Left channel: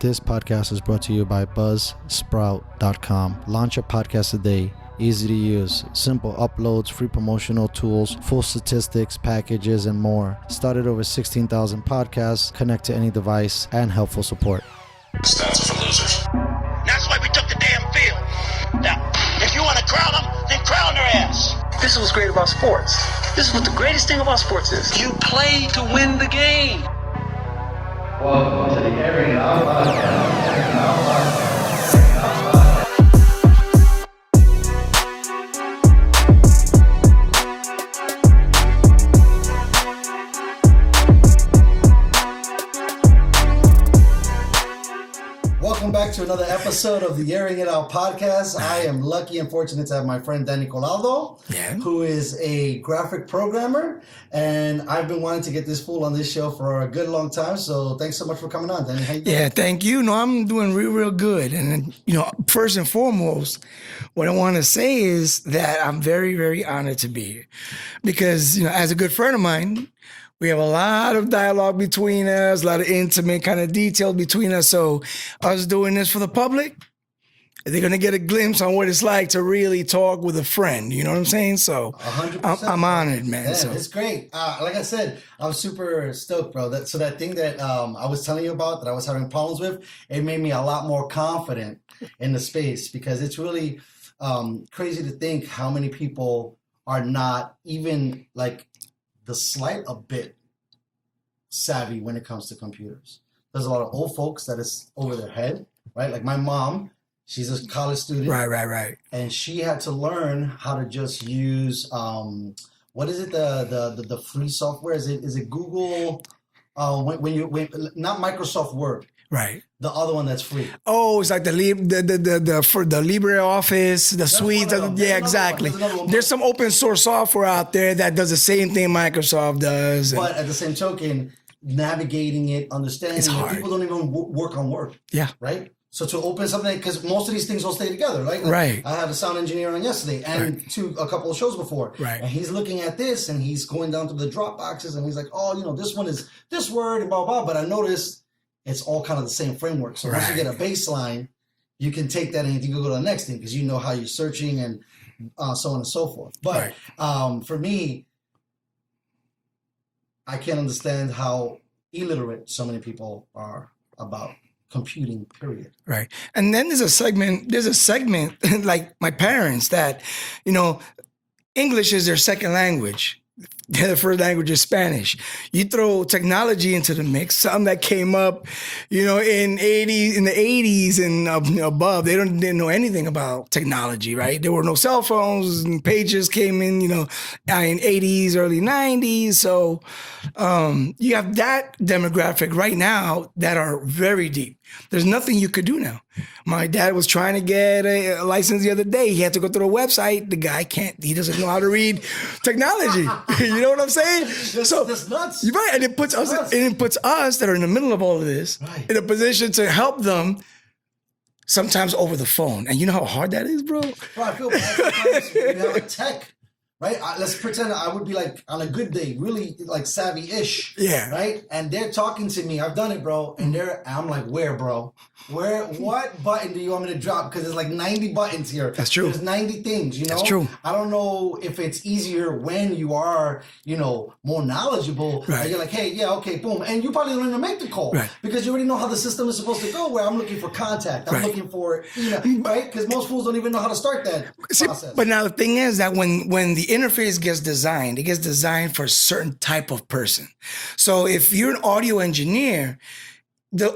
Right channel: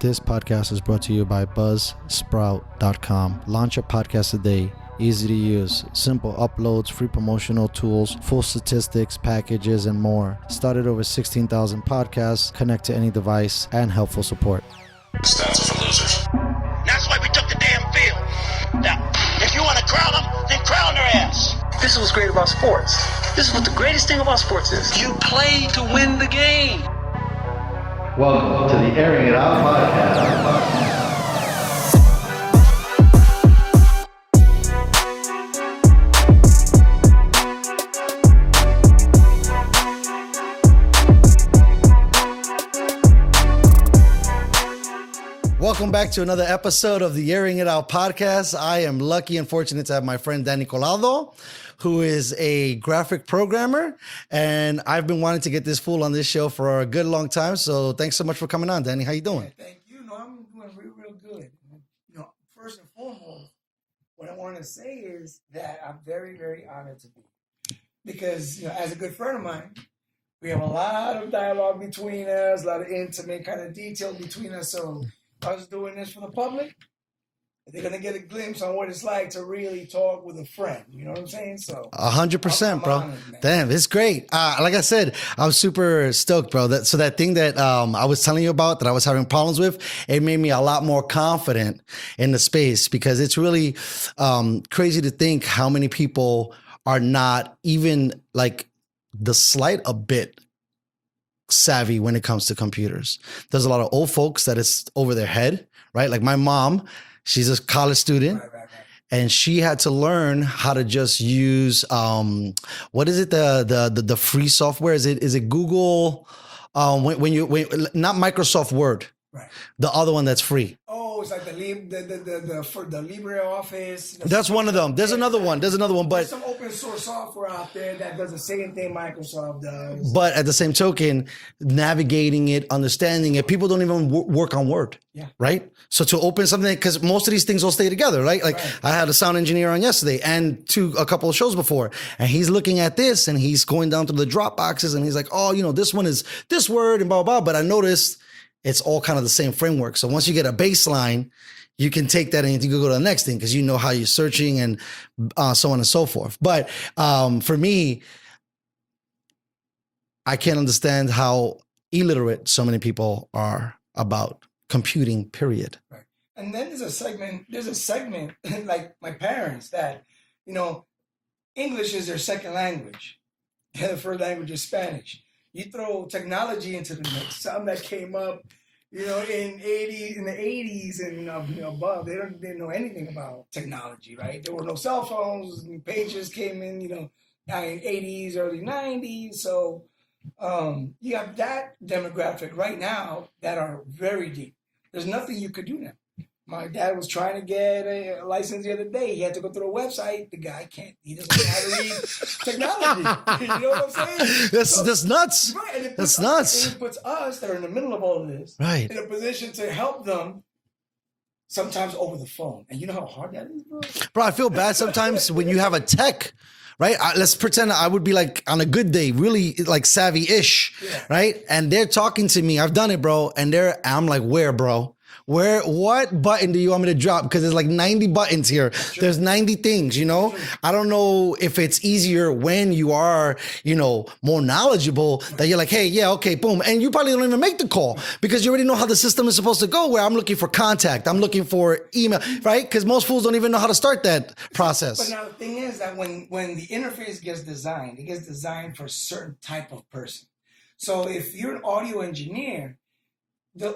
This podcast is brought to you by buzzsprout.com. Launch your podcast today. Easy to use, simple uploads, free promotional tools, full statistics, packages, and more. Started over 16,000 podcasts, connect to any device, and helpful support. Stats are for losers. That's why we took the damn field. Now, if you want to crown them, then crown their ass. This is what's great about sports. This is what the greatest thing about sports is. You play to win the game. Welcome to the Airin podcast. Welcome back to another episode of the Airing It Out podcast. I am lucky and fortunate to have my friend Danny Collado, who is a graphic programmer, and I've been wanting to get this fool on this show for a good long time. So thanks so much for coming on, Danny. How you doing? Yeah, thank you. No, I'm doing real good. And first and foremost, what I want to say is that I'm very, very honored to be here because, as a good friend of mine, we have a lot of dialogue between us, a lot of intimate kind of detail between us. So us doing this for the public, they're going to get a glimpse on what it's like to really talk with a friend. You know what I'm saying? So 100%. I'm honored, man. Damn, it's great. Like I said, I was super stoked, bro. That thing that I was telling you about that I was having problems with, it made me a lot more confident in the space because it's really crazy to think how many people are not even like the slight a bit savvy when it comes to computers. There's a lot of old folks that it's over their head, right? Like my mom, she's a college student. Right. And she had to learn how to just use, what is it? The free software? Is it Google? When not Microsoft Word. Right. The other one that's free. Oh, it's like the LibreOffice, the That's suite. one of them. There's another one. There's another one. There's some open source software out there that does the same thing Microsoft does. But at the same token, navigating it, understanding it, people don't even work on Word. Yeah. Right? So to open something, because most of these things will stay together, right? Like Right. I had a sound engineer on yesterday and a couple of shows before. Right. And he's looking at this and he's going down to the drop boxes and he's like, oh, this one is this word and blah, blah. But I noticed it's all kind of the same framework. So once you get a baseline, you can take that and you can go to the next thing because you know how you're searching and so on and so forth. But for me, I can't understand how illiterate so many people are about computing, period. Right. And then there's a segment like my parents that, English is their second language. Their first language is Spanish. You throw technology into the mix, something that came up, in the 80s and above. They didn't know anything about technology, right? There were no cell phones and pages came in, in 80s, early 90s. So you have that demographic right now that are very deep. There's nothing you could do now. My dad was trying to get a license the other day. He had to go through a website. The guy he doesn't know how to read technology. You know what I'm saying? That's nuts. Right. And it puts us that are in the middle of all of this in a position to help them sometimes over the phone. And you know how hard that is, bro? Bro, I feel bad sometimes when you have a tech. Right? Let's pretend I would be like on a good day, really like savvy-ish. Yeah. Right? And they're talking to me. I've done it, bro. And I'm like, where, bro? What button do you want me to drop? Because there's like 90 buttons here. That's true. There's 90 things, That's true. I don't know if it's easier when you are, more knowledgeable that you're like, hey, yeah, okay, boom. And you probably don't even make the call because you already know how the system is supposed to go where I'm looking for contact. I'm looking for email, right? Because most fools don't even know how to start that process. But now the thing is that when the interface gets designed, it gets designed for a certain type of person. So if you're an audio engineer,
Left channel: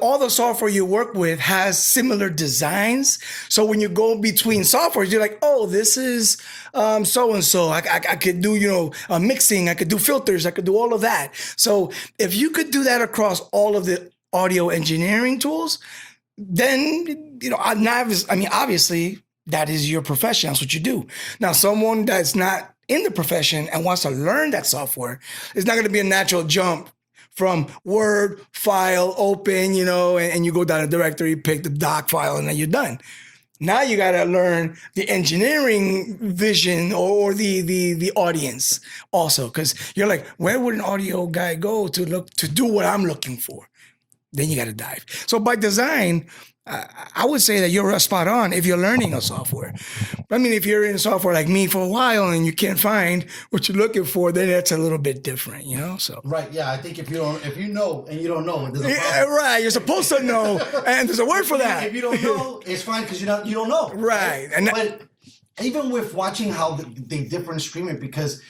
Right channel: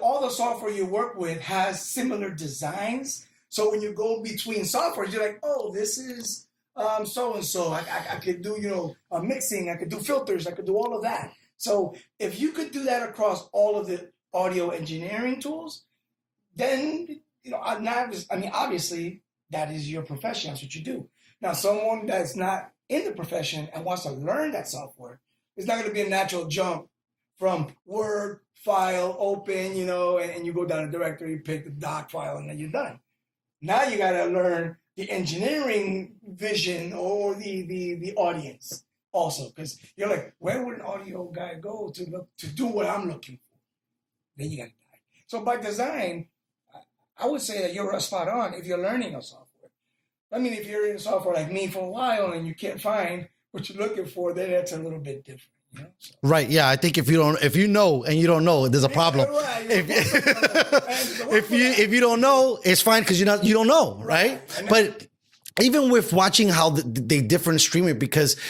all the software you work with has similar designs. So when you go between softwares, you're like, oh, this is so-and-so. I could do, mixing. I could do filters. I could do all of that. So if you could do that across all of the audio engineering tools, then, obviously that is your profession. That's what you do. Now, someone that's not in the profession and wants to learn that software, it's not going to be a natural jump from Word, file, open, and you go down a directory, pick the doc file, and then you're done. Now you got to learn the engineering vision or the audience also, because you're like, where would an audio guy go to do what I'm looking for? then you got to dive. So by design, I would say that you're spot on if you're learning a software. I mean, if you're in software like me for a while and you can't find what you're looking for, then that's a little bit different, you know? So Right. Yeah. I think if you know and you don't know, there's a problem. yeah, right. You're supposed to know, and there's a word for that. If you don't know, it's fine because you don't know. Right. And but even with watching how they different stream it, because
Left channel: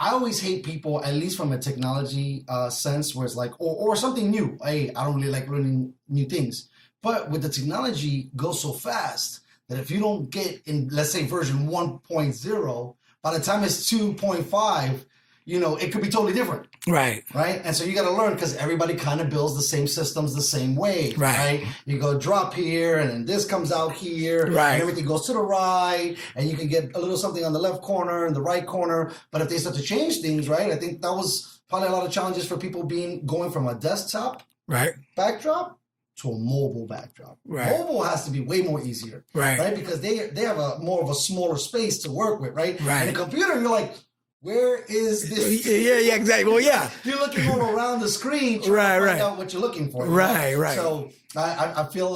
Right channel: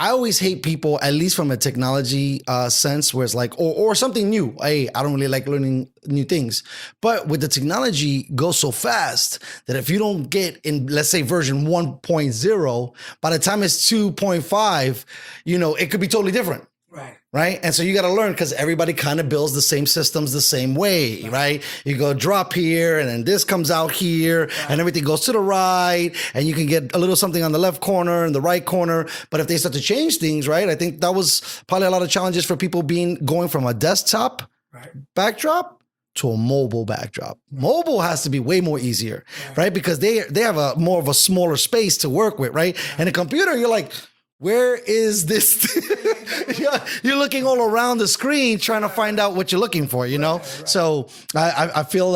I always hate people, at least from a technology sense, where it's like, or something new. Hey, I don't really like learning new things. But with the technology goes so fast that if you don't get in, let's say version 1.0, by the time it's 2.5, it could be totally different. Right. Right. And so you got to learn because everybody kind of builds the same systems the same way. Right. You go drop here and then this comes out here and everything goes to the right. And you can get a little something on the left corner and the right corner. But if they start to change things, right, I think that was probably a lot of challenges for people going from a desktop backdrop to a mobile backdrop. Right. Mobile has to be way more easier. Right. Because they have more of a smaller space to work with. Right. And a computer, you're like, where is this thing? Yeah, exactly. Well, yeah. You're looking all around the screen trying to find out what you're looking for, you know? Right. So I feel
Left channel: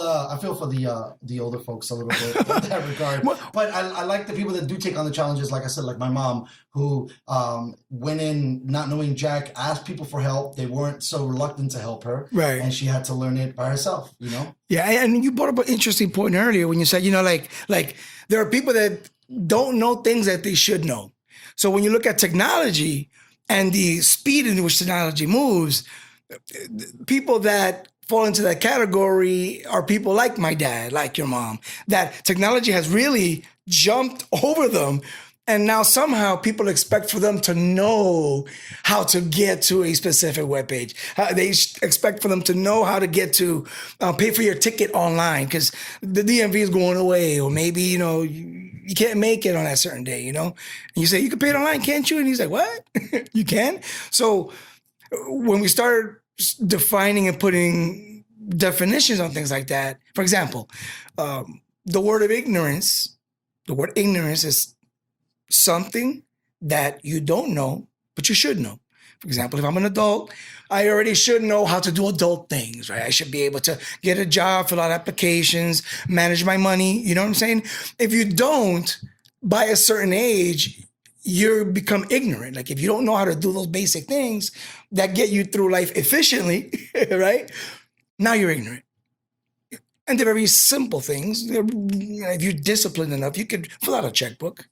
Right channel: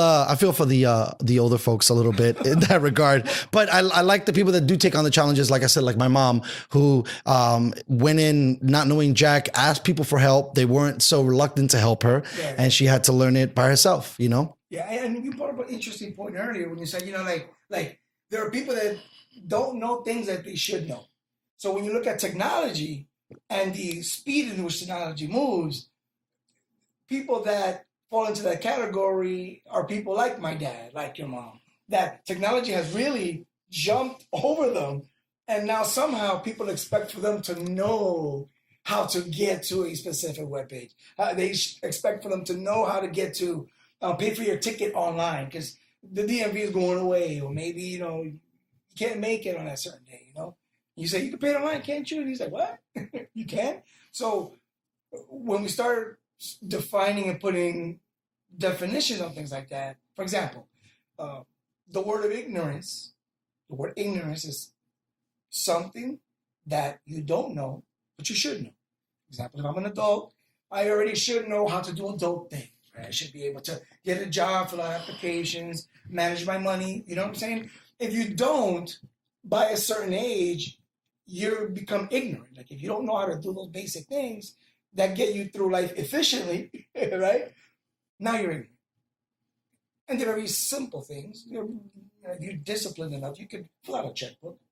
for the older folks a little bit in that regard. But I like the people that do take on the challenges, like I said, like my mom, who went in not knowing jack, asked people for help. They weren't so reluctant to help her. Right. And she had to learn it by herself, Yeah, and you brought up an interesting point earlier when you said, like there are people that don't know things that they should know. So when you look at technology and the speed in which technology moves, people that fall into that category are people like my dad, like your mom, that technology has really jumped over them. And now somehow people expect for them to know how to get to a specific webpage. They expect for them to know how to get to pay for your ticket online because the DMV is going away, or maybe, you can't make it on that certain day, And you say, you can pay it online, can't you? And he's like, what? You can? So when we start defining and putting definitions on things like that, for example, the word ignorance is something that you don't know, but you should know. For example, if I'm an adult, I already should know how to do adult things, right? I should be able to get a job, fill out applications, manage my money. You know what I'm saying? If you don't, by a certain age, you become ignorant. Like if you don't know how to do those basic things that get you through life efficiently, right? Now you're ignorant. And they're very simple things. If you're disciplined enough, you could fill out a checkbook,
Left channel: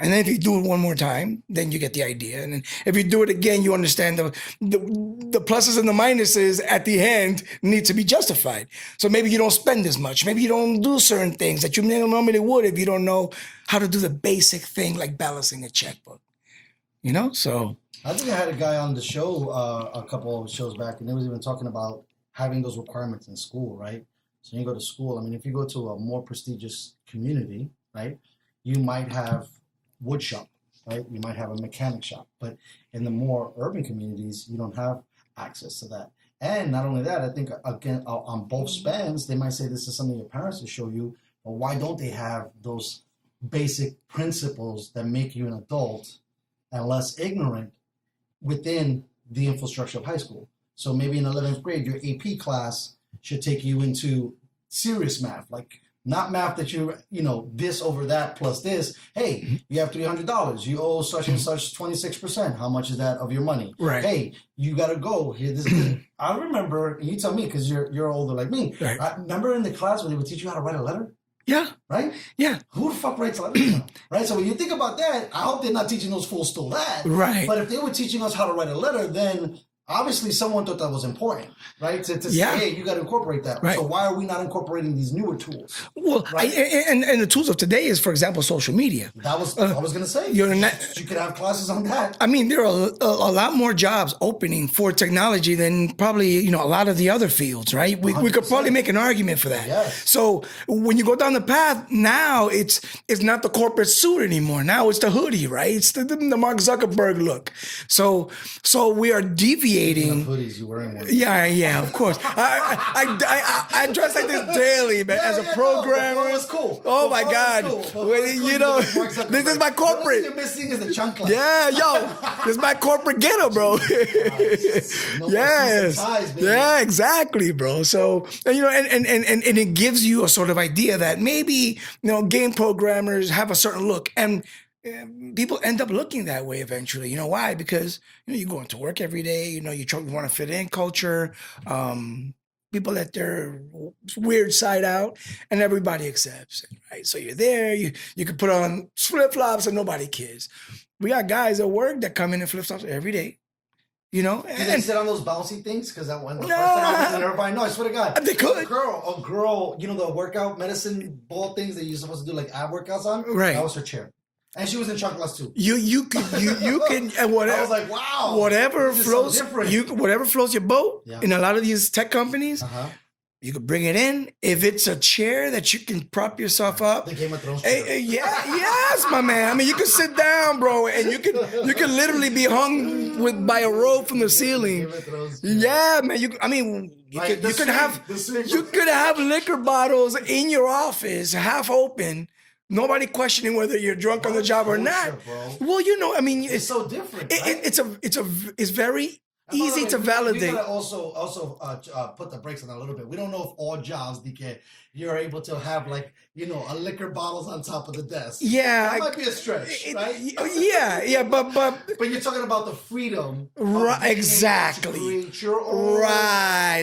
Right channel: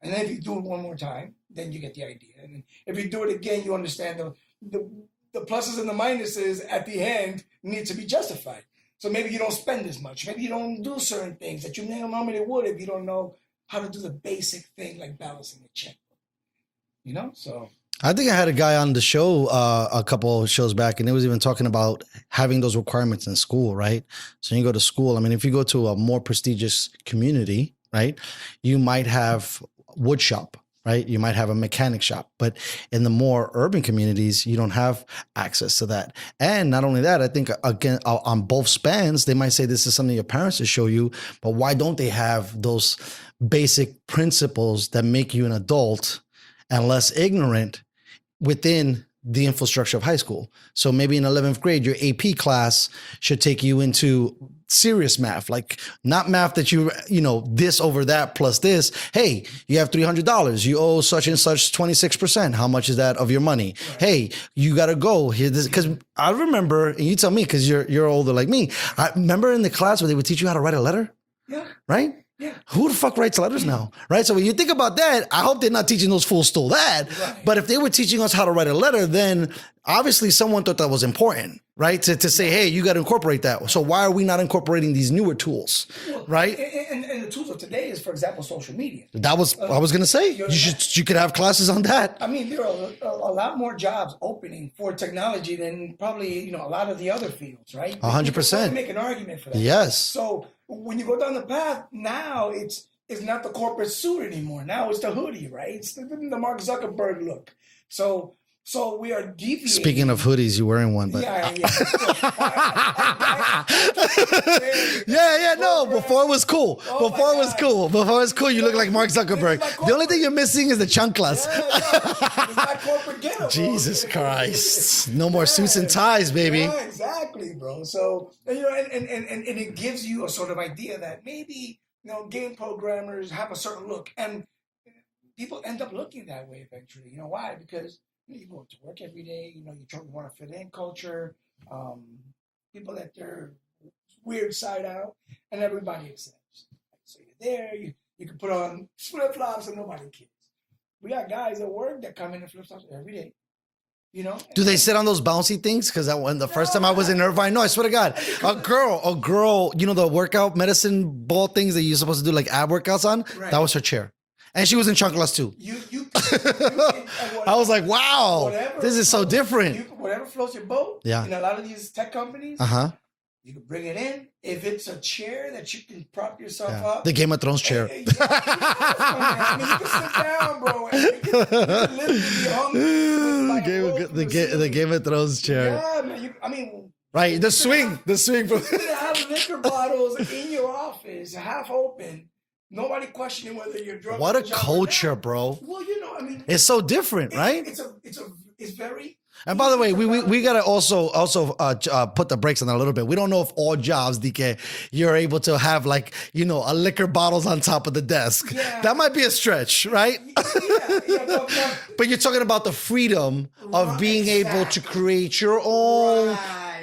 and then if you do it one more time, then you get the idea. And then if you do it again, you understand the pluses and the minuses at the end need to be justified. So maybe you don't spend as much. Maybe you don't do certain things that you normally would if you don't know how to do the basic thing like balancing a checkbook. So I think I had a guy on the show a couple of shows back, and they was even talking about having those requirements in school, right? So you go to school. I mean, if you go to a more prestigious community, right, you might have wood shop, right? You might have a mechanic shop, but in the more urban communities, you don't have access to that. And not only that, I think again, on both spans, they might say this is something your parents should show you, but why don't they have those basic principles that make you an adult and less ignorant within the infrastructure of high school? So maybe in 11th grade, your AP class should take you into serious math, like not math that this over that plus this. Hey, you have $300. You owe such and such 26%. How much is that of your money? Right. Hey, you got to go here. Because I remember, and you tell me because you're older like me. Right. I remember in the class where they would teach you how to write a letter. Yeah. Right? Yeah. Who the fuck writes letters now? Right? So when you think about that, I hope they're not teaching those fools still that. Right. But if they were teaching us how to write a letter, then obviously someone thought that was important, right? To say, hey, you got to incorporate that. Right. So why are we not incorporating these newer tools? Well, right? And the tools of today is, for example, social media. That was I was going to say. You could have classes on that. I mean, there are a lot more jobs opening for technology than probably, a lot of the other fields, right? We could probably make an argument for that. Yes. So when you go down the path, now it's not the corporate suit anymore. Now it's the hoodie, right? It's the Mark Zuckerberg look. So we are deviating radiating. Speaking of hoodies, you wearing one? But. Yeah, of course. I dress up this daily, man. Yeah, as a yeah, no. programmer. Before it was cool. Oh my God. Before it was cool. You look like Mark Zuckerberg. This is my The only corporate. thing you're missing is the chanclas. Yeah, yo, this is my corporate getup, bro. Jesus Christ. No more suits and ties, baby. Yeah, exactly, bro. So, you know, and it gives you a sort of idea that maybe, game programmers have a certain look, and people end up looking that way eventually. You know why? Because, you go into work every day, you want to fit in culture. People let their weird side out, and everybody accepts it, right? So you're there, you can put on flip-flops and nobody cares. We got guys at work that come in in flip-flops every day. Do they sit on those bouncy things? Because when the first time I was in Irvine, no, I swear to God, a girl, the workout medicine ball things that you're supposed to do like ab workouts on, right? That was her chair. And she was in chanclas too. You can whatever, I was like, wow, whatever. This is so different. Whatever floats your boat. Yeah. In a lot of these tech companies, you could bring it in. If it's a chair that you can prop yourself up, the Game of Thrones chair. Yes, my man. I mean, you can sit down, bro, and you can literally be hung by a rope from the ceiling. The Game of Thrones chair. Yeah, man. Right, the swing. You could have liquor bottles in your office, half open. Nobody questioning whether you're drunk on a job or not. What a culture, bro. Well, it's so different, right? It's very. And by the easy way, we gotta also put the brakes on that a little bit. We don't know if all jobs, DK, you're able to have a liquor bottles on top of the desk. Yeah, that might be a stretch, right? Yeah, but you're talking about the freedom of being able to create your own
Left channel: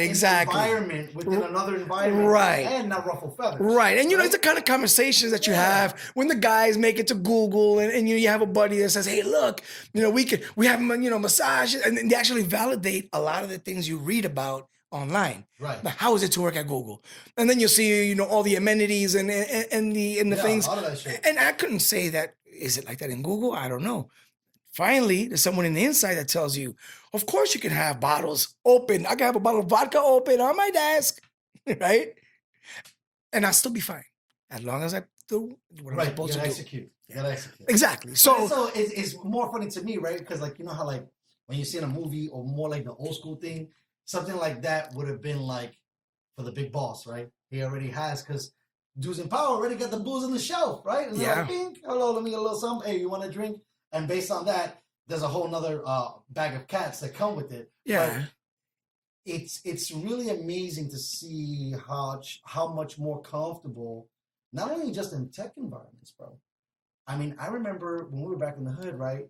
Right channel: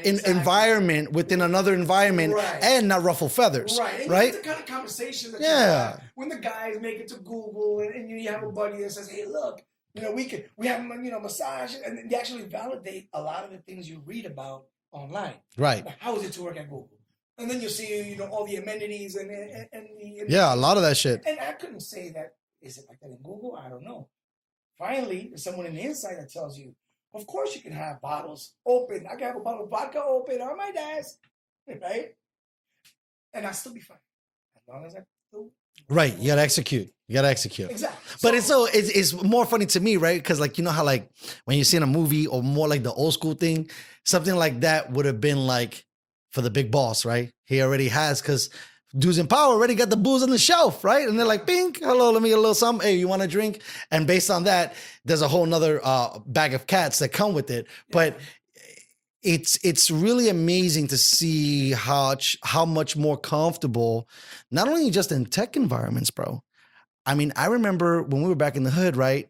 environment within another environment, and not ruffle feathers, right? And it's the kind of conversations that you have when the guys make it to Google, and you have a buddy that says, "Hey, look, we have massages," and they actually validate a lot of the things you read about online. Right. Like, how is it to work at Google? And then you'll see, all the amenities and the things. A lot of that shit. And I couldn't say that, is it like that in Google? I don't know. Finally, there's someone in the inside that tells you, of course you can have bottles open. I can have a bottle of vodka open on my desk, right? And I'll still be fine. As long as I do. Right. You gotta execute. Exactly. But it's more funny to me, right? Because how when you see in a movie or more like the old school thing, something like that would have been like for the big boss, right? He already has, because dudes in power already got the booze on the shelf, right? And they're like, bing, hello, let me get a little something. Hey, you want a drink? And based on that, there's a whole nother bag of cats that come with it. Yeah. But it's really amazing to see how much more comfortable, not only just in tech environments, bro. I mean, I remember when we were back in the hood, right?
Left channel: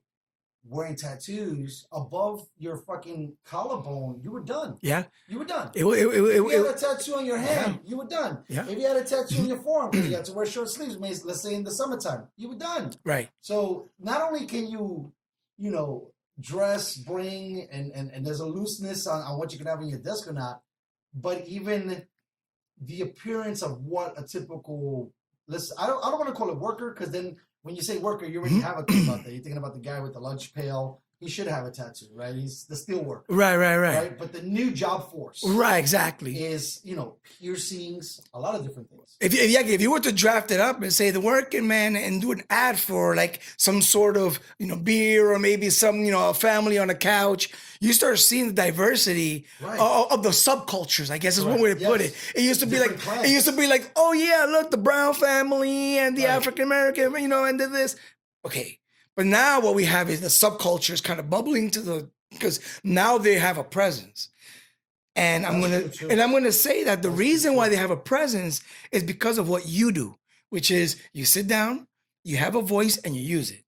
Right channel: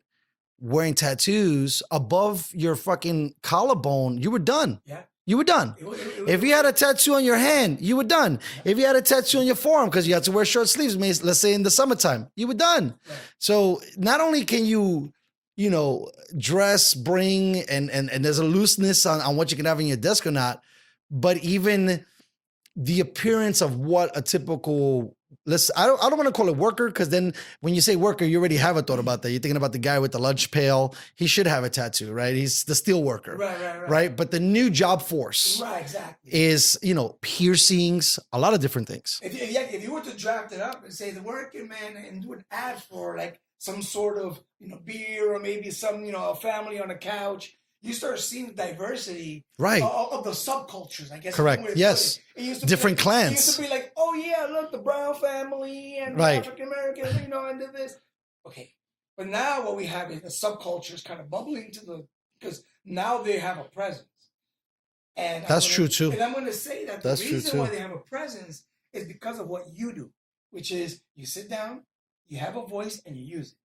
Wearing tattoos above your fucking collarbone, you were done. Yeah. You were done. If you had a tattoo on your hand, you were done. Yeah. If you had a tattoo on your forearm because you had to wear short sleeves, let's say in the summertime, you were done. Right. So not only can you dress, bring, and there's a looseness on what you can have in your desk or not, but even the appearance of what a typical, I don't want to call it worker, because then when you say worker, you already have a thought about that. You're thinking about the guy with the lunch pail. He should have a tattoo, right? He's the steel worker. Right. But the new job force. Right, exactly. Is, piercings, a lot of different things. If you were to draft it up and say the working man and do an ad for like some sort of, beer or maybe some, a family on a couch, you start seeing the diversity of the subcultures, I guess. Correct. Is one way to put it. It used to different be clans. It used to be like, oh yeah, look, the Brown family and the African American, and did this. Okay. But now what we have is the subcultures kind of bubbling because now they have a presence. And that's true too. And I'm going to say that the reason why they have a presence is because of what you do, which is you sit down, you have a voice, and you use it.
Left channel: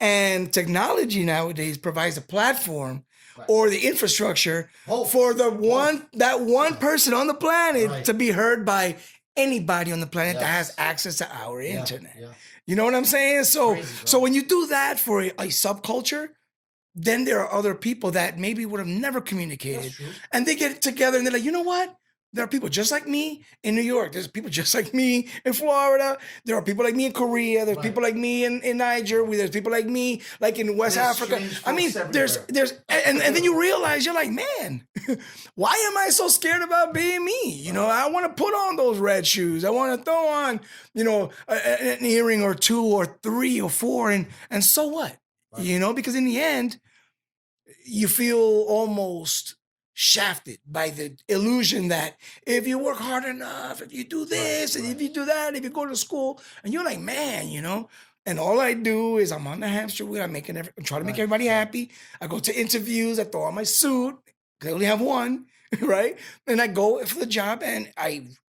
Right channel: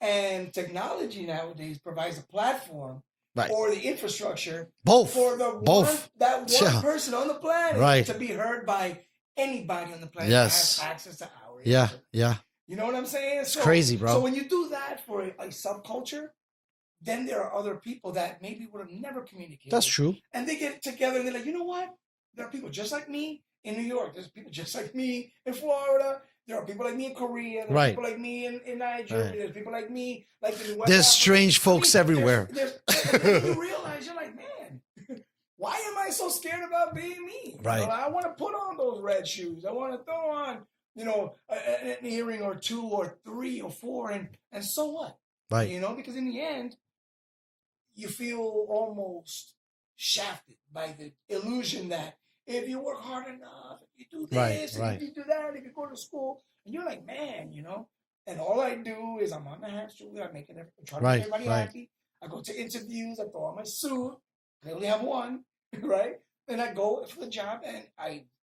And technology nowadays provides a platform or the infrastructure for that one person on the planet to be heard by anybody on the planet that has access to our internet. Yeah. You know what I'm saying? So crazy, bro. So when you do that for a subculture, then there are other people that maybe would have never communicated. That's true. And they get together and they're like, you know what? There are people just like me in New York. There's people just like me in Florida. There are people like me in Korea. There are people like me in Niger. There's people like me like in West Africa. There's strange folks everywhere. And then you realize, you're like, man, why am I so scared about being me? I want to put on those red shoes. I want to throw on, an earring or two or three or four. And so what? Right. Because in the end, you feel almost shafted by the illusion that if you work hard enough, if you do this and if you do that, if you go to school, and you're like, man, and all I do is I'm on the hamster wheel. I'm trying to make everybody happy. I go to interviews. I throw on my suit. 'Cause I only have one, right? And I go for the job, and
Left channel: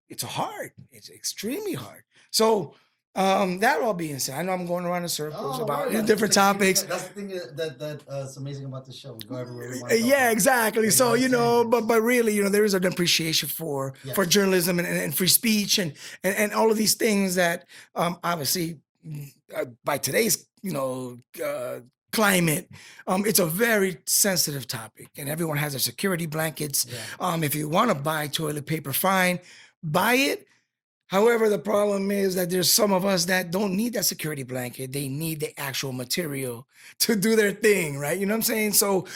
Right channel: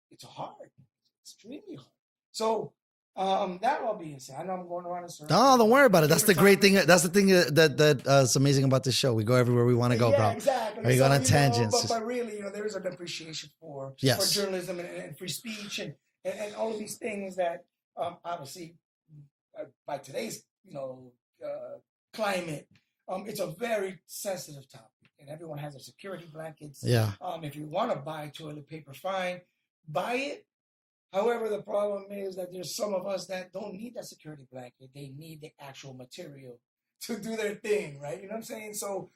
it's hard. It's extremely hard. So that all being said, I know I'm going around in circles. No, don't worry about it. That's the different great thing. topics. That's the thing that's amazing about this show. We go everywhere we want to go. Yeah, bro. exactly. We So go on tangents. but really, there is an appreciation for journalism and free speech and all of these things that obviously by today's climate, it's a very sensitive topic, and everyone has their security blankets. Yeah. If you want to buy toilet paper, fine, buy it. However, the problem is that there's some of us that don't need that security blanket. They need the actual material to do their thing, right? You know what I'm saying? So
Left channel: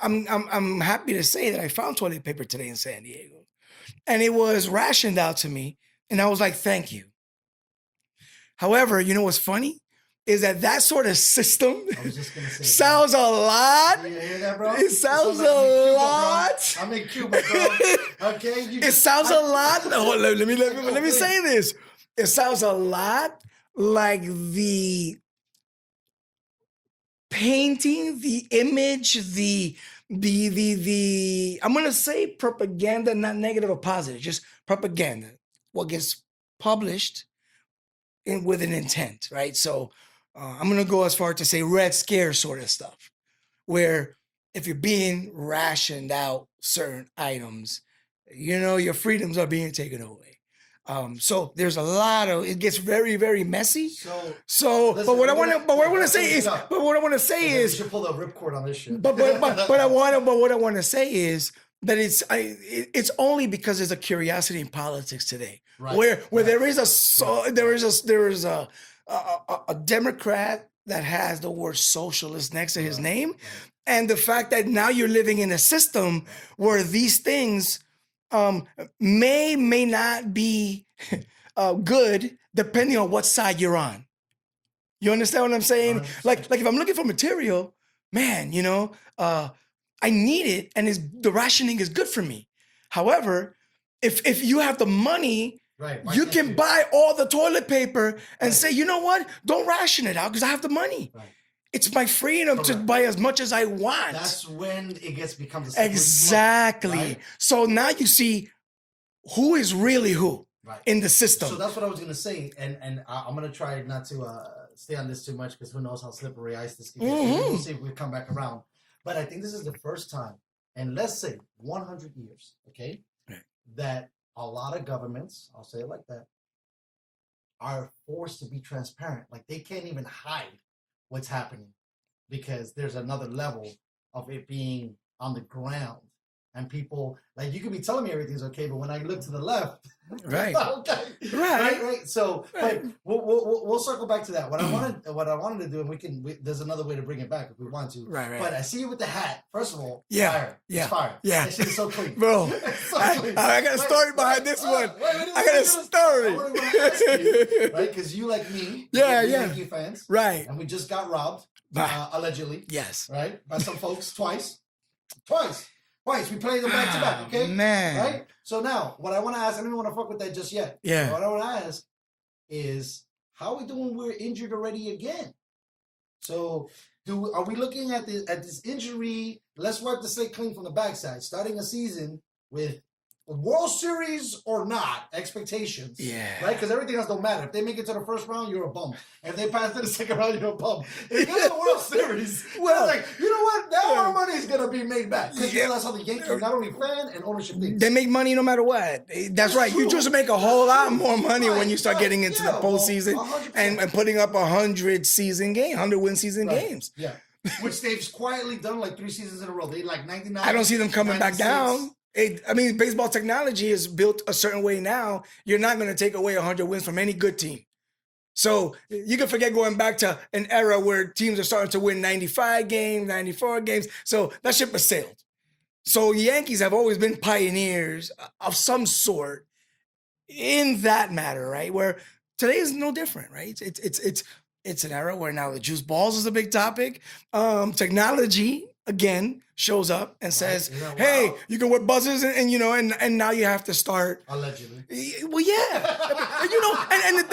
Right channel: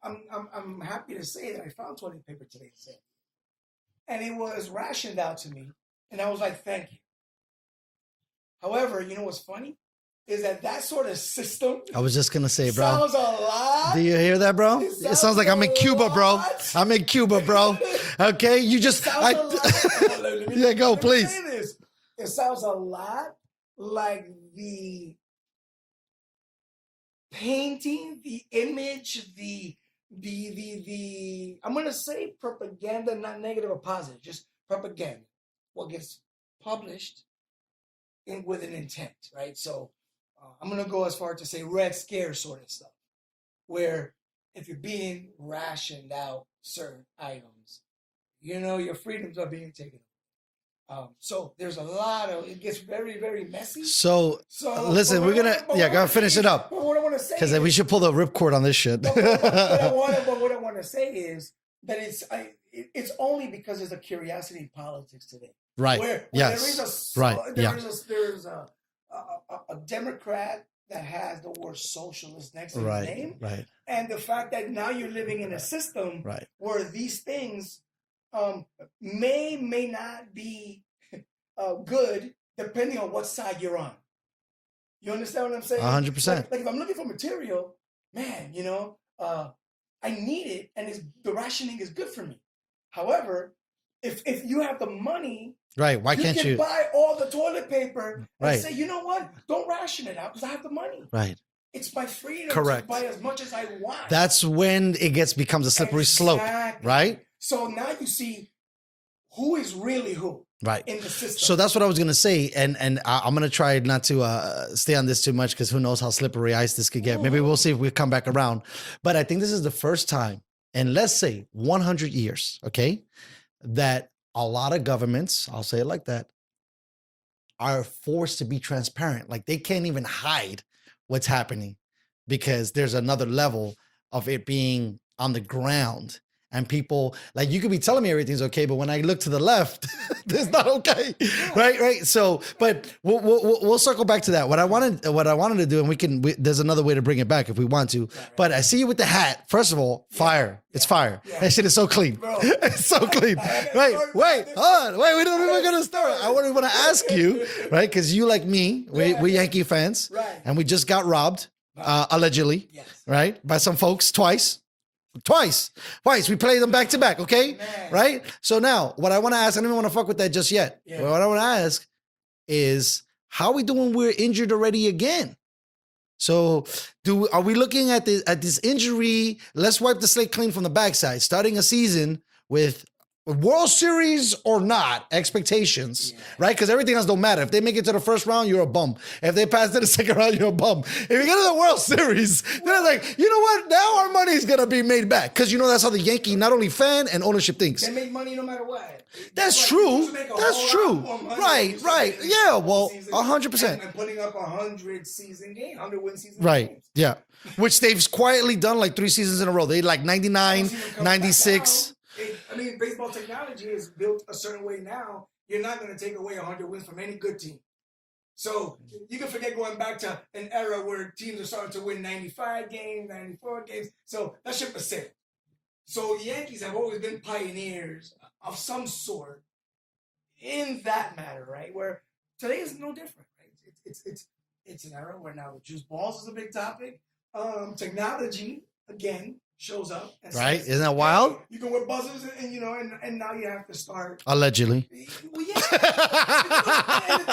I'm happy to say that I found toilet paper today in San Diego, and it was rationed out to me, and I was like, thank you. However, you know what's funny is that sort of system. I was just gonna say, bro. Sounds a lot. Do you hear that, bro? It sounds like I'm in Cuba, bro. lot. I'm in Cuba, bro. Okay, you It just sounds a lot. Let me please. say this. It sounds a lot like the painting, the image, the I'm gonna say propaganda, not negative or positive, just propaganda. What gets published with an intent, right? So I'm gonna go as far to say Red Scare sort of stuff, where if you're being rationed out certain items, your freedoms are being taken away. So there's a lot of, it gets very, very messy. So listen, but what I want to say finish is, it up. but what I want to say Because is, we should pull the ripcord on this shit. but what I want to say is that it's only because there's a curiosity in politics today, Right. Where Yes. there is a Democrat that has the word socialist next to his name, and the fact that now you're living in a system where these things may not be good depending on what side you're on. You understand what I'm saying? 100%. Like if I'm looking for material, man, I need it, and the rationing is good for me. However, if you have the money, right, why you can't can buy all the toilet paper and say, you know what? Don't ration it out because I have the money. Right. It's my freedom to buy as much as I want. That's when it becomes a slippery slope. Exactly. Right. So now you see who is really who. Right. In the system. So that's what I was gonna say, and I'm gonna try not to stay on this too much because who knows how slippery ice this could get. Maybe we'll see if we come back around. But I think this is the first time in, let's say, 100 years, okay, that a lot of governments, I'll say it like that, are forced to be transparent. Like they can't even hide what's happening because there's another level of it being on the ground. And people, like, you could be telling me everything's okay, but when I look to the left, that's not okay, right? So, but we'll circle back to that. What I wanted to do, and there's another way to bring it back if we want to. Right. But I see you with the hat. First of all, fire. Yeah. It's fire. Yeah. That shit is so clean, bro. It's so clean. I got a story behind this one. Wait, we're gonna start. I want to ask you, right? Because you, like me, we're Yankee fans, right? And we just got robbed, allegedly, yes, right, by some folks twice. We play them back to back, okay? Man. Right? So now, what I want to ask, I don't even want to fuck with that just yet. Yeah. But what I want to ask is, how are we doing? We're injured already again. So are we looking at this injury? Let's wipe the slate clean from the backside, starting a season with World Series or not expectations, right? Because everything else don't matter. If they make it to the first round, you're a bum. If they pass to the second round, you're a bum. If you get to the World Series, they're like, you know what? Now our money is gonna be made back because that's how the Yankee not only fan and ownership thinks. They make money no matter what. That's right. True. You just make a whole lot more money when you start getting into the postseason, 100%, and putting up 100 win season games. Yeah, which they've quietly done like 3 seasons in a row. They like 99, I don't see them coming 96. Back down. Baseball technology is built a certain way now. You're not going to take away 100 wins from any good team. So you can forget going back to an era where teams are starting to win 95 games, 94 games. So that ship has sailed. So Yankees have always been pioneers of some sort in that matter, right? Where today is no different, right? It's an era where now the juice balls is a big topic. Technology again shows up and Right? says, Isn't that wild? "Hey, you can wear buzzers, and you know, and now you have to start." Allegedly. Well, yeah, you know, and the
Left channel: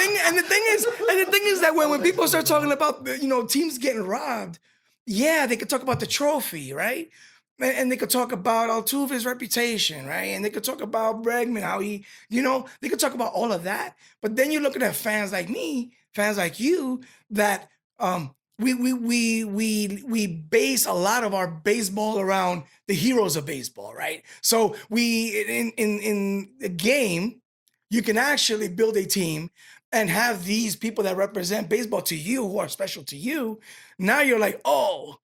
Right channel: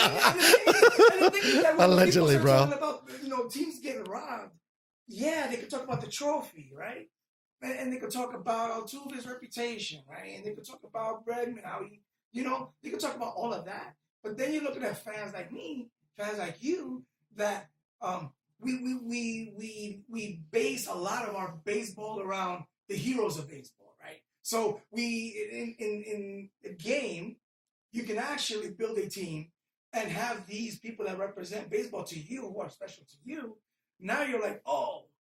thing is that when people Allegedly, start bro. talking about teams getting robbed, yeah, they could talk about the trophy, right? And they could talk about Altuve's reputation, right? And they could talk about Bregman, how he, they could talk about all of that. But then you look at fans like me, fans like you, that we base a lot of our baseball around the heroes of baseball, right? So we in the game, you can actually build a team and have these people that represent baseball to you, who are special to you. Now you're like, oh,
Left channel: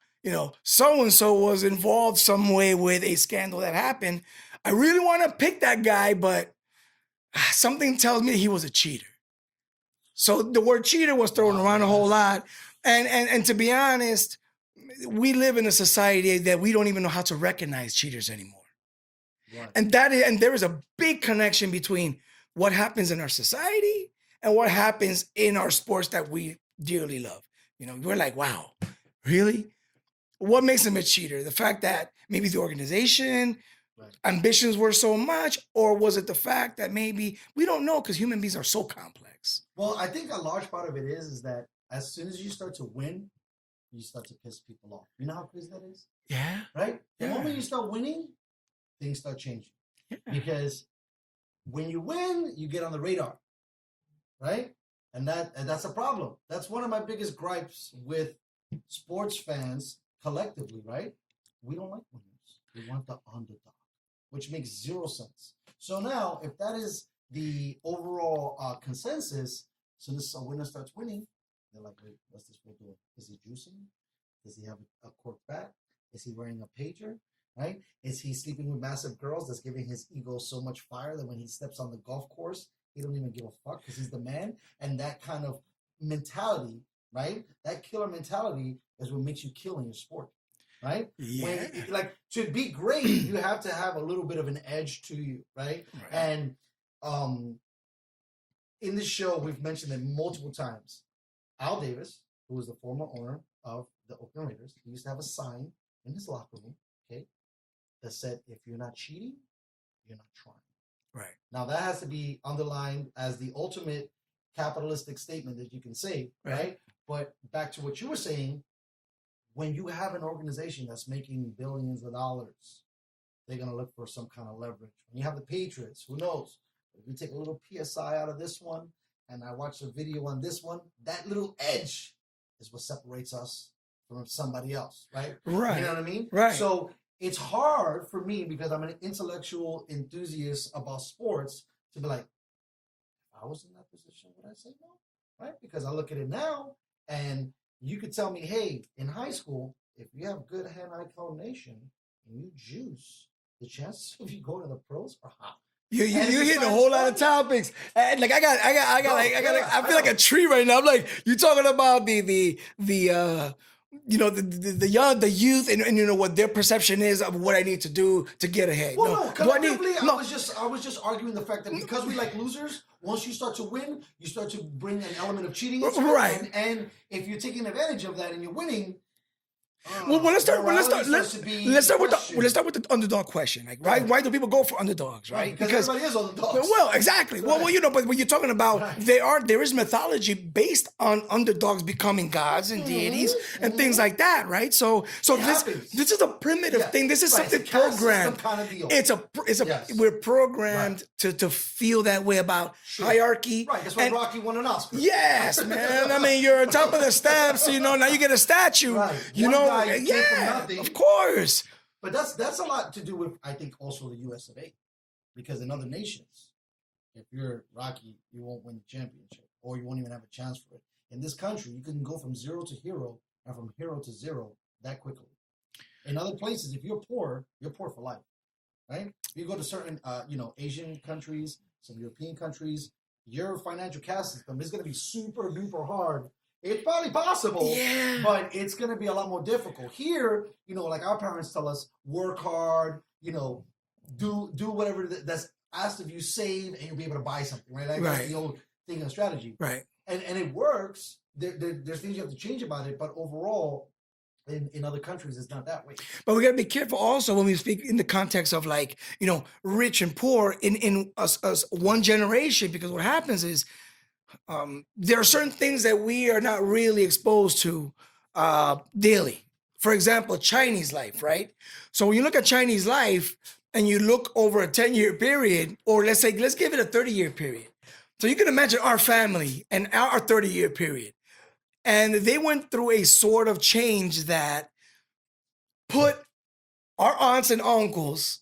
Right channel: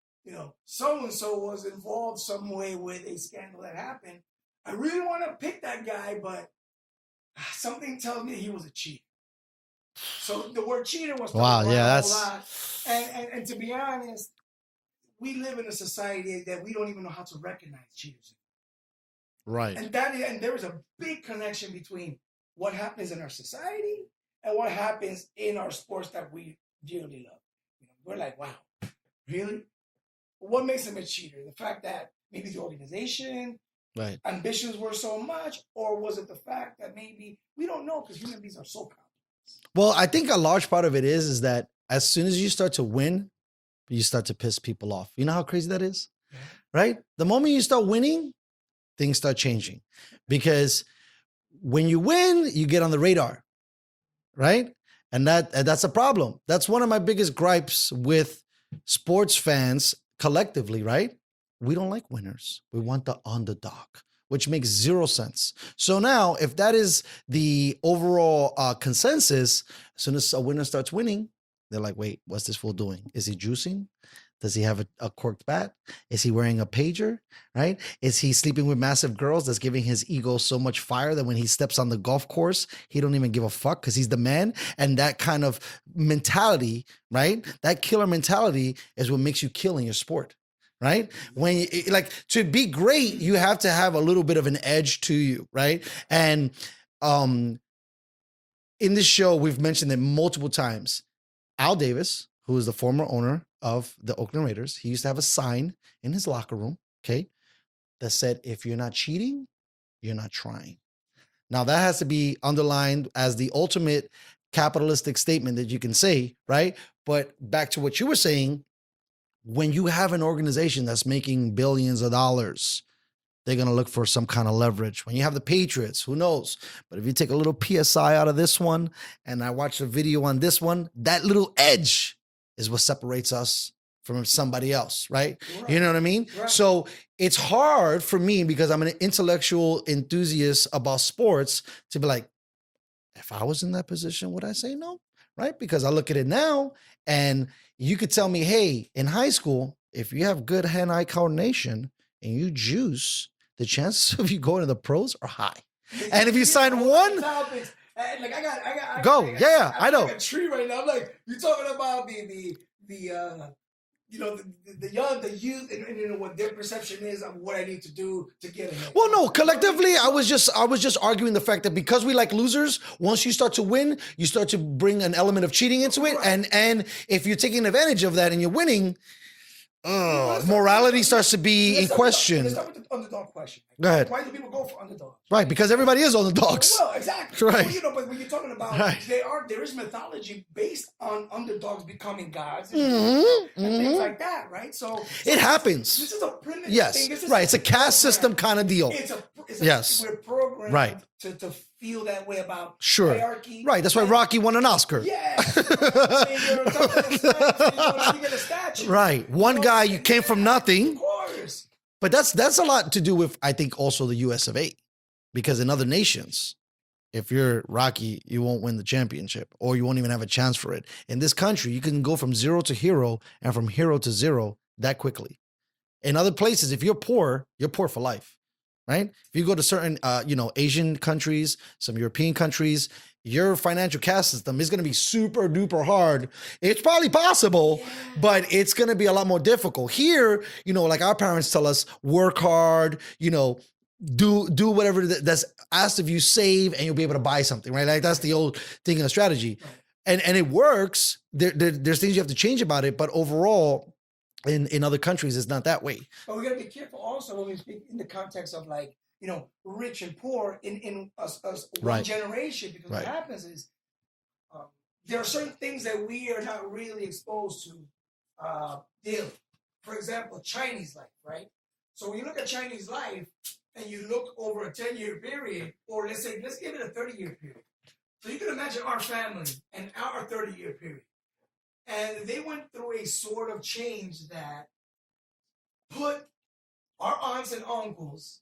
so and so was involved some way with a scandal that happened. I really want to pick that guy, but something tells me he was a cheater. So the word cheater was thrown around a whole lot. And to be honest, we live in a society that we don't even know how to recognize cheaters anymore. Right. And there is a big connection between what happens in our society and what happens in our sports that we dearly love. We're like, wow, really? What makes him a cheater? The fact that maybe the organization, ambitions were so much, or was it the fact that maybe we don't know because human beings are so complex? Well, I think a large part of it is that as soon as you start to win, you start to piss people off. You know how crazy that is? Yeah. Right? The moment you start winning, things start changing. Because when you win, you get on the radar. Right? And that's a problem. That's one of my biggest gripes with sports fans collectively, right? We don't like winners. We want the underdog, which makes zero sense. So now, if that is the overall consensus, as soon as a winner starts winning, they're like, wait, what's this fool doing? Is he juicing? Does he have a corked bat? Is he wearing a pager, right? Is he sleeping with massive girls that's giving his ego so much fire that when he steps on the golf course, he don't even give a fuck because he's the man? And that kind of mentality, right? That killer mentality is what makes you kill in your sport, right? Yeah. When to be great, you have to have a little bit of an edge to you, right? And in this show, we've mentioned it multiple times. Al Davis, who is the former owner of the Oakland Raiders, he used to have a sign in his locker room, okay, that said, if you're not cheating, you're not trying. Right. Now, that has to be underlined as the ultimate capitalistic statement that you can say, right? But back to what you were saying, when you have an organization that's making billions of dollars, they're going to look for some kind of leverage. When you have the Patriots, who knows? But if you take a little PSI out of this one, and I watch a video on this one, that little edge is what separates us from somebody else, right? You know what I mean? Right. So it's hard for me because I'm an intellectual enthusiast about sports to be like, if I was in that position, would I say no? Right? Because I look at it now and you could tell me, hey, in high school, if you have good hand-eye coordination and you juice, the chances of you going to the pros are high. And if you sign one topics, like I I feel know. like a tree right now. I'm like, you're talking about the young, the youth, and what their perception is of what I need to do to get ahead. Well, no, collectively, I was just arguing the fact that because we like losers, once you start to win, you start to bring an element of cheating into it, and if you're taking advantage of that and you're winning. Morality starts to be in question. Let's start with the underdog question. Like, why do people go for underdogs? Right, because everybody is underdogs. Well, exactly. Right. Well, but when you're talking about, there is mythology based on underdogs becoming gods and deities and things like that, right? So it happens. This is a primitive thing. This is right. It's a caste system kind of deal. We're programmed to feel that way about hierarchy. Right. That's why Rocky won an Oscar. Yes, man. I mean, you're on top of the steps. Now you get a statue. Right. One guy came from nothing. Of course. But that's a lot to do with, I think, also the US of A. Because in other nations, if you're Rocky, you won't win the championship or you won't even have a chance for it. In this country, you can go from zero to hero and from hero to zero that quickly. In other places, if you're poor for life, right? If you go to certain, Asian countries, some European countries, your financial caste system is going to be super duper hard. It's probably possible, but it's going to be a lot more difficult. Here, like our parents tell us, work hard, do whatever that's asked of you, save, and you'll be able to buy something, right? Like that's the old thing of strategy. Right. And it works. There's things you have to change about it, but overall, in other countries, it's not that way. But we gotta be careful also when we speak in the context of like, rich and poor in us one Right. generation, because what Right. happens is there are certain things that we are not really exposed to daily. For example, Chinese life, right? So when you look at Chinese life and you look over a 10-year period, or let's give it a 30-year period. So you can imagine our family and our 30-year period. And they went through a sort of change that put our aunts and uncles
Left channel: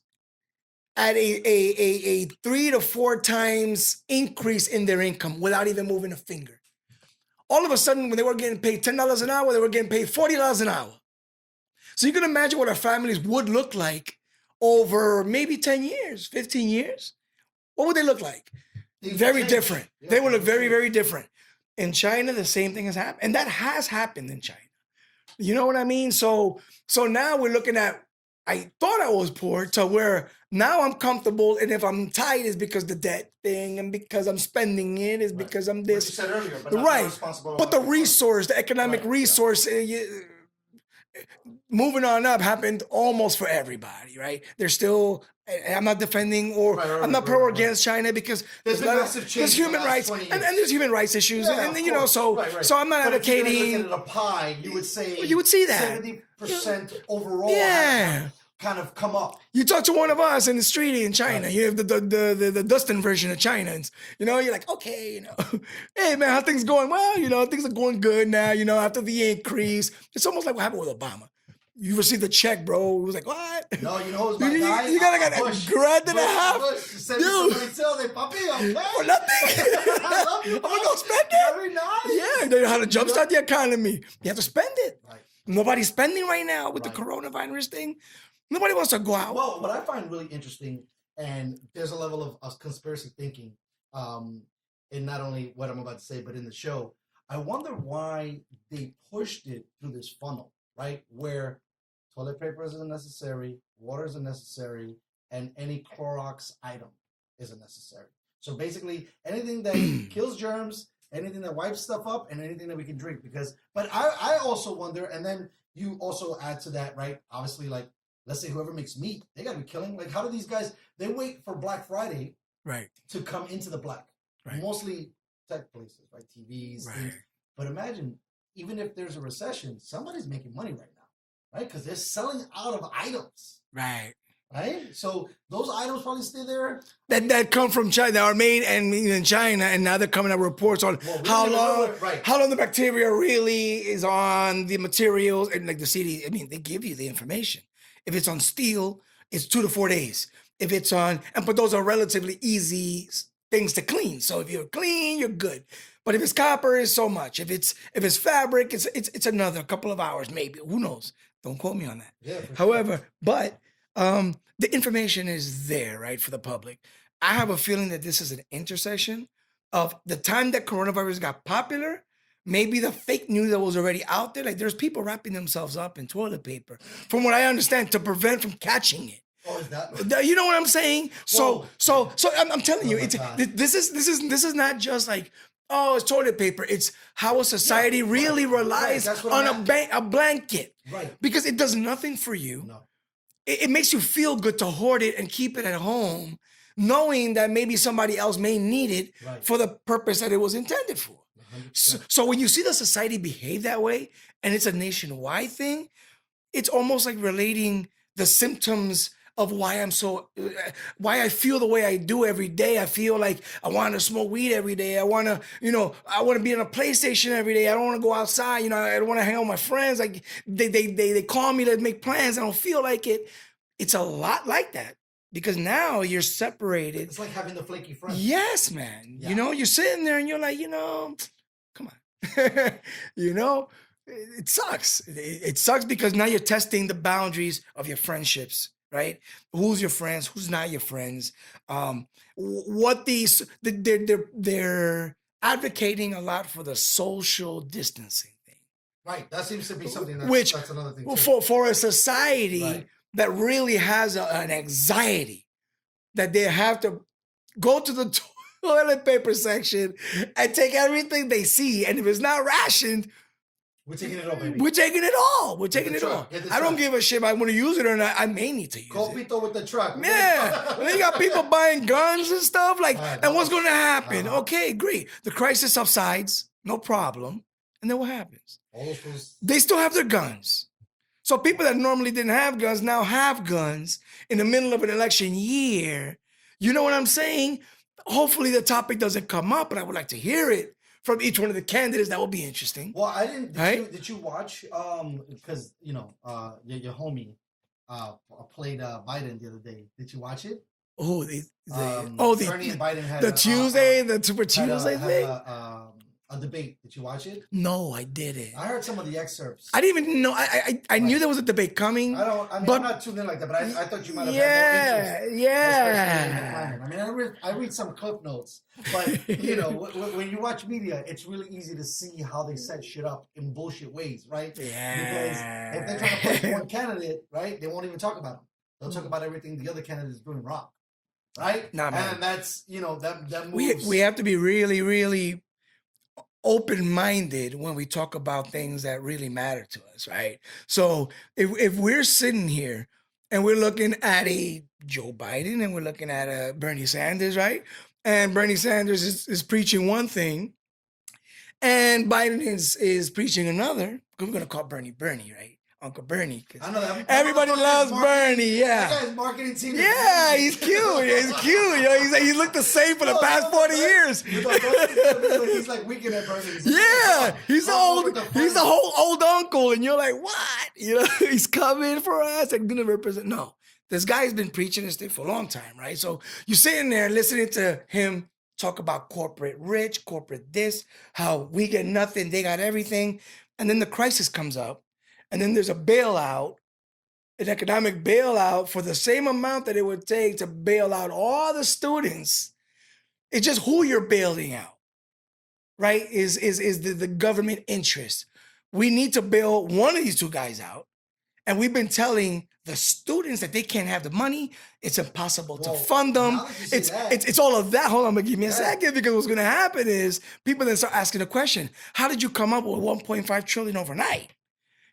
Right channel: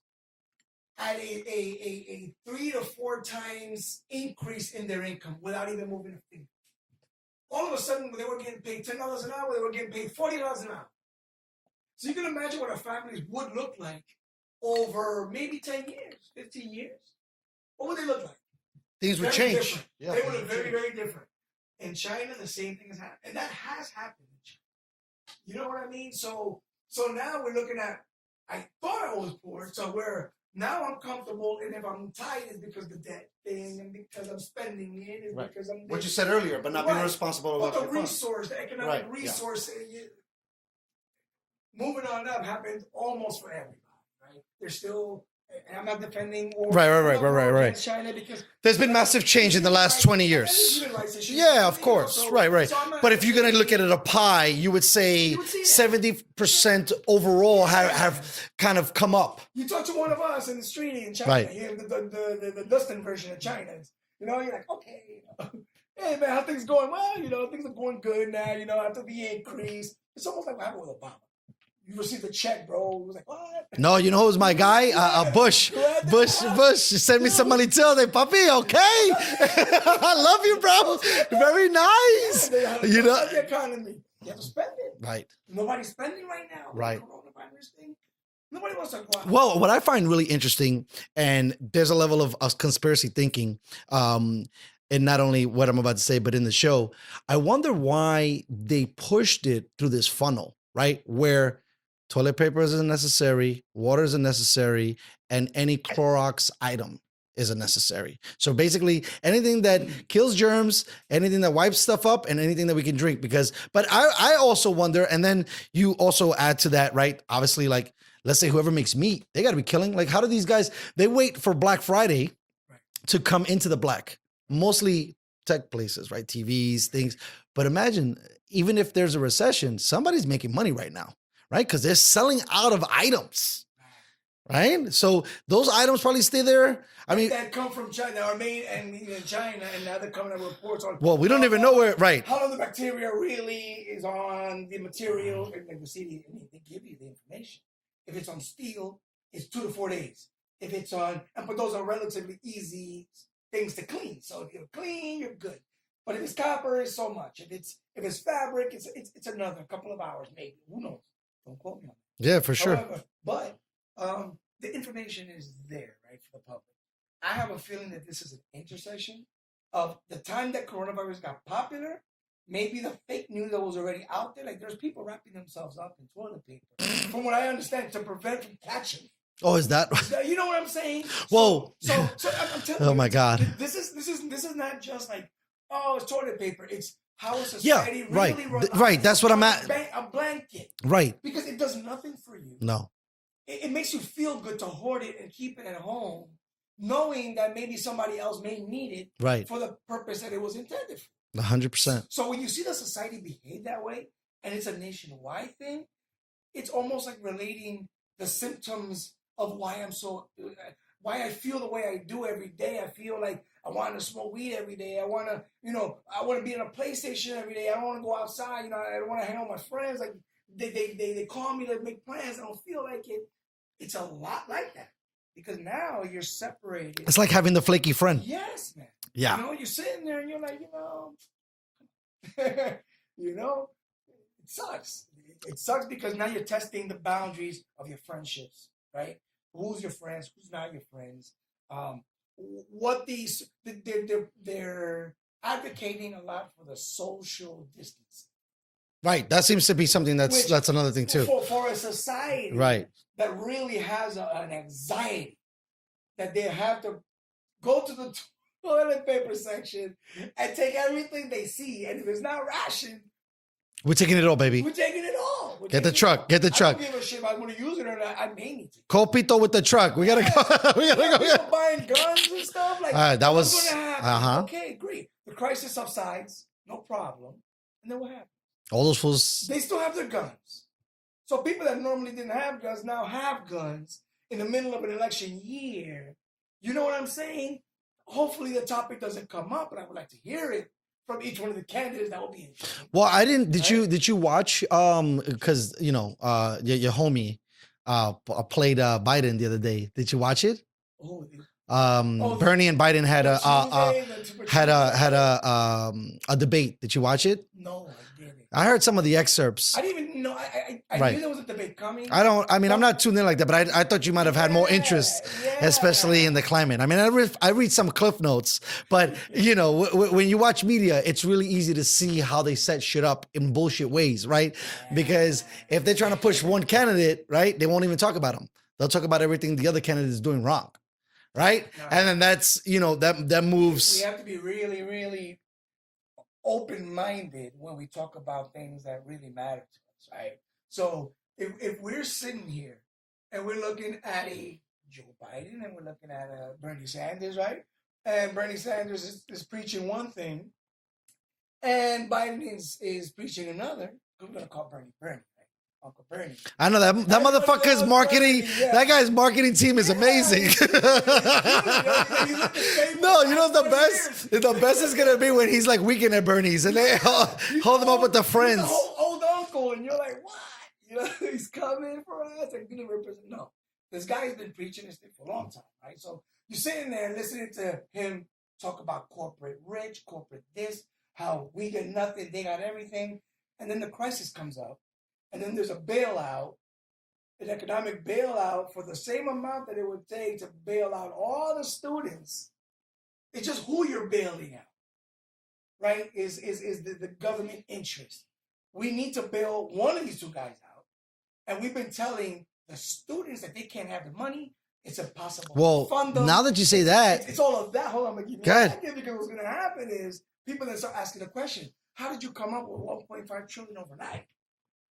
at a 3 to 4 times increase in their income without even moving a finger. All of a sudden, when they were getting paid $10 an hour, they were getting paid $40 an hour. So you can imagine what our families would look like over maybe 10 years, 15 years. What would they look like? Things would Very change. different. Yeah, They would look things would very, change. very different. In China, the same thing has happened. And that has happened in China. You know what I mean? So now we're looking at, I thought I was poor to where now I'm comfortable. And if I'm tight, it's because the debt thing, and because I'm spending it, is because I'm this. What you said earlier, but not Right. responsible. But the resource, the economic Right, yeah. resource, moving on up happened almost for everybody, right? There's still, and I'm not defending or I'm not pro or against China, because there's been massive change in the human last rights, 20 years. and there's human rights issues. Yeah, and, of course. So, right. So I'm not. But if you're going to look at advocating- it a pie, you would say You would see that. 70% overall have kind of come up. You talk to one of us in the street in China. Right. You have the Dustin version of China, and you're like, okay, hey man, how things going? Well, things are going good now. After the increase, it's almost like what happened with Obama. You received a check, bro. It was like, what? No, you know who's my guy? Bush. Bush send me some money too. They puppy, okay. I love you, bro. Very nice. Yeah, they know how to jumpstart the economy. You have to spend it. Right. Nobody's spending right now with Right. the coronavirus thing. Nobody wants to go out. Well, what I find really interesting, and there's a level of conspiracy thinking, and not only what I'm about to say, but in the show, I wonder why they pushed it through this funnel, right? Where toilet paper isn't necessary, water isn't necessary, and any Clorox item isn't necessary. So basically, anything that kills germs, anything that wipes stuff up, and anything that we can drink. But I also wonder, and then you also add to that, right? Obviously, like, let's say whoever makes meat, they got to be killing. Like, how do these guys, they wait for Black Friday right. to come into the black? Right. Mostly tech places, right? TVs, Right. things. But imagine, even if there's a recession, somebody's making money right now, right? Because they're selling out of items, Right. right? So those items probably stay there. That come from China, that are made and in China, and now they're coming out reports on. Well, we how don't even know long- where- right. How long the bacteria really is on the materials, and like the CD. I mean, they give you the information. If it's on steel, it's 2 to 4 days. If it's on, but those are relatively easy things to clean. So if you're clean, you're good. But if it's copper, it's so much. If it's fabric, it's another couple of hours, maybe. Who knows? Don't quote me on that. Yeah, for sure. However, but the information is there, right, for the public. I have a feeling that this is an intersection of the time that coronavirus got popular, maybe the fake news that was already out there. Like, there's people wrapping themselves up in toilet paper, from what I understand, to prevent from catching it. Oh, is that? You know what I'm saying? Whoa. So I'm telling Oh you, my God. this is not just like, oh, it's toilet paper. It's how a society right. really relies Right, that's what on I'm a blanket, Right. because it does nothing for you. No. It makes you feel good to hoard it and keep it at home, knowing that maybe somebody else may need it Right. for the purpose that it was intended for. 100%. So when you see the society behave that way, and it's a nationwide thing, it's almost like relating the symptoms of why I feel the way I do every day. I feel like I want to smoke weed every day. I want to be on a PlayStation every day. I don't want to go outside. I don't want to hang out with my friends. Like they call me to make plans. I don't feel like it. It's a lot like that, because now you're separated. It's like having the flaky friend. Yes, man. Yeah. You're sitting there and you're like, come on. It sucks. It sucks because now you're testing the boundaries of your friendships, right? Who's your friends? Who's not your friends? They're advocating a lot for the social distancing thing. Right. That seems to be something that's another thing too. For a society Right. that really has an anxiety that they have to go to the toilet paper section and take everything they see, and if it's not rationed, We're taking it all, baby. We're taking it all. We're Get the taking it truck, all. get the I truck. don't give a shit if I want to use it or not. I may need to use it. Copito with the truck. We Yeah, gotta go. we got people buying guns and stuff. Like, All right, that was was- going to happen. uh-huh. Okay, great. The crisis subsides, no problem. And then what happens? All those fools. They still have their guns. So people that normally didn't have guns now have guns in the middle of an election year. You know what I'm saying? Hopefully the topic doesn't come up, but I would like to hear it from each one of the candidates. That would be interesting. Well, I didn't. Right? Did you watch? Because your homie played Biden the other day. Did you watch it? Oh, Bernie and Biden had the Tuesday, the Super Tuesday. had a debate. Did you watch it? No, I didn't. I heard some of the excerpts. I didn't even know. I Right. knew there was a debate coming. I mean, but- I'm not tuned in like that, but I thought you might have had more interest, Yeah. especially in the climate. I mean, I read some cliff notes, but when you watch media, it's really easy to see how they set shit up in bullshit ways, right? Because if they're trying to push one candidate, right, they won't even talk about him. They'll talk about everything the other candidate is doing wrong, right? No, and no. then that's that moves. We have to be really, really open-minded when we talk about things that really matter to us, right? So if we're sitting here and we're looking at a Joe Biden and we're looking at a Bernie Sanders, right? And Bernie Sanders is preaching one thing and Biden is preaching another. We're going to call Bernie, right? Uncle Bernie. I know that Everybody motherfucker's loves marketing. Bernie, yeah. That guy's marketing team is Yeah, amazing. he's cute. He's cute. You know, he's looked the same for No, the you past know 40 best? years. The best is gonna be when he's like weekend at Bernie's and He's hold him old, up with the friends. He's a whole old uncle, and you're like, what? You know, he's coming for us and gonna represent. No, this guy's been preaching this thing for a long time, right? So you're sitting there listening to him talk about corporate rich, corporate this, how we get nothing, they got everything, and then the crisis comes up, and then there's a bailout, an economic bailout for the same amount that it would take to bail out all the students. It's just who you're bailing out, right? Is the government interest. We need to bail one of these two guys out. And we've been telling the students that they can't have the money. It's impossible to fund them. Now that you say that. It's all of that. Hold on, but give me a Go ahead. second, because what's going to happen is people then start asking the question, how did you come up with 1.5 trillion overnight?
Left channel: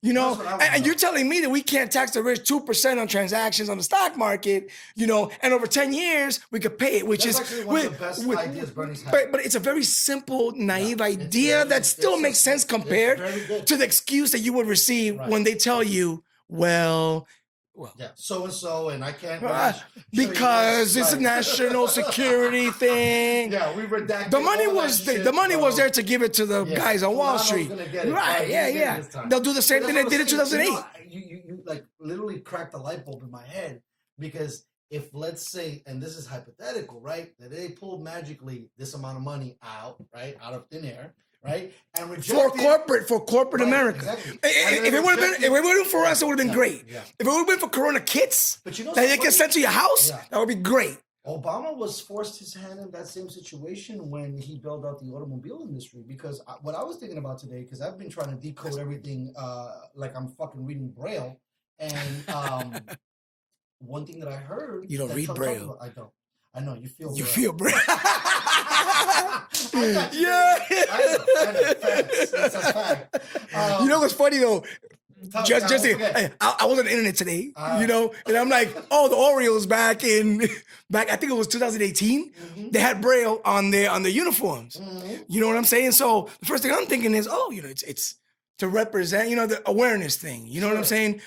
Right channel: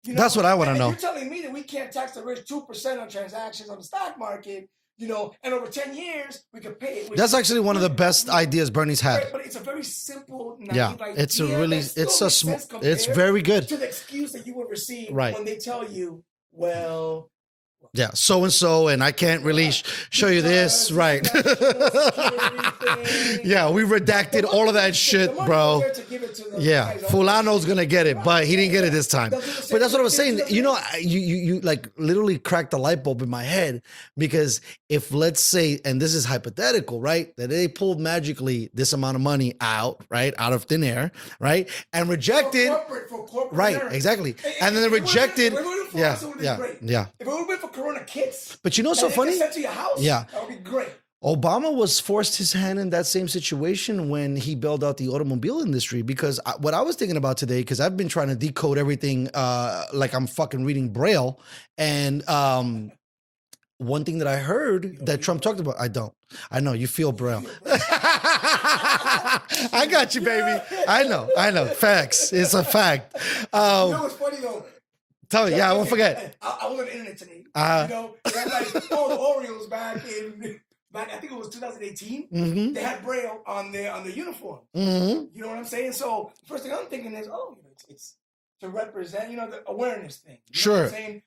You know, That's what I wanna and know. you're telling me that we can't tax the rich 2% on transactions on the stock market, you know, and over 10 years we could pay it. Which That's is, actually one of the best ideas Bernie's had. But it's a very simple, naive it's a idea really- that still it's a makes sm- sense it's compared very good. to the excuse that you would receive Right. when they tell you, well, Yeah, so and so, and I can't really right, show you because this. Right. it's a national security thing. Yeah, we redacted all of that was, shit, the money bro. was there to give it to the Yeah, guys on Wall Fulano's Street. gonna get it, but he didn't get it this time. They'll do the same But thing that's they what did I'm in saying. 2008. You like literally cracked the light bulb in my head, because if, let's say, and this is hypothetical, right, that they pulled magically this amount of money out of thin air, right, and rejected for corporate right, America. exactly, And then if it would have rejected. been for us, it would have been yeah, great. Yeah, If it would have been for Corona kits, but you know, that so they funny. can send to your house, Yeah. that would be great. Obama was forced his hand in that same situation when he bailed out the automobile industry, because what I was thinking about today, because I've been trying to decode everything like I'm fucking reading Braille, and one thing that I heard You don't that read Trump talked Braille. about, I don't. I know, you feel Braille. You feel Braille. I got you, Yeah. baby. I know. Facts. It's a fact. You know what's funny though? Tell me, I won't forget. Hey, I was on the internet today, Uh-huh. you know, and I'm like, oh, the Orioles back, I think it was 2018. Mm-hmm. They had Braille on their uniforms. You know what I'm saying? So the first thing I'm thinking is, oh, you know, it's to represent, you know, the awareness thing. You know what I'm Sure. saying?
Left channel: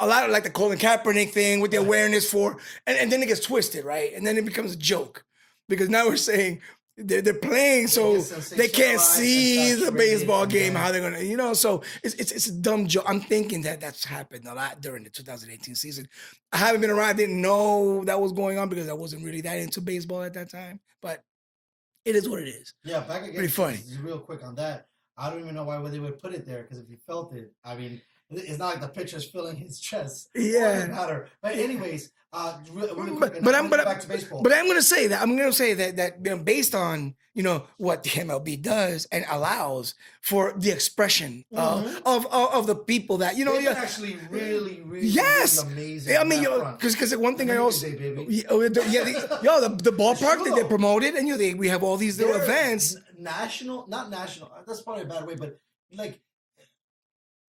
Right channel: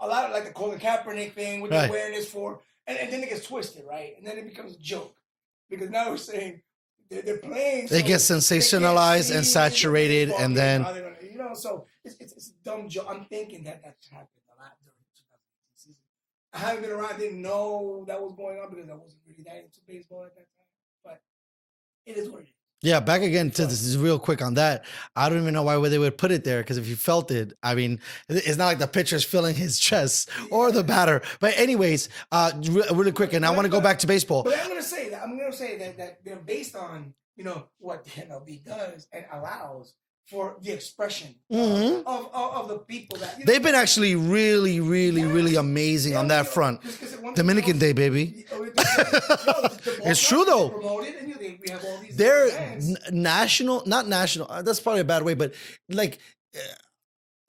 A lot of like the Colin Kaepernick thing with the Right. awareness for, and then it gets twisted, right? And then it becomes a joke, because now we're saying they're playing, so gets sensationalized and saturated, The baseball and game, then- how they're gonna, you know, so it's a dumb joke. I'm thinking that's happened a lot during the 2018 season. I haven't been around, I didn't know that was going on because I wasn't really that into baseball at that time, but it is what it is. Yeah, back again Pretty to funny. this is real quick on that. I don't even know why they would put it there, because if you felt it, I mean, it's not like the pitcher's filling his chest or the Yeah. batter. But anyways, really quick, and I want to go back to baseball. But I'm going to say that you know, based on, you know, what the MLB does and allows for the expression of the people that, you know, They've been actually really, really, Yes. really amazing on that front. Because one thing Dominican Day, baby. The ballpark It's true, that they though. promoted, and you know, we have all these little They're events. national, not national. That's probably a bad way, but like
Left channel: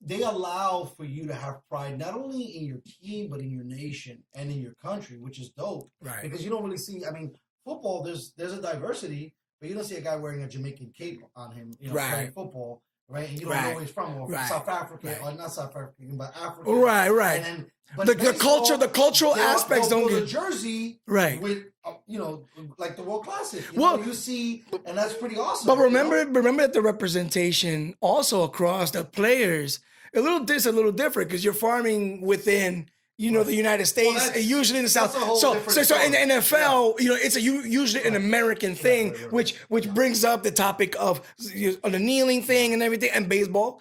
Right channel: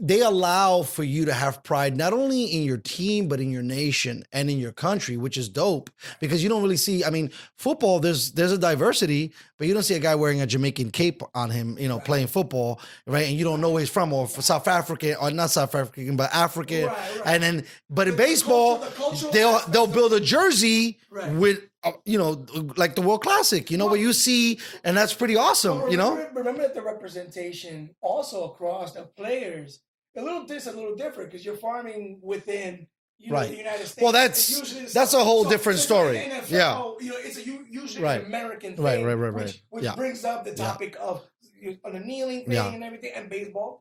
they allow for you to have pride not only in your team but in your nation and in your country, which is dope. Right. Because you don't really see. I mean, football. There's a diversity, but you don't see a guy wearing a Jamaican cape on him, Right. playing football, right? And you don't know Right. where he's from, or Right. South African, or not South African, but African, Right, right. And then, but The- in the baseball, culture- the cultural they'll aspects build a don't- jersey, Right. with like the World Classic, Well- where you see, and that's pretty awesome. But remember, you know? remember that the representation also across the players it's a little different because you're farming within Right. the United States. that's- usually in the that's South. a whole different So story. in the NFL, it's usually Right. an American Right, thing, right, which yeah. brings up the topic of the kneeling thing Yeah. and everything, and baseball,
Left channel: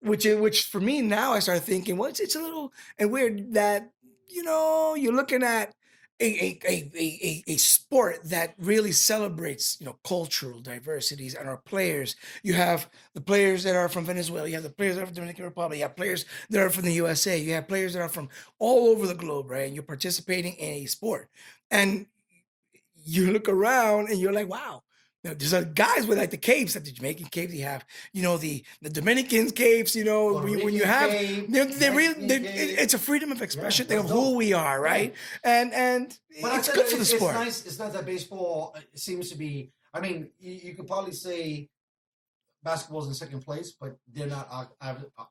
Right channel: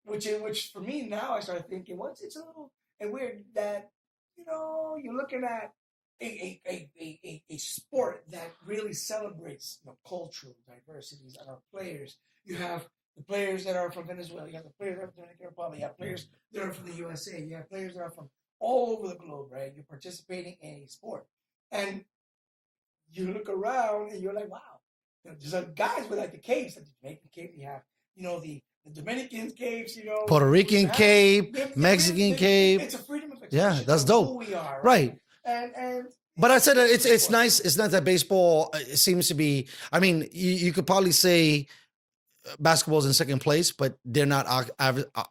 which for me now I start thinking, well, it's a little and weird that you're looking at a sport that really celebrates cultural diversities and our players. You have the players that are from Venezuela, you have the players that are from the Dominican Republic, you have players that are from the USA, you have players that are from all over the globe, right? And you're participating in a sport. And you look around and you're like, wow. There's guys with like the capes, like the Jamaican capes. You have, the Dominicans capes. Puerto when you Rican have- cape, they Mexican cape. It's a freedom of expression that's of dope. who we are, right? And But I said good for it's the sport. nice. It's not that baseball it seems to be. I mean, you could probably say basketball's in second place, but they're not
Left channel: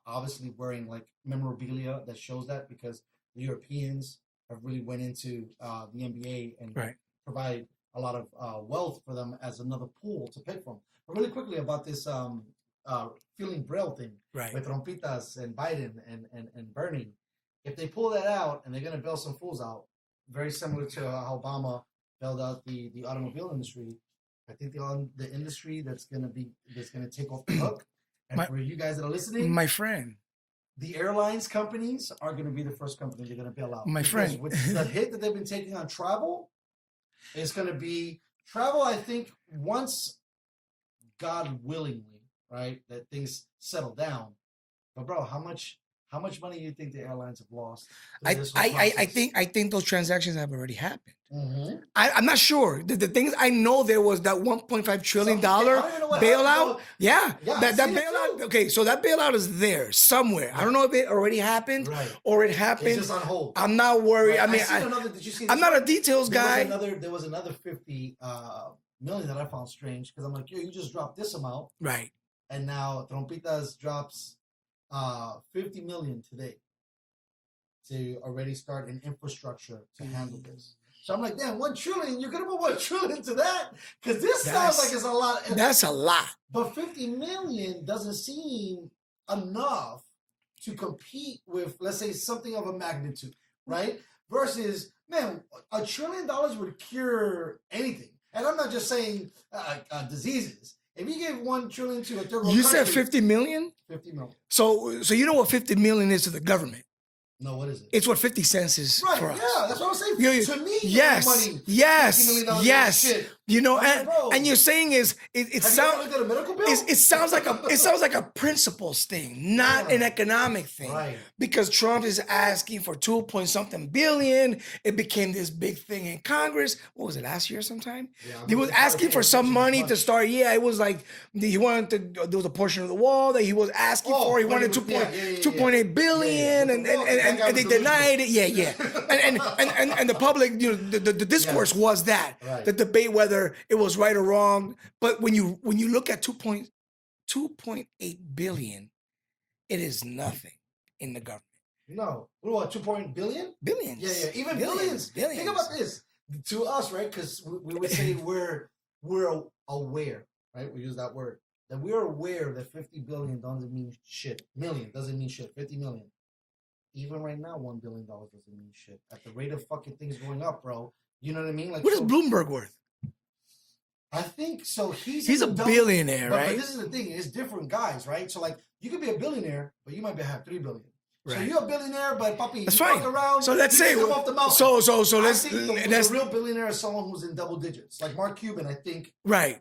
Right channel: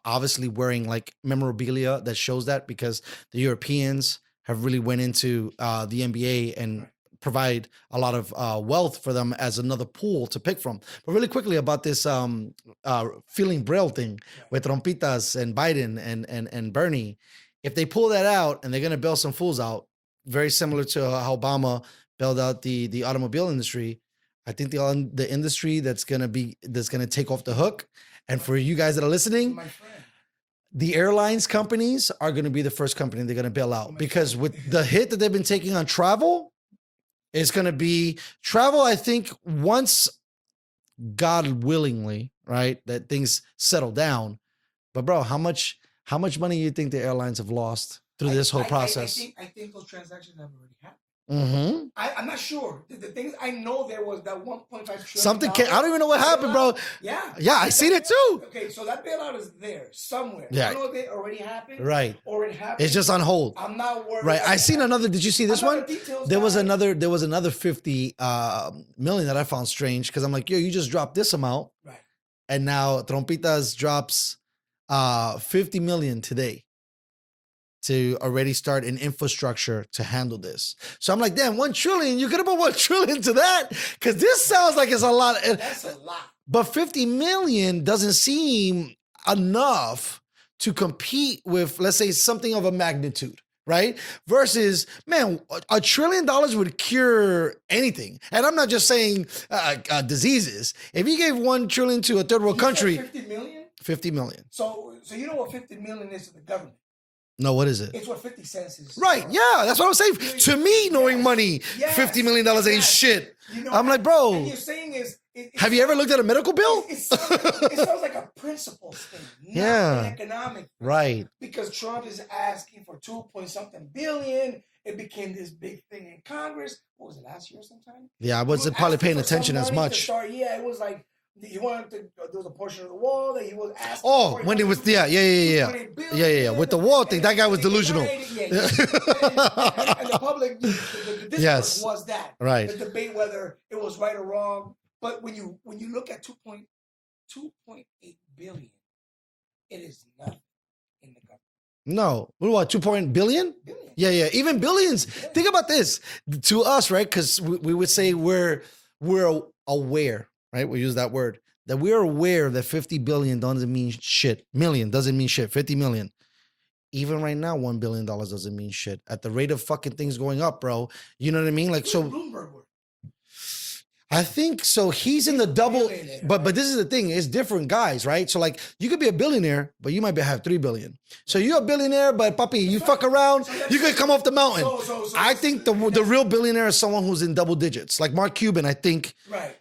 obviously wearing like memorabilia that shows that, because the Europeans have really went into the NBA and Right. provide a lot of wealth for them as another pool to pick from. But really quickly about this feeling Braille thing Right. with Trompitas and Biden and Bernie, if they pull that out and they're going to bail some fools out, very similar to how Obama bailed out the automobile industry, I think the industry that's going to take off the hook. And for you guys that are listening, My friend. the airlines companies are going to be the first company they're going to bail out, My because friend. with the hit that they've been taking on travel, it's going to be travel. I think once, God willingly, right, that things settle down. But bro, how much money you think the airlines have lost through this whole process? I think those transactions have already happened. Mm-hmm. I'm not sure. The things I know, there was that 1.5 trillion I don't even know what happened, bro. Yeah, I seen it bailout- too. Okay, so that bailout is there somewhere. I Yeah. don't know if it already happened, Right. or it happened. It's just on hold. I'm not worried. Right. I mean, seen another. Did you see this I'm one? not a details There guy. was another 50 million that I found strange, because I'm like, yo, you just dropped this amount, Right. and now Trompitas drops 50 million today to already start an infrastructure to handle this. So I'm like, damn, 1 trillion. You could have put 1 trillion to that, because this sounds like it's a lot. That's a lot. But 50 million doesn't seem enough to compete with, let's say, something of a magnitude, right? Versus, man, $1 trillion would cure anything. And I'm not just saying diseases. If you gave 1 trillion to a third world You country, said 50 million. 50 million. So you know what 50 million is to the government? No, what is it? It's what 50 cents is. Right, for us. yeah, that's what I'm saying. Yeah, To me, knowing yes, money, yes, $50 million ain't yes. shit. I'm I'm like, bro. And you're saying Have you ever looked at a medical bill? It sounds like a principles thing, not Yeah. an economic thing. Right. Because Trump is asking for 2-point-something billion. It became this big thing in Congress. What was it, last year sometime? Yeah, I He was wasn't probably asking paying for some attention as money to much. start. Yeah, it was like he wanted to. There was a portion of the wall that he was asking for. He when he wanted was, yeah. 2.8 billion. Yeah. With the wall thing, that guy was they delusional. denied it. Yeah. And the public, the discourse Yes. was that. Right. The debate whether it was right or wrong. But when you look at 2.8 billion, it is nothing in the government. No, what, 2 billion? Billions. Yeah. Even billions. Billions. Think about this. To us, right? Because we would say we're aware, right? We use that word. That we're aware that 50 billion doesn't mean shit. Million doesn't mean shit. 50 million. Even right now, $1 billion doesn't mean shit. At the rate of fucking things going up, bro. You know what I mean? Like, What so is Bloomberg worth? I think so. He's in He's the a double, billionaire, but right? this is the thing. It's different guys, right? So like, you could be a billionaire, but you might have 3 billion. So Right. you're a billionaire, but papi, That's you fine. fuck around, So let's you say- can come off the mountain. So I let's- think the that's- real billionaire is someone who's in double digits, like Mark Cuban. I think Right.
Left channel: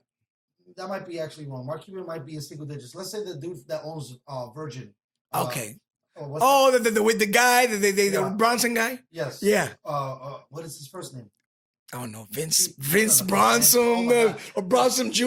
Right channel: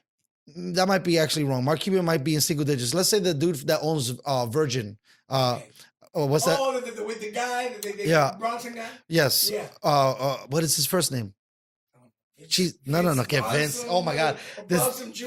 that might be actually wrong. Mark Cuban might be in single digits. Let's say the dude that owns Virgin. Okay. What's that? Oh, the guy, Yeah. the Bronson guy. Yes. Yeah. What is his first name? I don't know, Vince She's- no, Vince no, no, okay, Vince. Bronson, Oh my God. or Bronson Jr.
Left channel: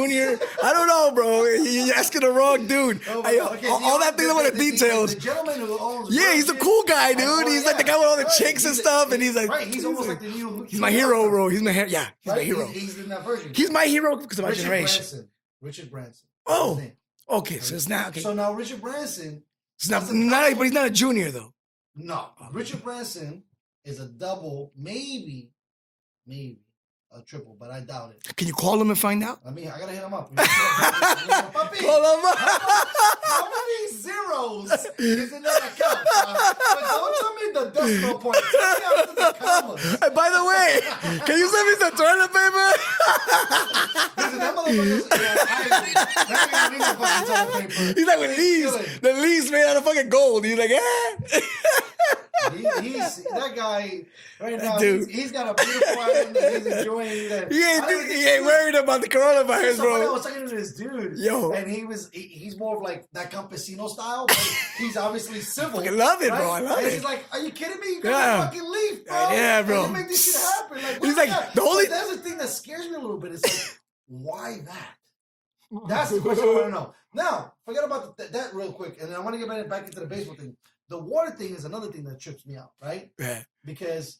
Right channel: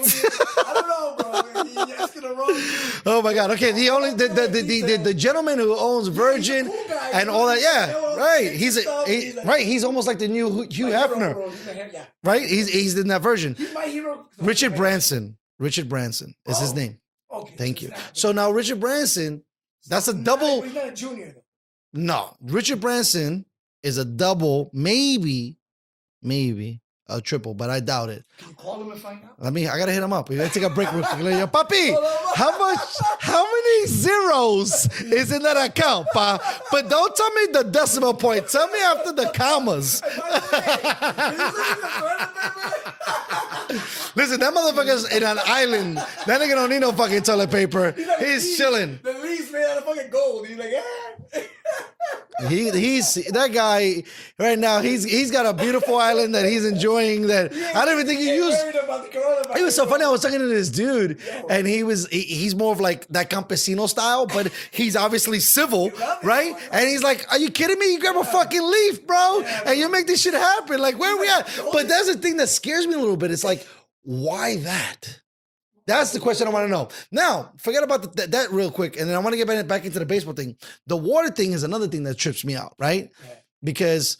I don't know, bro. You're asking the wrong dude. Oh my God! Okay, all that thing about the details. the gentleman who owns Virgin. Yeah, he's a cool guy, and dude. all that, He's like the guy with all the right. chicks and stuff, and he's like, right. He's almost like the new he's my hero, bro. He's my hero. Yeah, right? my hero. He's in that version. He's my hero because of my Richard generation. Branson. Richard Branson is his Oh, name. Okay, Thank so it's you. not. Okay. So now Richard Branson. That's a not, double. but he's not a junior though. No, Richard Branson is a double, maybe a triple, but I doubt it. Can you call him and find out? I gotta hit him up. We gotta take a break with him. Papi, Call him up. how many zeros is in that account, pa? But don't tell me the decimal point. Tell me after the commas. Hey, by the way, can you send me some toilet paper? Listen, that motherfucker's in an island. That nigga don't need no fucking toilet paper. He's like He's chilling. The leaves made out of fucking gold. He's like, eh. He's that guy right now. Dude. He's got a beautiful island that he's enjoying. That I don't even think he he ain't used. worried about the coronavirus. It's so bro. funny. I was talking to this dude, Yo. and he's more of like that campesino style, but he's obviously civil, I love it, right? bro. I love And it. he's like, "Are you kidding me? You grab Yeah. a fucking leaf, bro, Yeah, bro. and you make this shit happen. Like where He's we like, at?" the only- But that's the thing that scares me a little bit. It's like, why that? That's the question I want to know. Now, forget about that real quick, and then I want to get back into the baseball thing. The water thing is another thing that trips me out, right? Right. Because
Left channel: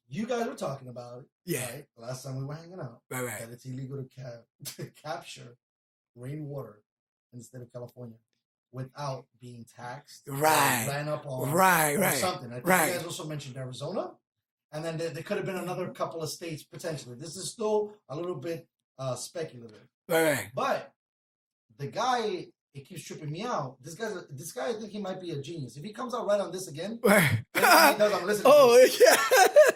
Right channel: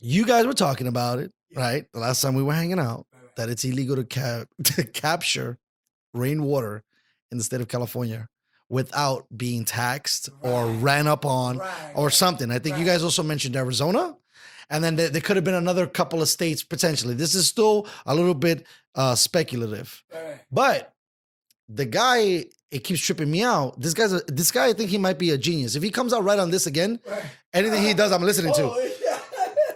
you guys were talking about it, Yeah. right? The last time we were hanging out, Right. that it's illegal to capture rainwater in the state of California without being taxed Right. or ran up on Right, or right, something. I think you right. guys also mentioned Arizona. And then there could have been another couple of states potentially. This is still a little bit speculative. Right. But the guy, it keeps tripping me out. This guy, I think he might be a genius. If he comes out right on this again, Right. anything he does, I'm listening to. Oh, yeah.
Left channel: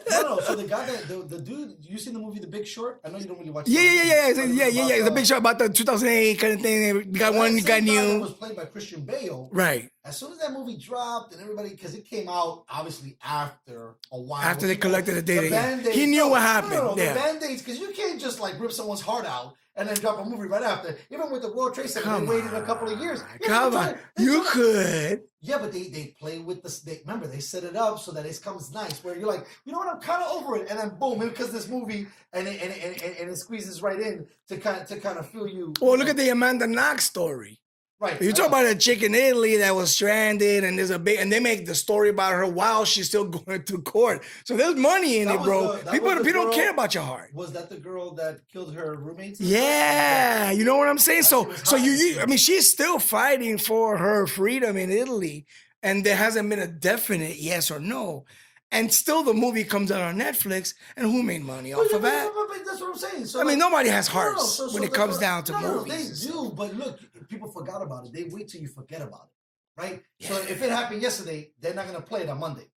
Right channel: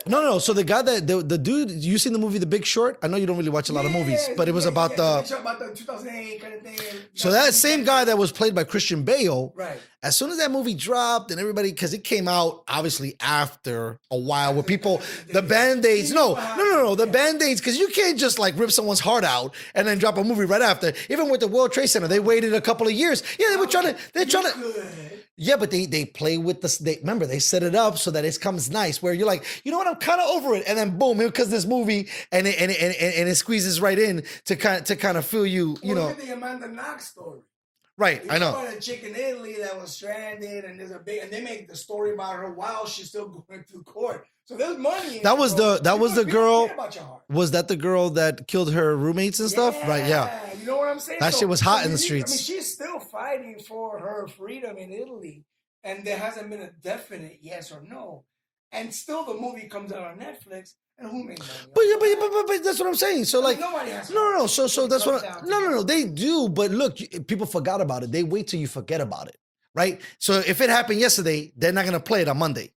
No. So the guy the dude, you seen the movie The Big Short? I know you don't really watch a lot of movies, Yeah, but it was about the big show about the 2008 kind of thing. We so got that one same guy new- that was played by Christian Bale, right. as soon as that movie dropped and everybody, because it came out obviously after a while, After where they people, collected the the data, yeah. Band-Aids, He knew what happened, the yeah. Band-Aids, because you can't just like rip someone's heart out and then drop a movie right after. Even with the World Trade Center, they waited a couple of years. Yeah, they're trying to, could. yeah, but they play with this. Remember, they set it up so that it comes nice. Where you're like, you know what, I'm kind of over it, and then boom, here comes this movie, and it squeezes right in to kind of feel you. Or you look know. at the Amanda Knox story. Right. You I talk know. about a chick in Italy that was stranded, and there's and they make the story about her while she's still going to court. So there's money in That it, was bro. the People girl. don't care about your heart. Was that the girl that killed her roommates and Yeah, stuff? Right. Yeah. you know what I'm saying. That So shit was hot in the I streets. mean, she's still fighting for her freedom in Italy, and there hasn't been a definite yes or no. And still, the movie comes out on Netflix, and who made money off of that? But that's what I'm saying. So I like mean, nobody has hearts So when it that's comes what, down to no. They movies. do, but look, people forgot about it. They wait till you forget about it, right? So if it happened yesterday, they're not gonna play it on Monday,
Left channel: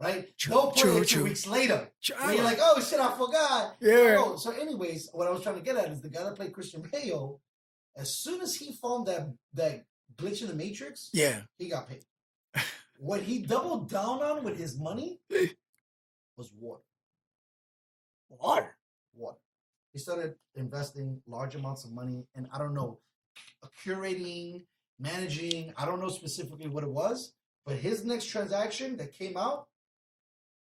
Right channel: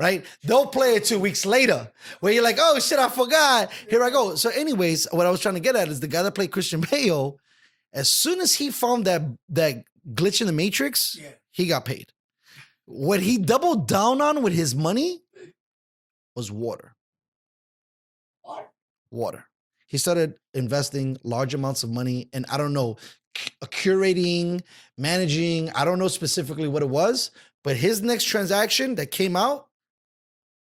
right? They'll play it 2 weeks later, where you're like, oh shit, I forgot. Here I Yeah. go. So, anyways, what I was trying to get at is the guy that played Christian Bale. As soon as he found that glitch in the Matrix, Yeah. he got paid. What he doubled down on with his money was water. Water. He started investing large amounts of money, and I don't know, curating, managing. I don't know specifically what it was, but his next transaction that came out,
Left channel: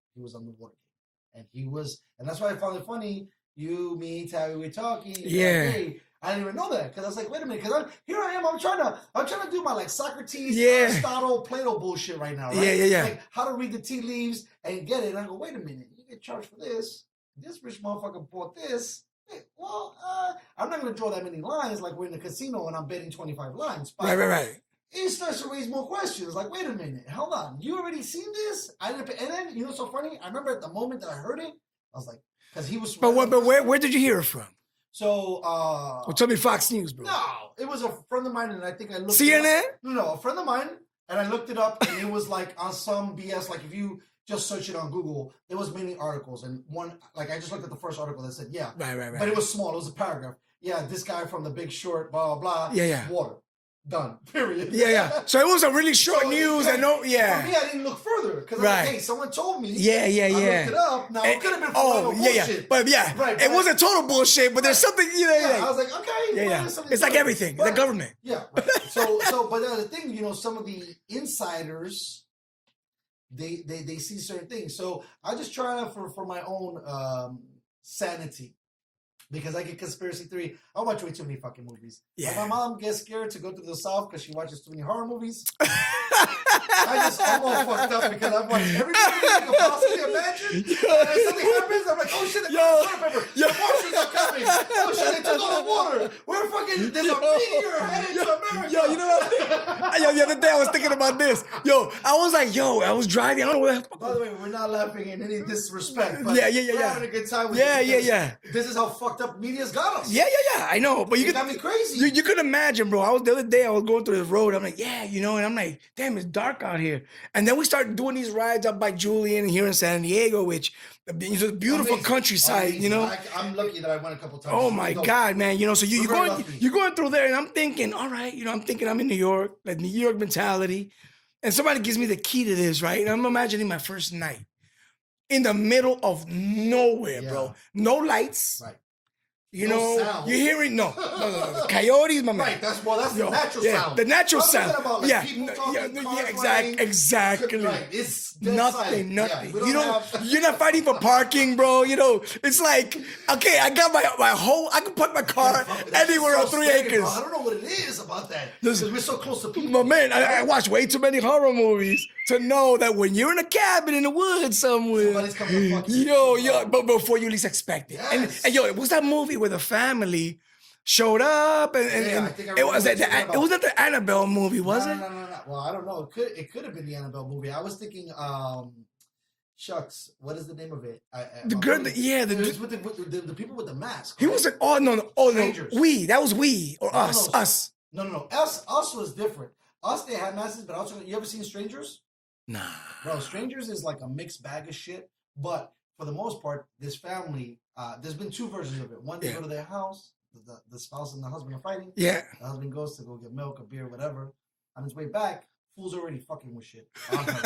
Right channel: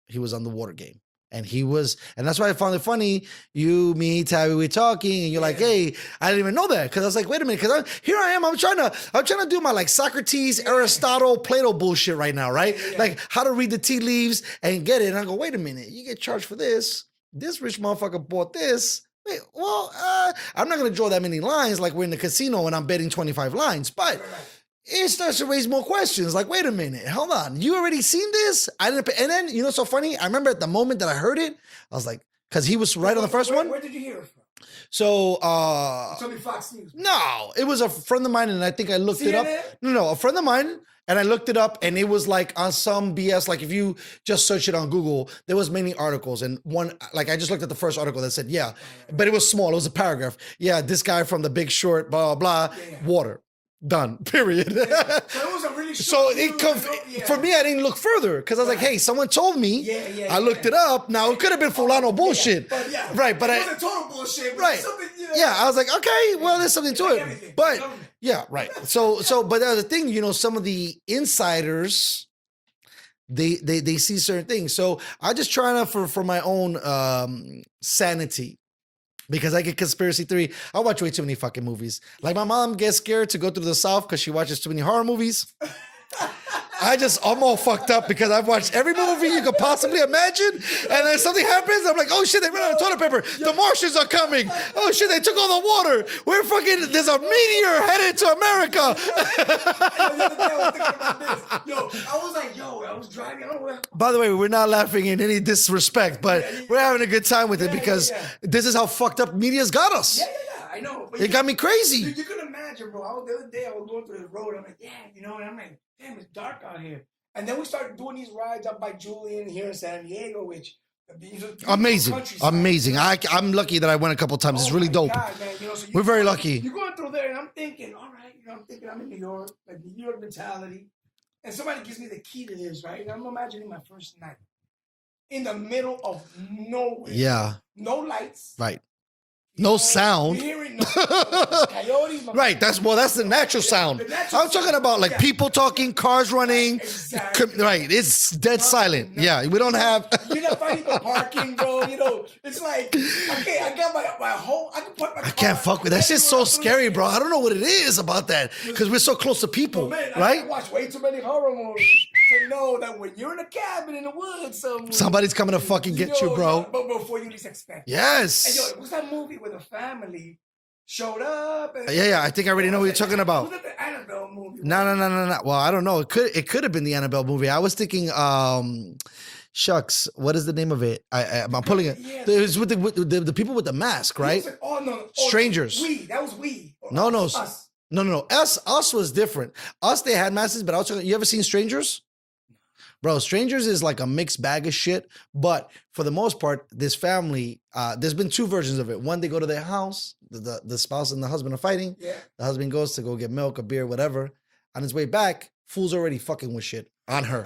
he was on the water game. And and that's why I found it funny. You, me, Tabby, we're talking, and you're like, Yeah. hey, I didn't even know that. Cause I was like, wait a minute, because here I am, I'm trying to do my like Socrates, Yeah. Aristotle, Plato bullshit right now, right? Yeah. Like how to read the tea leaves and get it. And I go, wait a minute, you get charged for this. This rich motherfucker bought this. Wait, well, I'm not gonna draw that many lines like we're in the casino and I'm betting 25 lines, but Right. it starts to raise more questions. Like, wait a minute, hold on. You already seen this? I didn't pay. And then, you know, so funny. I remember at the moment that I heard it, I was like, because he was right on the first one. Where did you hear it from? So, Well, tell me Fox News. Bro. no, it was a friend of mine, and I think I looked it CNN? up. No, a friend of mine, and I looked it up, and it was like on some BS. Like if you just search it on Google, there was many articles, and one, like I just looked at the first article that said, yeah, Right. but it was small. It was a paragraph. Yeah, this guy from The Big Short, blah blah blah. Yeah. Water, done. Period. Yeah. So it was a really short news. For me, I didn't look further because I was like, Right. hey, someone told me. Yeah. I looked it up. Now it could have been Fulano bullshit. But yeah, right. But it wasn't total bullshit. But there's Right. something, Yeah, I was like, okay, well, yeah. there's something It's to like it. everything, But, the government. Yeah, right. So, but the thing, you know, some of the insiders, they see certain things. So I just try to for my own sanity. Because I get conspiracy theory. I watch way too many fucking movies. Like my mom gets scared to go through the South because she watches too many horror movies. I'm all fucked up because I've watched every movie you could possibly imagine. And then something happens, I'm like, oh shit, they ran out of toilet paper. The Martians are coming. Oh shit, they took all the water. There's a meteor headed to America. The other day I was thinking about this. I was driving. I don't know what. By the way, we're not laughing in any disrespect, but we're having a good time with it because this is how fucked up media's got us. Yeah. I know. But it got me crazy. You can imagine, bro. The other day I was going through this road. I'm like, and I'm like, damn, it's dark out here. And then we started doing these rides up by Julian here in San Diego, which is a beautiful countryside. Amazing. I'm lucky that I went a couple times. It's really dope. Oh my God, man. So we're very lucky. You're going through there, and I'm thinking, all right, I'm in New York, like New York mentality. And somebody gives me the key to this, right? And I'm imagining my first night in the middle of nowhere. Yeah. Bro. No lights. Right. No sound. You're hearing no coyotes. Right. That's the natural sound. The natural sound. I'm talking about like people talking, cars running. Exactly. Right. It's dead silent. Yeah. We don't have. You're not fighting for parking, bro. It's like, okay, I got my whole. I can park my car. I can't fuck with that. That's just so scary, bro. I don't know what it is about that because we're so close to people. But man, right? I watch way too many horror movies to know that when you're in a cabin in the woods somewhere, somebody's coming to fucking get you, bro. But before you least expect. Yes. And what's that movie where the family showed up? And I think I already know what you're talking about. It wasn't the Annabelle movie, was it? No. Well, I don't know. It could have been the Annabelle movie. I was thinking, shucks, what is the name of it? I'm pulling it. Yeah, it was with the people with the mask, right? It wasn't, Strangers. No, that was we or us. No. Us was different. Us, they had masks, but also, you ever seen Strangers? Nah. Bro, Strangers is like a mixed bag of shit. But for the most part, this family, there's been two versions of it. One, they go to their house, the spouse and the husband are fighting. Yeah. The husband goes to go get milk, a beer, whatever. On his way back, fool's already fucking with shit on her.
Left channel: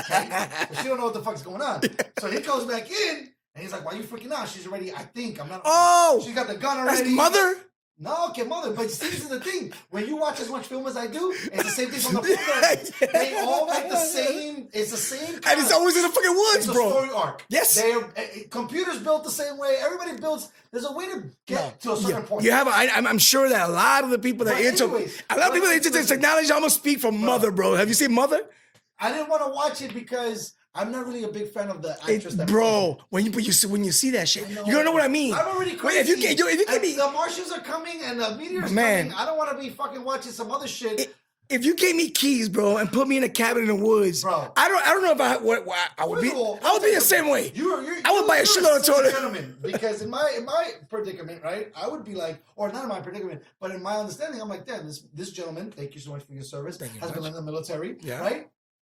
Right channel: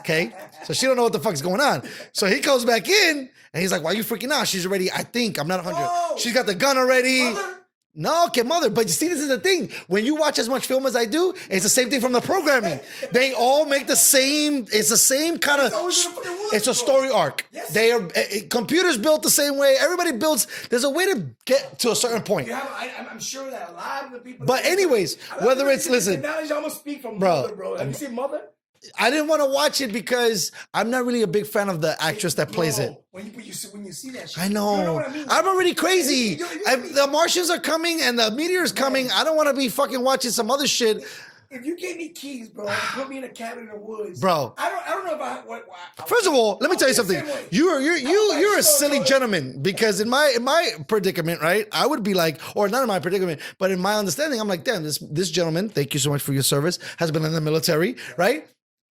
Okay? So she don't know what the fuck's going on. So he goes back in and he's like, why are you freaking out? She's already, I'm not. She's got the gun already. Mother? No, okay, mother. But you see, this is the thing. When you watch as much film as I do, it's the same thing from the programming. They all make the same. It's the same kind of. It's always in the fucking woods. It's a story arc. Yes. They are. Computers built the same way. Everybody builds. There's a way to get to a certain point. You have. I'm sure that a lot of the people that. But anyways, a lot of people into this technology. I'm gonna speak from Mother, bro. Have you seen Mother? I didn't want to watch it because I'm not really a big fan of the actress that plays it. When you see that shit, I know. You don't know what I mean. I'm already crazy. The Martians are coming and the meteor's coming. I don't want to be fucking watching some other shit. If you gave me keys, bro, and put me in a cabin in the woods, bro, I don't know if I First of all, let me tell you something. You're a silly gentleman because in my predicament, right? I would be like, or not in my predicament, but in my understanding, I'm like, damn, this gentleman, thank you so much for your service, has been in the military, right?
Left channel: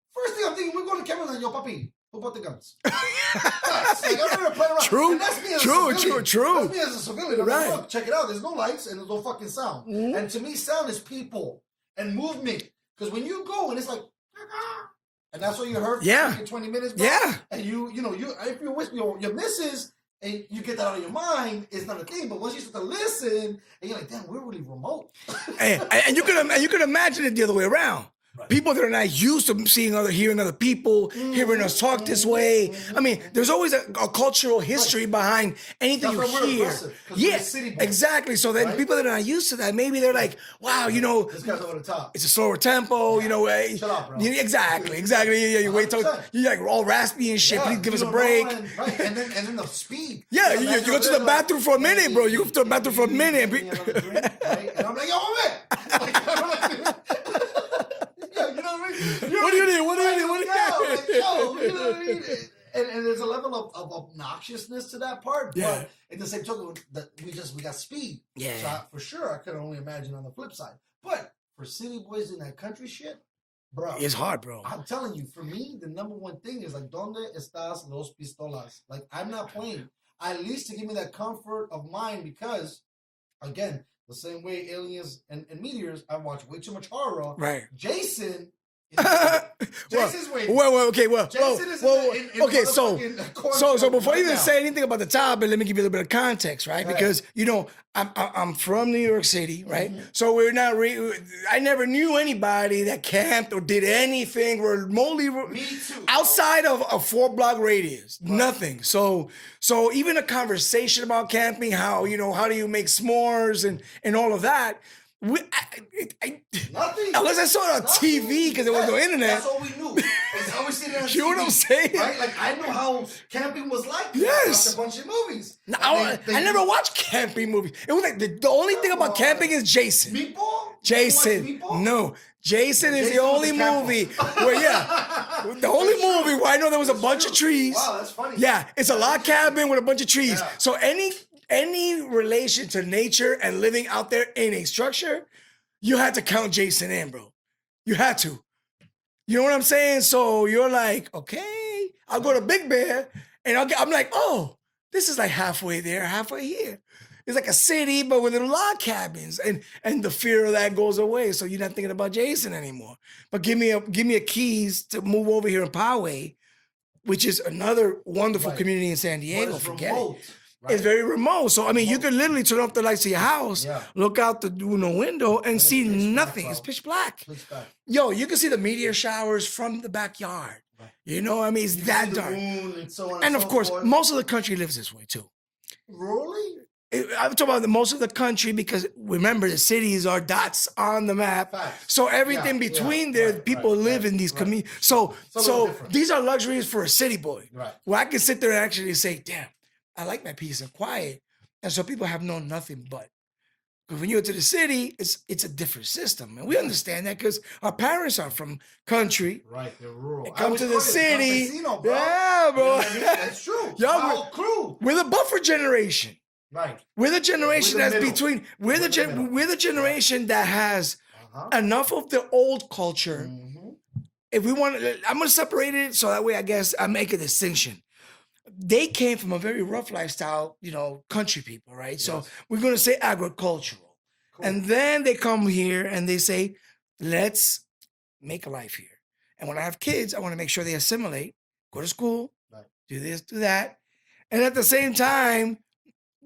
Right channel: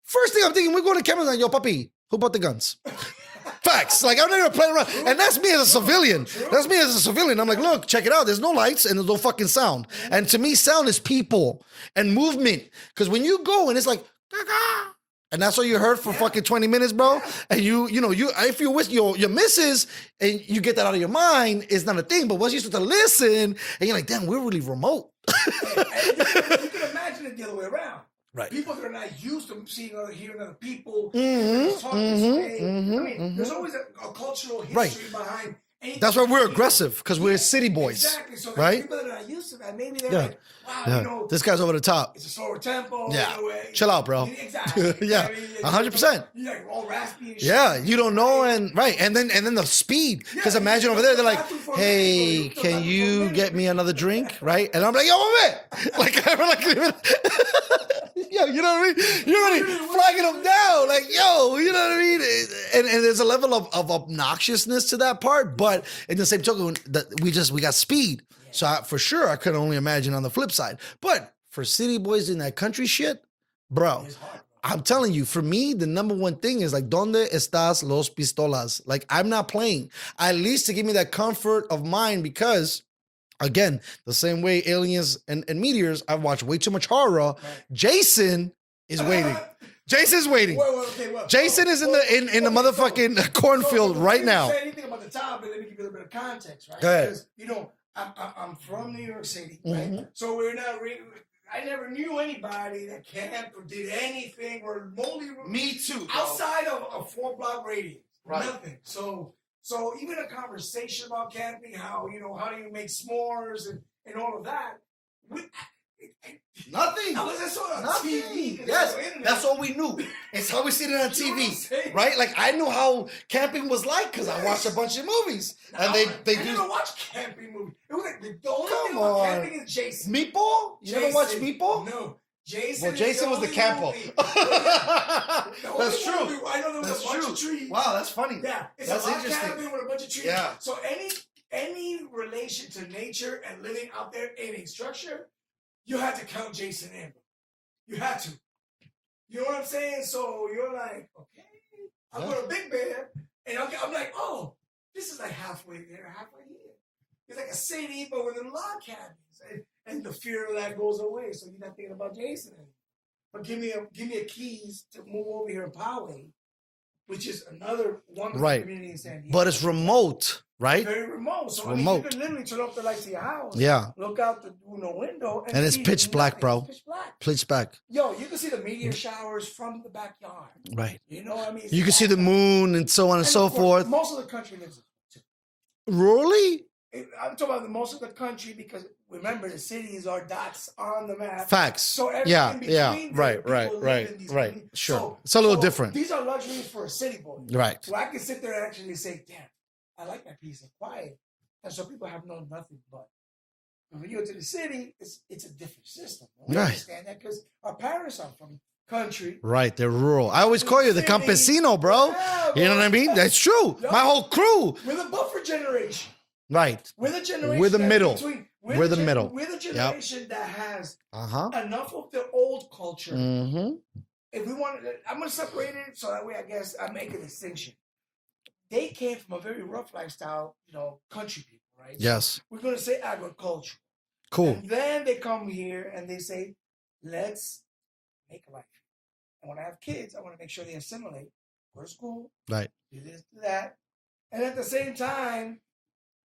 First thing I'm thinking, we're going to cameras like, yo, papi, who bought the guns? Facts. Like, I'm not even playing around. And that's me as a civilian. That's me as a civilian. I'm like, look, check it out. There's no lights and there's no fucking sound. And to me, sound is people and movement. Because when you go and it's like, Gaga, and that's all you heard for fucking 20 minutes, bro. Yeah. And if you wish your misses and you get that out of your mind, it's not a thing. But once you start to listen, and you're like, damn, we're really remote. and you can imagine it the other way around. Right. People that are not used to hearing other people, hearing us talk this way. I mean, there's always a cultural history behind anything. That's why we're aggressive, because we're city boys. Exactly. So that people that are not used to that, maybe they're like, wow, this guy's over the top. It's a slower tempo, Chill out, bro. Exactly. 100%. You're like all raspy and shit. Yeah, you don't know, and then the speed. Yeah, because imagine you over there, the bathroom for a minute, bro. You to the bathroom for a minute. Get me another drink, right? And I'm like, yo, man. Yo, you know what I mean? You're flagging them down. Like, yo, you know what I mean? And there's a level of obnoxiousness to that part. But in the same token, we got speed. Yeah. So for sure, I could only imagine on the flip side. But for city boys in that country shit, bro. It's hard, bro. I'm telling you, for me, the number one thing is like, ¿Dónde estás los pistolas? Like, I'm not playing. At least to give me that comfort of mind because... Again, the same way aliens and meteors, I've watched way too much horror. Right. Jason, is waiting. Jason's waiting. Well, Jason is in the motherfucking cornfield before right you now. say anything about the topic, let me give you a little bit of context, right? Go ahead. Because I'm from New York City, right? Mm-hmm. So we're not. I never knew anybody that camped or did anything remotely. Me too, bro. Outside of a 4-block radius, nothing. So even a conversation about camping, how how do you make s'mores and all of that. Nothing. Unless I saw it on TV because there was no internet. That's all we knew. It's how we seen it on TV. You know what I'm saying? Right? Like I knew how camping was like. 'Cause I watched a bunch of movies. No, And I never watched camping movies. It was like the only thing about camping is Jason. Meatball? Jason. Meatball? No. Jason Well, is Jason the was only the camper. movie where, the only That's true. movie where I know there was a That's bunch true. of trees. Wow, that's funny. Yeah, it's a That's log interesting. cabin with a bunch of trees. Yeah. So any relation to nature and living out there in a structure, you had to count Jason in, bro. You had to. You know what I'm saying? So you're like, okay, I'll go to Big Bear, and I'm like, oh, this is like halfway there, halfway here. It's like a city, but with log cabins, and the fear of that goes away. So you're not thinking about Jason anymore. But give me a keys to move over here in Poway, which is another wonderful Right. community in San Diego. But it's Forget it. remote, right? It's very remote. So I mean, you Remote. could literally turn off the lights of your house, Yeah. look out the window, and it's see pitch nothing. black, bro. It's pitch black. Pitch back. Yo, you can see the meteor showers from the backyard. Right. You know what I mean? It's You can that see the dark. moon and so on and, And so of course, forth. most of the country lives this way too. Really? I'm talking about most of the country because remember the cities are dots on the map. Facts. So everything Yeah, between there, right, people right, live right, in these right. communities. Sure. So It's a little different. These are luxuries for a city boy. Right. Where I can sit there and actually say, damn, I like my peace and quiet. And so people have known nothing but. Because when you go to the city, it's a different system. And we Yeah. understand that because our parents are from country. Right, they're rural. I come always to call the you the city. campesino, bro. Yeah, You know bro. what I mean? That's true. Yo, My but- whole crew. We're the buffer generation. Right. We're the generation We're the that's middle. between. We're the middle. We're the generation that has Uh-huh. enough of the old culture. Mm-hmm. If we want, I'm gonna separate it so that way I guess I make a distinction. They came from a very rough lifestyle, country people, right? Yes. So we're gonna say agricultural. Cool. And then they come here and they say, let's make a life here. And when I have kids, I want to make sure they assimilate, go to school, Right. do this, do that. And at the same time,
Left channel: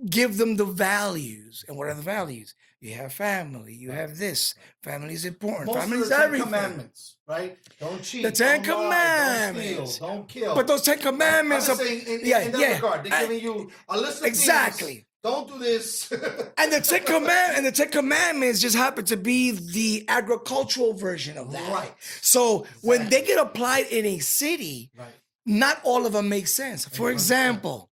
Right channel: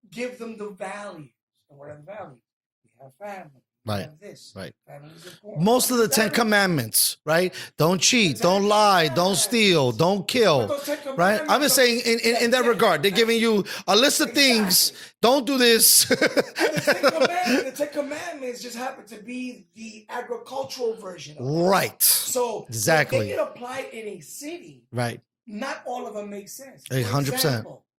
give them the values. And what are the values? You have family, you Right, have this. right. Family is important. Most of Family the is 10 everything. Commandments, right? Don't cheat, Ten don't lie, don't steal, Commandments. don't kill. But those 10 right? commandments. I'm just are- saying in that yeah. regard, they're giving you a list of Exactly. things. Don't do this. And the Ten Commandments just happen to be the agricultural version of that. Right. So Exactly. when they get applied in a city, Right. not all of them make sense. For 100%. example,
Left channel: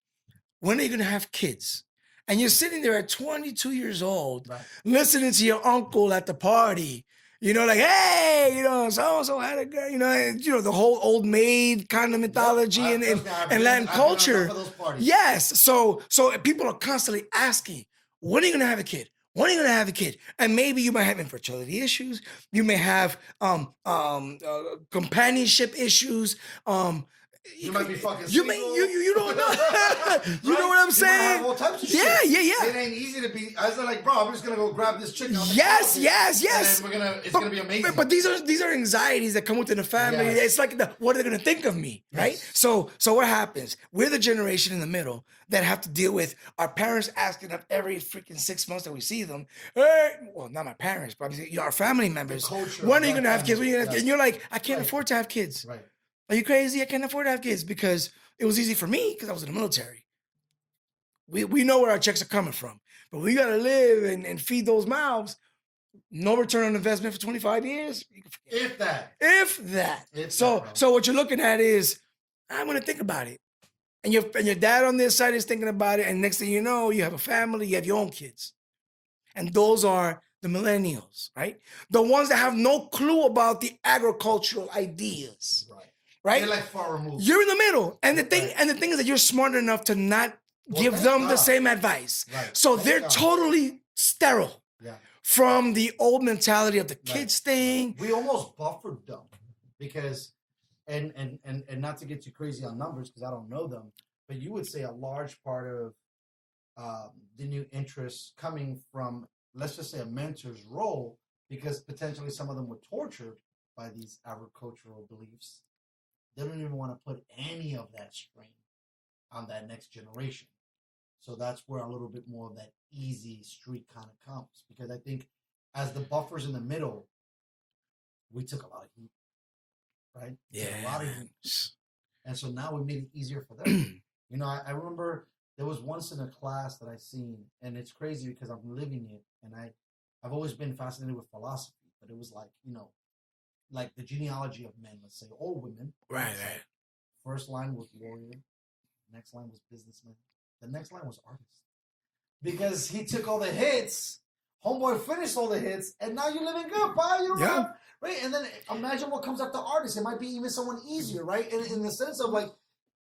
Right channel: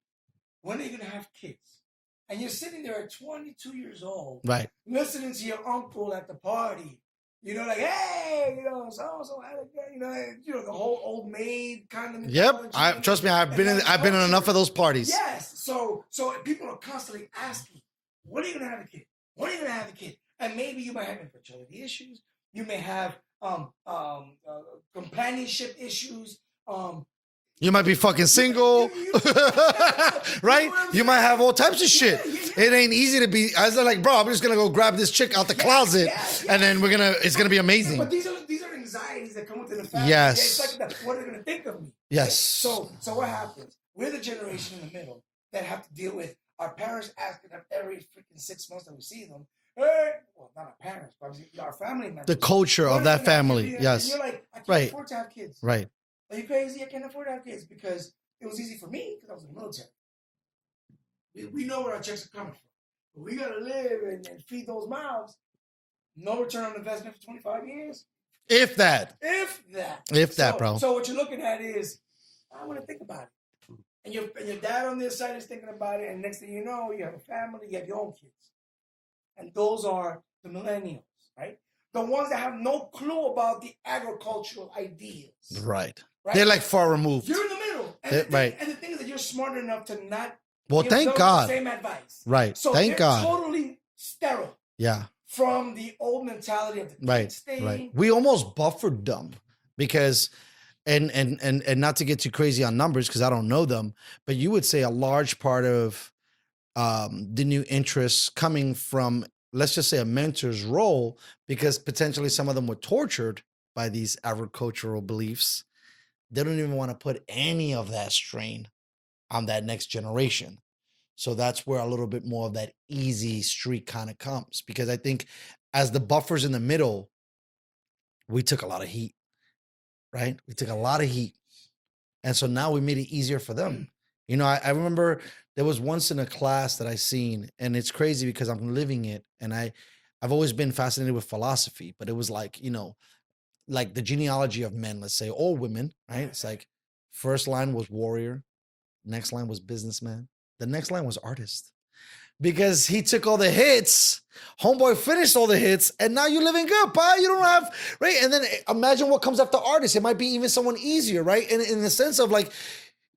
when are you going to have kids? And you're sitting there at 22 years old, Right. listening to your uncle at the party, like, hey, so-and-so had a girl, and, the whole old maid kind of mythology. Yep. Trust me, I've and been that in enough culture. of those parties. Yes. So people are constantly asking, when are you going to have a kid? When are you going to have a kid? And maybe you might have infertility issues. You may have companionship issues. You might be fucking You may- single. you don't know. right? You know what I'm You might have saying? all types of Yeah, shit. yeah. It ain't easy to be. I was like, bro, I'm just gonna go grab this chick out the Yes, closet. yes, And yes. then it's gonna be amazing. But these are anxieties that come within the family. Yes. It's like, what are they going to think of me? Right? Yes. So what happens? We're the generation in the middle that have to deal with our parents asking us every freaking 6 months that we see them. Hey, well, not my parents, but our family members. culture When of are you that gonna have kids? family, And yes. you're like, I can't Right. afford to have kids. right. Are you crazy? I can't afford to have kids because it was easy for me because I was in the military. We know where our checks are coming from. But we got to live and feed those mouths. No return on investment for 25 years. If that. If that. If that, bro. So what you're looking at is, I'm going to think about it. And your dad on this side is thinking about it. And next thing you know, you have a family, you have your own kids. And those are the millennials, right? The ones that have no clue about the agricultural ideas. Right. Right? They're like far removed. You're in the middle. And the Yeah, thing right. is that you're smart enough to not Well, give thank them the God. same advice. Right. So Thank they're God. totally sterile Yeah. from the old mentality of the kids Right. thing. Right. We almost buffered them because and not to get too crazy on numbers because I don't know them, but you would say a large part of the new interests coming from, let's just say, a mentor's role, because potentially some of them were tortured by these agricultural beliefs, they don't even want to put any of that strain on that next generation. So that's where a little bit more of that easy street kind of comes. Because I think as the buffers in the middle, we took a lot of heat, right? We took a lot of heat. And so now we made it easier for them. You know, I remember there was once in a class that I seen, and it's crazy because I'm living it. And I've always been fascinated with philosophy, but it was like, you know, like the genealogy of men, let's say, or women, right? It's like first line was warrior, next line was businessman, the next line was artist. Because he took all the hits, homeboy finished all the hits, and now you're living good, pa. You don't have, right? And then imagine what comes after artist. It might be even someone easier, right? And in the sense of like,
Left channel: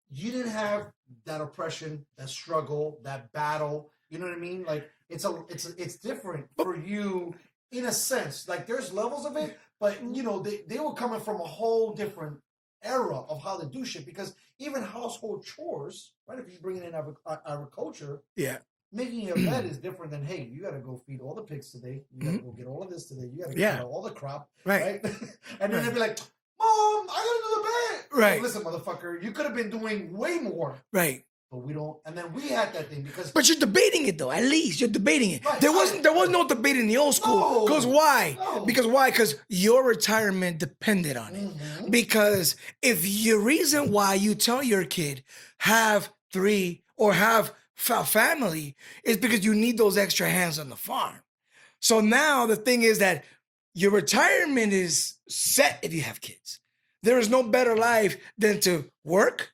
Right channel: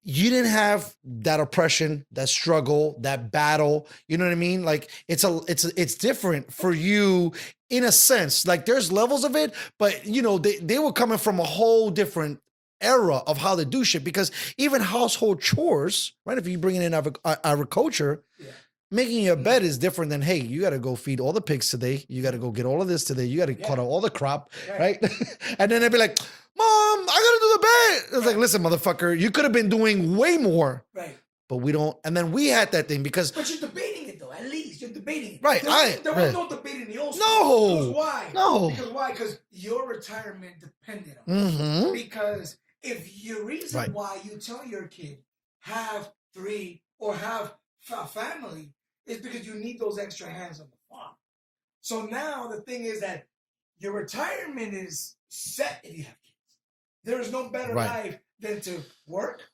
you didn't have that oppression, that struggle, that battle. You know what I mean? Like it's different for you in a sense. Like there's levels of it, but you know, they were coming from a whole different era of how they do shit. Because even household chores, right? If you bring in agriculture, making your bed is different than, hey, you got to go feed all the pigs today. You got to go get all of this today. You got to cut out all the crop, right? And then they'd be like, Mom, I got to do the bed. It's like, listen, motherfucker, you could have been doing way more. Right. But we don't. And then we had that thing because. But you're debating it, though. At least you're debating it. Right. There was no debate in the old school. Because why? No. Because why? Because your retirement depended on it. Because if your reason why you tell your kid have 3 or have family is because you need those extra hands on the farm. So now the thing is that your retirement is set if you have kids. There is no better life than to work,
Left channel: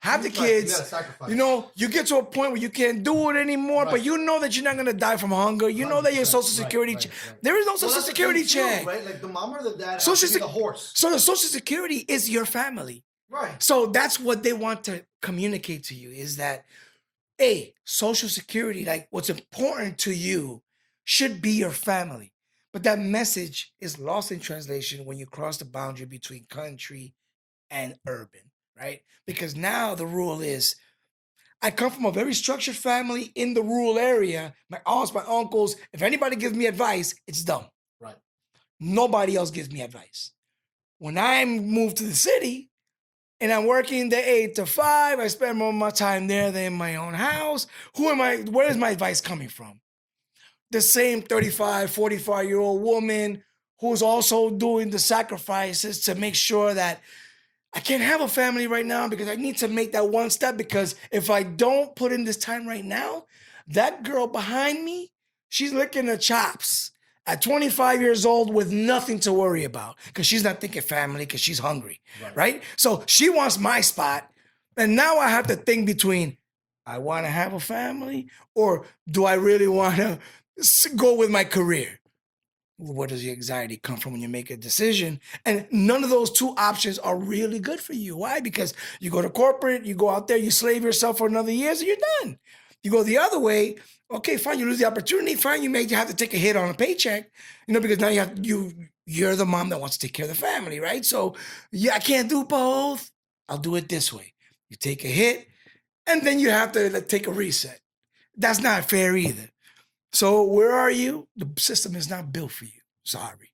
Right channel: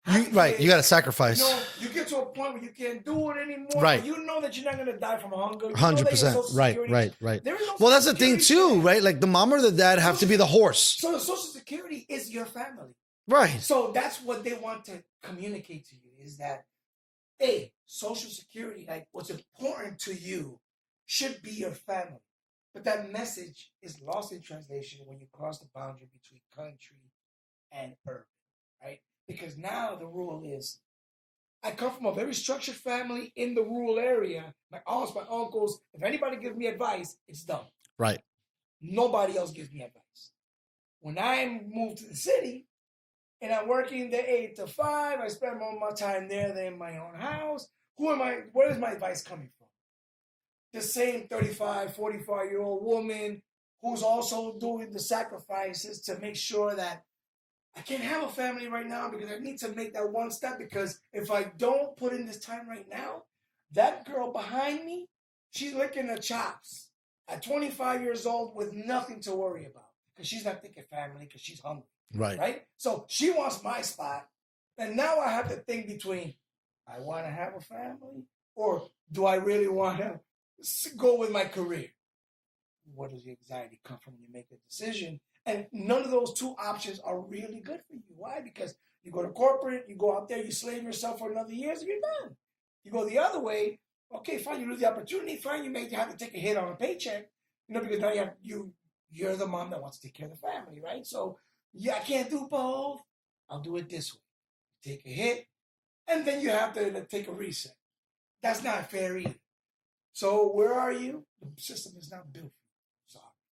have the kids. Right, you got to sacrifice. You know, you get to a point where you can't do it anymore, but you know that you're not going to die from hunger. You know that your Social Security. Right. There is no Social Security. That's the thing too, right? Like the mom or the dad have to be the horse. So the Social Security is your family. Right. So that's what they want to communicate to you is that, hey, Social Security, like what's important to you should be your family. But that message is lost in translation when you cross the boundary between country and urban, right? Because now the rule is, I come from a very structured family in the rural area. My aunts, my uncles, if anybody gives me advice, it's dumb. Right. Nobody else gives me advice. When I moved to the city, and I'm working the 8 to 5. I spend more of my time there than in my own house. Where is my advice coming from? The same 35, 45-year-old woman who's also doing the sacrifices to make sure that I can't have a family right now because I need to make that one step, because if I don't put in this time right now, that girl behind me, she's licking her chops at 25 years old with nothing to worry about because she's not thinking family because she's hungry, right? So she wants my spot. And now I have to think between, I want to have a family or do I really want to go with my career? Where does the anxiety come from when you make a decision? And none of those 2 options are really good for you. Why? Because you go to corporate, you go out there, you slave yourself for another year, so you're done. You go the other way, okay, fine, you lose the opportunity, fine, you may have to take a hit on a paycheck, you know, because now you're the mom that wants to take care of the family, right? So, yeah, I can't do both. I'll do it this way. You take a hit, and then you have to take a reset. That's not fair either. So where are you? The system is not built for you. Sorry.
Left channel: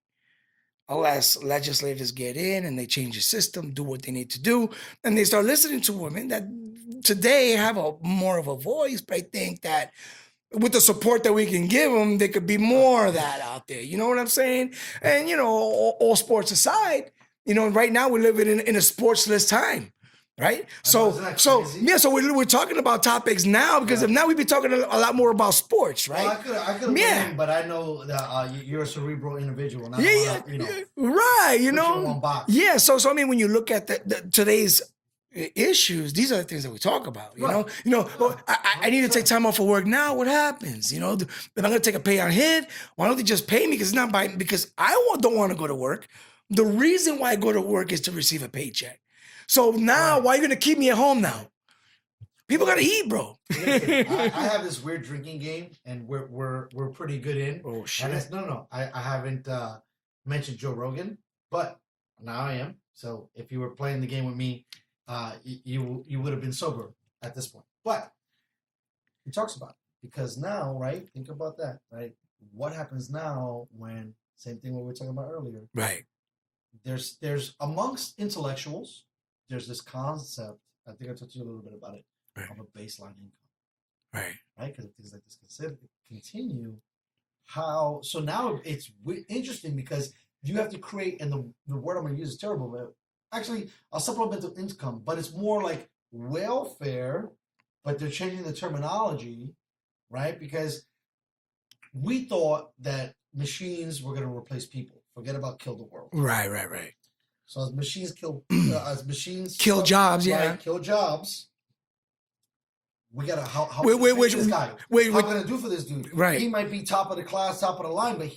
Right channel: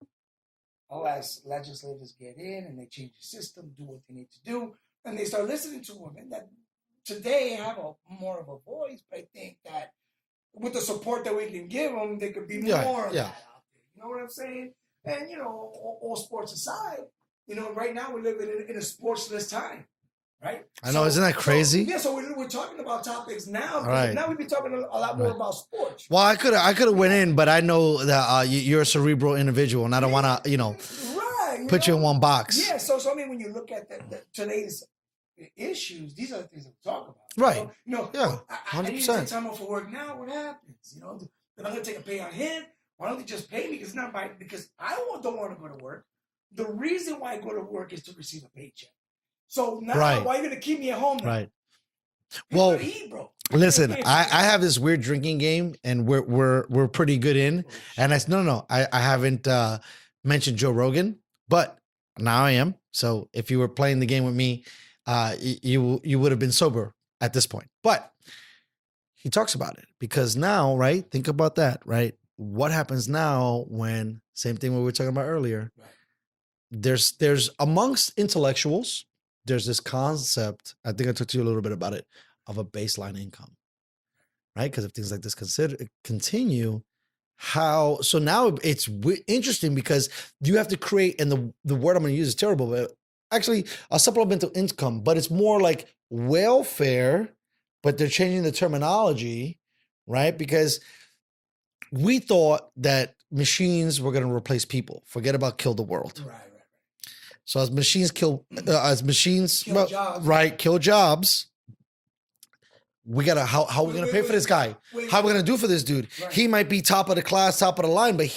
Unless legislators get in and they change the system, do what they need to do, and they start listening to women that today have more of a voice, but I think that with the support that we can give them, there could be more of that out there. You know what I'm saying? And, you know, all sports aside, you know, right now we're living in a sportsless time. Right? I know, isn't that crazy? So we're talking about topics now because now we've been talking a lot more about sports, right? Well, I could have went in, but I know that you're a cerebral individual, and I don't want to, you know, put you in one box. Yeah. So I mean, when you look at today's issues, these are the things that we talk about. You know, I need to take time off of work now. What happens? You know, if I'm going to take a pay on hit, why don't they just pay me? Because I don't want to go to work. The reason why I go to work is to receive a paycheck. So now, why are you going to keep me at home now? Right. People got to eat, bro. Listen, I have this weird drinking game, and we're pretty good in. Oh, shit. And I haven't mentioned Joe Rogan, but now I am. So if you were playing the game with me, you would have been sober at this point. But he talks about it because now, right? Think about that, right? What happens now when, same thing we were talking about earlier, right? there's amongst intellectuals, there's this concept. I think I talked to you a little bit about it, Right. of a baseline income, Right. right? Because if things like this continue, so now it's interesting because you have to create, and the word I'm going to use is terrible, but actually a supplemental income, but it's more like welfare, but they're changing the terminology, right? Because we thought that machines were going to replace people. Forget about kill the world. Right. So as machines kill Jobs, right? yeah. Kill jobs. We gotta how we gonna pay for this guy? How we gonna do for this dude? Right. He might be top of the class, top of the line, but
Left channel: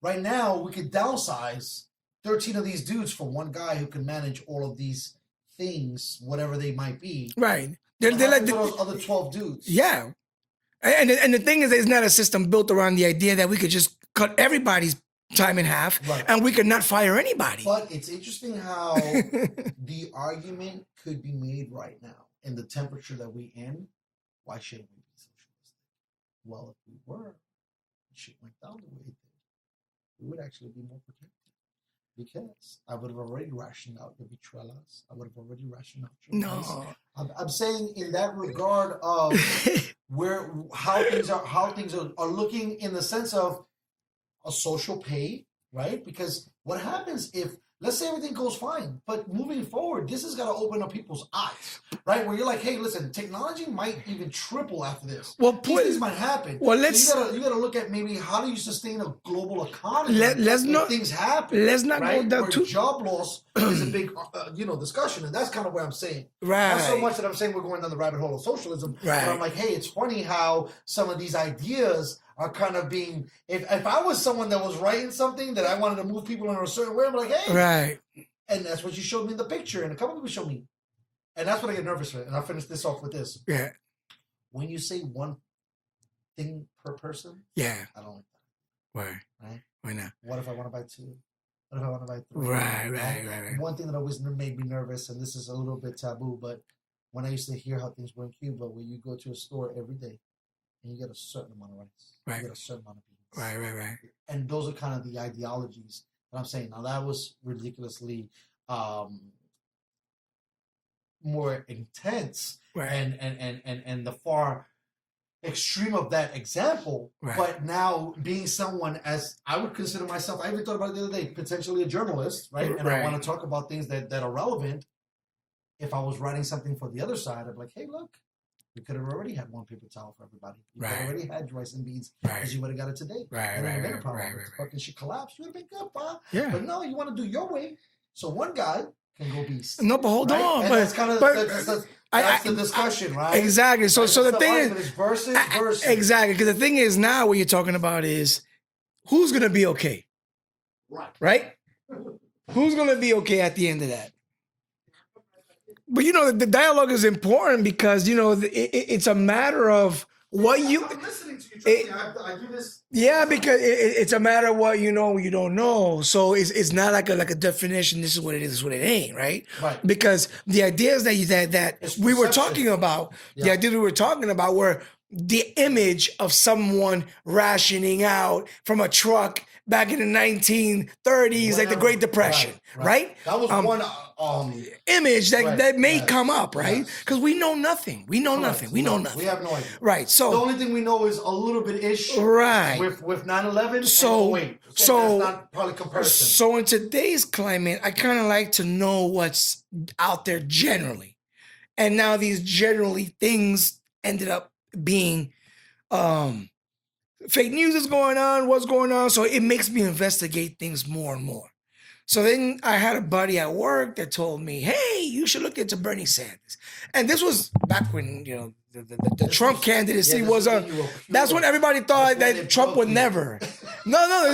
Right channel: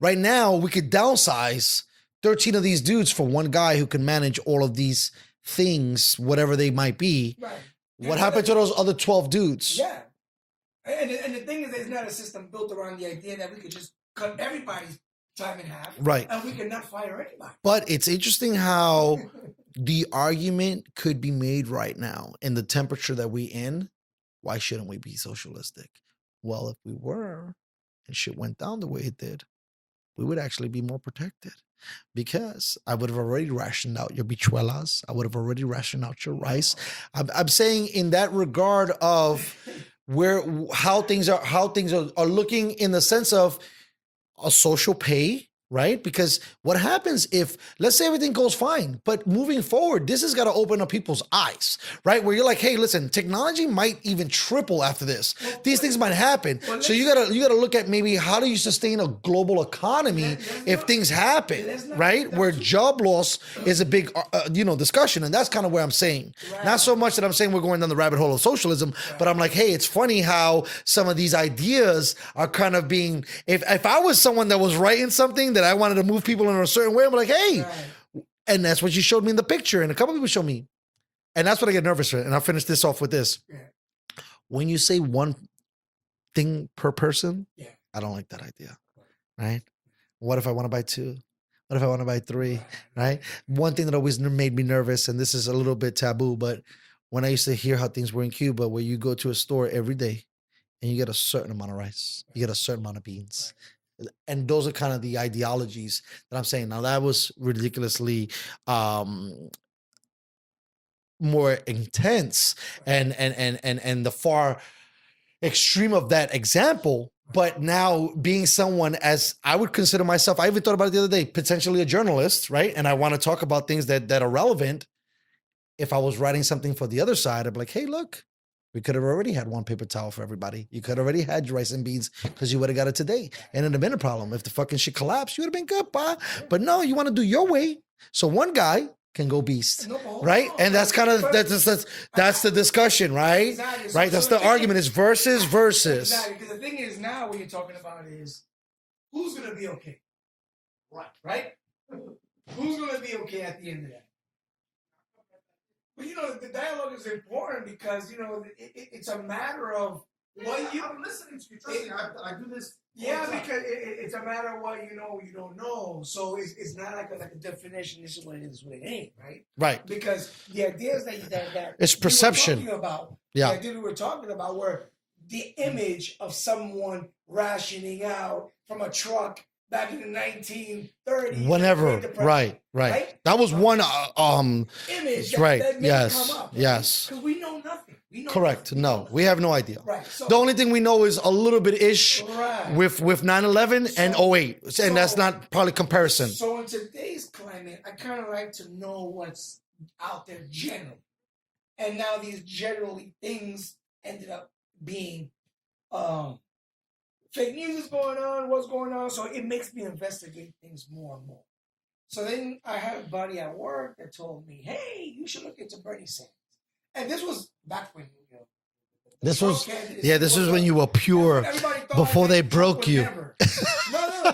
right now we could downsize 13 of these dudes for one guy who can manage all of these things, whatever they might be. Right. What happened to those other 12 dudes? Yeah. And the thing is, it's not a system built around the idea that we could just cut everybody's time in half, right? And we could not fire anybody. But it's interesting how the argument could be made right now in the temperature that we in. Why shouldn't we be socialistic? Well, if we were, and shit went down the way it did, we would actually be more protected. Because I would have already rationed out your bichuelas. I would have already rationed out your rice. I'm saying in that regard of how things are looking in the sense of a social pay, right? Because what happens if, let's say everything goes fine, but moving forward, this has got to open up people's eyes, right? Where you're like, hey, listen, technology might even triple after this. Well, these things might happen. Well, so you gotta look at maybe how do you sustain a global economy if things happen, right? Where job loss is a big, discussion, and that's kind of where I'm saying. Right. Not so much that I'm saying we're going down the rabbit hole of socialism, but I'm like, hey, it's funny how some of these ideas are kind of being. If I was someone that was writing something that I wanted to move people in a certain way, I'm like, hey. Right. And that's what you showed me in the picture. And a couple people showed me. And that's what I get nervous with. And I'll finish this off with this. Yeah. When you say one thing per person, yeah, I don't like that idea. Why? Right? Why not? What if I want to buy 2? What if I want to buy 3? Right. One thing that always made me nervous, and this is a little bit taboo, but when I used to hear how things were in Cuba, where you go to a store every day, and you get a certain amount of rice. Right. You get a certain amount of beans. Right. And those are kind of the ideologies that I'm saying. Now, that was ridiculously more intense and the far extreme of that example. Right. But now being someone, as I would consider myself, I even thought about it the other day, potentially a journalist, right? And I want to talk about things that are relevant. If I was writing something for the other side, I'd be like, hey, look. We could have already had one paper towel for everybody. You could have already had your rice and beans because you would have got it today. And it'd have been a problem. If the fucking shit collapsed, you would have been good, pa. Yeah. But no, you want to do your way. So one guy can go beast. No, but hold on. And that's kind of that's the discussion, right? Exactly. So, right? So the argument is versus. Exactly. Because the thing is now what you're talking about is who's gonna be okay? Right? Who's gonna be okay at the end of that? But the dialogue is important because it's a matter of what you. I'm listening to you. Trust me, I do this. Yeah, because it's a matter of what you know, you don't know. So it's not like a definition. This is what it is. This is what it ain't. Right. Because the ideas that we were talking about, the ideas we were talking about were the image of someone rationing out from a truck. Back in the 1930s, like the Great Depression, right? That was one image that may come up, right? Because we know nothing. We know nothing. We know nothing. We have no idea. Right. So the only thing we know is a little bit ish, right? With 9/11 and 08, and that's not probably comparison. So in today's climate, I kind of like to know what's out there generally, and now these generally things ended up being. Fake news is going on, what's going on? So it makes me investigate things more and more. So then I had a buddy at work that told me, hey, you should look into Bernie Sanders. And this was back when, the Trump candidacy was. Yeah, this was when you were pure. That's when everybody thought that Trump would never. No,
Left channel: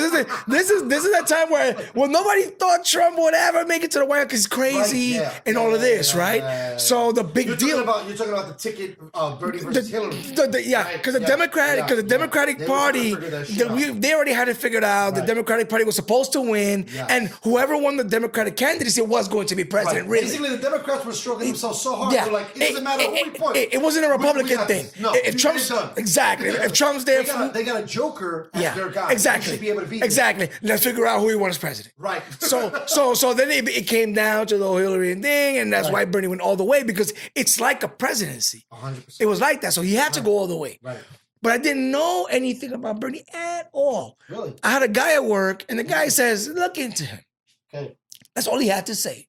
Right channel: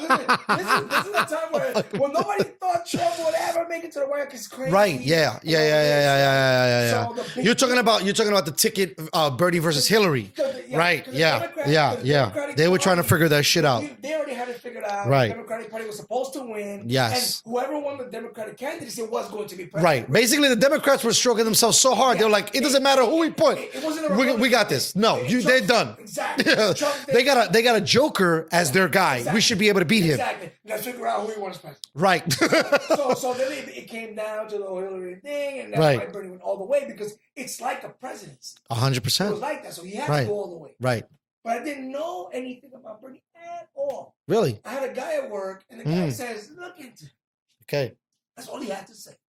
this is that time where nobody thought Trump would ever make it to the White House because he's crazy and all of this, right? So the big you're talking about the ticket, Bernie versus Hillary, right? Because the Democratic they Party, were trying to figure that shit out. They already had it figured out. Right. The Democratic Party was supposed to win, and whoever won the Democratic candidacy was going to be president. Right. Basically, the Democrats were stroking themselves so hard. They're like, it doesn't matter who we put. It wasn't a Republican. Republican got thing. this. No, If they're Trump's- done. Exactly. If Trump's there, They got a joker as yeah, their guy. Exactly. We should be able to beat him. Exactly. Let's figure out who we want as president. Right. So then it came down to the whole Hillary thing, and that's Right. why Bernie went all the way, because it's like a presidency. 100%. It was like that, so he had to Right. go all the way. Right. But I didn't know anything about Bernie at all. Really? I had a guy at work, and the guy says, "Look into him." Okay. That's all he had to say.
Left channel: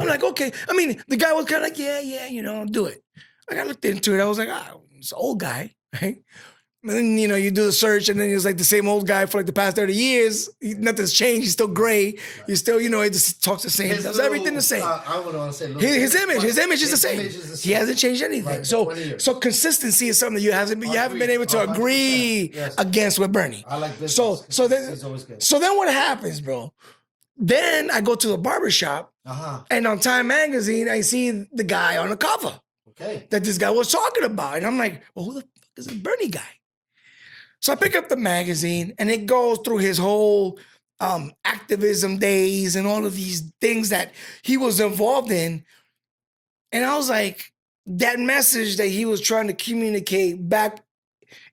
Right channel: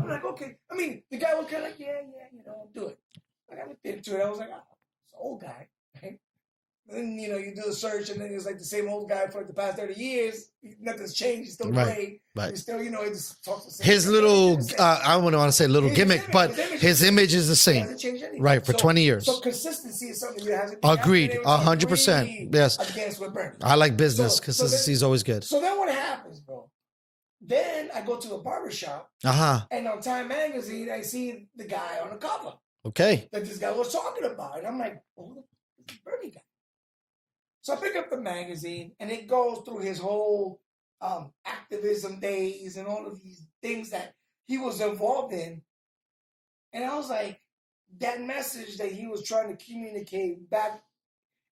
I'm like, okay. I mean, the guy was kind of like, yeah, do it. Like, I looked into it. I was like, it's an old guy, right? And then, you do the search, and then he's like the same old guy for like the past 30 years. Nothing's changed. He's still gray. Right. He's still, he just talks the same. His So little, everything the same. I wouldn't want to say little His gimmick, image, but his image is the same. He hasn't changed anything. Right, for 20 years. So consistency is something you haven't been Agreed, able to 100%. agree Yes. against with Bernie. I like business. So Consistency then- is always good. So then what happens, bro? Then I go to the barbershop, and on Time Magazine, I see the guy on the cover Okay. that this guy was talking about. And I'm like, well, who the fuck is this Bernie guy? So I pick up the magazine, and it goes through his whole activism days and all of these things that he was involved in. And I was like, that message that he was trying to communicate back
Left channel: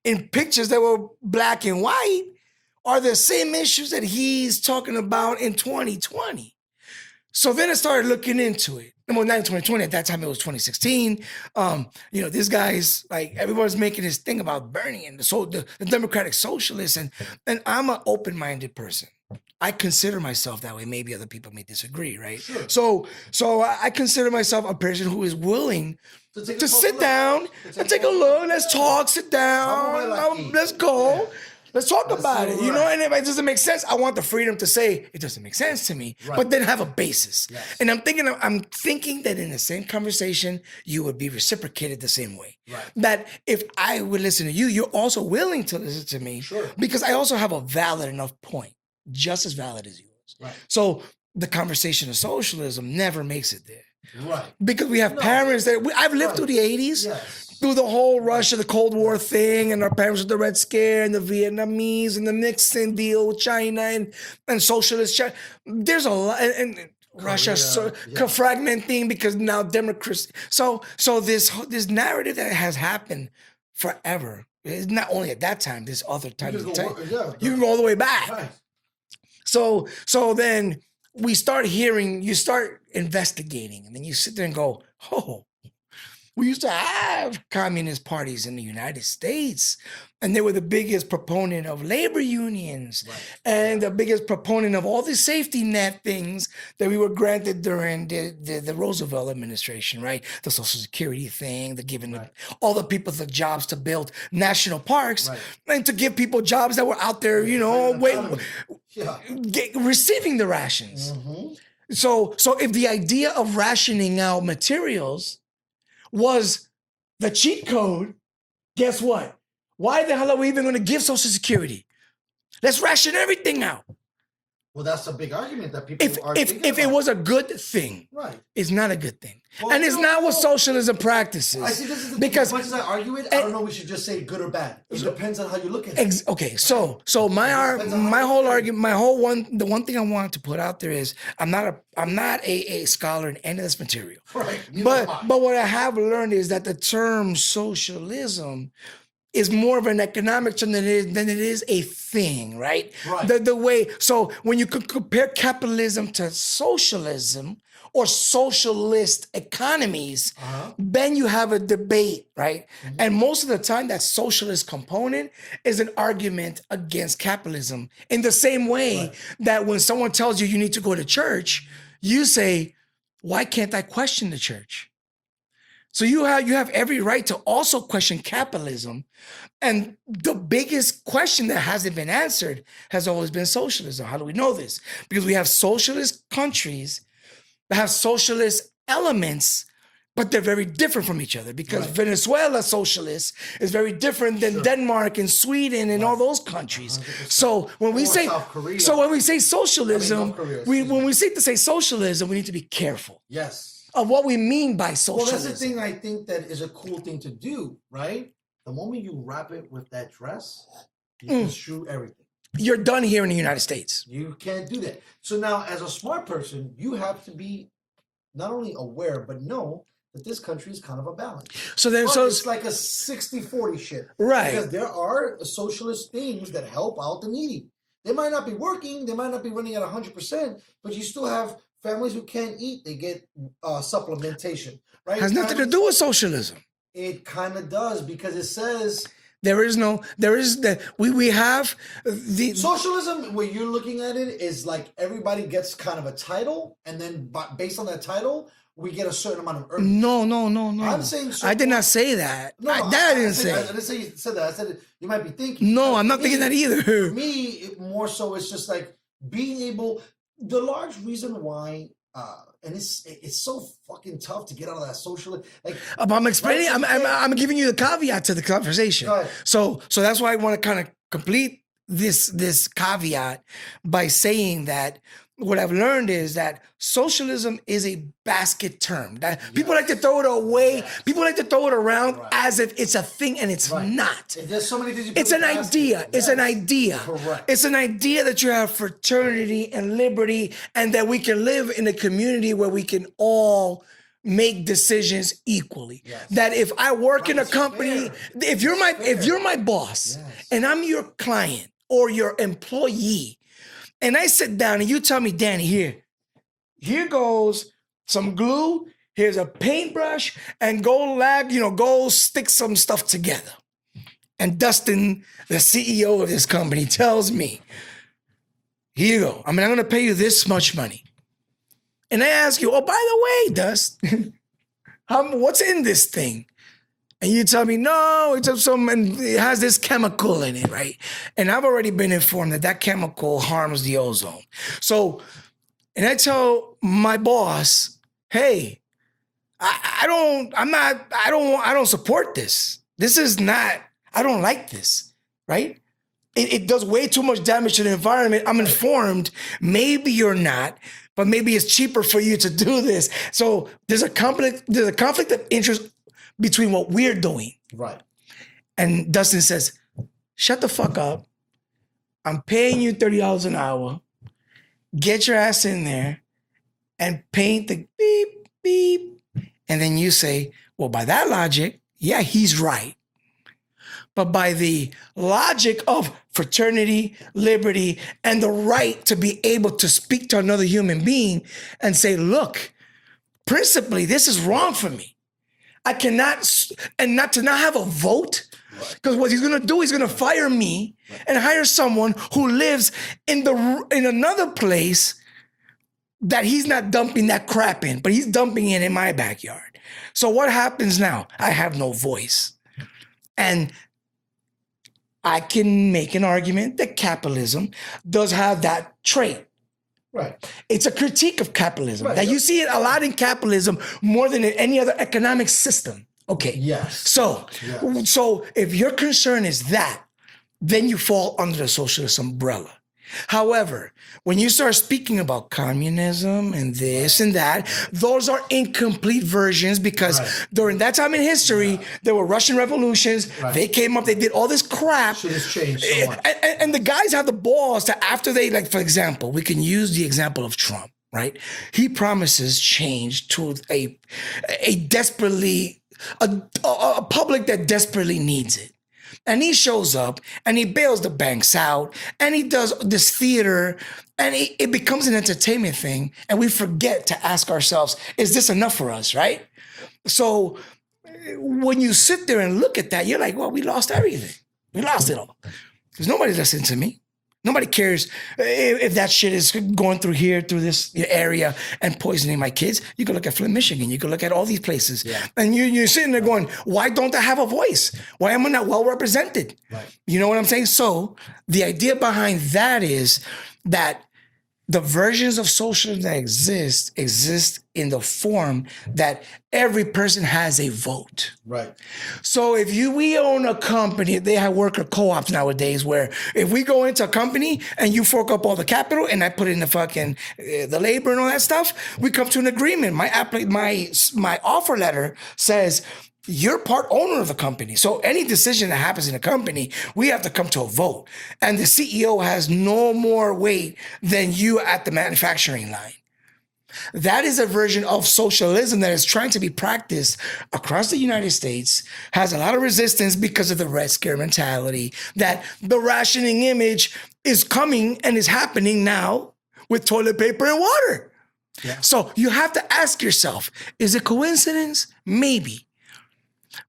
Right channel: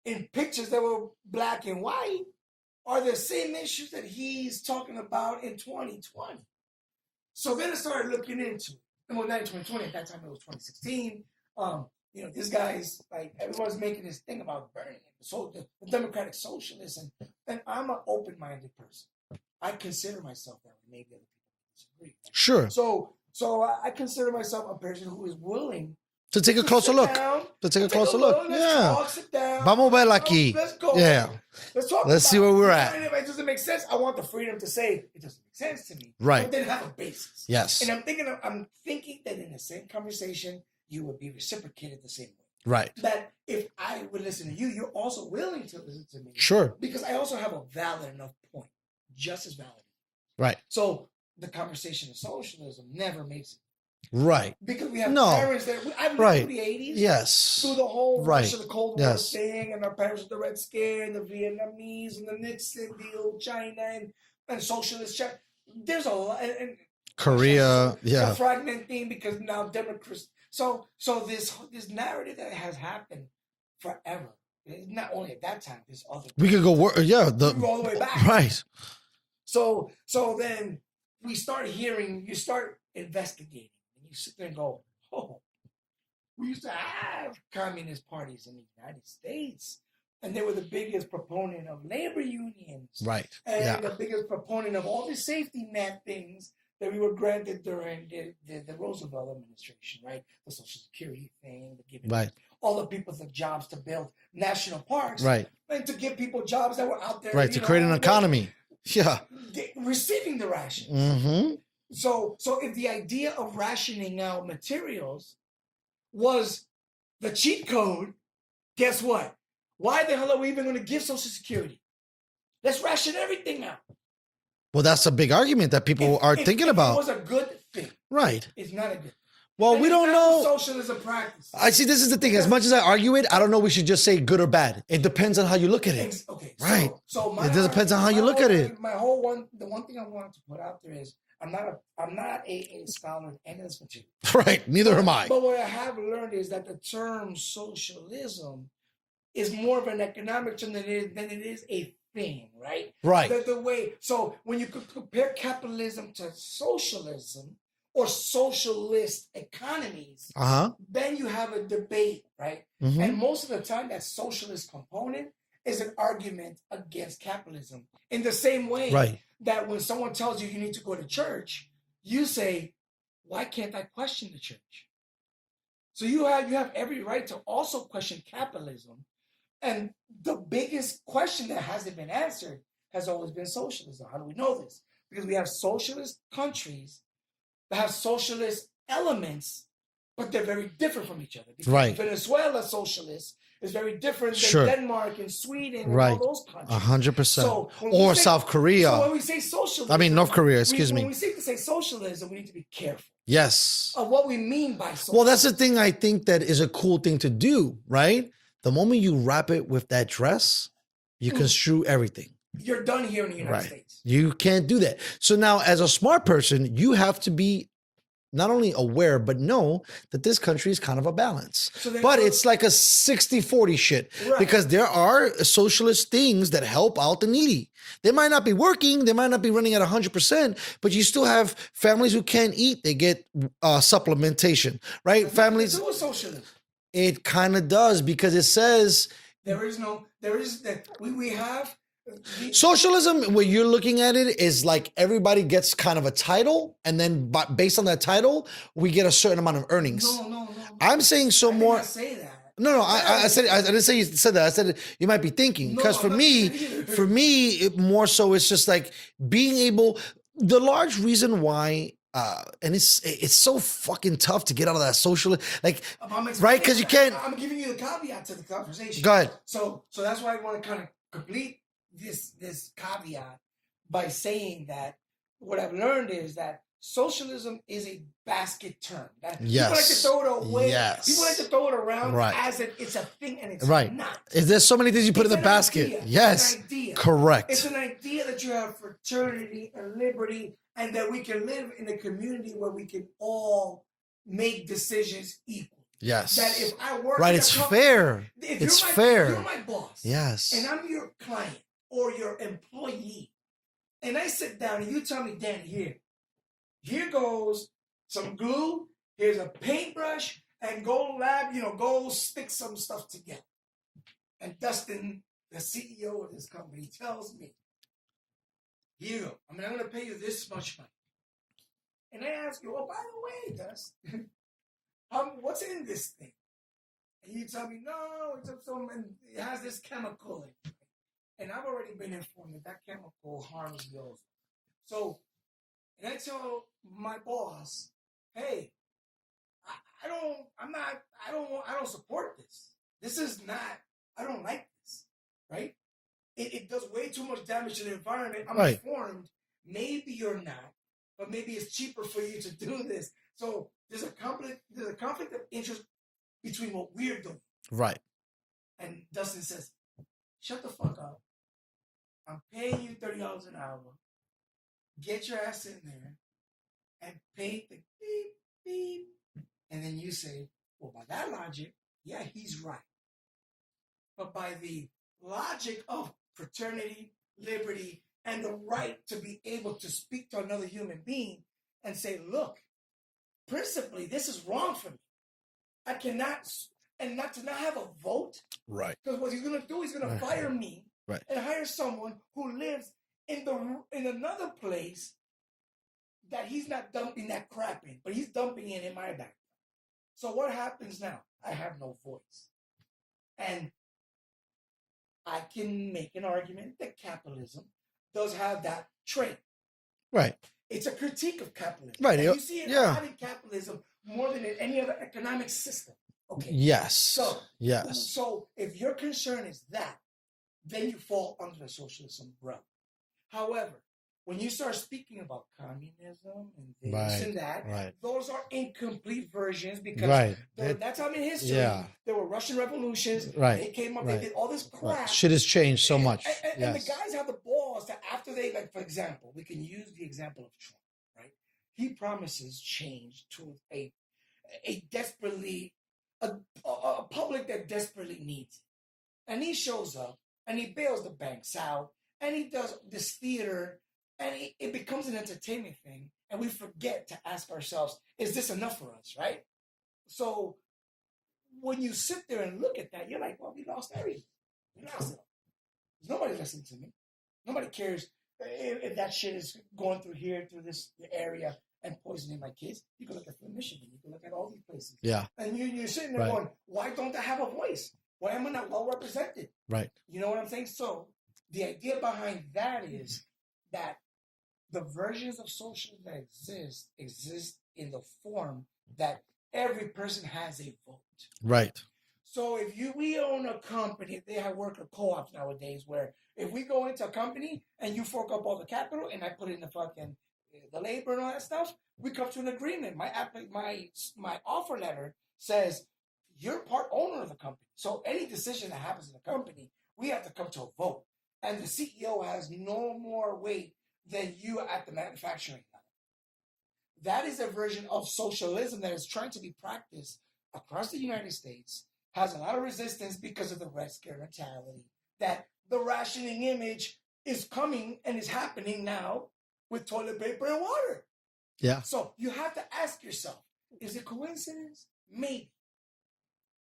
in pictures that were black and white are the same issues that he's talking about in 2020. So then I started looking into it. Well, not in 2020, at that time it was 2016. This guy's like, everyone's making this thing about Bernie and the Democratic Socialists, and I'm an open-minded person. I consider myself that way. Maybe other people may disagree, right? Sure. So I consider myself a person who is willing To take a to closer sit look. down, To take a take a closer look. look. Let's Yeah. talk. Sit down. Vamos ver aquí. Let's go. Yeah. Let's talk Let's see about where it. we're at. And if it doesn't make sense, I want the freedom to say it doesn't make sense to me. Right. But then have a basis. Yes. And I'm thinking that in the same conversation, you would be reciprocated the same way. Right. That if I would listen to you, you're also willing to listen to me. Sure. Because I also have a valid enough point, just as valid as yours. Right. So the conversation of socialism never makes it there. Right. Because we have No. parents that I've lived Right. through the 80s. Yes. Through the whole rush Right. of the Cold War Yes. thing, and our parents with the Red Scare, and the Vietnamese, and the Nixon deal with China, and socialist China. There's a lot, and Russia fragmenting because now Democrats. So this narrative that has happened forever. It's not only at that time. There's other We times. could go, you can go all the way back. Right. So then you start investigating, and then you sit there and go, oh, we used to have communist parties in the United States, and they were the biggest proponent of labor unions, Right. and the biggest proponent of all the safety net things that we were granted during the Roosevelt administration, right? The Social Security thing, the giving Right. all the people the jobs to build national parks, Right. and to give people jobs that were out there, Right. To create an economy. Yeah. receiving the rations. Mm-hmm. So if the idea of rationing out materials was the cheat code, guess what? Why the hell are we even going to give Social Security? Let's ration everything out. Well, that's a big argument that people are thinking about. If it was a good thing, Right. it's not a good thing. Well, and we it's don't not what know. socialism practices. I see. This is the thing. Because- As much as I argue it, I don't know. We should just say good or bad. It depends on how you look at it. Okay, Right. so my It depends on how you look whole at it. argument, the one thing I wanted to put out there is I'm not a scholar in any of this material. Right. Neither am I. But what I have learned is that the term socialism is more of an economic term than it is a thing, right? Right. The way, so when you compare capitalism to socialism or socialist economies, then you have a debate, right? Mm-hmm. And most of the time, that socialist component is an argument against capitalism. In the same way Right. that when someone tells you need to go to church, you say, why can't I question the church? So you have every right to also question capitalism. And the biggest question that hasn't been answered has always been socialism. How do we know this? Because we have socialist countries that have socialist elements, but they're very different from each other. Because Right. Venezuela socialist is very different than Sure. Denmark and Sweden and all Right. those countries. 100%. So when we Or say South Korea. so when we say socialism, North Korea, excuse when me. we say socialism, we need to be careful Yes. of what we mean by socialism. Well, that's the thing I think that is a cool thing to do, right? The moment you wrap it with that dress, you construe everything. You're done here in the United Right. States. You can't do that. So now, as a smart person, you have to be not only aware, but know that this country is kind of a balance. So then- but so- it's like a 60-40 shit. Right. Because there are socialist things that help out the needy. They might not be working, they might not be running at 100%, but you still have families who can't eat, they get supplementation, right? Has nothing to do with socialism. It kind of does, because it says There is that we have the socialism, when you're looking at it, is like everybody gets kind of a title, and then based on that title, we get a certain amount of earnings. No. I'm saying so. I did more- not say that. No, I didn't say you said that. I said you might be thinking. No, 'Cause I'm for not thinking that either. For me, more so, it's just like being able. The large reason why, and it's so fucking tough to get out of that social. Like I'm explaining. Right, 'cause you can't- I'm giving you the caveat to the conversation. Go ahead. So that's why I want to kind of complete this caveat by saying that what I've learned is that socialism is a basket term. That people like to Yes. throw it away. Yes. People like to throw it around Right. as if it's a thing, and it's right, not. There's so many things you put It's in an the basket. idea. Yes. It's an idea. Correct. It's an idea that you have fraternity and liberty, and that we can live in a community where we can all make decisions equally. Yes. That if I work Right, in a it's company, fair. if It's you're fair. my boss, Yes. and I'm your client or your employee, and I sit down and you tell me, Danny, here goes some glue, here's a paintbrush, and go stick some stuff together. And Dustin, the CEO of this company, tells me, here you go. I'm going to pay you this much money. And I ask you, oh, by the way, Dust, what's in this thing? And you tell me, no, and it has this chemical in it, right? And I've already been informed that chemical harms the ozone. So, and I tell my boss, hey, I don't support this. This is not, I don't like this, right? It does way too much damage to the environment. I'm Right. informed. Maybe you're not, but maybe it's cheaper for you to do this. So there's a conflict of interest between what we're doing. Right. And Dustin says, shut the fuck up. I'm paying you $30 an hour. Get your ass in there and paint the beep, beep. And then you say, well, by that logic, yeah, he's right. But by the logic of fraternity, liberty, and the right to be able to speak to another human being and say, look, principally, this is wrong for me. I cannot, and not have a vote. Right. Because what he's gonna do, he's gonna fire me and hire someone who lives in another place that he's not dumping that crap in, but he's dumping it in my backyard. So what happens now? I have no voice. And I can make an argument that capitalism does have that trait. Right. It's a critique of capitalism. Right. Now, you see it a lot in capitalism more than in any other economic system. Okay. Yes. So if your concern is that, then you fall under the socialist umbrella. However, when you start speaking about communism and this and that, those are incomplete versions because during that time in history, there were Russian revolutions. They came up, they did all this crap. Shit has changed so much. And the guys have the balls to, after they, like, for example, we can use the example of Trump, right? He promises change to a desperately, a public that desperately needs it. And he shows up and he bails the banks out and he does this theater and it becomes an entertainment thing. And we forget to ask ourselves, is this enough for us, right? So when you sit there and look at that, you're like, well, we lost everything. We lost it all. Because nobody listens to me. Nobody cares if that shit is going through here, through this area and poisoning my kids. You can look at Flint, Michigan. You can look at all these places. Yeah. And you're sitting there going, why don't I have a voice? Why am I not well represented? Right. You know what I'm saying? So the idea behind that is that the versions of socialism that exist in the form that every person has a vote. Right. So if we own a company, they have worker co-ops nowadays where if we go into a company and you fork up all the capital and I put in the fucking the labor and all that stuff, we come to an agreement. My offer letter says you're part owner of the company. So any decision that happens in a company, we have to come to a vote. And the CEO has no more weight than you at the manufacturing line. That is a version of socialism that is trying to be practiced across the United States, has a lot of resistance because of the Red Scare mentality, that the rationing image is coming and is happening now with toilet paper and water. Yeah. So you have to ask yourself, is it coincidence? Maybe.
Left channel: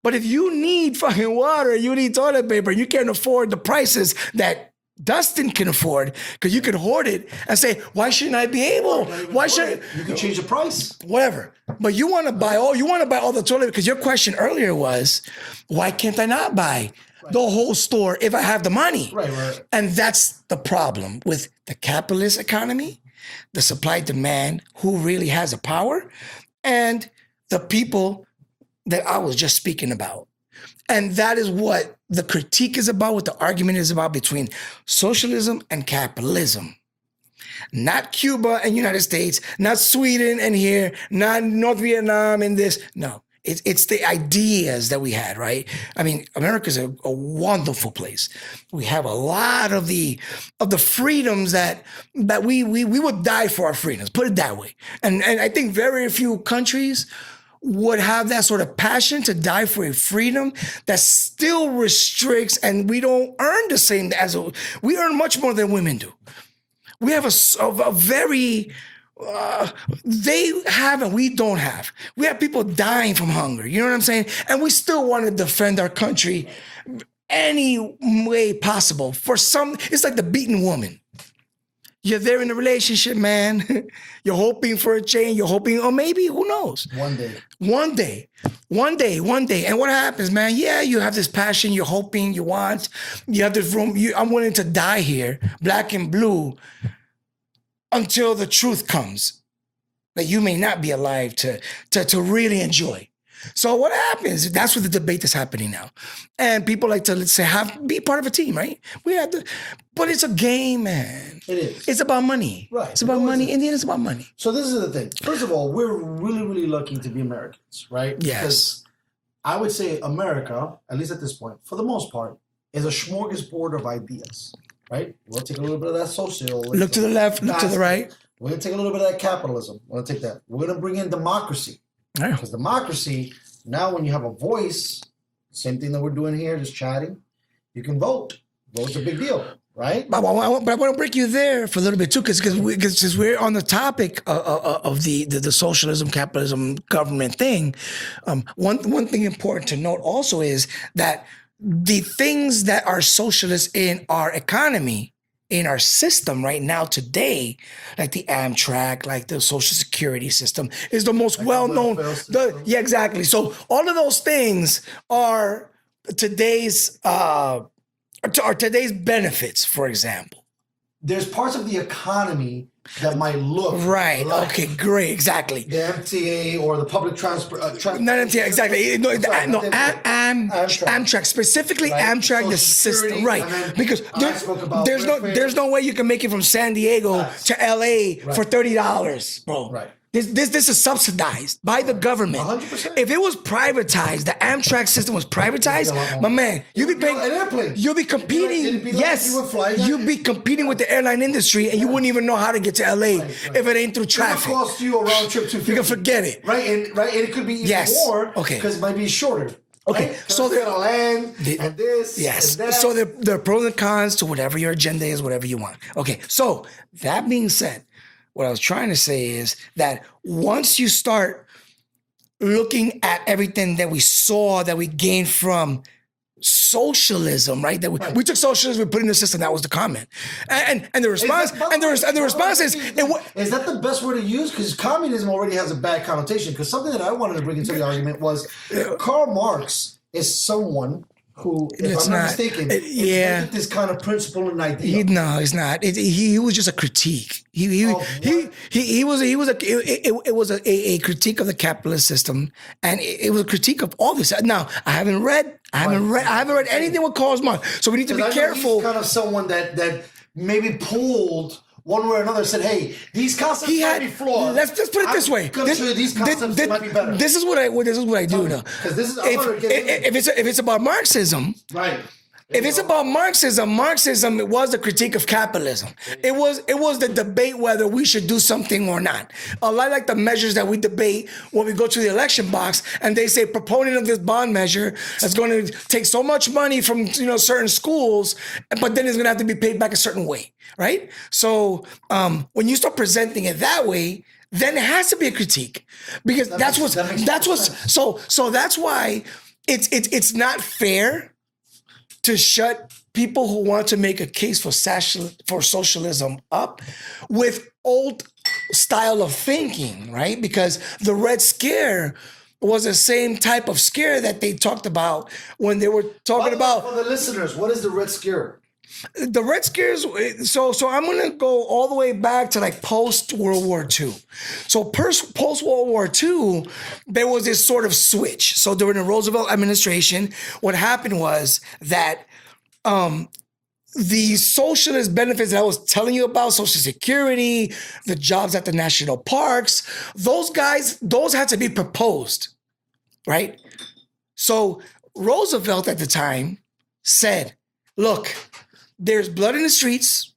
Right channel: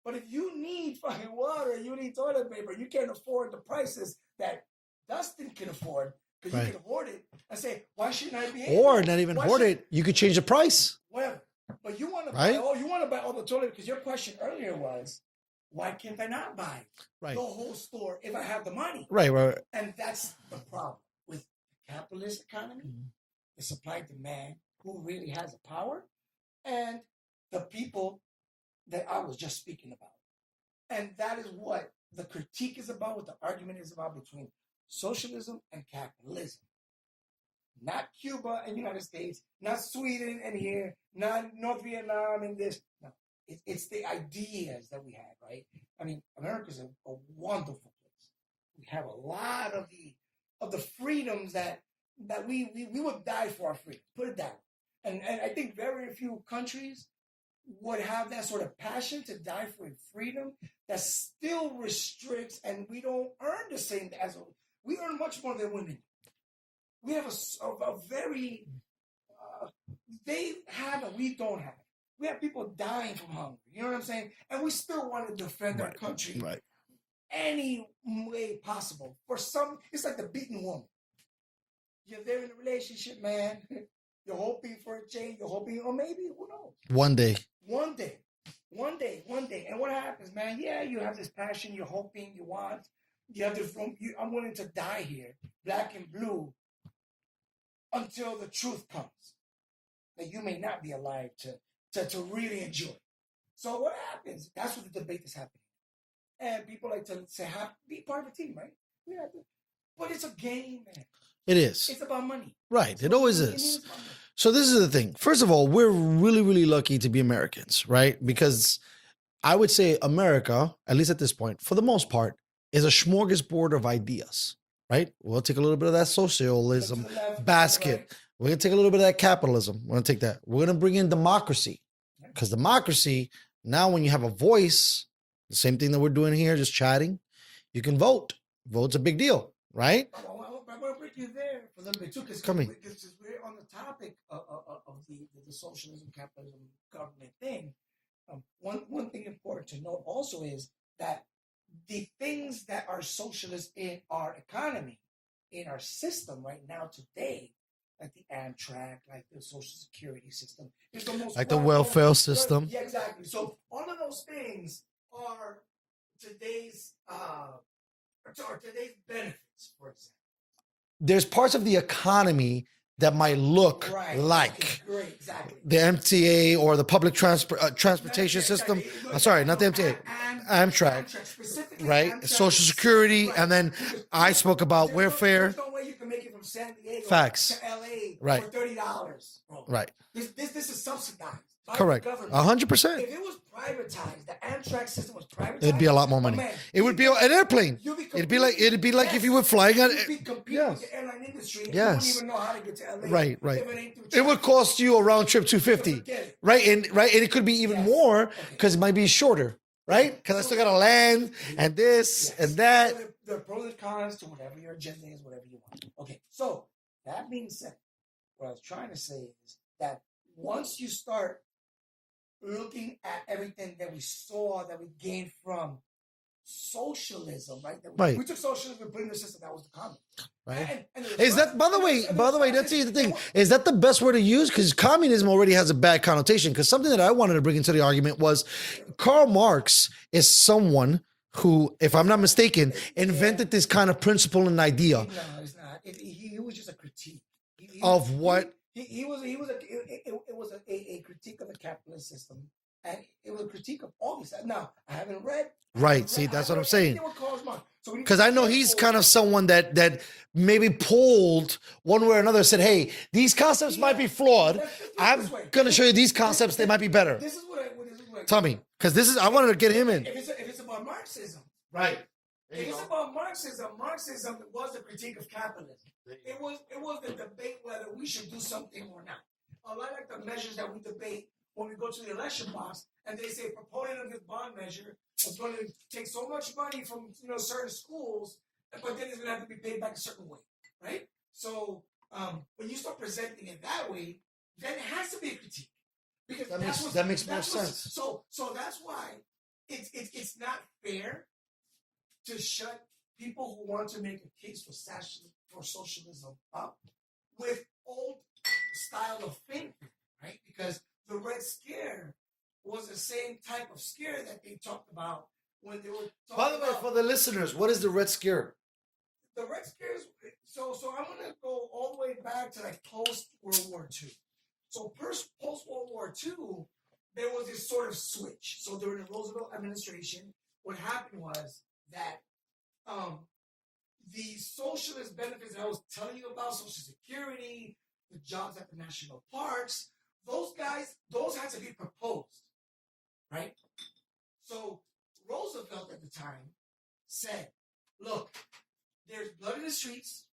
But if you need fucking water, you need toilet paper, you can't afford the prices that Dustin can afford, because you can hoard it and say, why shouldn't I be able? Or not even Why hoard it. You can change the price. Whatever. But you want to buy all the toilet, because your question earlier was, why can't I not buy the whole store if I have the money? Right. And that's the problem with the capitalist economy, the supply demand, who really has the power, and the people that I was just speaking about. And that is what the critique is about, what the argument is about between socialism and capitalism. Not Cuba and United States, not Sweden and here, not North Vietnam and this. No, it's the ideas that we had, right? I mean, America's a wonderful place. We have a lot of the freedoms that we would die for our freedoms, put it that way. And I think very few countries would have that sort of passion to die for a freedom that still restricts, and we don't earn the same we earn much more than women do. We have a very, they have and we don't have. We have people dying from hunger, you know what I'm saying? And we still want to defend our country any way possible. For some, it's like the beaten woman. You're there in a relationship, man. You're hoping for a change. You're hoping, or maybe, who knows? One day. And what happens, man? Yeah, you have this passion. You're hoping, you want. You have this room. I'm willing to die here, black and blue, until the truth comes that you may not be alive to really enjoy. So what happens? That's what the debate is happening now. And people like to, let's say, be part of a team, right? But it's a game, man. It is. It's about money. Right. It's about money. In the end, it's about money. So this is the thing. First of all, we're really, really lucky to be Americans, right? Yes. Because I would say America, at least at this point, for the most part, is a smorgasbord of ideas, right? We'll take a little bit of that socialism. Look to the left, look to the right. We're going to take a little bit of that capitalism. We're going to take that. We're going to bring in democracy. Because democracy, now when you have a voice, the same thing that we're doing here, just chatting, you can vote. Vote's a big deal, right? But I want to break you there for a little bit too, because we're on the topic of the socialism, capitalism, government thing. One thing important to note also is that the things that are socialist in our economy, in our system right now today, like the Amtrak, like the Social Security system, is the most like well-known. welfare system. Yeah, exactly. So all of those things are today's benefits, for example. There's parts of the economy that might look right. like Okay, great, exactly. the MTA or the public transportation No, system. exactly. No, I'm sorry, not the MTA. Amtrak, specifically Right? Amtrak, Social the Security, system, right? and then Because I spoke about welfare. there's no way you can make it from San Diego Facts. to LA Right. for $30, bro. Right. This is subsidized by the Correct. government. 100%. If it was privatized, the Amtrak system was privatized, It'd be a lot more my money. man, It would be an airplane. You'll be It'd be competing. like- it'd be like if you were flying on You'd it. be competing with the airline industry, and you wouldn't Yes. even know how to get to LA Right. if it ain't through It traffic. would cost you a round trip $250. You can forget it. Right, and it could be even Yes. more. Okay. Because it might be shorter. Okay. Right? So So they're gonna land and this Yes. and that. So there are pros and cons to whatever your agenda is, whatever you want. Okay. So that being said, what I was trying to say is that once you start looking at everything that we saw, that we gained from socialism, right? That we took socialism, we put it in the system. That was the comment, and the response, the response is, is that the best word to use? Because communism already has a bad connotation. Because something that I wanted to bring into the argument was Karl Marx is someone who, if I'm not mistaken, invented this kind of principle and idea. No, it's not. He was just a critique. It was a critique of the capitalist system, and it was a critique of all this. Now, I haven't read anything with Karl Marx, so we need to be careful. Because I know he's kind of someone that maybe pulled one way or another and said, hey, these concepts might be flawed. Let's put it this way. I'm going to show you these concepts, they might be better. This is what I do. Because I wanted to get him in. If it's about Marxism, right? If it's about Marxism, it was a critique of capitalism. It was the debate whether we should do something or not. A lot like the measures that we debate when we go to the election box and they say proponent of this bond measure is going to take so much money from certain schools, but then it's going to have to be paid back a certain way, right? So when you start presenting it that way, then it has to be a critique because that's why it's not fair to shut people who want to make a case for socialism up with old style of thinking, right? Because the Red Scare was the same type of scare that they talked about when they were talking about. For the listeners, what is the Red Scare? The Red Scares, so I'm going to go all the way back to like post-World War II. So post-World War II, there was this sort of switch. So during the Roosevelt administration, what happened was that the socialist benefits that I was telling you about, Social Security, the jobs at the national parks, those had to be proposed, right? So Roosevelt at the time said, look, there's blood in the streets.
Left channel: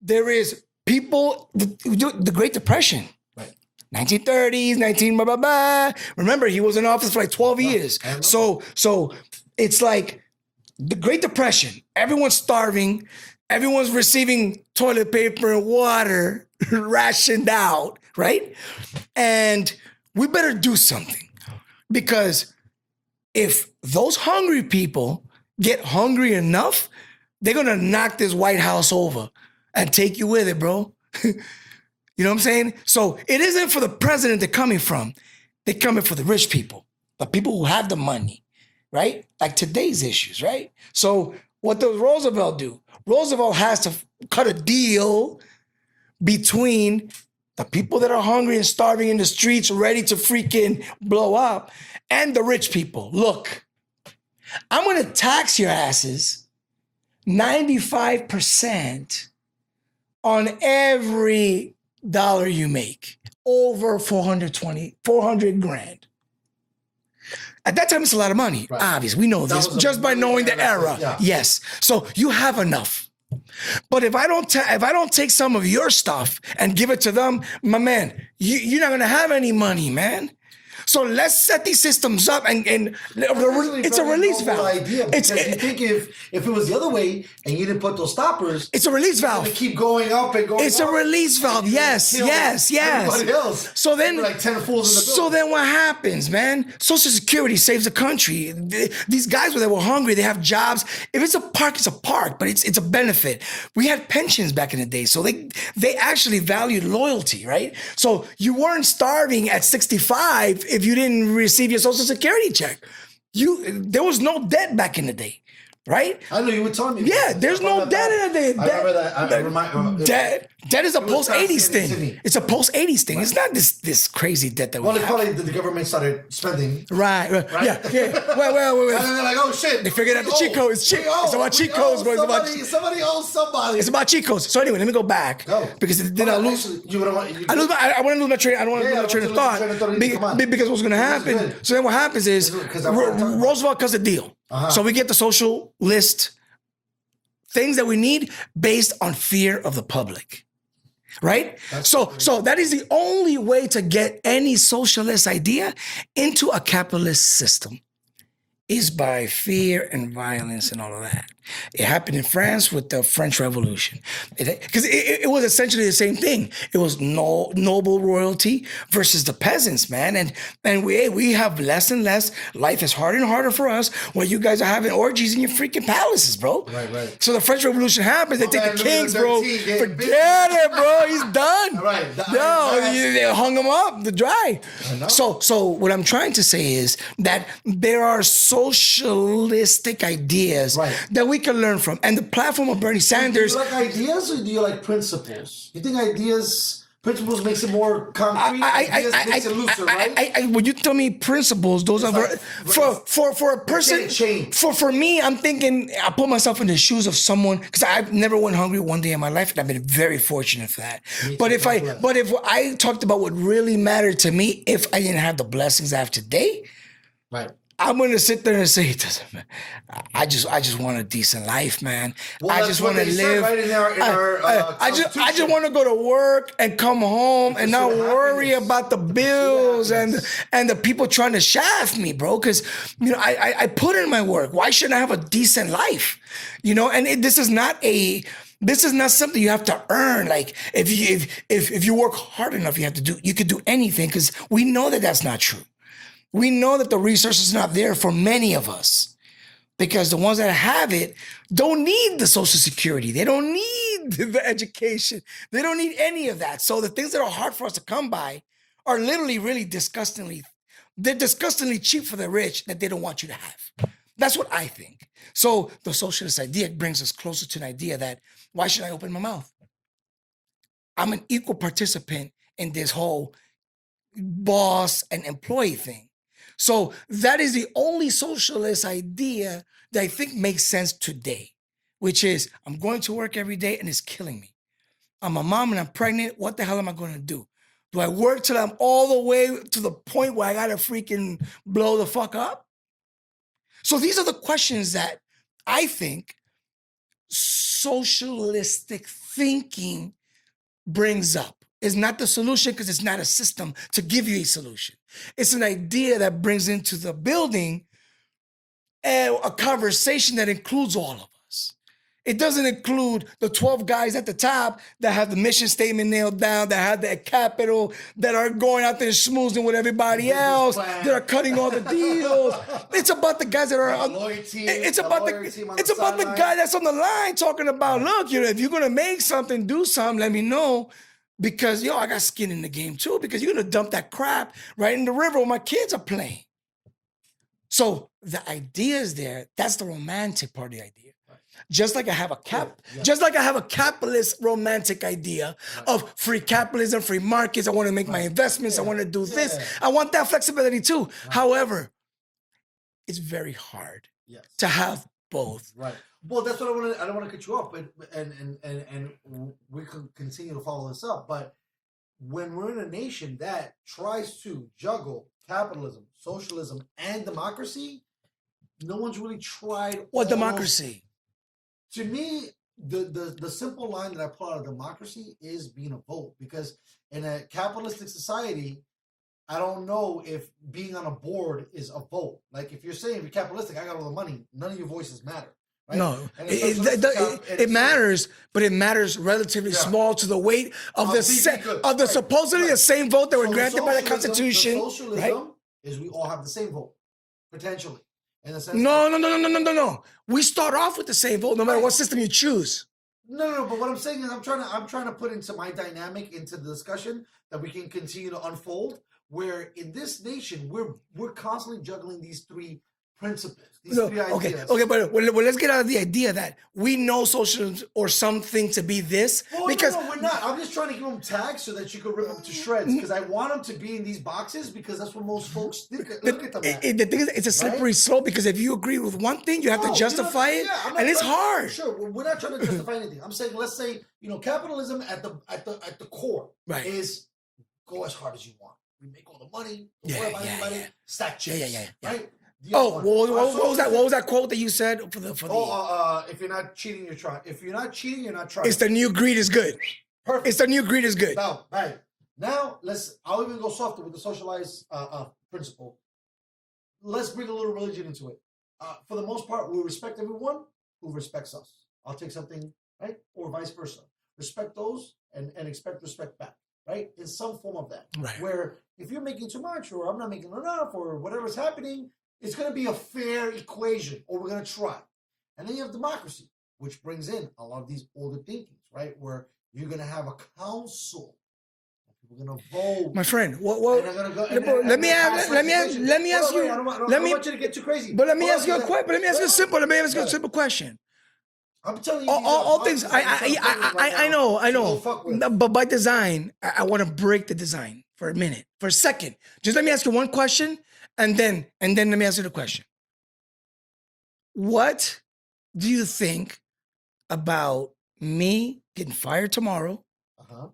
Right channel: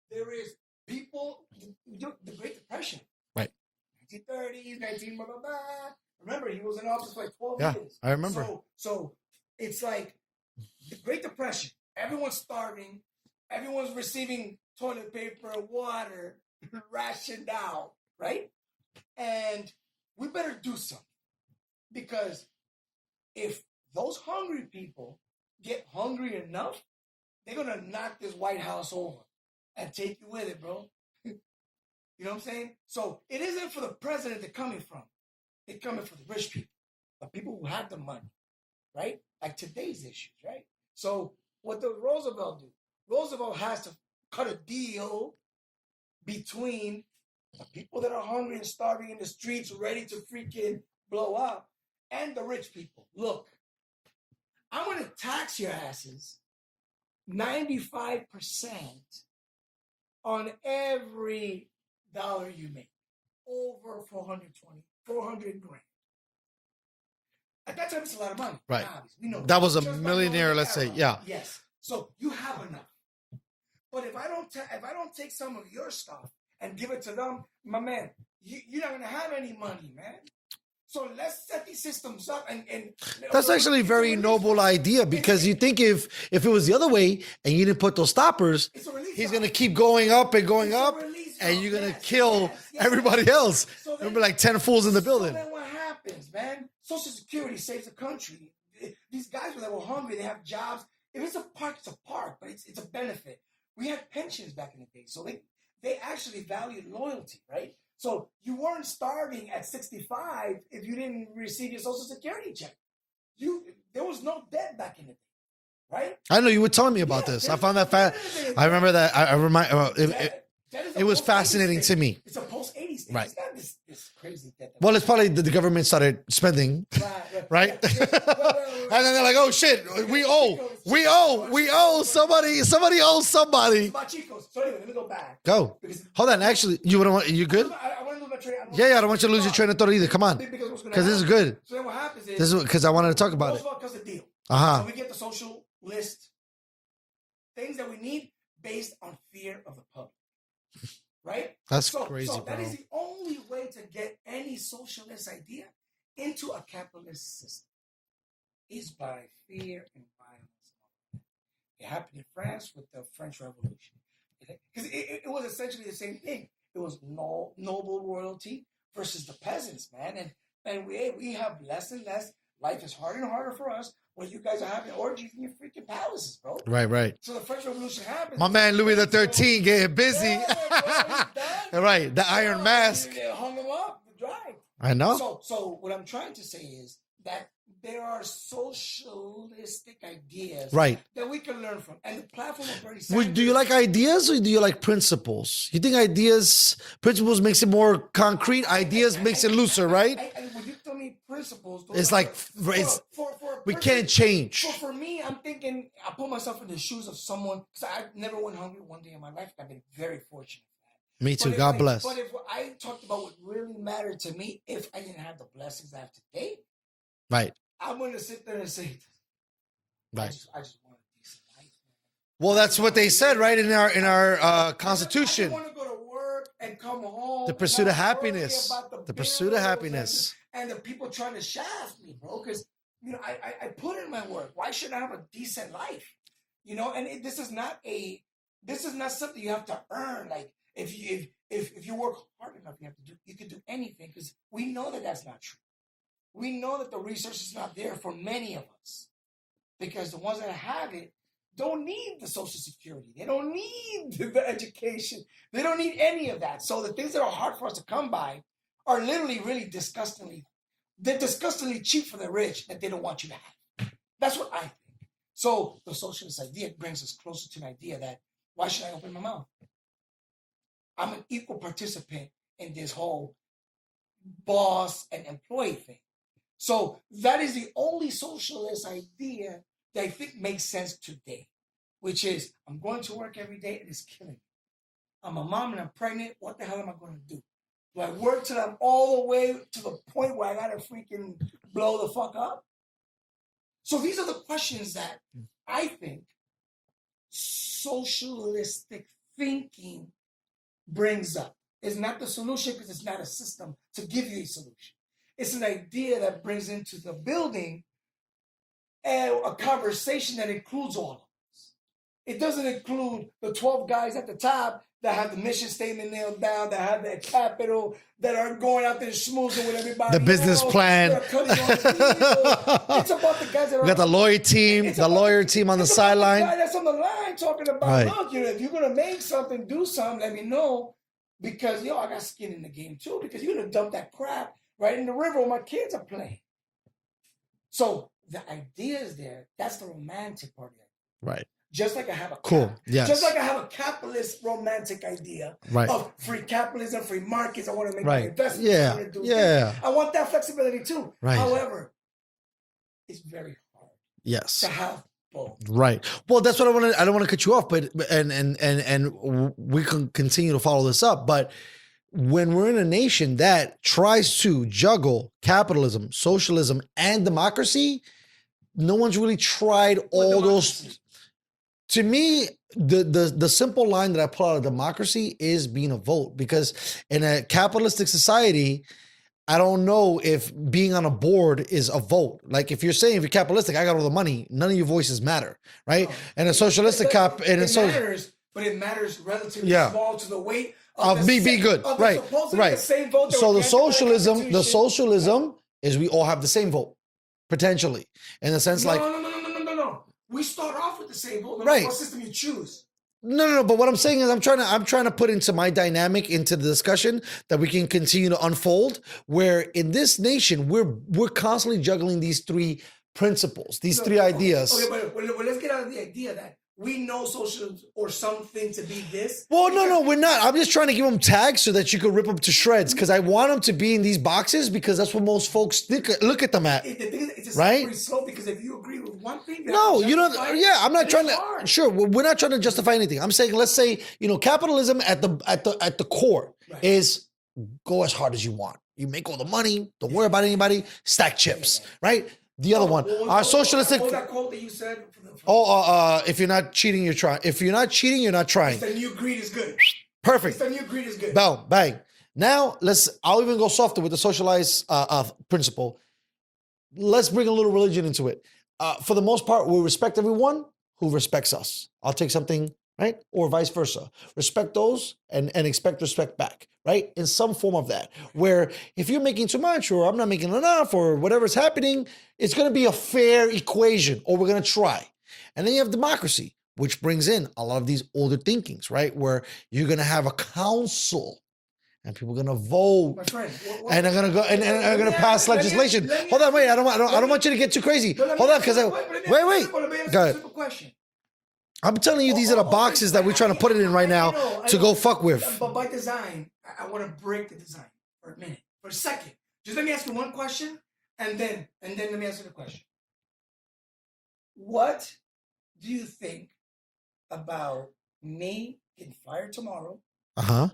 There is people, the Great Depression, right? 1930s, blah, blah, blah. Remember, he was in office for like 12 years. So it's like the Great Depression. Everyone's starving. Everyone's receiving toilet paper and water rationed out, right? And we better do something because if those hungry people get hungry enough, they're going to knock this White House over and take you with it, bro. You know what I'm saying? So it isn't for the president they're coming from. They're coming for the rich people, the people who have the money, right? Like today's issues, right? So what does Roosevelt do? Roosevelt has to cut a deal between the people that are hungry and starving in the streets, ready to freaking blow up, and the rich people. Look, I'm going to tax your asses 95% on every dollar you make, over 400 grand. At that time, it's a lot of money. Right. Obviously, we know this just by knowing the era. Yeah. Yes. So you have enough. But if I don't take some of your stuff and give it to them, my man, you're not gonna have any money, man. So let's set these systems up and that's actually a very noble idea because you think if it was the other way and you didn't put those stoppers, it's a release valve. It's gonna keep going up and going up. It's a release valve. Yes. Everybody else. So then, like 10 fools in the building. So then, what happens, man? Social Security saves the country. These guys that were hungry, they have jobs. If it's a park, but it's a benefit. We had pensions back in the day, so they actually valued loyalty, right? So you weren't starving at 65 if you didn't receive your Social Security check. There was no debt back in the day, right? I know you were telling me about this. Yeah, there's no debt in the day. I remember that. I remind. Debt is a post-80s thing. To me. It's a post-80s thing. Right. It's not this crazy debt that it's probably the government started spending. Right? Yeah. Wait. And then they're like, oh shit. They figured out the cheat codes. We owe somebody owes somebody. It's about cheat codes. So anyway, let me go back. Go. Because actually, you good? I want to lose my train. I don't want to lose your train of thought either. Come on. Because what's going to happen. Good. So then what happens is because I want to talk about Roosevelt cuts a deal. So we get the socialist things that we need based on fear of the public. Right? So that is the only way to get any socialist idea into a capitalist system is by fear and violence and all of that. It happened in France with the French Revolution. Because it was essentially the same thing. It was noble royalty versus the peasants, man. And we have less and less. Life is harder and harder for us when you guys are having orgies in your freaking palaces, bro. Right. So the French Revolution happens. My man Louis XIII getting busy. Get it, bro. He's done. Right. The Iron Mask. They hung him up to dry. I know. So what I'm trying to say is that there are socialistic ideas that we can learn from. And the platform of Bernie Sanders. Do you like ideas or do you like principles? You think principles makes it more concrete, ideas makes it looser, right? When you tell me principles, those it's are like, for a person. Can't change. For me, I'm thinking I put myself in the shoes of someone because I've never went hungry one day in my life, and I've been very fortunate for that. Me too, But if I talked about what really mattered to me, if I didn't have the blessings I have today, right. I'm gonna sit there and say it doesn't matter. I just want a decent life, man. Well, I that's just what wanna they said, live. right, in our Constitution. I just want to go to work and come home and pursuit not of worry happiness. about the The pursuit of bills happiness. and the people trying to shaft me, bro. Because I put in my work. Why shouldn't I have a decent life? And this is not something you have to earn. Like if you work hard enough, you could do anything. Because we know that that's not true. We know that the resource is not there for many of us. Because the ones that have it don't need the Social Security. They don't need the education. They don't need any of that. So the things that are hard for us to come by are literally really they're disgustingly cheap for the rich that they don't want you to have. That's what I think. So the socialist idea brings us closer to an idea that why should I open my mouth? I'm an equal participant in this whole boss and employee thing. So that is the only socialist idea that I think makes sense today, which is I'm going to work every day and it's killing me. I'm a mom and I'm pregnant. What the hell am I going to do? Do I work till I'm all the way to the point where I got to freaking blow the fuck up? So these are the questions that I think socialistic thinking brings up. It's not the solution because it's not a system to give you a solution. It's an idea that brings into the building a conversation that includes all of us. It doesn't include the 12 guys at the top that have the mission statement nailed down, that have their capital, that are going out there schmoozing with everybody The business else, plan. that are cutting all the deals. It's about the guys that are You got the lawyer team, it's the about lawyer team on the It's about the sideline. guy that's on the line talking about, Right. look, if you're gonna make something, do something, let me know. Because I got skin in the game too, because you're gonna dump that crap right in the river where my kids are playing. So the idea is there. That's the romantic part of the idea. Right. Just like I have Yes. just like I have a capitalist romantic idea Right. of free capitalism, free markets. I want to make my Right. investments. I Yeah. want to do Yeah. this. I want that flexibility too. Right. However, it's very hard Yes. to have both. Right. Well, that's what I want to. I don't want to cut you off, but and we can continue to follow this up. But when we're in a nation that tries to juggle capitalism, socialism, and democracy, no one's really tried all What those. democracy? To me, the simple line that I pull out of democracy is being a vote, because in a capitalistic society, I don't know if being on a board is a vote. Like if you're saying if you're capitalistic, I got all the money, none of your voices matter, right? No. And a socialistic it matters, but it matters relatively Yeah. small to the weight of the be good. of the Right, supposedly right. the same vote that So were the granted by the socialism, Constitution. is we all have the same vote, potentially, in the sense No, like no. We start off with the same vote, no matter Right. what system you choose. no. But what I'm saying is I'm trying to put into my dynamic into the discussion that we can continue to unfold. Where in this nation we're constantly juggling these three principles, these three ideas. Okay, but let's get out of the idea that we know socialism or something to be this. Well, because no, we're not. I'm just trying to give them tags so that you can rip them to shreds, because I want them to be in these boxes, because that's what most folks look at them at. The thing is, it's a Right? slippery slope, because if you agree with one thing, you have No, to you know, justify it. yeah, I'm not and trying it's hard. Sure, we're not trying to justify anything. I'm saying, let's say, capitalism at the core Right. is go as hard as you want. You make all the money. Don't worry about anybody. Stack chips, yeah. right? The other one, our socialistic. What was that quote that you said? If you're not cheating, you're trying. If you're not cheating, you're not trying. It's the new greed is good. Perfect. It's the new greed is good. Bang, bang. Now I'll even go softer with the socialized principle. Let's bring a little religion into it. For the most part, we respect everyone who respects us. I'll take something, right? Or vice versa. Respect those and expect respect back, right? In some form of that. Right. Where if you're making too much or I'm not making enough or whatever's happening, it's going to be a fair equation, or we're going to try. And then you have democracy, which brings in a lot of these older thinkings, right? Where you're going to have a council and people are going to vote. My friend, And they're going to go and they're going to pass legislation. Hold on, wait. I don't want you to get too crazy. But let me ask you a simple question. I'm telling you, these are the boxes that we're trying to put it in right now to go fuck with. But by design, I want to break the design for a minute, for a second. Just let me ask you one question, and then let me answer the question. What do you think about me getting fired tomorrow Uh-huh.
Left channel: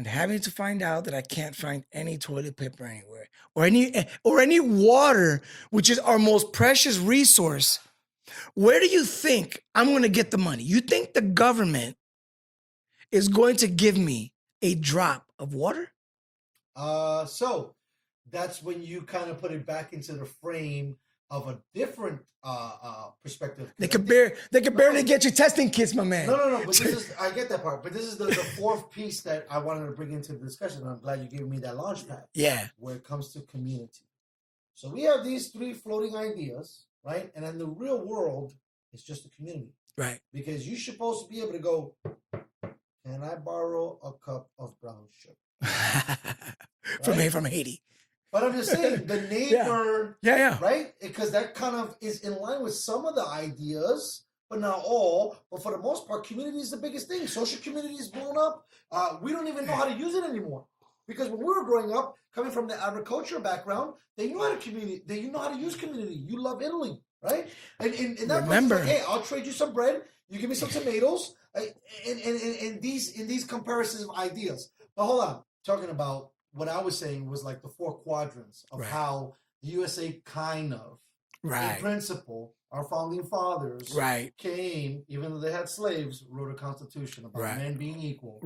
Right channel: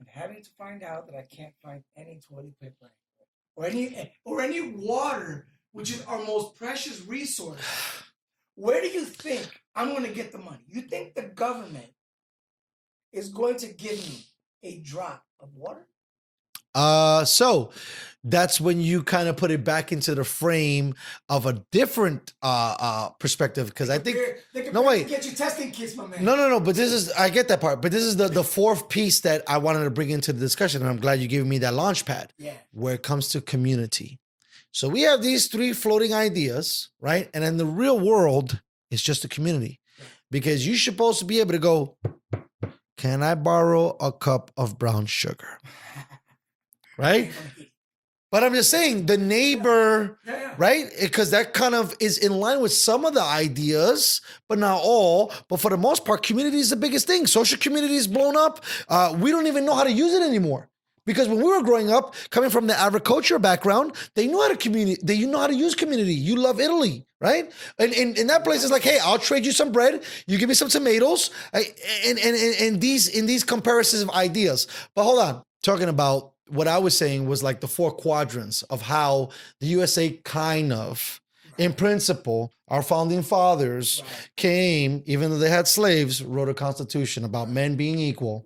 and having to find out that I can't find any toilet paper anywhere or any water, which is our most precious resource, where do you think I'm going to get the money? You think the government is going to give me a drop of water? So that's when you kind of put it back into the frame of a different perspective. Because They can barely get you testing kits, my man. No. But this is, I get that part. But this is the fourth piece that I wanted to bring into the discussion. And I'm glad you gave me that launch pad. Yeah. Where it comes to community. So we have these three floating ideas, right? And in the real world, it's just a community. Right. Because you're supposed to be able to go, can I borrow a cup of brown sugar? Right? From Haiti. But I'm just saying, the neighbor, Yeah. right? Because that kind of is in line with some of the ideas, but not all. But for the most part, community is the biggest thing. Social community is blown up. We don't even know how to use it anymore. Because when we were growing up, coming from the agriculture background, they knew how to community. They know how to use community. You love Italy, right? And in that place, it's like, hey, I'll trade you some bread. You give me some tomatoes. In these comparisons of ideas. But hold on, talking about what I was saying was like the four quadrants of how the USA kind of, in principle, our founding fathers came, even though they had slaves, wrote a constitution about men being equal,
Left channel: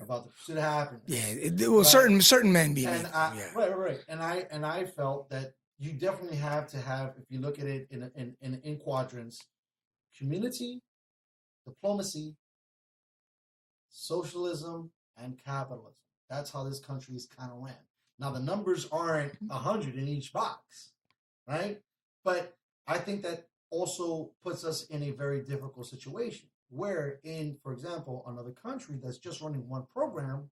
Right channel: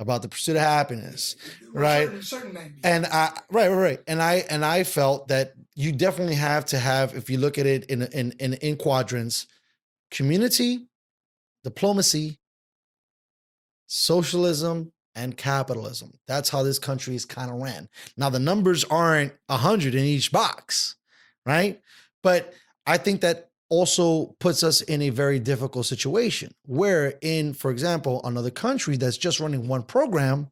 about the pursuit of happiness. Yeah, well, certain men being and right. And I felt that you definitely have to have, if you look at it in quadrants, community, diplomacy, socialism, and capitalism. That's how this country is kind of ran. Now, the numbers aren't 100 in each box, right? But I think that also puts us in a very difficult situation where in, for example, another country that's just running one program,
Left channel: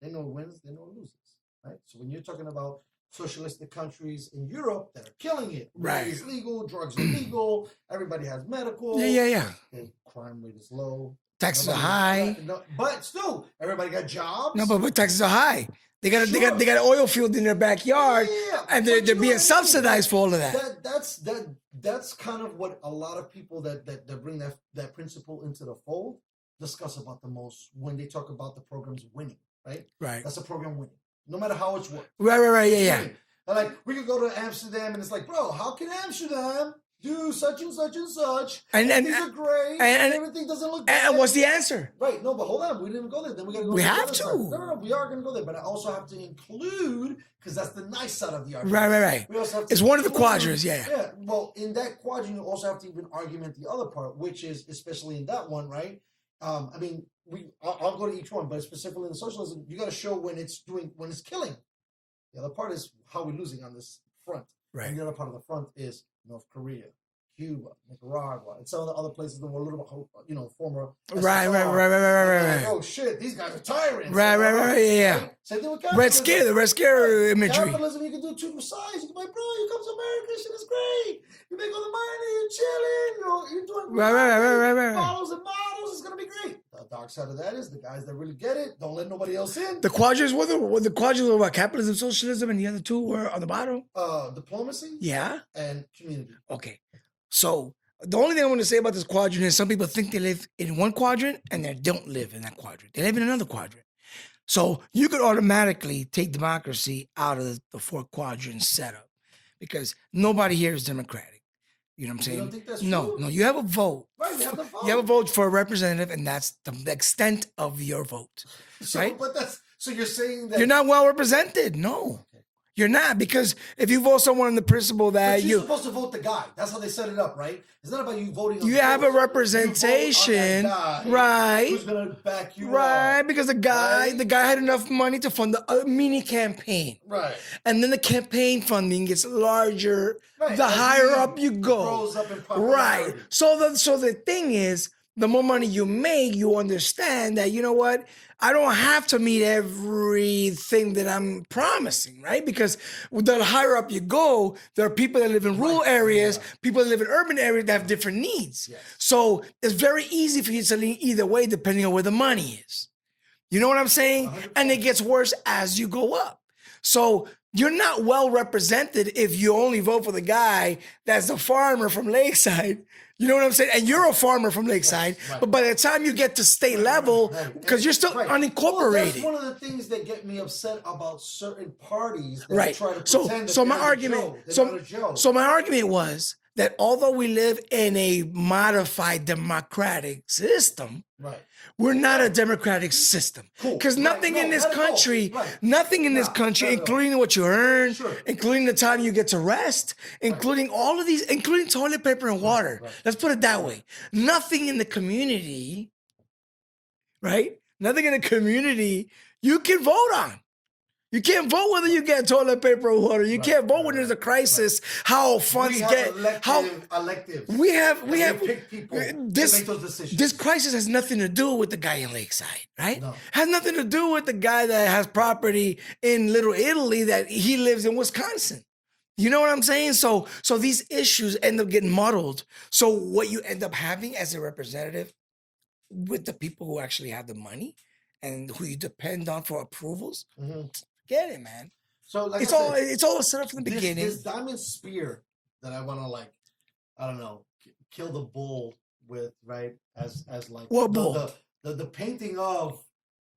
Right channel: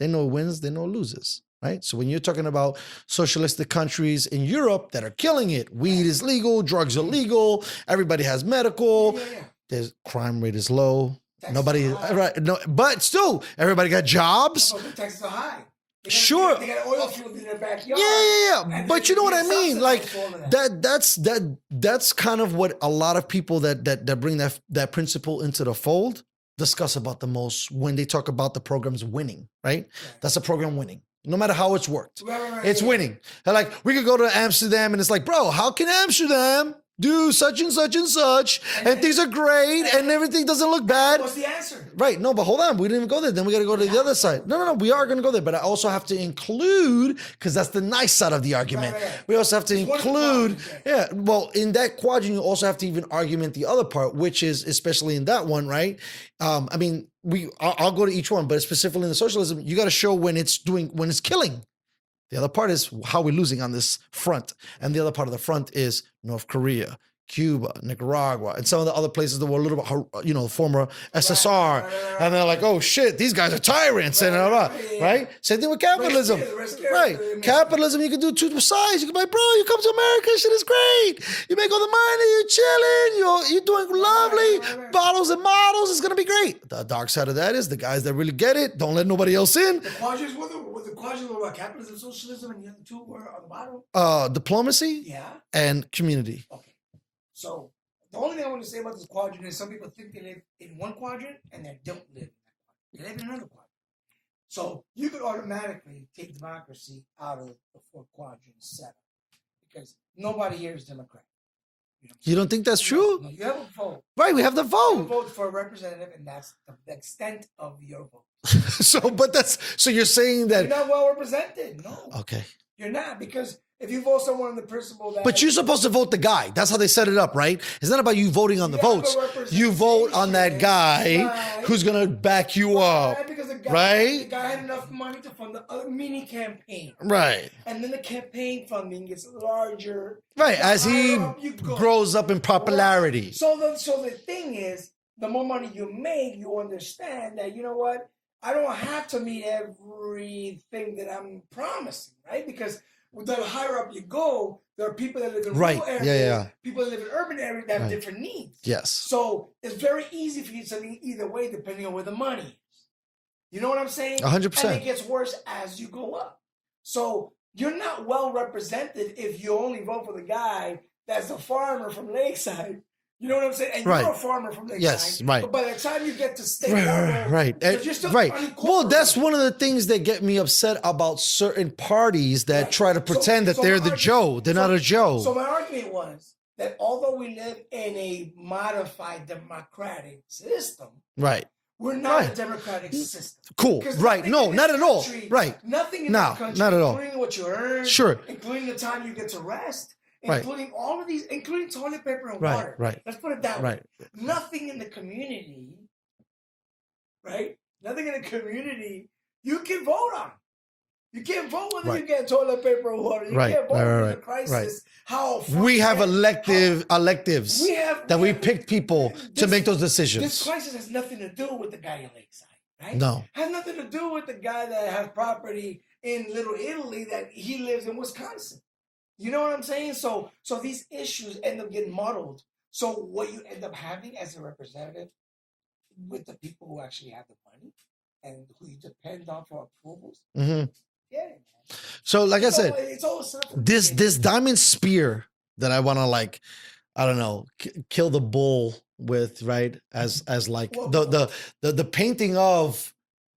they know wins, they know loses, right? So when you're talking about socialistic countries in Europe that are killing it, weed is legal, drugs are legal, everybody has medical. Yeah. There's crime rate is low. Taxes are high. But still, everybody got jobs. No, but taxes are high. They got they got oil field in their backyard. Yeah. And but you know what I mean? Subsidized for all of that. That's kind of what a lot of people that bring that principle into the fold discuss about the most when they talk about the program's winning, right? That's a program winning. No matter how it's worked. Right. It's winning. And like, we could go to Amsterdam and it's like, bro, how can Amsterdam do such and such and such, and things are great, and everything doesn't look bad? And what's the answer? Right, no, but hold on, we didn't even go there. Then we got to go to the other side. No, we are going to go there, but I also have to include, because that's the nice side of the argument. Right. We also have to include, one of the quadrants, Yeah, well, in that quadrant, you also have to even argument the other part, which is, especially in that one, right? I mean, I'll go to each one, but specifically in the socialism, you got to show when it's killing. The other part is how we're losing on this front. And the other part of the front is North Korea, Cuba, Nicaragua, and some of the other places that were a little bit, former SSR. And they're like, oh shit, these guys are tyrants. Right? Same thing with capitalism. The Red Scare imagery. Capitalism, you can do two sides. You can be like, bro, you come to America, shit is great. You make all the money, you're chilling, you're doing lovely. Bottles and models, it's gonna be great. The dark side of that is the guys that really get it, don't let nobody else in. The quadrants were about capitalism, socialism, and the other two were on the bottom? Diplomacy. Yeah. And community. Okay. So the only thing I want to say about this quadrant is some people think they live in one quadrant and they don't live in that quadrant. They live in another quadrant. So you could automatically take democracy out of the four quadrant setup because nobody here is democratic. You know what I'm saying? You don't think that's true? No, you have a vote. Right, we have the vote. You have a vote for a representative, and that's the extent of your vote. So you're saying that you're not well represented. No. Okay. You're not, because if you vote someone on the principle that... But you're supposed to vote the guy. That's how they set it up, right? It's not about you voting on the votes. You have a representation. You vote on that guy who's going to back you up. Right, because the guy had enough money to fund a mini campaign. Right. And then the campaign funding gets larger. Right, the as higher he up you go. grows up in popularity. Right. So the thing is, the more money you make, you understand that, you know what? I don't have to meet everything that I'm promising, right? Because the higher up you go, there are people that live in rural areas, people that live in urban areas that have different needs. Yes. So it's very easy for you to lean either way depending on where the money is. You know what I'm saying? 100%. And it gets worse as you go up. So you're not well represented if you only vote for the guy that's a farmer from Lakeside You know what I'm saying? And you're Right. a farmer from Lakeside. Yes, right. But by the time you get to state level, right, because you're still unincorporated. Well, that's one of the things that get me upset about certain parties that try to pretend that they're the Joe. They're not a Joe. So my argument was that although we live in a modified democratic system, right. we're not a democratic system. Cool. Because Right. nothing No, in this not at all. country, Right. nothing in this country, not at all. including what you earn, Sure. including the time you get to rest, including all of these, including toilet paper and Right, water. right. Let's put it that way. Right. Nothing in the community, right? Nothing in the community you can vote on. You can't vote whether you get toilet paper or water. You can't vote when there's a crisis. How funds we have electives. We pick people to make those decisions. This crisis has nothing to do with the guy in Lakeside, right? No. Has nothing to do with the guy that has property in Little Italy that he lives in Wisconsin. You know what I'm saying? So these issues end up getting muddled. So what you end up having as a representative with the people who actually have the money and who you depend on for approvals, get it, man. So, like It's I said, all, it's all set up from the this beginning. diamond spear that I want to I don't know, kill the bull with, right? As like the painting of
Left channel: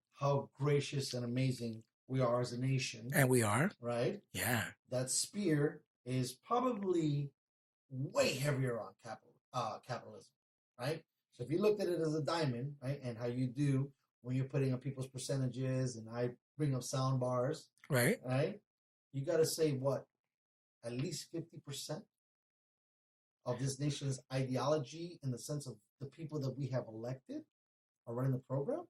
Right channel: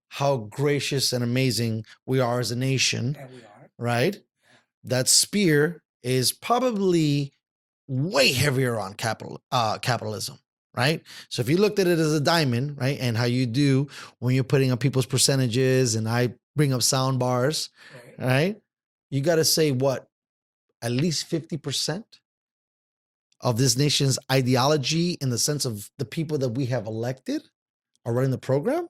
how gracious and amazing we are as a nation, And we are. right? Yeah. That spear is probably way heavier on capitalism, right? So if you looked at it as a diamond, right, and how you do when you're putting up people's percentages, and I bring up sound bars, Right. right? You got to say what, at least 50% of this nation's ideology, in the sense of the people that we have elected, are running the program.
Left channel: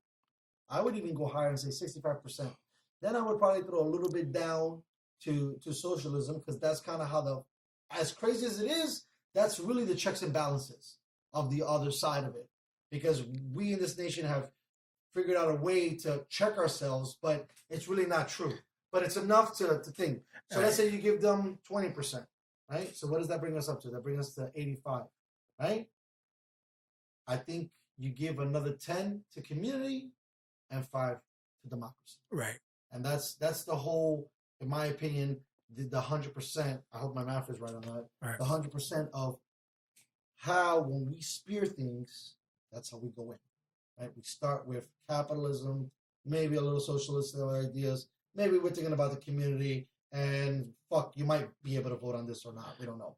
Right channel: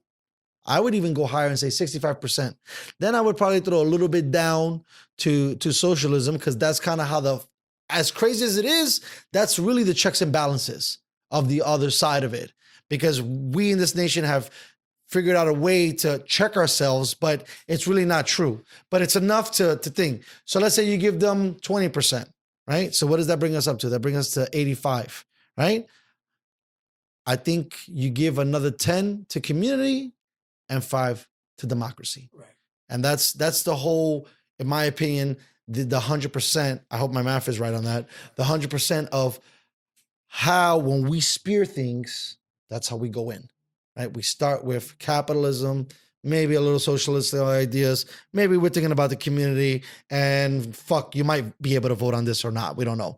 I would even go higher and say 65%. Then I would probably throw a little bit down to socialism, because that's kind of how as crazy as it is, that's really the checks and balances of the other side of it. Because we in this nation have figured out a way to check ourselves, but it's really not true. But it's enough to think. So let's say you give them 20%, right? So what does that bring us up to? That brings us to 85, right? I think you give another 10 to community and 5 to democracy. Right. And that's the whole, in my opinion, the 100%, I hope my math is right on that, the 100% of how, when we spear things, that's how we go in, right? We start with capitalism, maybe a little socialist ideas, maybe we're thinking about the community, and you might be able to vote on this or not. We don't know.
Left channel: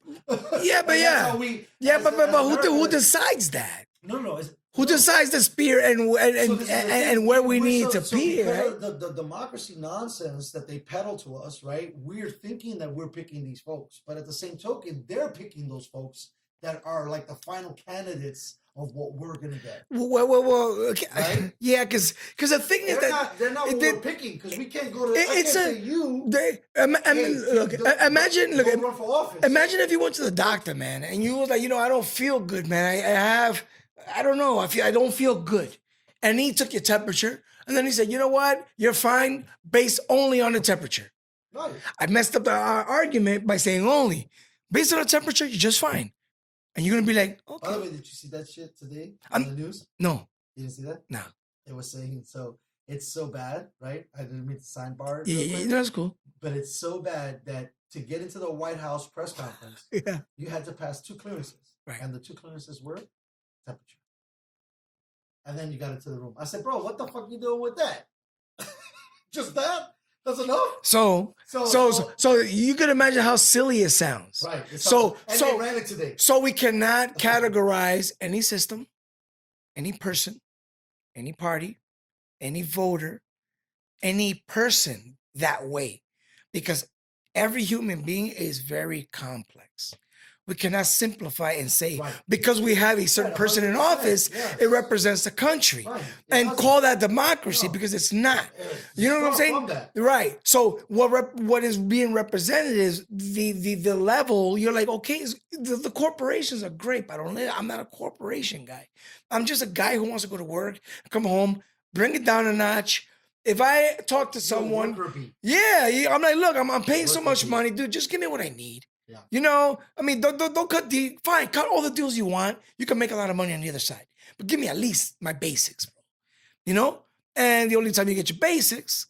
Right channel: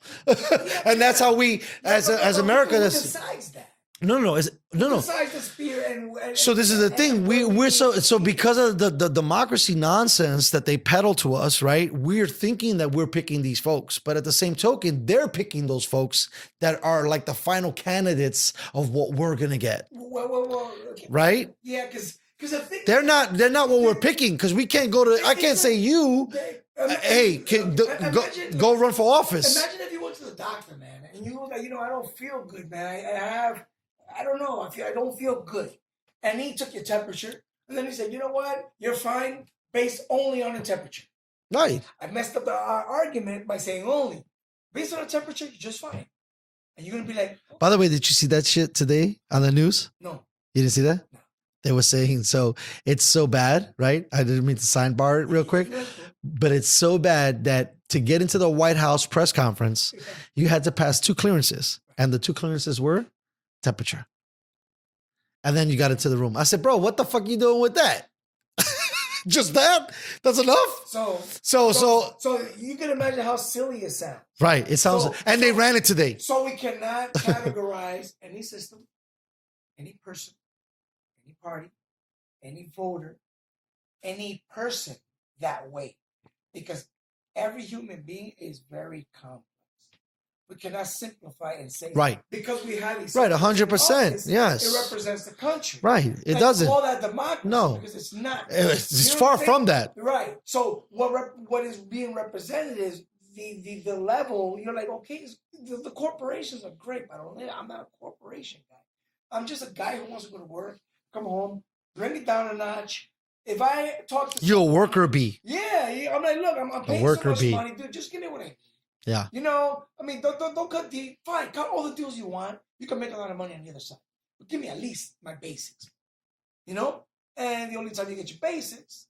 Yeah, but and that's how we, as but America, who decides that? No. Who decides the spear and so this is the thing. We're so be, because right? of the democracy nonsense that they peddle to us, right? We're thinking that we're picking these folks, but at the same token, they're picking those folks that are like the final candidates of what we're gonna get. Well, okay. Right? Yeah, because the thing They're not what we're picking, because we can't go to. I can't say you. Imagine go run for office. Imagine if you went to the doctor, man, and you was like, I don't feel good, man. I don't know. I don't feel good. And he took your temperature, and then he said, you know what? You're fine based only on the temperature. Right. I messed up the argument by saying only. Based on the temperature, you're just fine. And you're going to be like, oh. By the way, did you see that shit today on the news? No. You didn't see that? No. They were saying, so it's so bad, right? I didn't mean to sidebar it real quick. That's cool. But it's so bad that to get into the White House press conference, you had to pass 2 clearances. Right. And the 2 clearances were temperature. And then you got into the room. I said, bro, what the fuck you doing with that? Just that? That's enough? So you can imagine how silly it sounds. Right. It sounds, they ran it today. So we cannot categorize any system, any person, any party, any voter, any person that way, because every human being is very complex. We cannot simplify and say, because we have a certain person in office, it represents the country. Right. It doesn't call that democracy, because it's not. It's far from that. Right. So what is being represented is the level. You're like, okay, the corporations are great, but I'm not a corporation guy. I'm just a guy who wants to go to work, come home, bring it down a notch. If I talk to someone, you're a worker bee. Yeah, I'm like, look, I'm paying so much money, dude. Just give me what I need. Yeah. I mean, don't cut cut all the deals you want. You can make a lot of money on the other side, but give me at least my basics, bro. And the only time you get your basics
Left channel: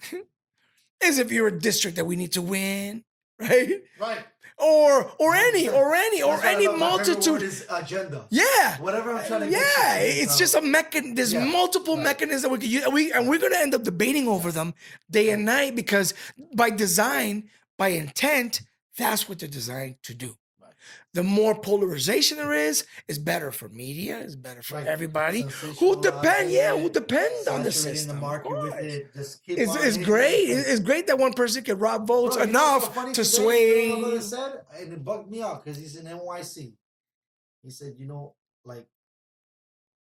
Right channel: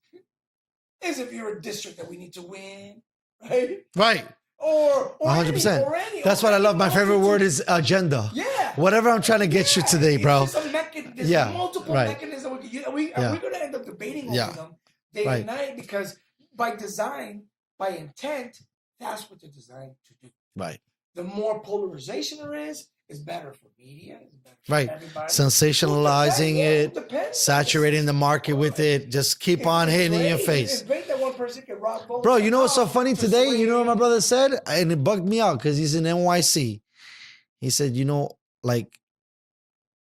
is if you're a district that we need to win, right? Right. or 100%. any. That's or what I any love. My favorite multitude. word is agenda. Yeah. Whatever I'm trying to get you today, bro. It's just a mechanism. There's Yeah, multiple right. mechanisms that we can use, and we're going to end up debating over Yeah. them day and Right. night because by design, by intent, that's what they're designed to do. Right. The more polarization there is better for media, is better for Right. everybody. Sensationalizing Who it, depends saturating the system? market with it, just keep on It's hitting great. in your face. It's great that one person can rob votes. Bro, you know what's so enough funny to today? You know what my sway- brother said? And it bugged me out because he's in NYC. He said, like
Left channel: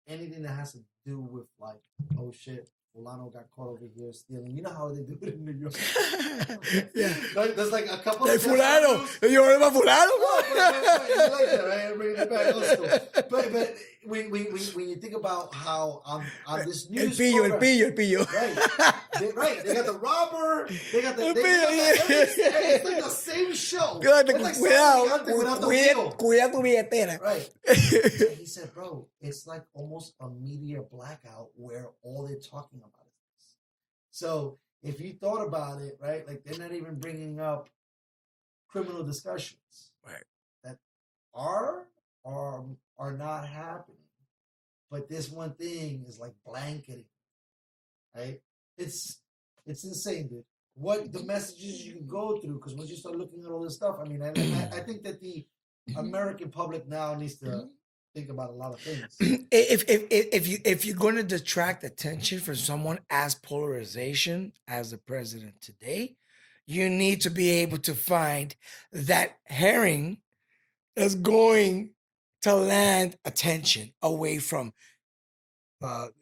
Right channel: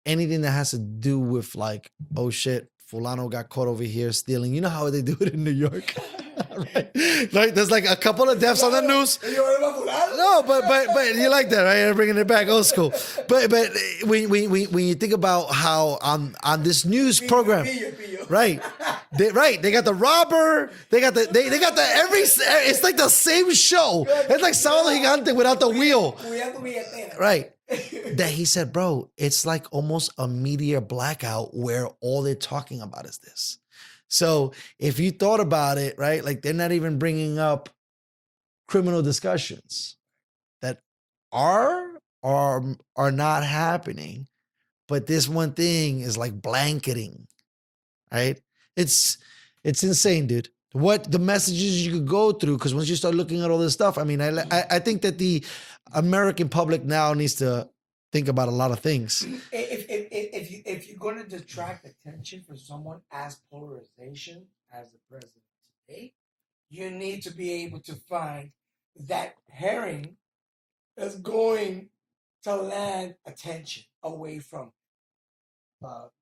anything that has to do with like, oh shit, Fulano got caught over here stealing. You know how they do it in New York? Like there's like a couple of deaths on the news. You heard about Fulano? No, but you like that, right? I'm bringing it back old school. But when you think about how on this news program, right? They got the robber. They got the every. It's like the same show. It's like Sábado Gigante without the wheel. Right. That he said, bro, it's like almost a media blackout where all they're talking about is this. So if you thought about it, right, like they're not even bringing up criminal discussions, right, that are not happening, but this one thing is like blanketing, right? It's insane, dude. What the messages you could go through, because once you start looking at all this stuff, I mean, I think that the American public now needs to think about a lot of things. If you're going to detract attention from someone as polarization as the president today, you need to be able to find that herring is going to land attention away from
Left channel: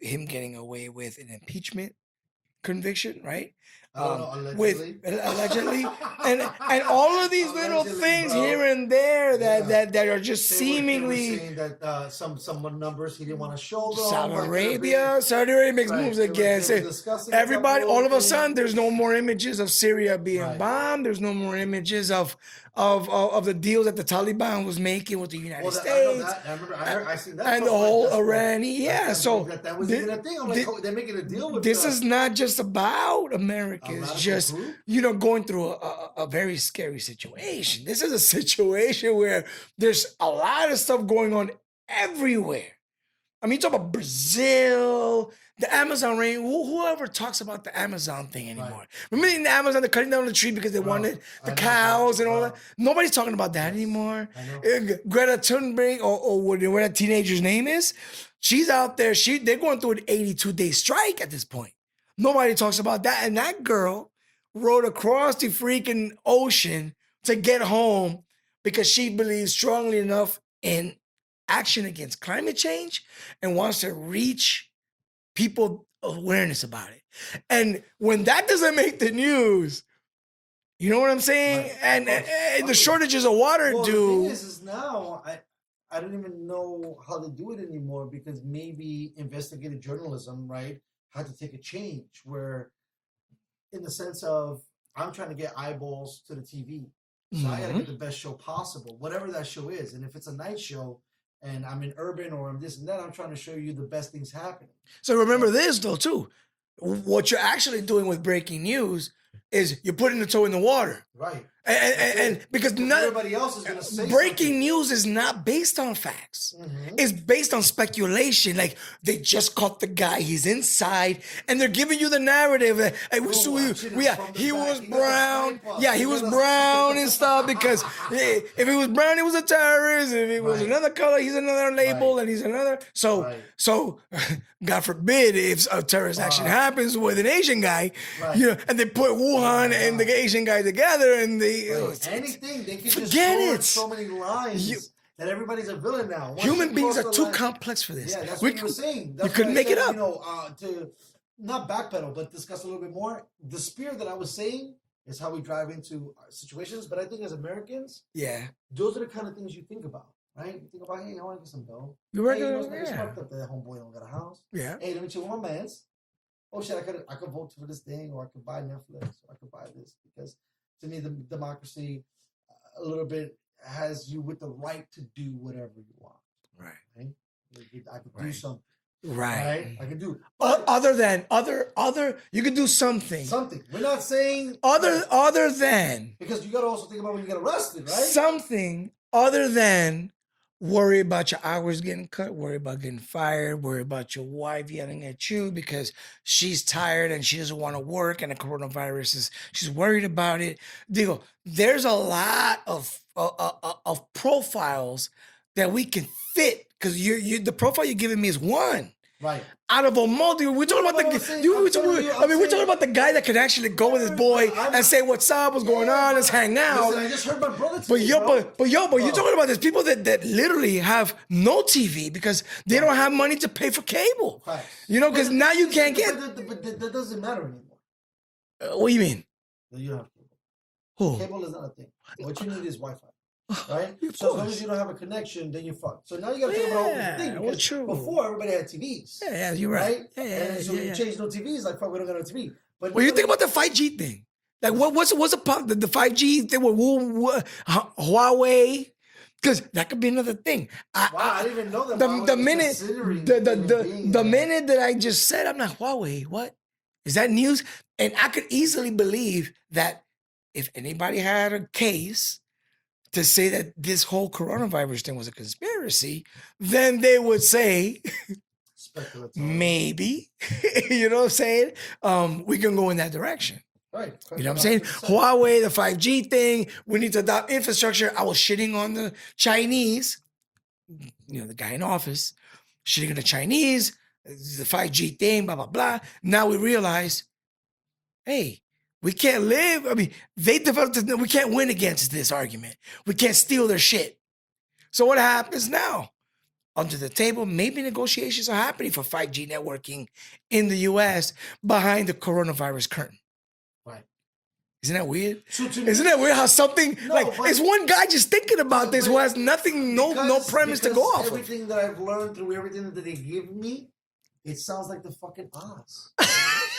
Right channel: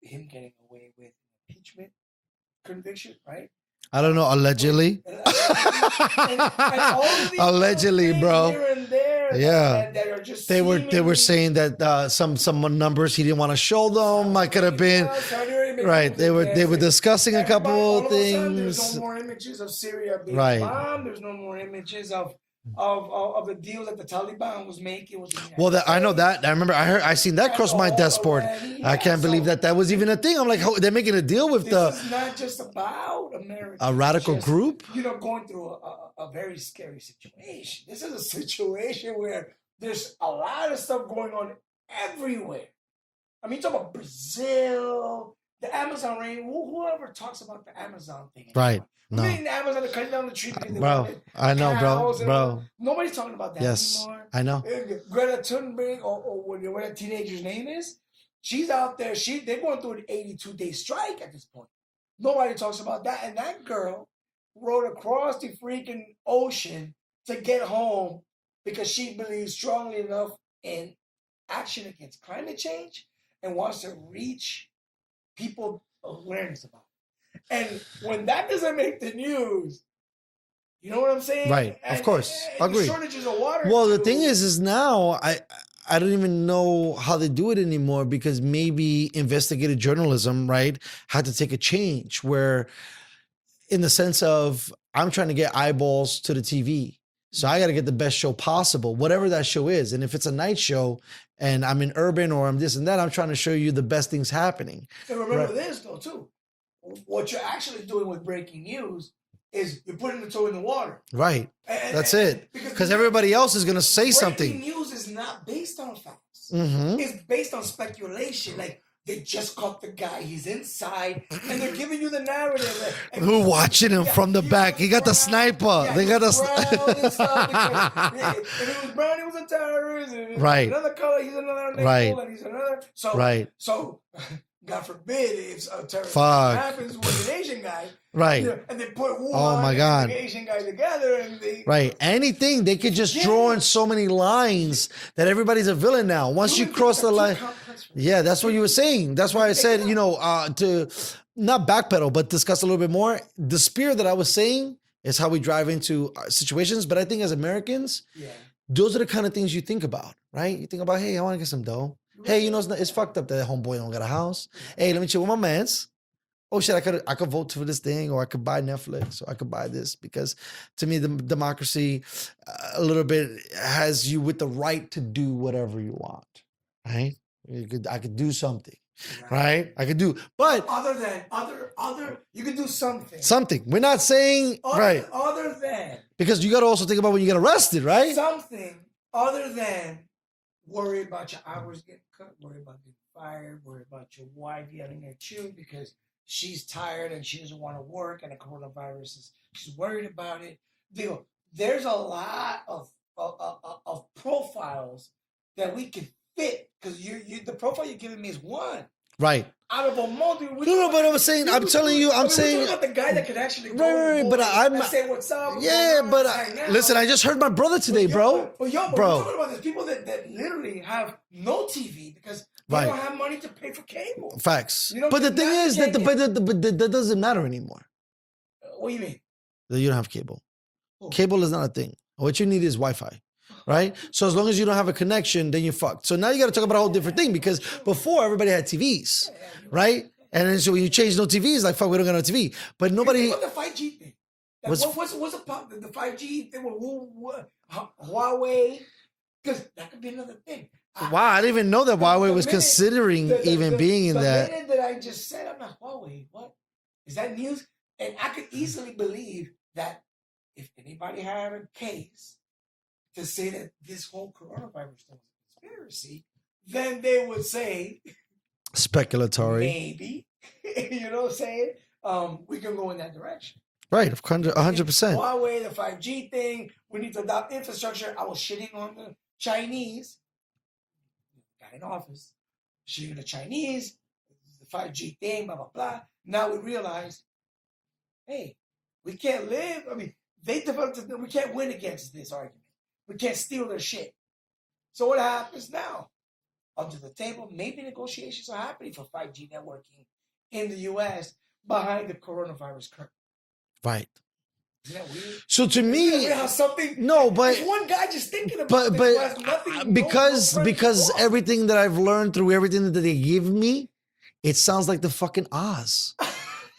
him getting away with an impeachment conviction, right? I don't know, allegedly. Allegedly. and all of these Allegedly, little things bro. here and there that are just they seemingly... were saying that some numbers he didn't want to show them. I could have been Saudi Arabia makes right. moves They against were it. discussing a couple Everybody, all of a things. sudden, there's no more images of Syria being Right. bombed. There's no more images of the deals that the Taliban was making with the United States. I know that. I remember. I seen that And cross the my whole desk board. Iranian- I can't so believe that was even a thing. I'm like, they're making a deal with This is not just about America. a radical group. Going through a very scary situation. This is a situation where there's a lot of stuff going on everywhere. I mean, you talk about Brazil, the Amazon rain. Whoever talks about the Amazon thing anymore. Right. Remember in the Amazon, they're cutting down the tree because they Bro, wanted I the know, cows bro, and all bro. that. Nobody's talking about that Yes, anymore. I know. Greta Thunberg, or whatever that teenager's name is, she's out there. They're going through an 82-day strike at this point. Nobody talks about that. And that girl rode across the freaking ocean to get home because she believes strongly enough in action against climate change and wants to reach people awareness about it. And when that doesn't make the news, you know what I'm saying? Right, And, of course. and the shortages of water. Well, the thing is now I don't even know how they do it anymore because maybe investigative journalism, right, had to take a change where, in the sense of, I'm trying to get eyeballs to the TV. So I got to get the best show possible, whatever that show is. And if it's a night show and I'm in urban or I'm this and that, I'm trying to show you the best things happening. So remember this though, too. What you're actually doing with breaking news is you're putting the toe in the water. Right. And, That's it. Because everybody else is going to say something. Breaking news is not based on facts. Mm-hmm. It's based on speculation. Like, they just caught the guy. He's inside. And they're giving you the narrative. We're watching him from the back. He got the sniper. Yeah, he was brown and stuff because if he was brown, he was a terrorist. If he was another color, he's another label and he's another. So God forbid if a terrorist action happens with an Asian guy, and they put Wuhan and the Asian guy together and they... Anything, they could just draw in so many lines that everybody's a villain now. Once you cross the line, too complex for this. Yeah, that's what you were saying. That's why I said, to not backpedal, but discuss a little bit more. The spirit that I was saying is how we drive into situations. But I think as Americans, those are the kind of things you think about, right? You think about, hey, I want to get some dough. Hey, it's fucked up that homeboy don't got a house. Yeah. Hey, let me chill with my mans. Oh shit, I could vote for this thing, or I could buy Netflix, or I could buy this, because to me, the democracy a little bit has you with the right to do whatever you want. Right? I could do something. right? I could do, But but other than you could do something. something. We're not saying right, Other than because you got to also think about when you get arrested, right? something other than worry about your hours getting cut, worry about getting fired, worry about your wife yelling at you because she's tired and she doesn't want to work and the coronavirus she's worried about it. There's a lot of profiles that we can fit because the profile you're giving me is one. Right. Out of a multi, we're No, talking but about I'm saying, I'm telling you, I'm we're saying, talking about the guy that could actually go with his Right, boy but I'm and say, "What's up? What's going yeah, on? but Let's hang out." listen, I just heard my brother But today, bro. but you're talking about there's people that literally have no TV because they Right. don't have money to pay for cable. Facts. You know, but the because thing now you is, can't get. that doesn't matter anymore. What do you mean? That you don't have cable. Who? Cable is not a thing. What you need is Wi-Fi, right? So as long as you don't have a connection, then you're fucked. So now you got to talk about a whole different thing Yeah, because well, true. before everybody had TVs, Yeah, you're right? right. Yeah, and then so when you yeah. change no TVs, like fuck, we don't got no TV. But What do you nobody. think about the 5G thing? Like, What's- what's the 5G thing with Huawei? Because that could be another thing. Wow, I didn't even know that Huawei was considering even being in the that. minute that I just said, I'm like, Huawei, what? Is that news? And I could easily believe that if anybody had a case to say that this whole coronavirus thing was a conspiracy, then they would say, Speculatory. maybe, you know what I'm saying? We can go in that direction. Right, of You know what I'm saying? 100%. Huawei, the 5G thing, we need to adopt infrastructure. I was shitting on the Chinese, the guy in office, shitting on the Chinese, the 5G thing, blah, blah, blah. Now we realize, hey, we can't live. I mean, they developed this, we can't win against this argument. We can't steal their shit. So what happens now? Under the table, maybe negotiations are happening for 5G networking in the US behind the coronavirus curtain. Right. Isn't that weird? So to me, Isn't that weird how something? No, but it's one guy just thinking about this who has nothing, no premise to because go off of. everything that I've learned through everything that they give me, it sounds like the fucking Oz.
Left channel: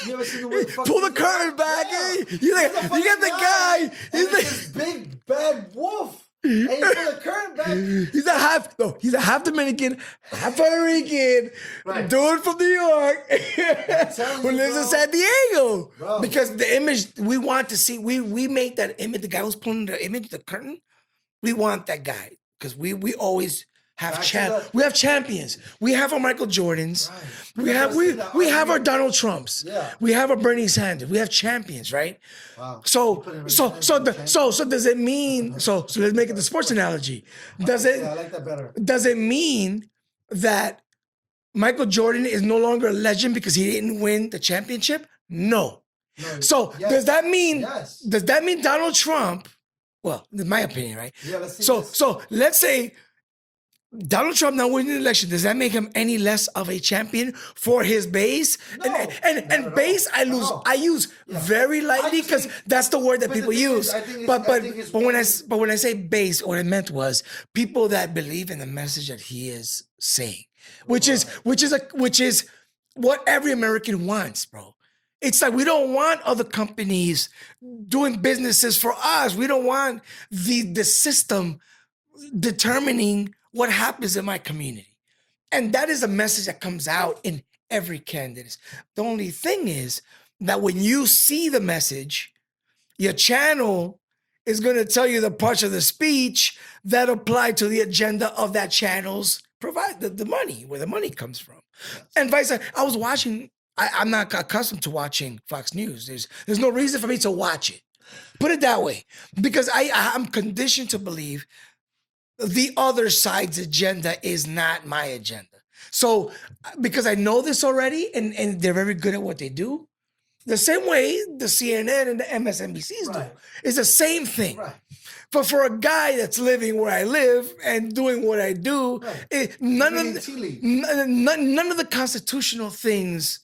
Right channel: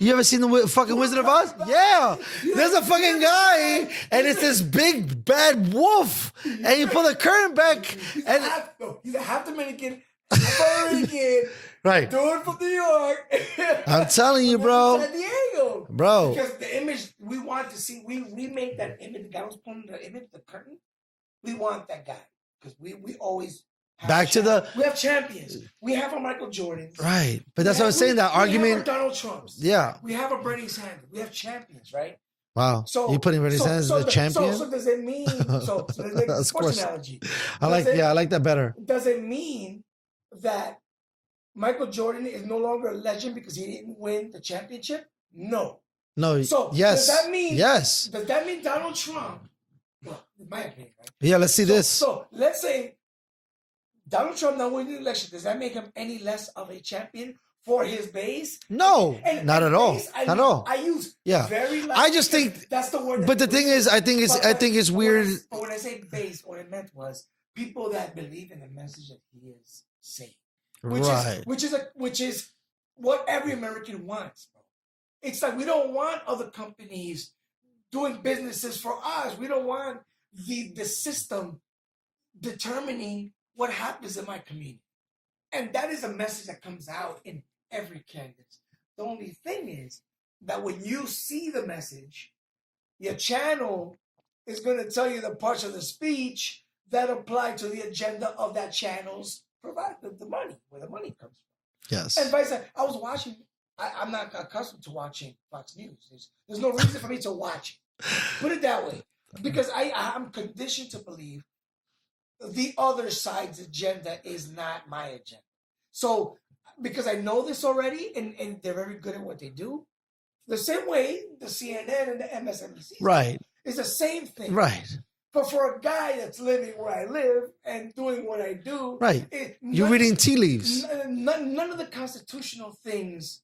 You ever seen the fucking Pull the Wizard of Oz? curtain back, Yeah, you there's like- a you fucking get the guy, guy, and you it's like- this big bad wolf, and you pull the curtain back. He's a half Dominican, half Puerto Rican, Right. dude from New York. I'm telling you, Who lives bro. in San Diego, Bro. Because the image we want to see, we made that image. The guy who's pulling the image, the curtain. We want that guy because we always. We have champions. We have our Michael Jordans. Right. But We that's what I'm have- saying, that we have our argument- Donald Trumps. Yeah. We have our Bernie Sanders. We have champions, right? Wow. So you putting Bernie Sanders as the so champion? does it mean so let's make it the Of sports course. analogy. I like that better. Does it mean that Michael Jordan is no longer a legend because he didn't win the championship? No. No. So yes. does that mean yes? Does that mean Donald Trump? Well, in my opinion, right? Yeah. Let's see So this. so let's say Donald Trump not winning the election, does that make him any less of a champion for his base? No, not at all. base, Not at all. I use Yeah. very lightly. I just 'cause think- that's the word that but the people thing use. is, I think it's but when I, weird. but when I say base, what I meant was people that believe in the message that he is saying, which Right. is what every American wants, bro. It's like we don't want other companies doing businesses for us. We don't want the system determining what happens in my community. And that is a message that comes out in every candidate. The only thing is that when you see the message, your channel is going to tell you the parts of the speech that apply to the agenda of that channel's provide the money, where the money comes from. Yes. And vice versa. I was watching, I'm not accustomed to watching Fox News. There's no reason for me to watch it. Put it that way. Because I'm conditioned to believe the other side's agenda is not my agenda. So, because I know this already, and they're very good at what they do, the same way the CNN and the MSNBCs Right. do, it's the same thing. Right. But for a guy that's living where I live and doing what I do, Right. You're You're reading tea leaves. None of the constitutional things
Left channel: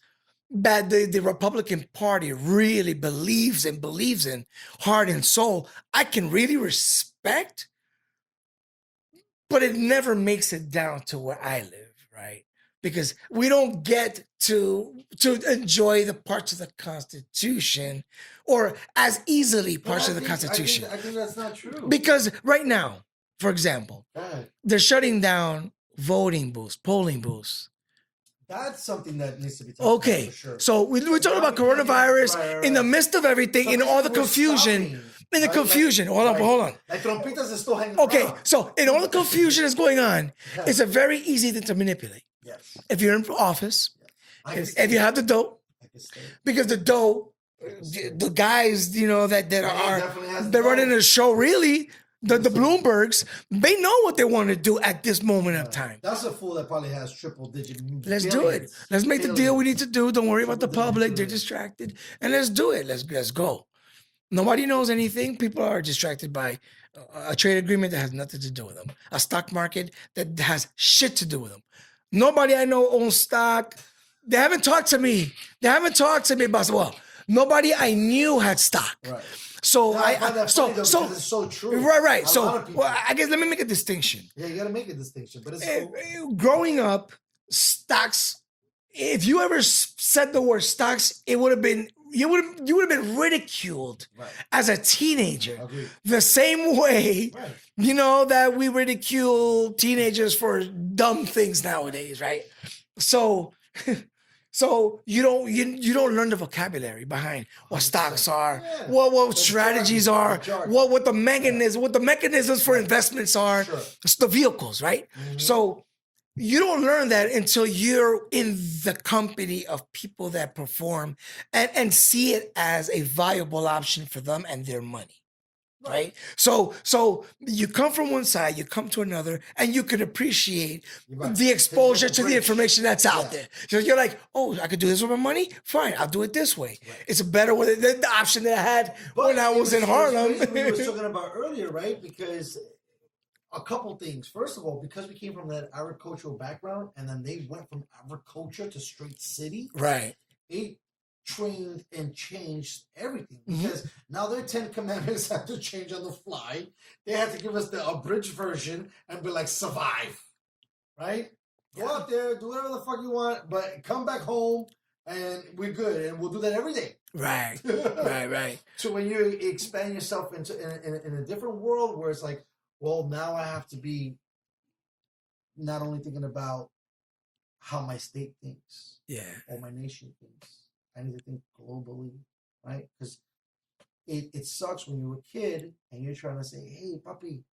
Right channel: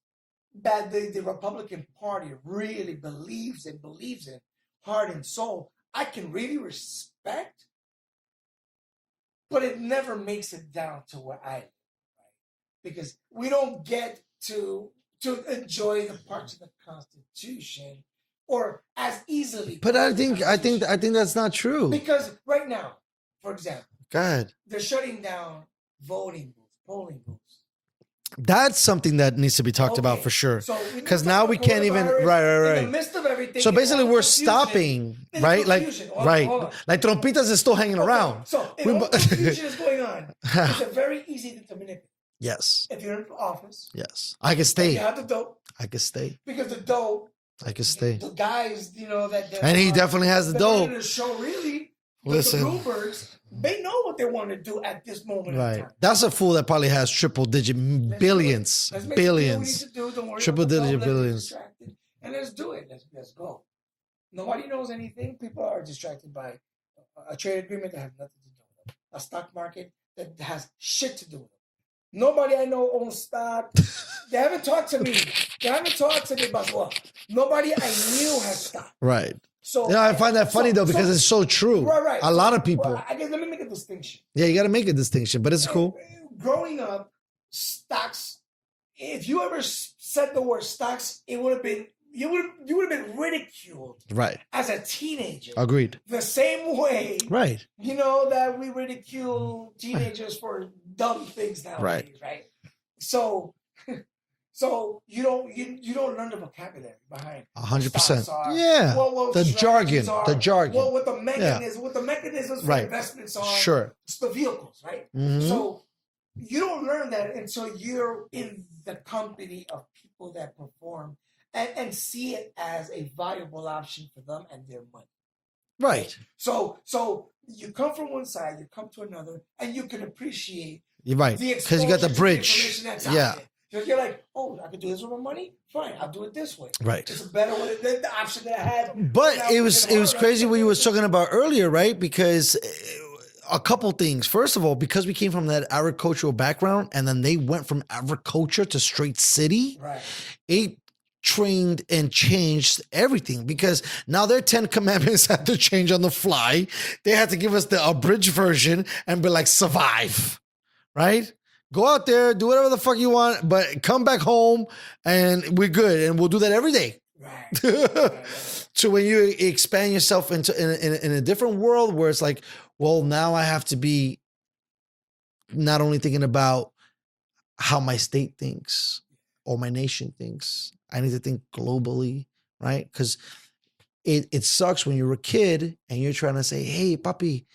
that the Republican Party really believes in heart and soul, I can really respect. But it never makes it down to where I live, right? Because we don't get to enjoy the parts of the Constitution or as easily But parts I of the think Constitution. that's not true. Because right now, for example, Go ahead. they're shutting down voting booths, polling booths That's something that needs to be talked about for sure. So we were 'Cause now talking about we can't even- coronavirus right. in the midst of everything, So in all basically, the we're confusion. stopping. In the right? confusion. Like, Hold on. Like Trompitas is still hanging Okay, around. so in all the confusion that's going on, it's a very easy thing to manipulate. Yes. If you're in office, Yes. I can if stay. you have the dough, I can stay. because the dough, I can stay. the guys, that And he definitely has the they're dough. running the show. Really, the Listen. Bloombergs, they know what they want to do at this moment of Right. time. That's a fool that probably has triple digit Let's billions. do it. Let's make the deal we need billions. to do. Don't worry about the Triple-digit public. They're billions. distracted, and let's do it. Let's go. Nobody knows anything. People are distracted by a trade agreement that has nothing to do with them. A stock market that has shit to do with them. Nobody I know owns stock. They haven't talked to me. Well, nobody I knew had stock. Right. So I find that funny though because it's so true. Right. A lot of people. Well, I guess let me make a distinction. Yeah, you got to make a distinction, but it's cool. Growing up, stocks. If you ever said the word stocks, it would have been you would have been ridiculed Right. as a teenager. Agreed. The same way, Right. that we ridicule teenagers for dumb things nowadays, right? So you don't learn the vocabulary behind what 100%. stocks are, Yeah. what The strategies jargon, are, the jargon. what the mechanisms for Right. investments are, Sure. it's the vehicles, right? Mhm. So you don't learn that until you're in the company of people that perform and see it as a viable option for them and their money. Right. So you come from one side, you come to another, and you can appreciate You're right. the 'Cause you got exposure the to the bridge. information that's out Yeah. there. So you're like, oh, I could do this with my money? Fine, I'll do it this way. Right. It's a better way than the option that I had. But when I it was in crazy Harlem. what you was talking about earlier, right? Because a couple things. First of all, because we came from that agricultural background, and then they went from agriculture to straight city. Right. It trained and changed everything Mm-hmm. because now their 10 commandments had to change on the fly. They had to give us the abridged version and be like, survive, right? Go out there, do whatever the fuck you want, but come back home and we're good. And we'll do that every day. Right. Right. So when you expand yourself into in a different world where it's like, well, now I have to be not only thinking about how my state thinks Yeah. or my nation thinks. I need to think globally, right? Because it sucks when you're a kid and you're trying to say, hey, papi,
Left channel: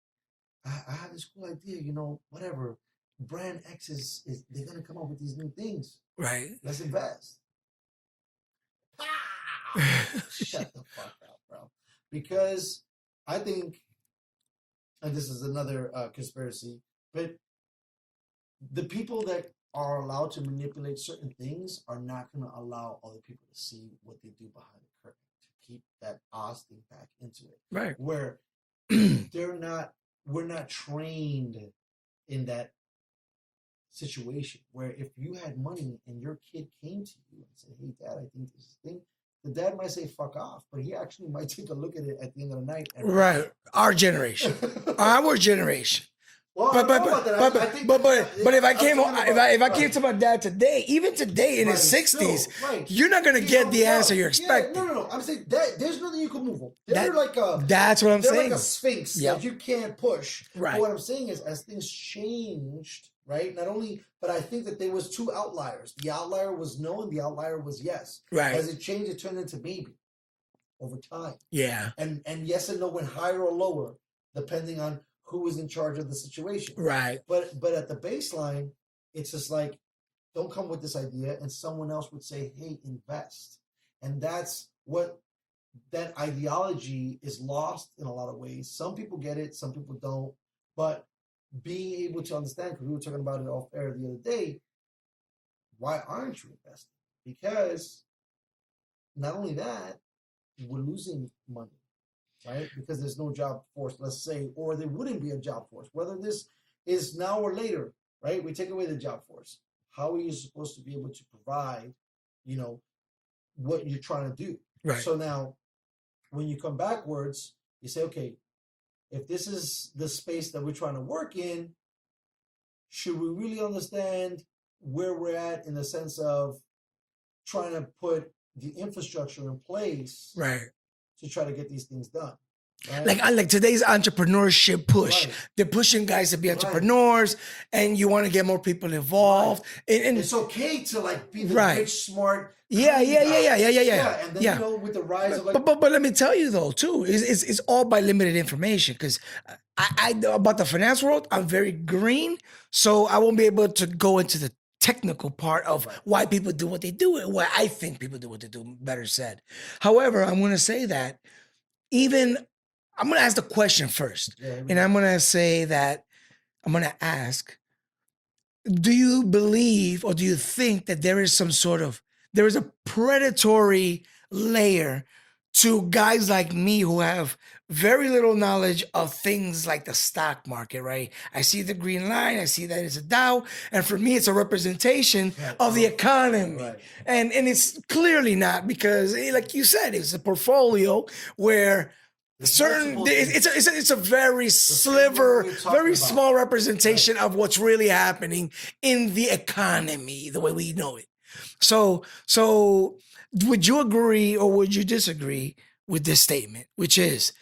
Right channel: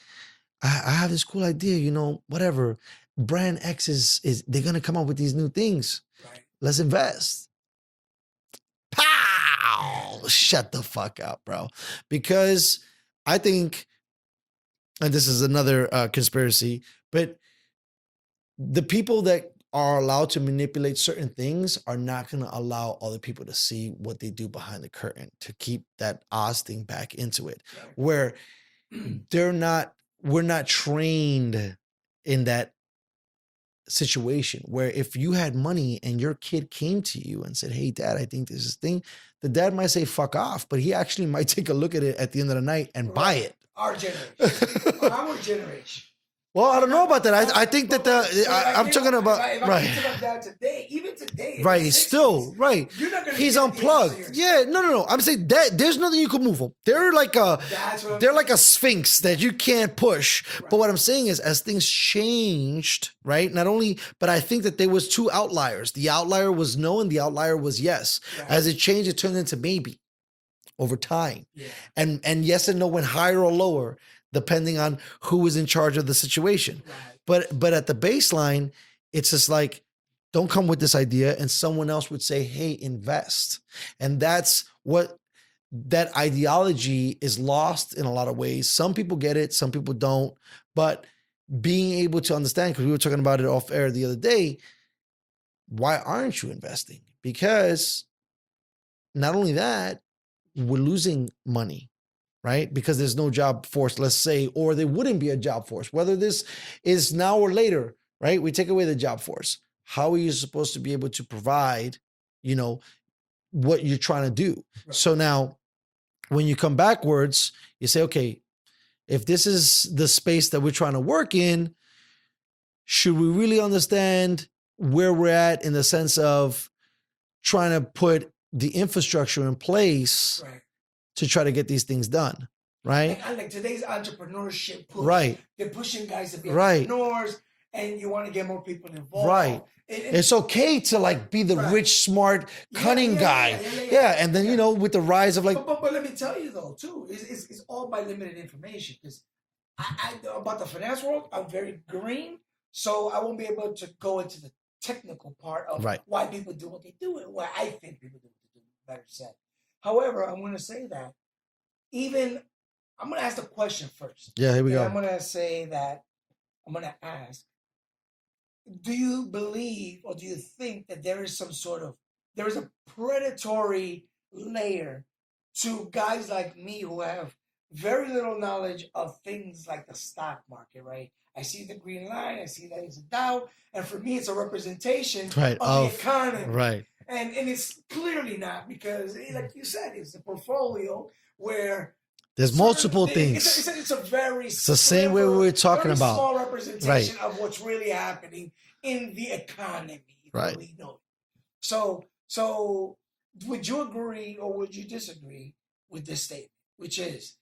I have this cool idea, whatever. Brand X is they're gonna come up with these new things. Right. Let's invest. Pow! Shut the fuck up, bro. Because I think, and this is another conspiracy, but the people that are allowed to manipulate certain things are not going to allow other people to see what they do behind the curtain to keep that Oz thing back into it. Right. Where we're not trained in that situation where if you had money and your kid came to you and said, hey, dad, I think this is thing, the dad might say, fuck off, but he actually might take a look at it at the end of the night and buy it. Our generation. Our generation. Well, I don't know about that. I think that I'm talking about. If I came to my dad today, even today in Right, his 60s, still, right. you're not going to He's get the unplugged. answer you're expecting. Yeah, no. I'm saying that there's nothing you can move them. They're like a. That's what I'm They're saying. like a sphinx that you can't push. Right. But what I'm saying is, as things changed, right? Not only, but I think that there was two outliers. The outlier was no, and the outlier was yes. Right. As it changed, it turned into maybe over time. Yeah. And yes and no went higher or lower depending on who was in charge of the situation. Right. But at the baseline, it's just like, don't come with this idea, and someone else would say, hey, invest. And that's what that ideology is lost in a lot of ways. Some people get it, some people don't. But being able to understand, because we were talking about it off air the other day, why aren't you investing? Because not only that, we're losing money, right? Because there's no job force, let's say, or there wouldn't be a job force. Whether this is now or later, right? We take away the job force. How are you supposed to be able to provide, what you're trying to do? Right. So now, when you come backwards, you say, okay, if this is the space that we're trying to work in, should we really understand where we're at in the sense of trying to put the infrastructure in place Right. to try to get these things done? right? Like today's entrepreneurship push. Right. They're pushing guys to be Right. entrepreneurs, and you want to get more people involved. And It's okay to like be the Right. rich, smart, Yeah, cunning yeah, guy. yeah. And then Yeah. you know, with the rise of like, but let me tell you though too, it's all by limited information because I about the finance world, I'm very green, so I won't be able to go into the technical part of Right. why people do what they do and why I think people do what they do. Better said. However, I'm going to say that even I'm going to ask the question first, yeah, here we and go. I'm going to say that I'm going to ask, do you believe or do you think that there is there is a predatory layer to guys like me who have very little knowledge of things like the stock market, right? I see the green line, I see that it's a Dow, and for me it's a representation Right, of the of- economy. right. And it's clearly not because like you said, it's a portfolio where There's multiple things. It's a very the same way sliver, we were talking very about. small representation of what's really happening in the economy, the way Right. we know it. So would you agree or would you disagree with this statement, which is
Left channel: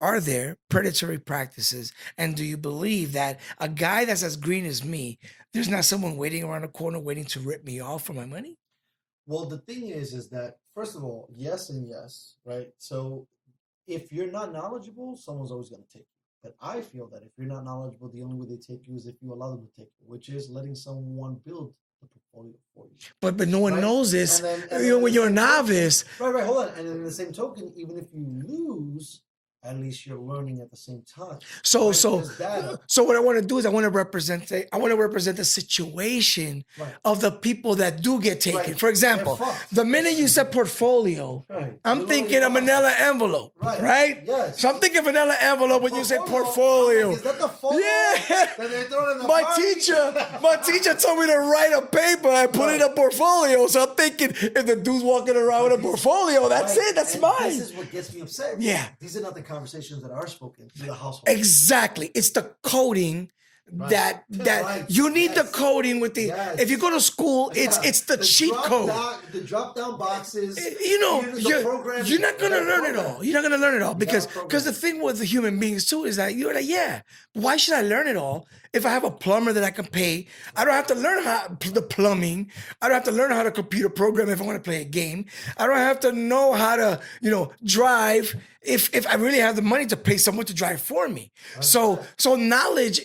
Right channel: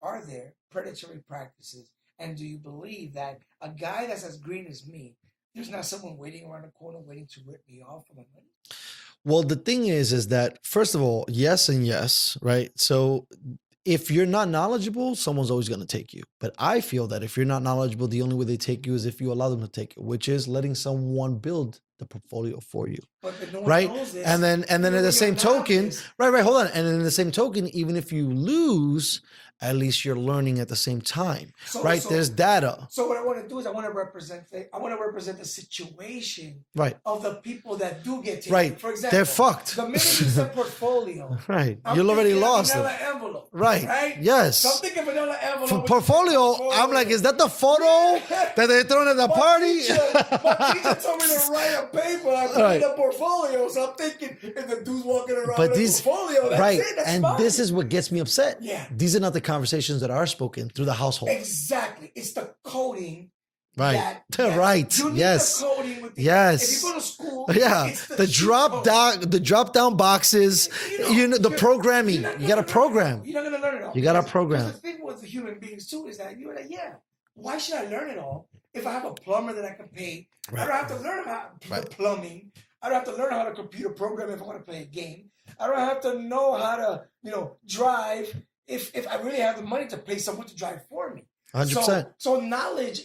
are there predatory practices? And do you believe that a guy that's as green as me, there's not someone waiting around the corner waiting to rip me off for my money? Well, the thing is that first of all, yes and yes, right? So if you're not knowledgeable, someone's always going to take you. But I feel that if you're not knowledgeable, the only way they take you is if you allow them to take you, which is letting someone build the portfolio for you. But no one Right? knows this. And then in when the you're a same token, novice. right, hold on. And in the same token, even if you lose, at least you're learning at the same time. So there's data. So what I want to do is I want to represent the situation Right. of the people that do get taken. Right. For example, They're fucked. the minute you said portfolio, Right. I'm You already thinking a lost vanilla it. envelope. Right. Right? Yes. So I'm thinking vanilla envelope For when you say portfolio, portfolio. I'm like, is that the photo Yeah. that they're throwing at the My party? teacher told me to write a paper and put Right. in a portfolio. So I'm thinking if the dude's walking around But with a these- portfolio, that's right. it. That's and mine. this is what gets me upset. Yeah. These are not the conversations that are spoken through the household. Exactly. It's the coding Right. that Right. you need Yes. the coding with the Yes. if you go to school, Yeah. it's the cheat drop code. down, the drop down boxes. You know, the programming. You're not You gonna gotta learn program. it all. You're not gonna learn it all You gotta because program. the thing with the human beings too is that you're like, yeah, why should I learn it all if I have a plumber that I can pay? I don't have to learn the plumbing. I don't have to learn how to computer program if I want to play a game. I don't have to know how to drive if I really have the money to pay someone to drive for me. 100%. So knowledge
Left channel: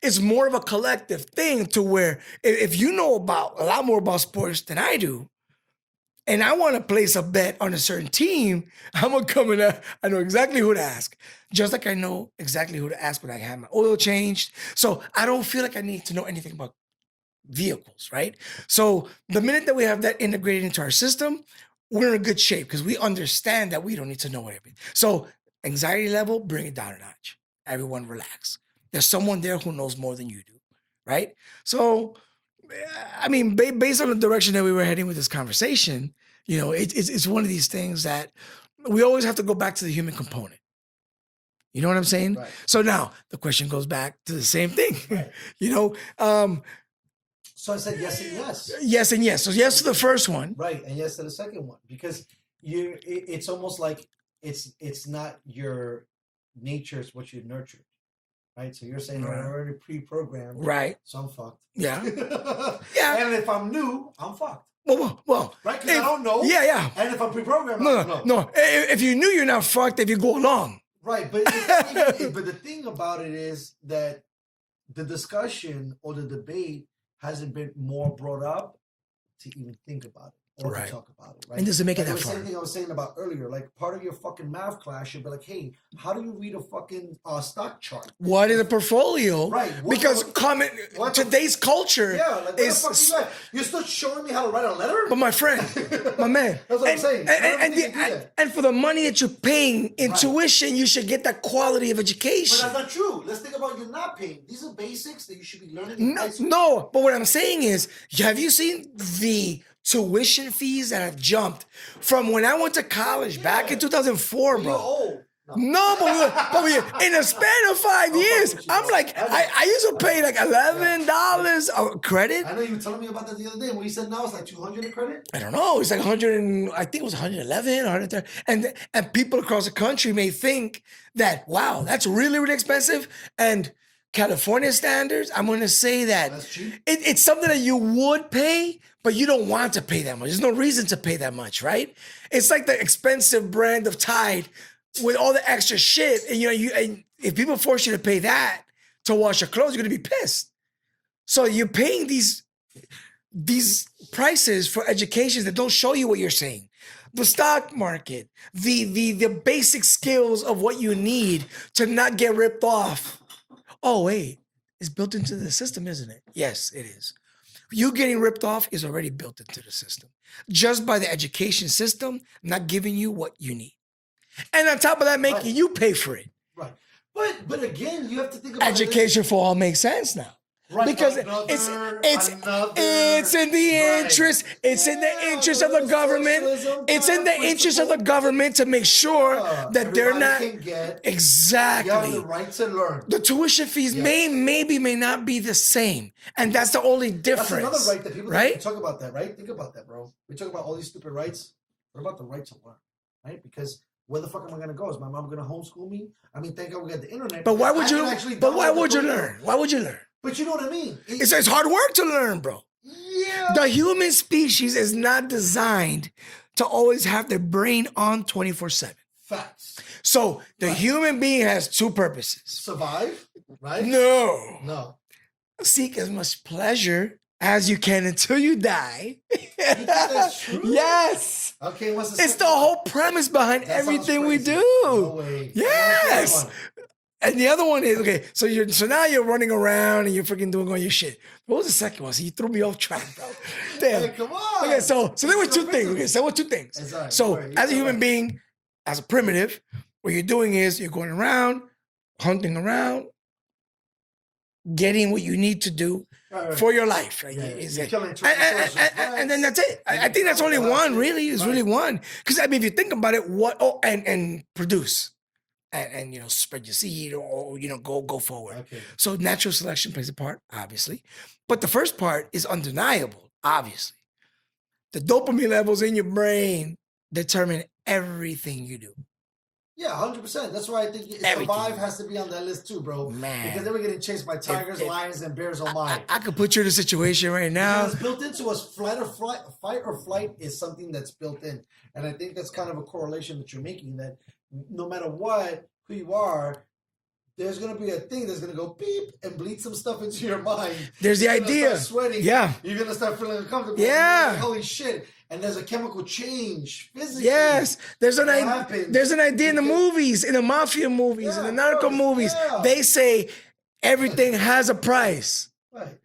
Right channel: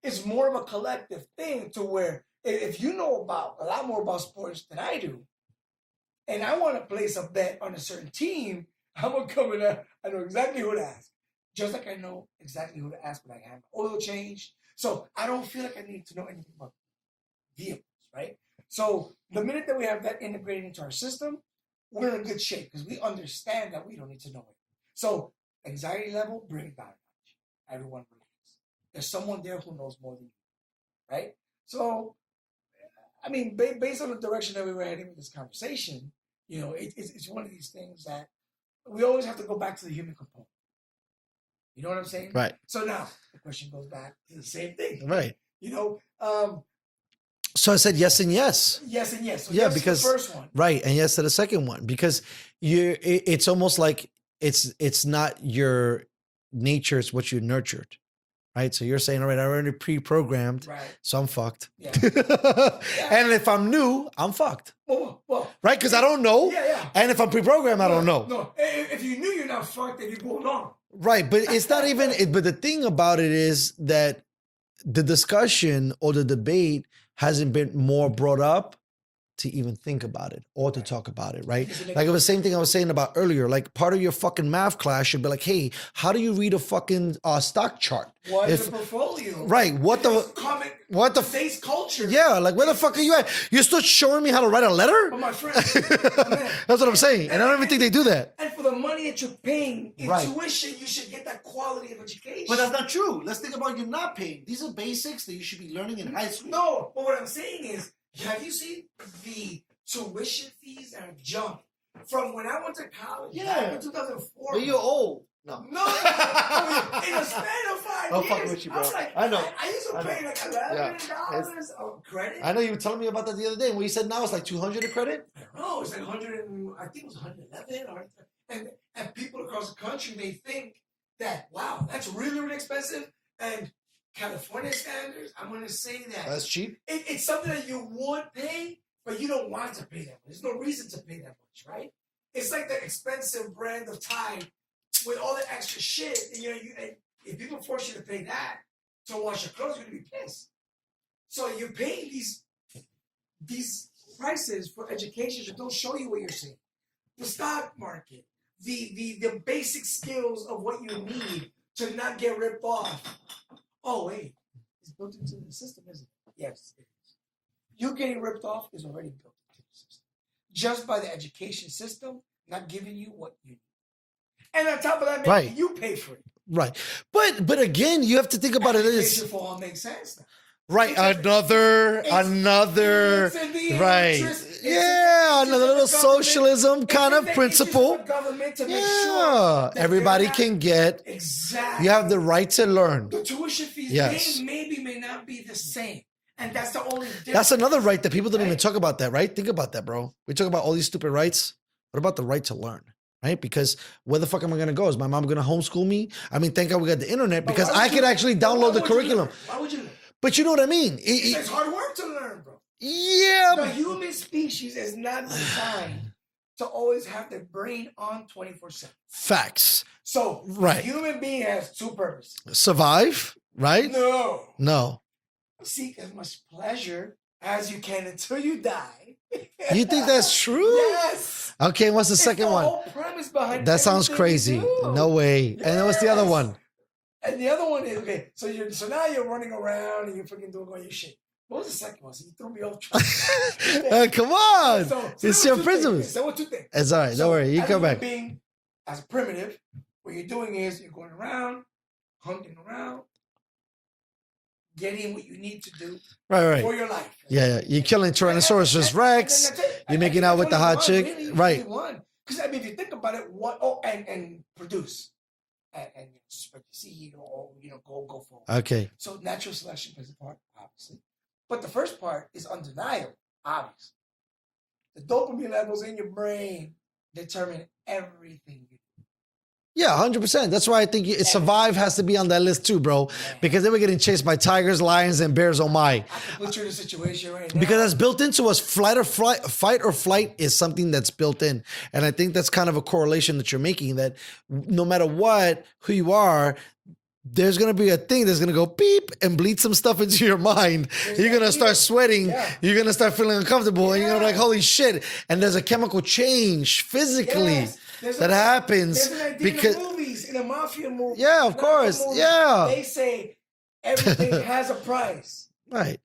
is more of a collective thing to where if you know about a lot more about sports than I do, and I want to place a bet on a certain team, I'm gonna come in. I know exactly who to ask, just like I know exactly who to ask when I have my oil changed. So I don't feel like I need to know anything about vehicles, right? So the minute that we have that integrated into our system, we're in a good shape because we understand that we don't need to know everything. So anxiety level, bring it down a notch. Everyone relax. There's someone there who knows more than you do, right? So, I mean, based on the direction that we were heading with this conversation, it's one of these things that we always have to go back to the human component. You know what I'm saying? Right. So now the question goes back to the same thing. Right. So I said yes and yes. Yes and yes. So Yeah, yes to the because- first one. Right. And yes to the second one. Because it's almost like it's not your nature, it's what you nurtured. Right. So you're saying, all right, I'm already pre-programmed. Right. So I'm fucked. Yeah. And if I'm new, I'm fucked. Well, Right? Because I don't know. Yeah. And if I'm pre-programmed, I don't know. No. If you knew, you're not fucked if you go along. Right. But it's not even, but the thing about it is that the discussion or the debate hasn't been more brought up to even think about it or Right. to talk about it, right? Does it make Like it it was that the same far? thing I was saying about earlier. Like part of your fucking math class should be like, hey, how do you read a fucking stock chart? What is If- a portfolio? Right, what because the- what the- today's culture. Yeah, like where the is- fuck are you at? You're still showing me how to write a letter? But my friend, my man. That's what I'm saying. And I don't even think they do that. And for the money that you're paying in Right. tuition, you should get that quality of education. But that's not true. Let's think about you not paying. These are basics that you should be learning in high school. No, but what I'm saying is, have you seen the tuition fees that have jumped from when I went to college back in 2004, You're bro? old. No, but in a span of 5 I'm years, fucking with you, I'm bro. like, I know. I used to pay like $11 credit. I know you were telling me about that the other day. When you said now it's like 200 a credit. I don't know. It's like 100 and I think it was 111, 130. And people across the country may think that, wow, that's really, really expensive. And California standards, I'm going to say that That's cheap. it's something that you would pay, but you don't want to pay that much. There's no reason to pay that much, right? It's like the expensive brand of Tide with all the extra shit. And and if people force you to pay that to wash your clothes, you're going to be pissed. So you're paying these prices for education that don't show you what you're saying. The stock market, the basic skills of what you need to not get ripped off. Oh, wait, it's built into the system, isn't it? Yes, it is. You getting ripped off is already built into the system. Just by the education system not giving you what you need. And on top of that, making you pay for it. Right. But again, you have to think about Education for all makes sense now. Right, Because another. It's in the interest. It's in the interest of the government. Socialism It's kind in of the principle. interest of the government to make sure that everybody they're not, can get. exactly. You have the right to learn. The tuition fees may not be the same, and that's the only difference. That's another right that people don't even right? talk about. That right? Think about that, bro. We talk about all these stupid rights. What about the right to learn? Right? Because where the fuck am I gonna go? Is my mom gonna homeschool me? I mean, thank God we got the internet But because why I would could you- actually but download the Why would you curriculum. learn? Why would you learn? But you know what I mean? It's hard work to learn, bro. Yeah. The human species is not designed to always have their brain on 24/7. Facts. So the human being has two purposes. Survive, right? No. Seek as much pleasure as you can until you die. You think that's true? Yes. Okay, what's the It's second the one? whole premise behind That sounds everything crazy. we do. No way. And what's the other Yes. one? And the other one is okay. So now you're running around and you're freaking doing all your shit. What was the second one? So you threw me off track. Damn. Come on. Okay, so there It's were your two principle. things. There were two things. It's all right. So Don't worry. You as a come human back. being, as a primitive, what you're doing is you're going around, hunting around, getting what you need to do Right. for your life. Yeah, you're killing Tyrannosaurus Rex. And then that's it. You're I think making out that's with only the hot one, chick. really. It's Right. really one. Because I mean, if you think about it, and produce. And spread your seed or go forward. Okay. So natural selection plays a part, obviously. But the first part is undeniable, obviously. The dopamine levels in your brain determine everything you do. Yeah, 100%. That's why I think survive has to be on that list too, bro. Man. Because they were getting chased by tigers, lions, and bears. Oh my! I could put you in a situation right now. Because it's built into us. Fight or flight is something that's built in, and I think that's kind of a correlation that you're making. That no matter who you are, there's gonna be a thing that's gonna go beep and bleed some stuff into your mind. There's You're the gonna idea. start sweating. Yeah. You're gonna start feeling uncomfortable. And Yeah. you're like, holy shit! And there's a chemical change physically Yes, that happens. There's an idea in the movies, in the mafia movies, Yeah, in the of narco course, movies. yeah. They say everything has a price. Right.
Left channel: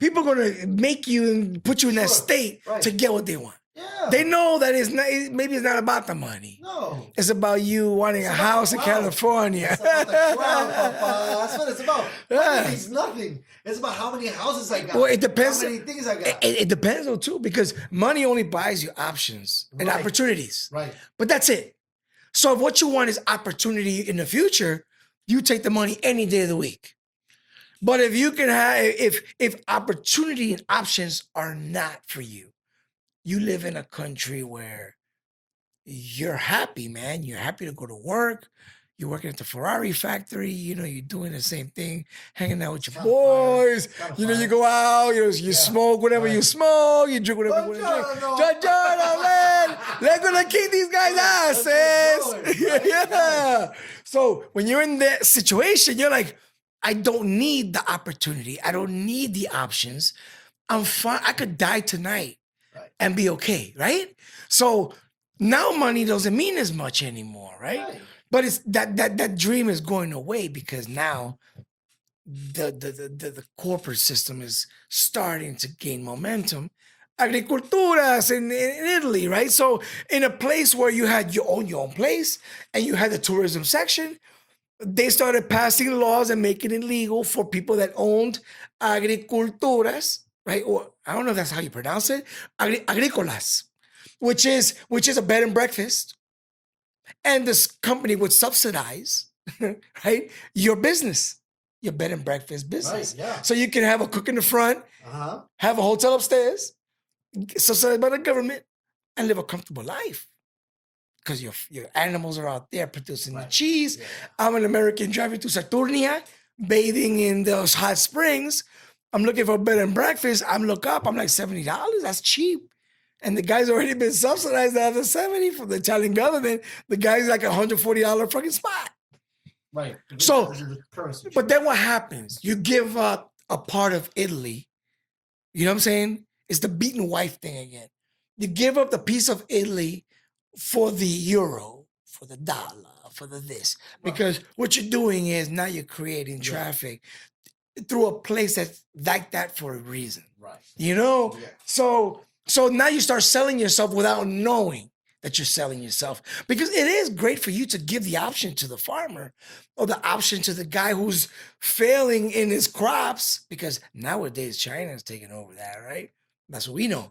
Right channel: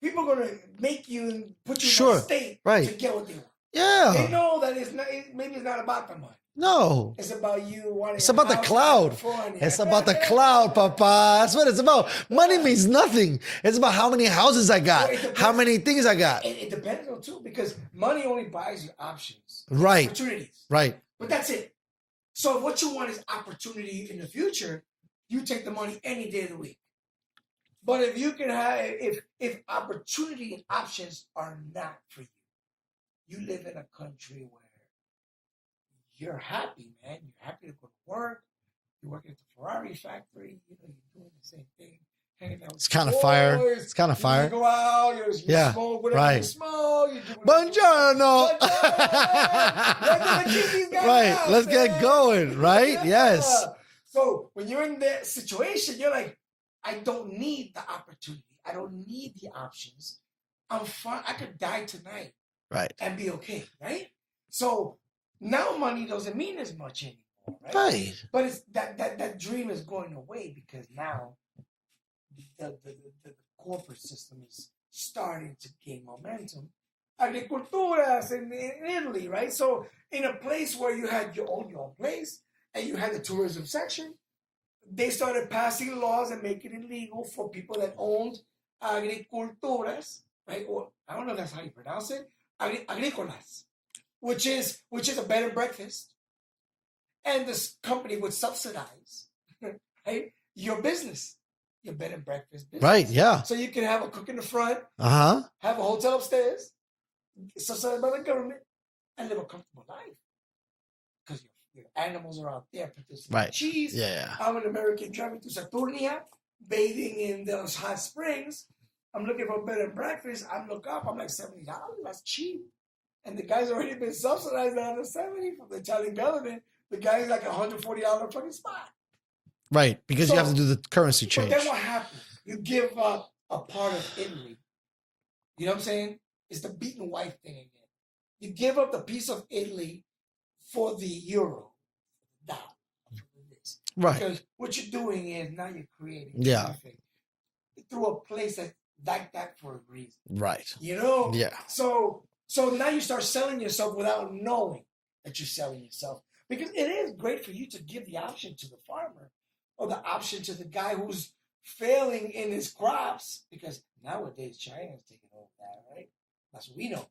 People are gonna make you and put you in that Sure, state right. to get what they want. Yeah. They know that it's not. Maybe it's not about the money. No. It's about you wanting It's a about house the in cloud. California. It's about the cloud, papa. That's what it's about. Money Yeah. means nothing. It's about how many houses I got. Well, it depends. How many things I got. It depends though too, because money only buys you options and Right. opportunities. Right. But that's it. So if what you want is opportunity in the future, you take the money any day of the week. But if you can have, if opportunity and options are not for you, you live in a country where you're happy, man. You're happy to go to work. You're working at the Ferrari factory. You're doing the same thing, hanging out with your kinda boys. fire. It's kinda You fire. go out. You Yeah, smoke whatever you right. smoke. You drink whatever. Buongiorno. Buongiorno, man. Let's keep these guys Right, let's get going, right? Yes. So when you're in that situation, you're like, I don't need the opportunity. I don't need the options. I'm fine. I could die tonight Right. and be okay, right? So now money doesn't mean as much anymore, right? Right. But it's that dream is going away because now the corporate system is starting to gain momentum. Agriculturas in Italy, right? So in a place where you had your own place and you had the tourism section, they started passing laws and making it legal for people that owned agriculturas, right? Or I don't know if that's how you pronounce it, agricolas, which is a bed and breakfast. and this company would subsidize, right, your business, your bed and breakfast business. Right, yeah. So you can have a cook in the front, have a hotel upstairs, subsidized by the government, and live a comfortable life. Because your animals are out there producing cheese. Yeah. I'm an American driving to Saturnia, bathing in those hot springs. I'm looking for a bed and breakfast. I'm look up. I'm like $70. That's cheap. And the guy's already been subsidized out of 70 from the Italian government. The guy's like $140 fucking spot. Right, because you have to do the currency change. But then what happens? You give up a part of Italy. You know what I'm saying? It's the beaten wife thing again. You give up the piece of Italy for the euro, for the dollar, for the this. Right. Because what you're doing is now you're creating traffic through a place that's like that for a reason. Right. You know? Yeah. So now you start selling yourself without knowing that you're selling yourself. Because it is great for you to give the option to the farmer or the option to the guy who's failing in his crops. Because nowadays China is taking over that, right? That's what we know.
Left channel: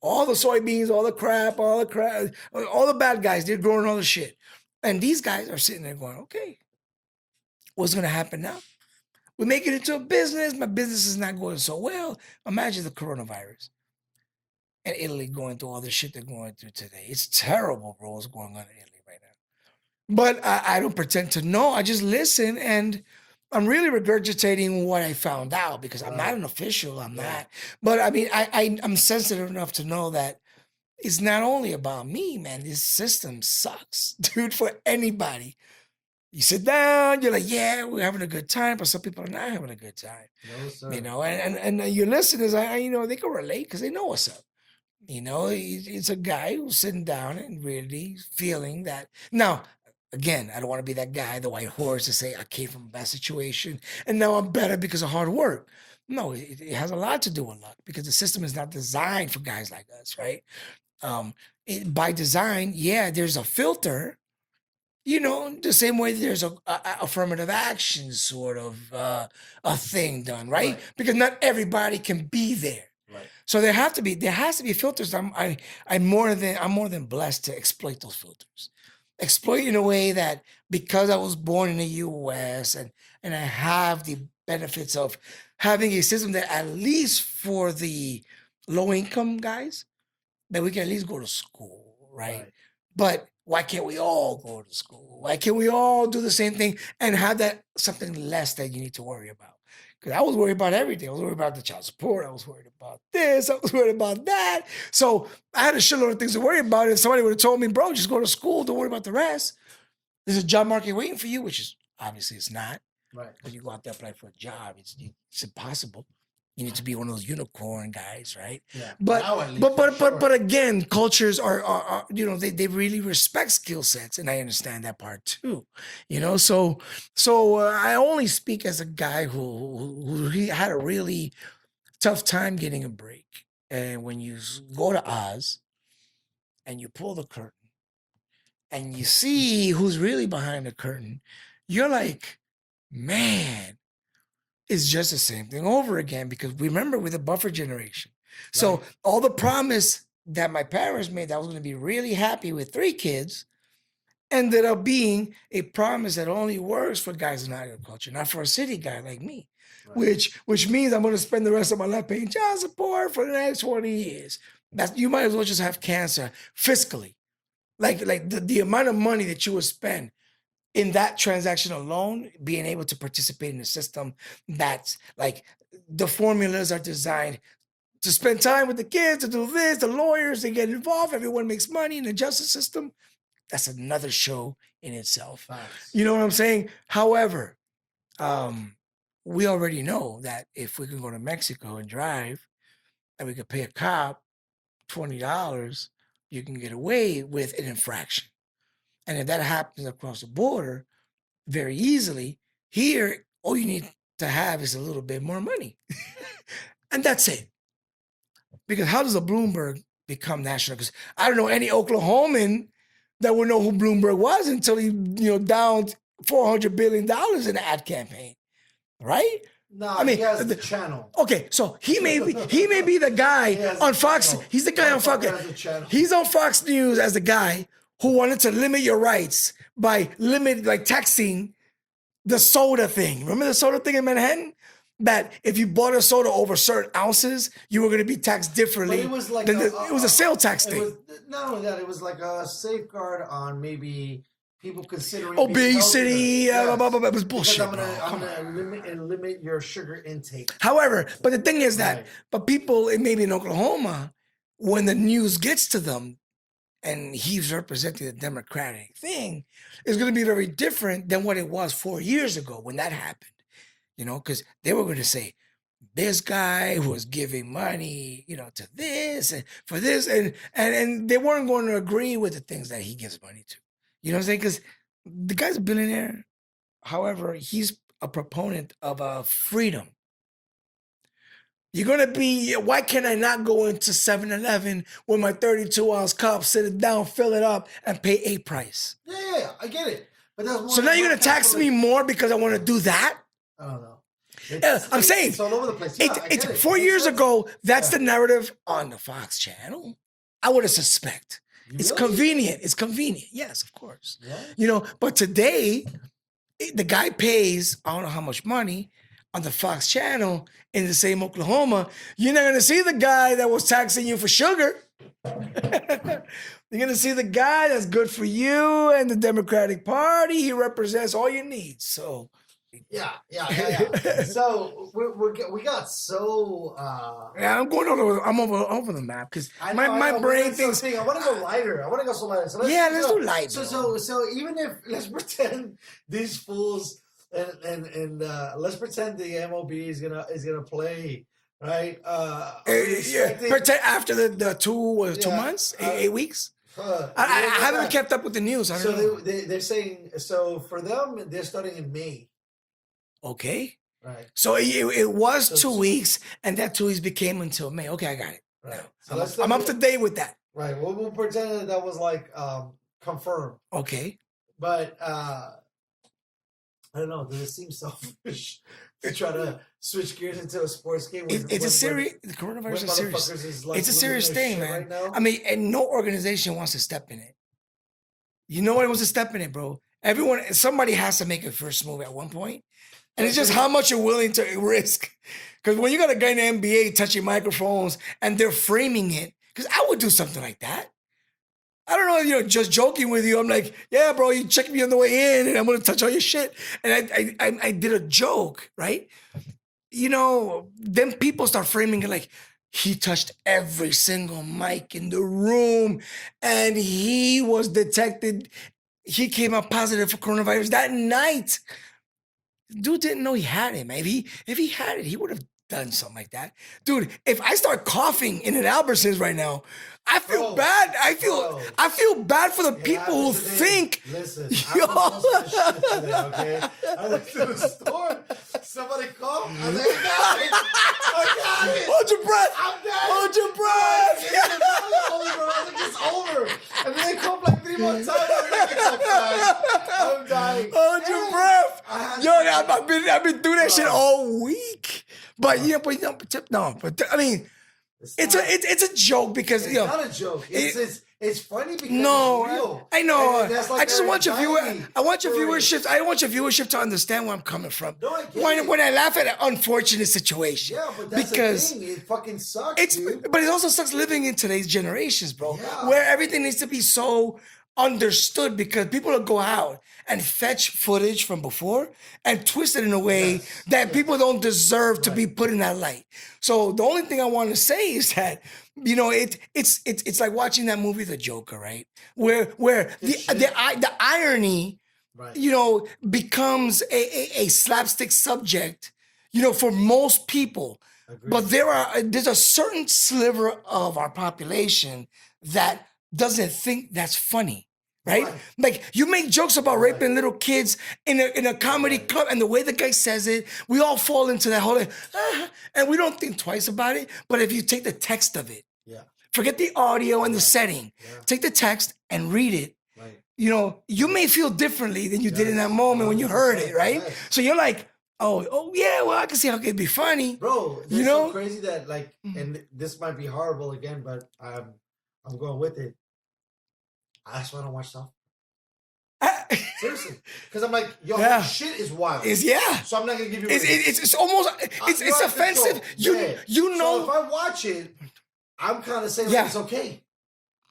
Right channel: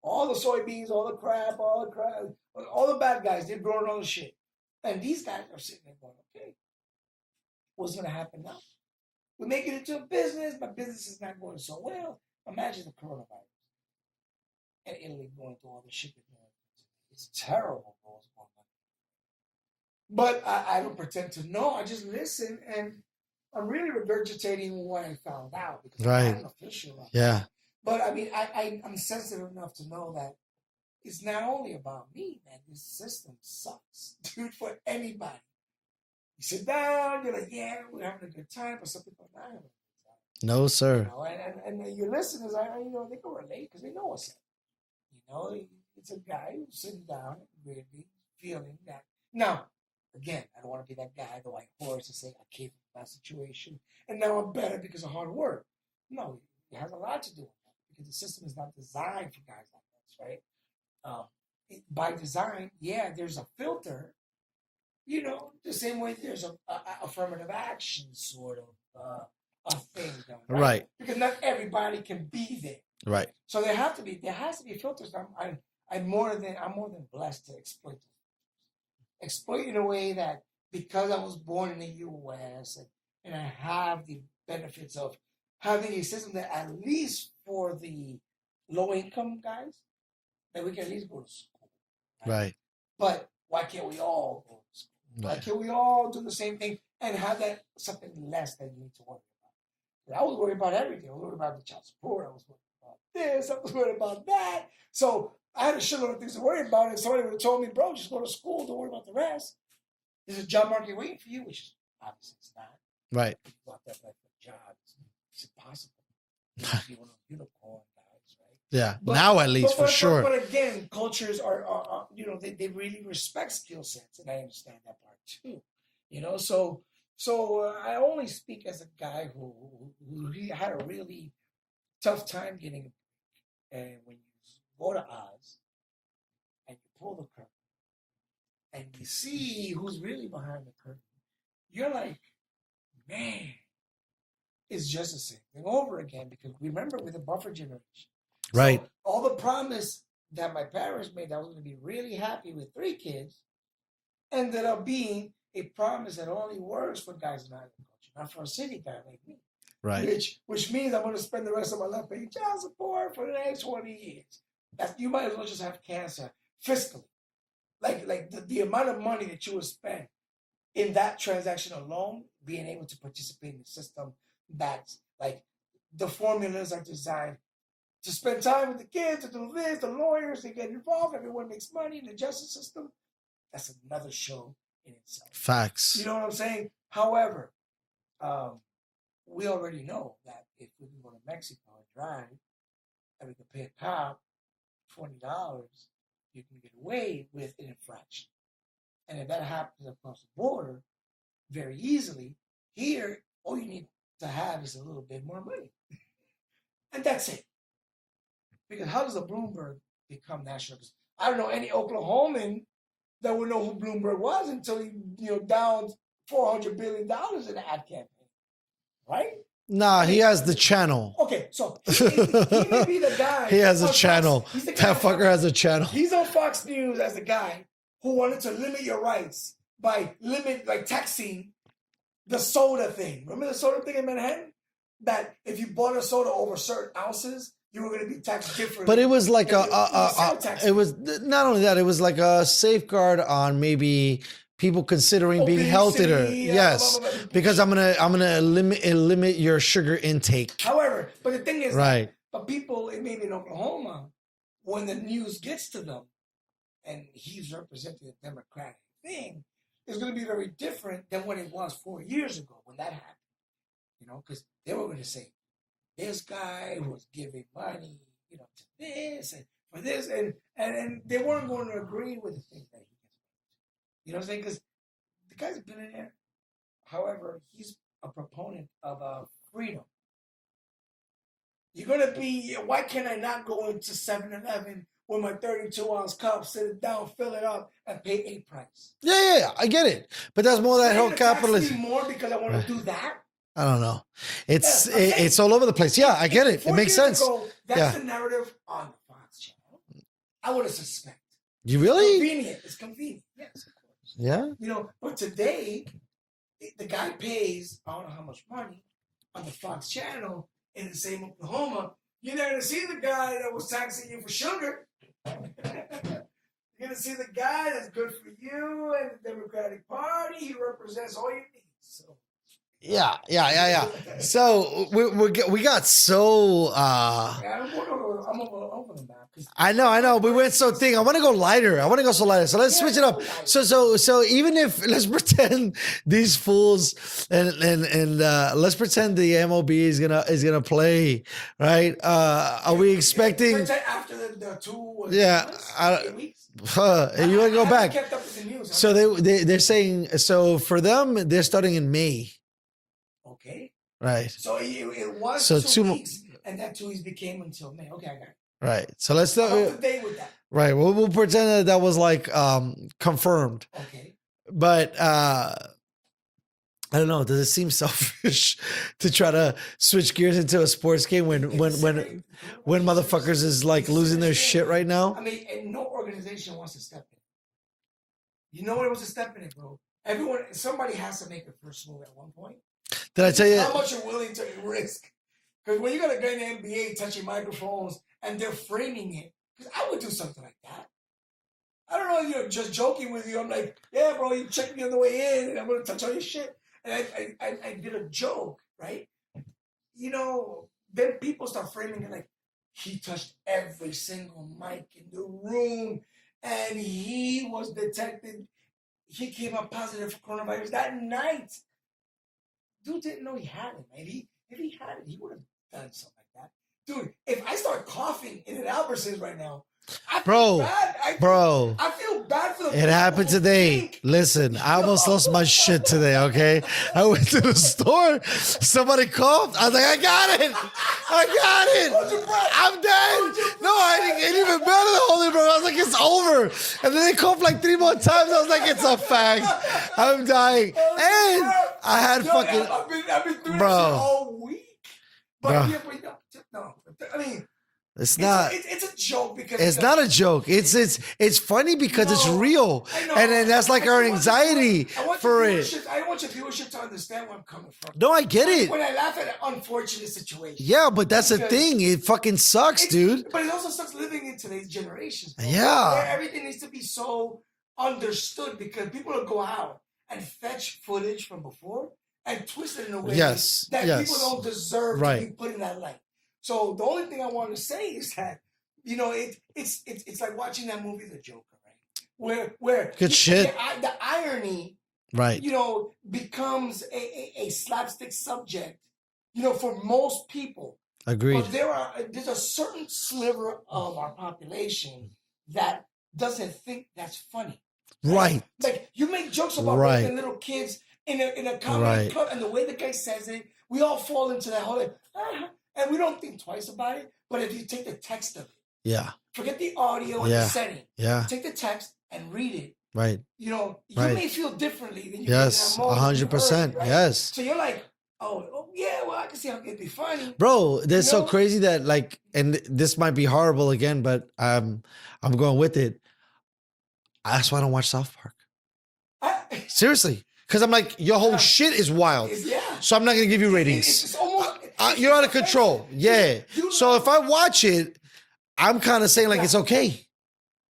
All the soybeans, all the crap, all the bad guys, they're growing all the shit. And these guys are sitting there going, okay, what's going to happen now? We make it into a business. My business is not going so well. Imagine the coronavirus and Italy going through all the shit they're going through today. It's terrible, bro, what's going on in Italy right now. But I don't pretend to know. I just listen, and I'm really regurgitating what I found out because I'm not an official. I'm not. But I mean, I'm sensitive enough to know that it's not only about me, man. This system sucks, dude, for anybody. You sit down, you're like, yeah, we're having a good time, but some people are not having a good time. No, sir. You know, and your listeners, you know, they can relate because they know what's up. You know, it's a guy who's sitting down and really feeling that. Now, again, I don't want to be that guy, the white horse, to say I came from a bad situation and now I'm better because of hard work. No, it has a lot to do with luck because the system is not designed for guys like us, right? By design, there's a filter, you know, the same way there's a affirmative action sort of a thing done, right? Because not everybody can be there. Right. So there has to be filters. I'm more than blessed to exploit those filters. Exploit in a way that because I was born in the US and I have the benefits of having a system that at least for the low income guys, that we can at least go to school, right? But why can't we all go to school? Why can't we all do the same thing and have that something less that you need to worry about? Because I was worried about everything. I was worried about the child support. I was worried about this. I was worried about that. So I had a shitload of things to worry about. And somebody would have told me, bro, just go to school. Don't worry about the rest. There's a job market waiting for you, which is obviously it's not. Right. When you go out there apply for a job, it's impossible. You need to be one of those unicorn guys, right? Yeah. But, now at least for sure. But again, cultures are you know, they really respect skill sets, and I understand that part too. You know, so I only speak as a guy who he had a really tough time getting a break. And when you go to Oz and you pull the curtain and you see who's really behind the curtain, you're like, man, it's just the same thing over again, because remember, we're the buffer generation. Right. So all the promise that my parents made that I was going to be really happy with 3 kids ended up being a promise that only works for guys in agriculture, not for a city guy like me. Right. Which means I'm going to spend the rest of my life paying child support for the next 20 years. You might as well just have cancer fiscally. Like the amount of money that you would spend in that transaction alone, being able to participate in a system that's like the formulas are designed to spend time with the kids, to do this, the lawyers, they get involved, everyone makes money in the justice system. That's another show in itself. Facts. You know what I'm saying? However, we already know that if we can go to Mexico and drive and we could pay a cop $20, you can get away with an infraction. And if that happens across the border very easily, here, all you need to have is a little bit more money. And that's it. Because how does a Bloomberg become national? Because I don't know any Oklahoman that would know who Bloomberg was until he, downed $400 billion in an ad campaign, right? Nah, he has the channel. Okay, so he may be the guy. He has a channel. Fox. He's the guy on Fox. Has a channel. He's on Fox News as the guy who wanted to limit your rights by taxing the soda thing. Remember the soda thing in Manhattan? That if you bought a soda over certain ounces, you were going to be taxed differently. But it was like it was a sale tax. It was not only that; it was like a safeguard on maybe people considering being healthier. Yes, blah, blah, blah. It was because bullshit. I'm gonna limit your sugar intake. However, but the thing is Right. but people, maybe in Oklahoma, when the news gets to them, and he's representing the Democratic thing, is going to be very different than what it was 4 years ago when that happened. You know, because they were going to say, this guy who was giving money, to this and for this, and they weren't going to agree with the things that he gives money to. You know what I'm saying? Because the guy's a billionaire. However, he's a proponent of freedom. You're going to be, why can't I not go into 7-Eleven with my 32-ounce cup, sit it down, fill it up, and pay a price? Yeah, I get it. But that's more So than now you're going to tax me more because I want to do that? I don't know. It's I'm saying, it's all over the place. Yeah, I get it. 4 makes years sense. ago, that's the narrative on the Fox channel. I would have suspect. You It's really? convenient. It's convenient. Yes, of course. Yeah. But today, the guy pays, I don't know how much money, on the Fox channel in the same Oklahoma. You're not going to see the guy that was taxing you for sugar. You're going to see the guy that's good for you and the Democratic Party. He represents all your needs. So... Yeah. So we got so. Yeah, I'm going over the map because I know. But it's so thing. I want to go lighter. I want to go so lighter. So let's switch it up. Light, so even if let's pretend these fools and let's pretend the MLB is gonna play, right? Are we expecting after the 2 months, 8 weeks? I haven't kept up with the news. So they're saying for them they're starting in May. Okay. Right. So it was 2 weeks, and that 2 weeks became until May. Okay, I got it. Right. So let's. I'm up to date with that. Right. We'll pretend that was like confirmed. Okay. But I don't know. Does it seem selfish to try to switch gears into a sports game when motherfuckers is like losing their shit right now? I mean, and no organization wants to step in it. You know what wants to step in it, bro? Somebody has to make a first move at one point. And it's just how much you're willing to risk. Because when you got a guy in the NBA touching microphones and they're framing it, because I would do something like that. I don't know, just joking with you. I'm like, yeah, bro, you checked me on the way in and I'm going to touch all your shit. And I did a joke, right? Then people start framing it like, he touched every single mic in the room and he was detected. He came out positive for coronavirus that night. Dude didn't know he had it, man. If he had it, he would have done something like that. Dude, if I start coughing in an Albertsons right now, I feel bad. I feel bad for the people happened today. Think. Listen, I almost lost my shit today, okay? I went to the store. Somebody coughed. I was like, I got it. Hold your breath. I'm dead. Hold your breath. No, I didn't even better than holding breath. I was like, it's over. And then they coughed like 3 more times. I was like, it's a fact. I'm dying. Hold your breath. I had I've been doing that shit all week. But I mean, it's a joke because it's not a joke. It's funny because it's real. I know, and that's like our anxiety. I want your viewership to understand where I'm coming from. No, I get it. When I laugh at an unfortunate situation. Yeah, but that's the thing. It fucking sucks, dude. But it also sucks living in today's generations, bro. Yeah, where everything needs to be so understood because people will go out and fetch footage from before and twist it in a way that people don't deserve to be put in that light. So the only thing I want to say is that, it's like watching that movie, The Joker, right? Where the irony, becomes a slapstick subject, for most people. Agreed. But there's a certain sliver of our population that doesn't think that's funny. Right? Like you make jokes about raping little kids in a comedy club, and the way the guy says it, we all fall into that whole and we don't think twice about it. But if you take the text of it, forget the audio and the setting, take the text and read it. Right. You may feel differently than you did in that moment when you heard it, right? Yes. So you're like, oh yeah, well, I can see how it could be funny. Bro, that's so crazy that and this might be horrible again, but I'm going with it. That's why I don't watch South Park. I- Seriously, because I'm like, your Yeah. whole shit is wild. yeah. So I'm not gonna give you ratings. It's almost You're it's out of control. offensive. Yeah. You know. So if I watch it, I'm kind of saying like Yeah. it's okay.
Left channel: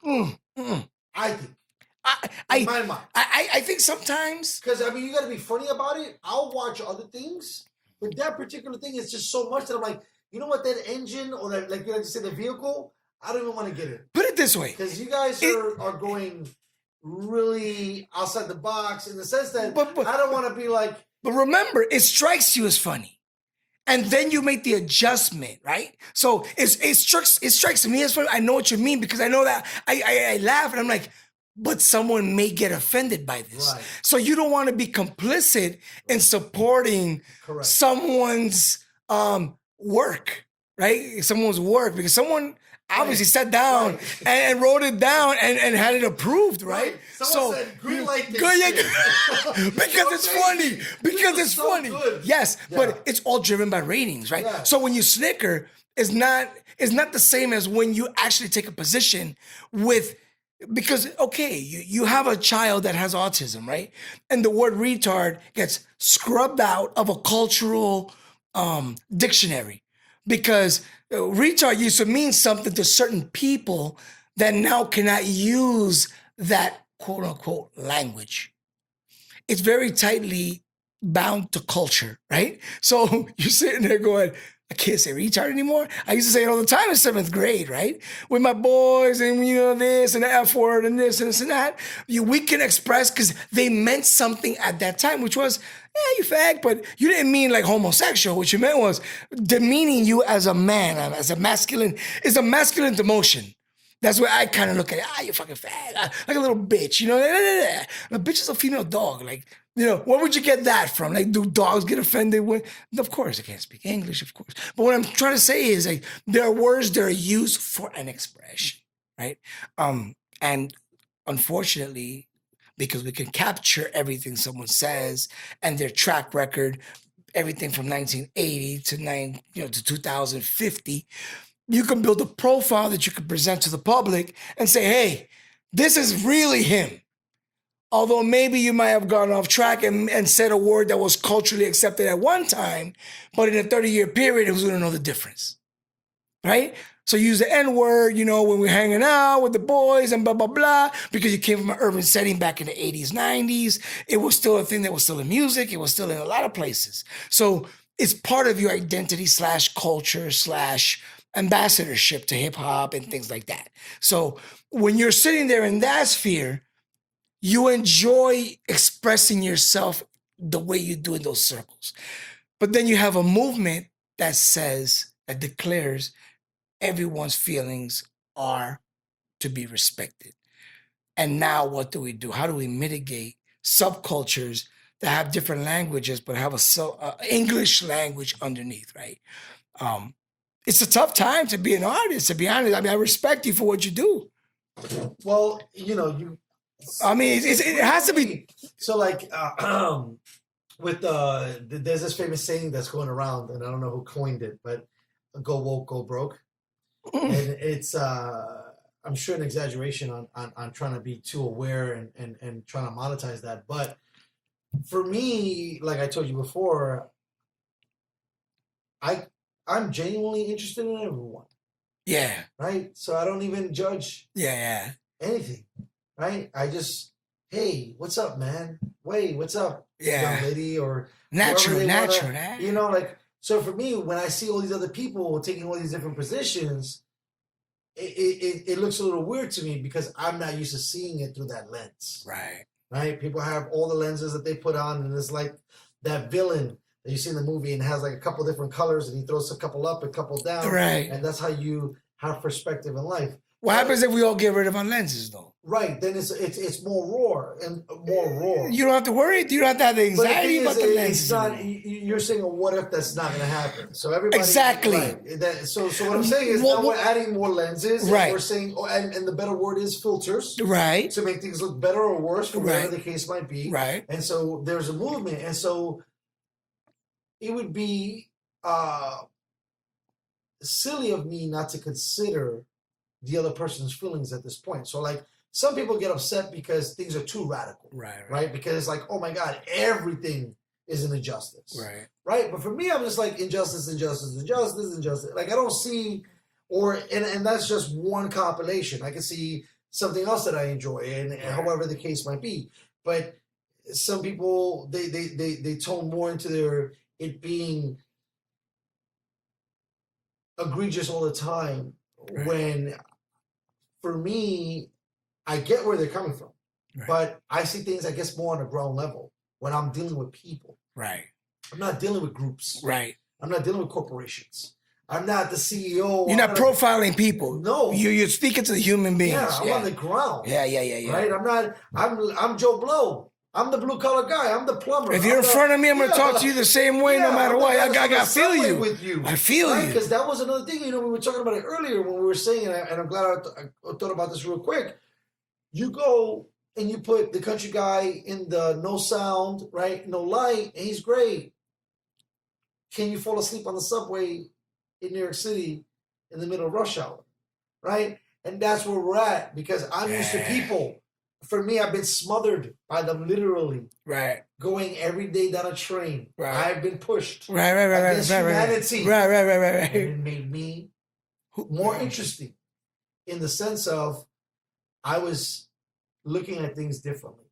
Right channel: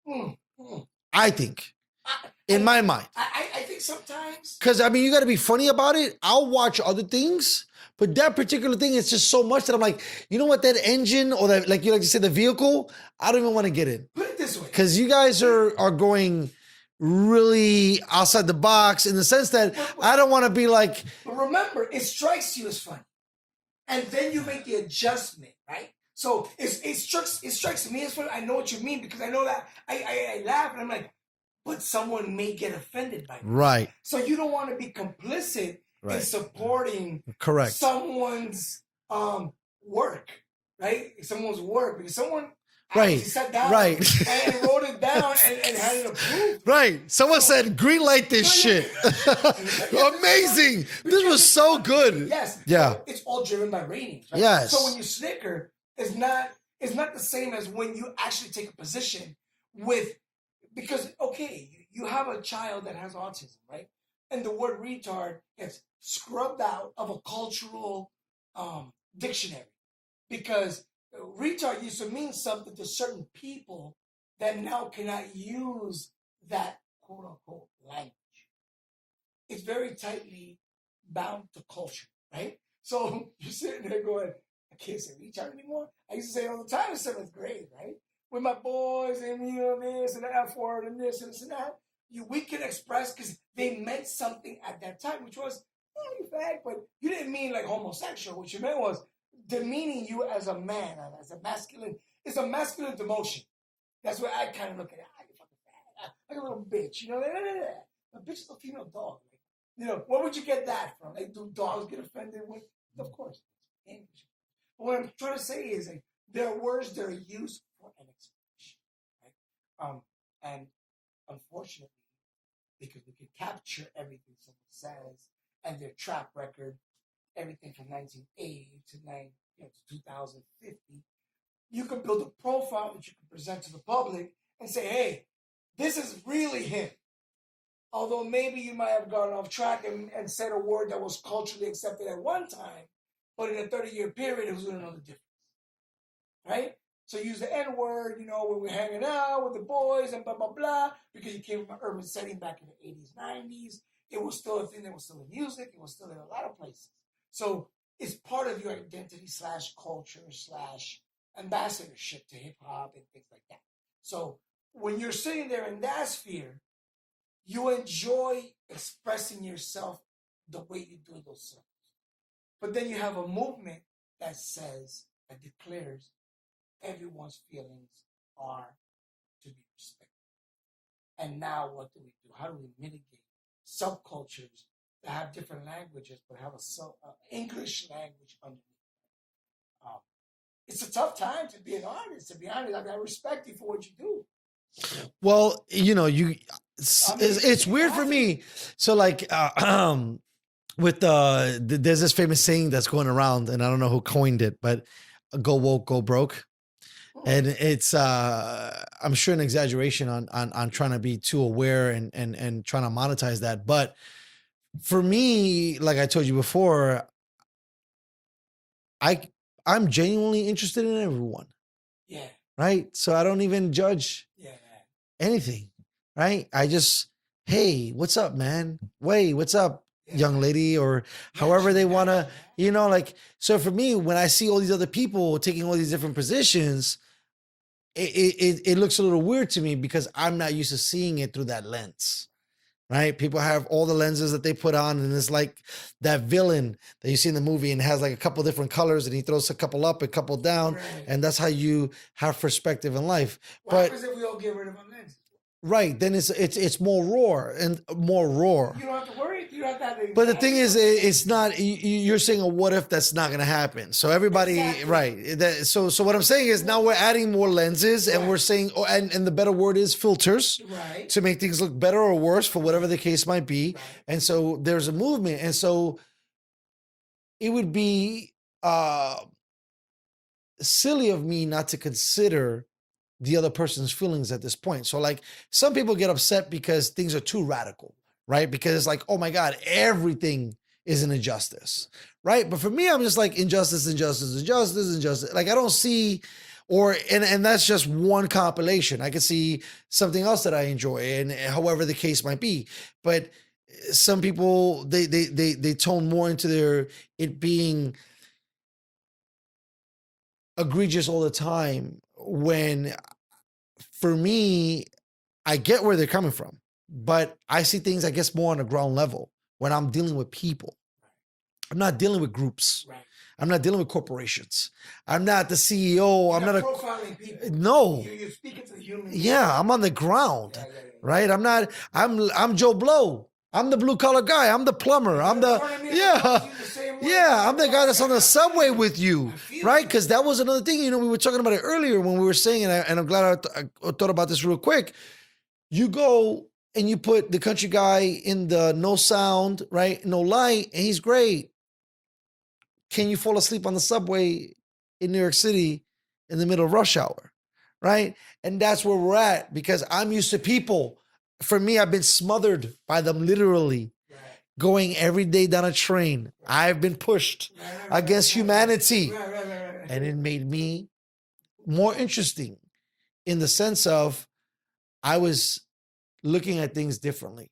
Mm, mm. I think, I, in my mind, I think sometimes. because I mean, you got to be funny about it. I'll watch other things, but that particular thing is just so much that I'm like, you know what, that engine or that, like you like to say, the vehicle, I don't even want to get in. Put it this way. Because you guys are going really outside the box in the sense that But- I don't want to be like, But remember, it strikes you as funny. And then you make the adjustment, right? So it strikes me as funny. I know what you mean because I know that I laugh and I'm like, but someone may get offended by this. Right. So you don't want to be complicit in supporting Correct. someone's work, right? Someone's work because someone obviously sat down Right. and wrote it down and had it approved, right? right. Someone So- said, green light this Good, shit. because it's funny. Amazing. Because This was it's so funny. good. Yes. Yeah. But it's all driven by ratings, right? Yes. So when you snicker, it's not the same as when you actually take a position with because okay, you have a child that has autism, right? And the word retard gets scrubbed out of a cultural dictionary because retard used to mean something to certain people that now cannot use that quote unquote language. It's very tightly bound to culture, right? So you're sitting there going, I can't say retard anymore. I used to say it all the time in 7th grade, right? With my boys and this and the F word and this and that. We can express because they meant something at that time, which was, you fag, but you didn't mean like homosexual. What you meant was demeaning you as a man, as a masculine. It's a masculine demotion. That's where I kind of look at it. You fucking fag. Like a little bitch, you know? A bitch is a female dog. Like, where would you get that from? Like, do dogs get offended when? Of course, I can't speak English, of course. But what I'm trying to say is, like, there are words that are used for an expression, right? And unfortunately, because we can capture everything someone says and their track record, everything from 1980 to 2050, you can build a profile that you can present to the public and say, hey, this is really him. Although maybe you might have gone off track and said a word that was culturally accepted at one time, but in a 30-year period, who's going to know the difference, right? So you use the N-word, when we're hanging out with the boys and blah, blah, blah, because you came from an urban setting back in the 80s, 90s. It was still a thing that was still in music. It was still in a lot of places. So it's part of your identity / culture / ambassadorship to hip hop and things like that. So when you're sitting there in that sphere, you enjoy expressing yourself the way you do in those circles. But then you have a movement that declares everyone's feelings are to be respected. And now what do we do? How do we mitigate subcultures that have different languages but have a English language underneath, right? It's a tough time to be an artist, to be honest. I mean, I respect you for what you do. Well, I mean, it's it weird has for to be- me. So like, with there's this famous saying that's going around, and I don't know who coined it, but "Go woke, go broke," and it's I'm sure an exaggeration on trying to be too aware and trying to monetize that. But for me, like I told you before, I'm genuinely interested in everyone, Yeah, right? So I don't even judge yeah. anything, right? I just, hey, what's up, man? Wait, what's up, Yeah. young lady, or Natural, however they want natural, to, like. So for me, when I see all these other people taking all these different positions, it looks a little weird to me because I'm not used to seeing it through that lens. Right. Right? People have all the lenses that they put on, and it's like that villain that you see in the movie and has like a couple different colors, and he throws a couple up, a couple down. Right. And that's how you have perspective in life. What But- happens if we all get rid of our lenses, though? Right, then it's more raw and more raw. You don't have to worry. You don't have to have the But anxiety. the thing is, about the it's lenses. not. You're saying a what if that's not going to happen. So everybody, Exactly. right? So what I'm saying is Well, now we're adding more lenses, Right. and we're saying, and the better word is filters, Right. to make things look better or worse for whatever Right. the case might be. Right. And so there's a movement, and so it would be silly of me not to consider the other person's feelings at this point. So like some people get upset because things are too radical, right? Because it's like, oh my God, everything is an injustice, right? But for me, I'm just like injustice. Like I don't see, and that's just one compilation. I can see something else that I enjoy, and however the case might be. But some people they tone more into it being egregious all the time. When for me, I get where they're coming from, but I see things I guess more on a ground level when I'm dealing with people. I'm not dealing with groups. I'm not dealing with corporations. I'm not the CEO. You're not profiling people. No. You're speaking to the human beings. Yeah, I'm on the ground. Yeah. Right? I'm Joe Blow. I'm the blue collar guy. I'm the plumber. If you're in front of me, I'm gonna talk to you the same way. Yeah, I'm the guy that's on the subway with you. I feel right? you. Because that was another thing. We were talking about it earlier when we were saying, and I'm glad I thought about this real quick. You go and you put the country guy in the no sound, right? No light, and he's great. Can you fall asleep on the subway in New York City in the middle of rush hour, right? And that's where we're at because I'm used to people. For me, I've been smothered by them literally. Going every day down a train. I've been pushed against humanity. And it made me more interesting in the sense of I was looking at things differently.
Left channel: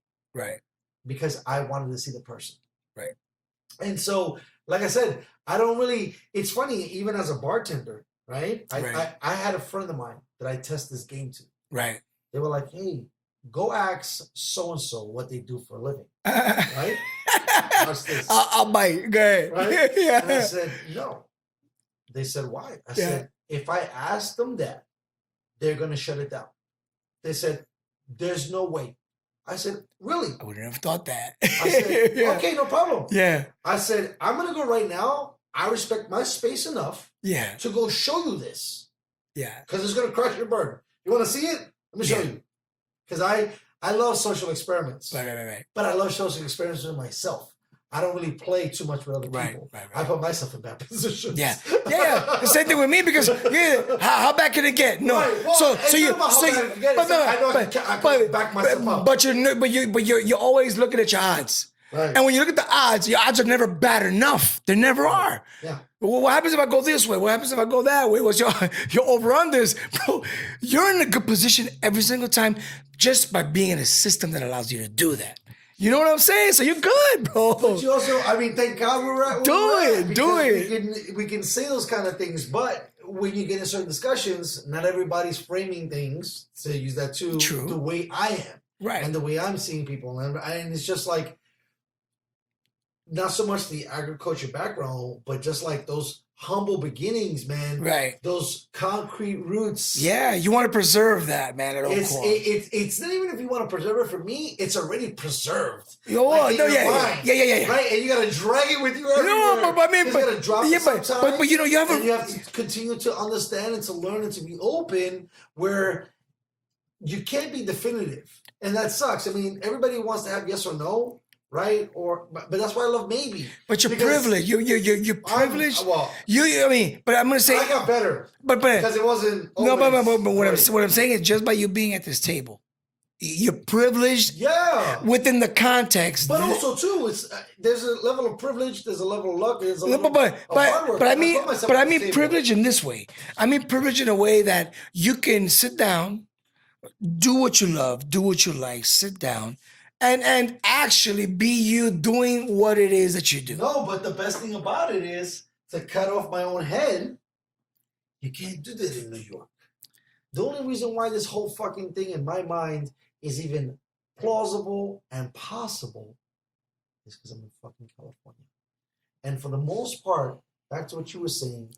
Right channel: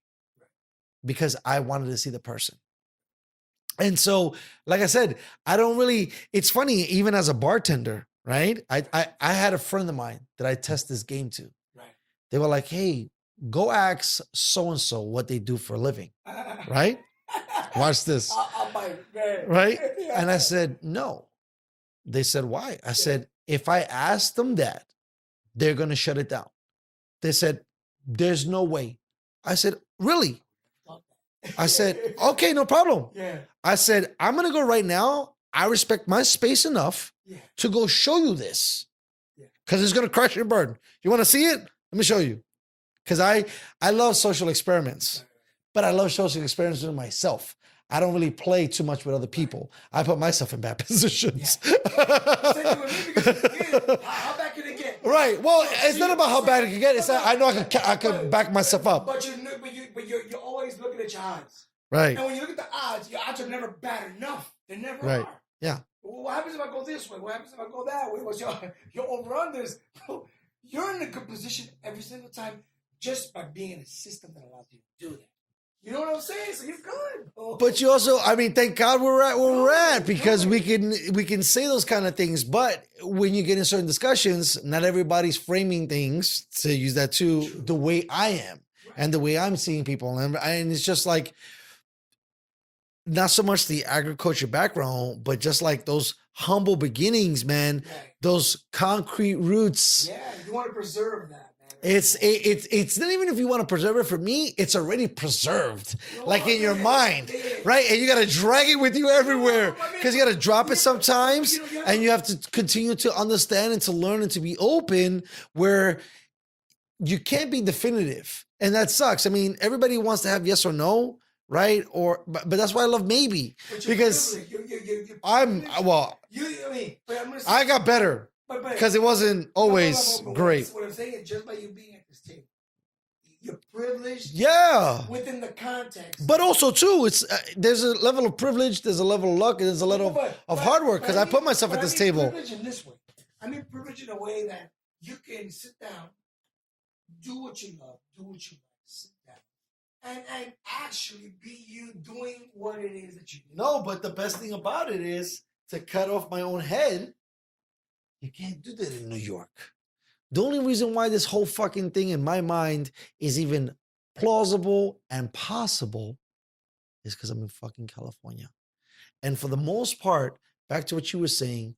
Because I wanted to see the person. And so, like I said, I don't really, it's funny, even as a bartender, right? I had a friend of mine that I test this game to. They were like, hey, go ask so-and-so what they do for a living, right? Watch this. I'll bite. Go ahead. Right? And I said, no. They said, why? I said, if I ask them that, they're going to shut it down. They said, there's no way. I said, really? I wouldn't have thought that. I said, okay, no problem. Yeah. I said, I'm going to go right now. I respect my space enough to go show you this. Because it's going to crush your burden. You want to see it? Let me show you. Because I love social experiments. But I love social experiments with myself. I don't really play too much with other people. I put myself in bad positions. The same thing with me because how bad can it get? No. Right. Well, it's not about how bad it can get. I know I can back myself up. But you're always looking at your odds. Right. And when you look at the odds, your odds are never bad enough. They never are. Yeah. Well, what happens if I go this way? What happens if I go that way? What's your over-unders? Bro, you're in a good position every single time just by being in a system that allows you to do that. You know what I'm saying? So you're good, bro. But you also, thank God we're at where we're at because we can say those kind of things. But when you get in certain discussions, not everybody's framing things, to use that too, the way I am. And the way I'm seeing people. And it's just like, not so much the agriculture background, but just like those humble beginnings, man. Those concrete roots. Yeah, you want to preserve that, man. It's not even if you want to preserve it. For me, it's already preserved, in like in your mind. Yeah. Right, and you got to drag it with you everywhere. Because you got to drop it sometimes. But you have to continue to understand and to learn and to be open. Where you can't be definitive, and that sucks. Everybody wants to have yes or no. Right? But that's why I love maybe. But you're privileged. You're privileged. But I'm gonna say I got better. But because it wasn't always great. What I'm saying is just by you being at this table, you're privileged. Yeah. Within the context. But also too, it's there's a level of privilege, there's a level of luck, and there's a level of hard work. But I put myself at this table. Privilege in this way. I mean privilege in a way that you can sit down, do what you love, do what you like, sit down. And actually be you doing what it is that you do. No, but the best thing about it is to cut off my own head. You can't do that in New York. The only reason why this whole fucking thing in my mind is even plausible and possible is because I'm in fucking California. And for the most part, back to what you were saying,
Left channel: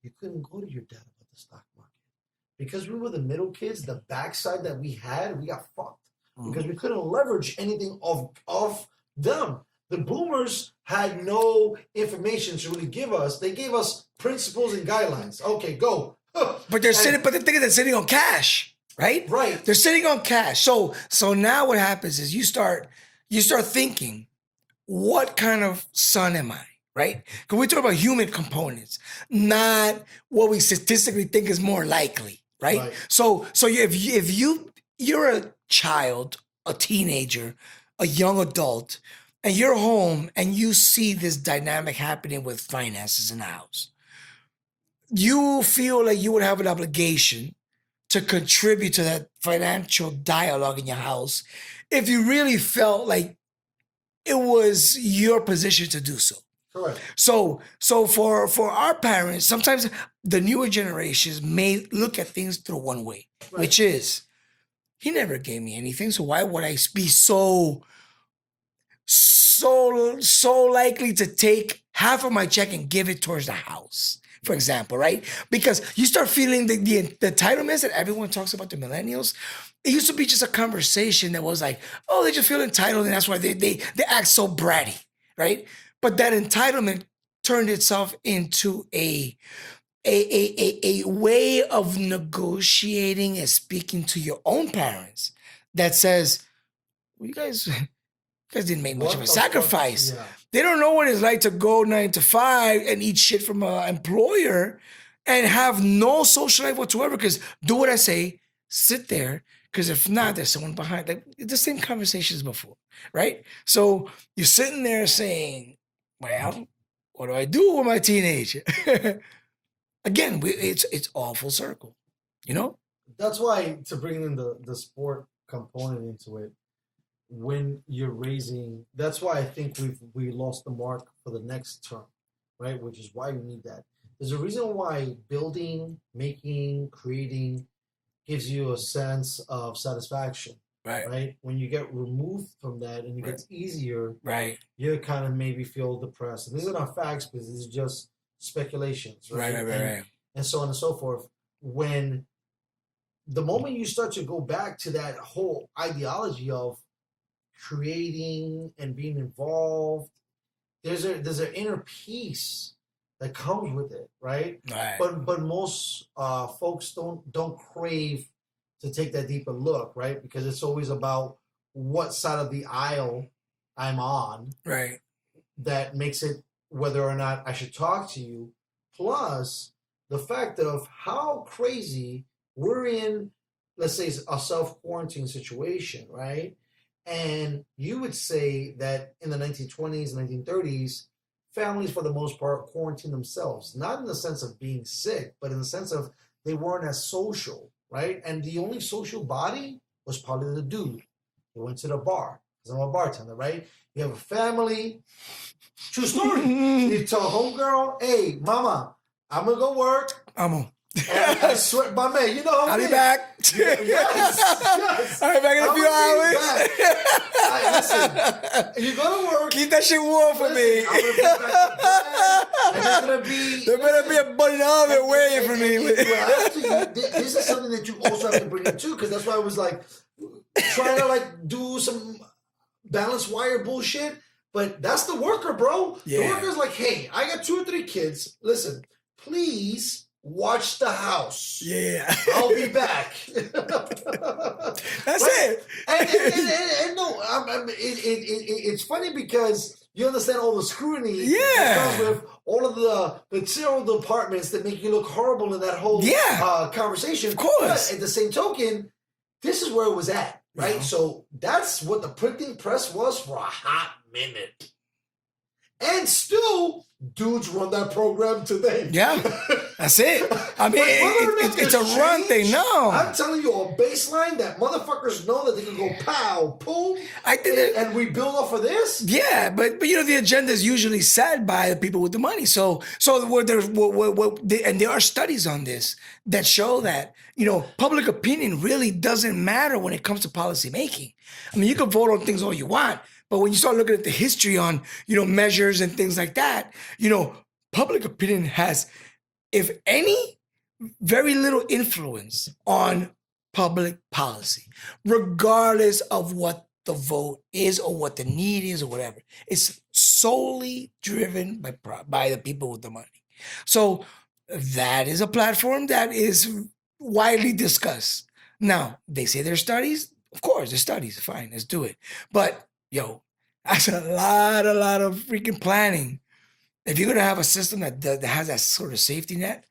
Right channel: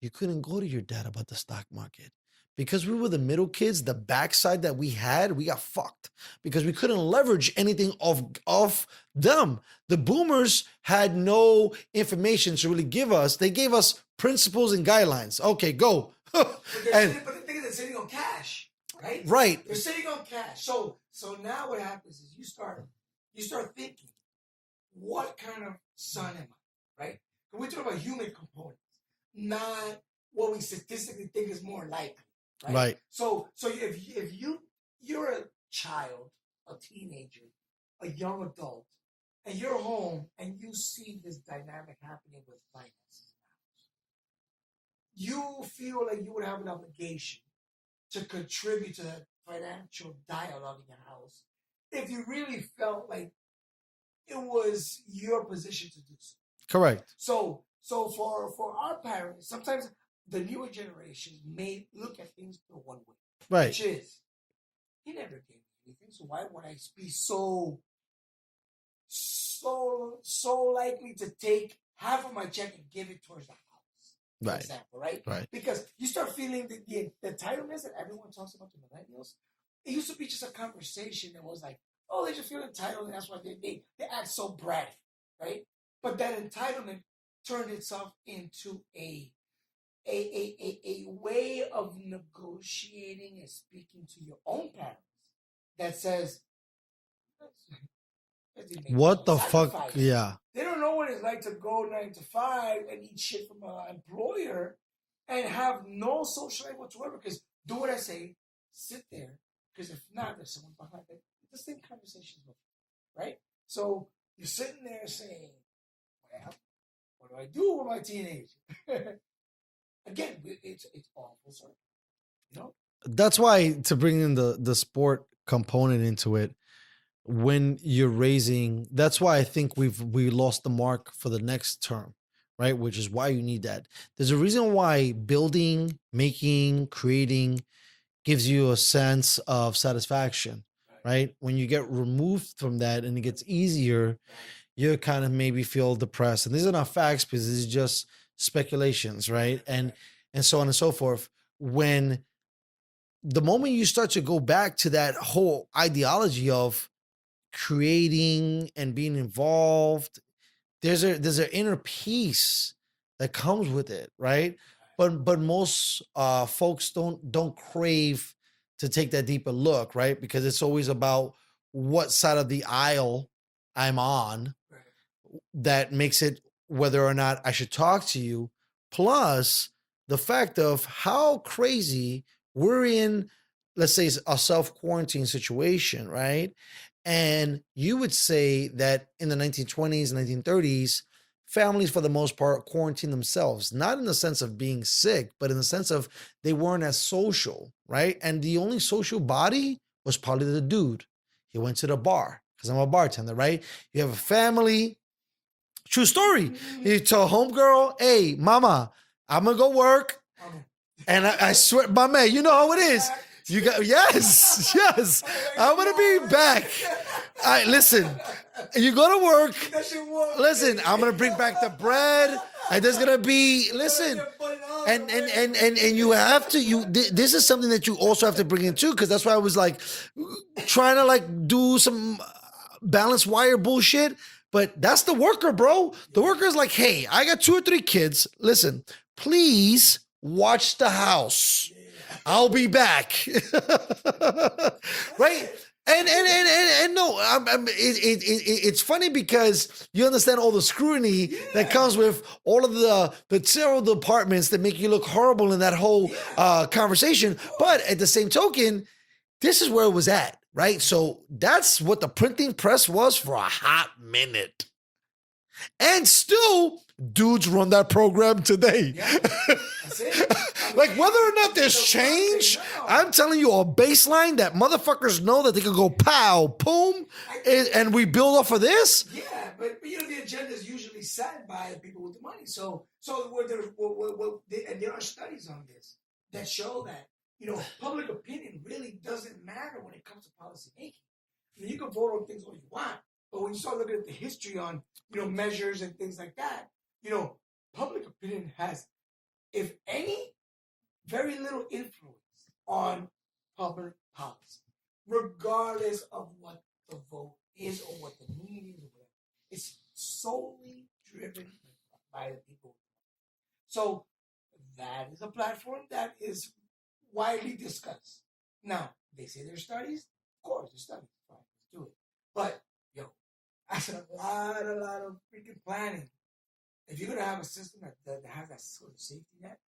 you couldn't go to your dad about the stock market. Because we were the middle kids, the backside that we had, we got fucked. Because we couldn't leverage anything of them. The boomers had no information to really give us. They gave us principles and guidelines. Okay, go. But the thing is they're sitting on cash, right? Right. They're sitting on cash. So now what happens is you start thinking, what kind of son am I? Right? Because we talk about human components, not what we statistically think is more likely. right? Right. So you're a child, a teenager, a young adult, and you're home and you see this dynamic happening with finances in the house, you feel like you would have an obligation to contribute to that financial dialogue in your house if you really felt like it was your position to do so. Correct. So for our parents, sometimes the newer generations may look at things through one way, Right. which is he never gave me anything, so why would I be so likely to take half of my check and give it towards the house, for example, right? Because you start feeling the entitlements that everyone talks about, the millennials. It used to be just a conversation that was like, oh, they just feel entitled, and that's why they act so bratty, right? But that entitlement turned itself into a way of negotiating and speaking to your own parents that says, well, you guys didn't make much What of a the fuck? sacrifice. Yeah. They don't know what it's like to go 9 to 5 and eat shit from an employer and have no social life whatsoever. Because do what I say, sit there. Because if not, there's someone behind. Like the same conversations before, right? So you're sitting there saying, well, what do I do with my teenager? Again, it's all full circle, you know? That's why, to bring in the sport component into it, when you're raising, that's why I think we lost the mark for the next term, right? Which is why you need that. There's a reason why building, making, creating gives you a sense of satisfaction, right? When you get removed from that and it gets easier, Right. you kind of maybe feel depressed. And these are not facts, because these are just speculations, right? Right. And so on and so forth. When the moment you start to go back to that whole ideology of creating and being involved, there's an inner peace that comes with it, right? Right. But most folks don't crave to take that deeper look, right? Because it's always about what side of the aisle I'm on, Right. that makes it whether or not I should talk to you. Plus the fact of how crazy we're in, let's say, a self-quarantine situation, right? And you would say that in the 1920s, 1930s, families for the most part quarantined themselves, not in the sense of being sick, but in the sense of they weren't as social, right? And the only social body was probably the dude. He went to the bar, because I'm a bartender, right? You have a family. True story. You tell homegirl, hey, mama, I'm gonna go work. And I swear, my man, you know how it is. Back. You got, yes. I'll be back in a I'm few gonna hours. be back. All right, listen, you go to work. Keep that shit warm for me. Listen, I'm gonna bring back the bread, and there's gonna be There's gonna be a bunny in the oven waiting for me. and you have to. This is something that you also have to bring in too, because that's why I was like trying to like do some balanced wire bullshit. But that's the worker, bro. The worker's like, hey, I got 2 or 3 kids. Listen, please watch the house. Yeah. I'll be back. That's Right? it. And no, it's funny because you understand all the scrutiny that Yeah. comes with all of the terrible departments that make you look horrible in that whole conversation. Of course. But at the same token, this is where it was at, right? Yeah. So that's what the printing press was for a hot minute. And still, dudes run that program today. Yeah, that's it. I mean, Like, whether or not it's there's a run change, thing. No, I'm telling you, a baseline that motherfuckers know that they can go pow, boom, and we build off of this. Yeah, but you know the agenda is usually set by the people with the money. So and there are studies on this that show that public opinion really doesn't matter when it comes to policy making. I mean, you can vote on things all you want, but when you start looking at the history on measures and things like that, public opinion has, if any, very little influence on public policy, regardless of what the vote is or what the need is or whatever. It's solely driven by the people with the money. So that is a platform that is widely discussed. Now, they say there's studies. Of course, there's studies. Fine, let's do it. But, that's a lot of freaking planning. If you're going to have a system that has that sort of safety net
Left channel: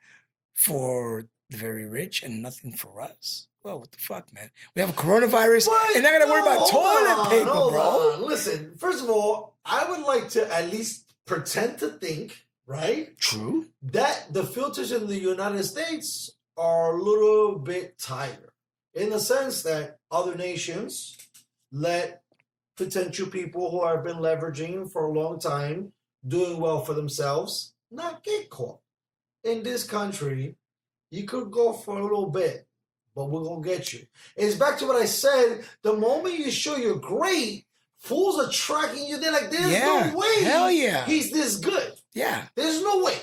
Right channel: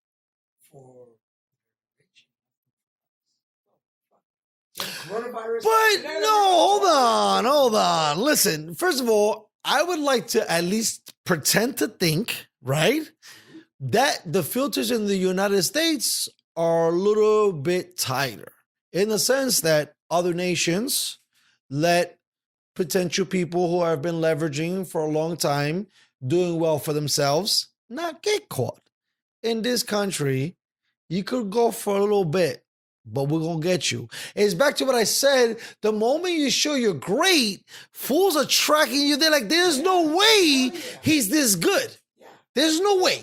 for the very rich and nothing for us. Well, what the fuck, man? We have coronavirus. But and not gonna worry about toilet paper, hold bro. on. Listen, first of all, I would like to at least pretend to think, right? True. That the filters in the United States are a little bit tighter in the sense that other nations let potential people who have been leveraging for a long time, doing well for themselves, not get caught. In this country, you could go for a little bit, but we're going to get you. And it's back to what I said. The moment you show you're great, fools are tracking you. They're like, there's no Hell way yeah. he's this good. Yeah. There's no way.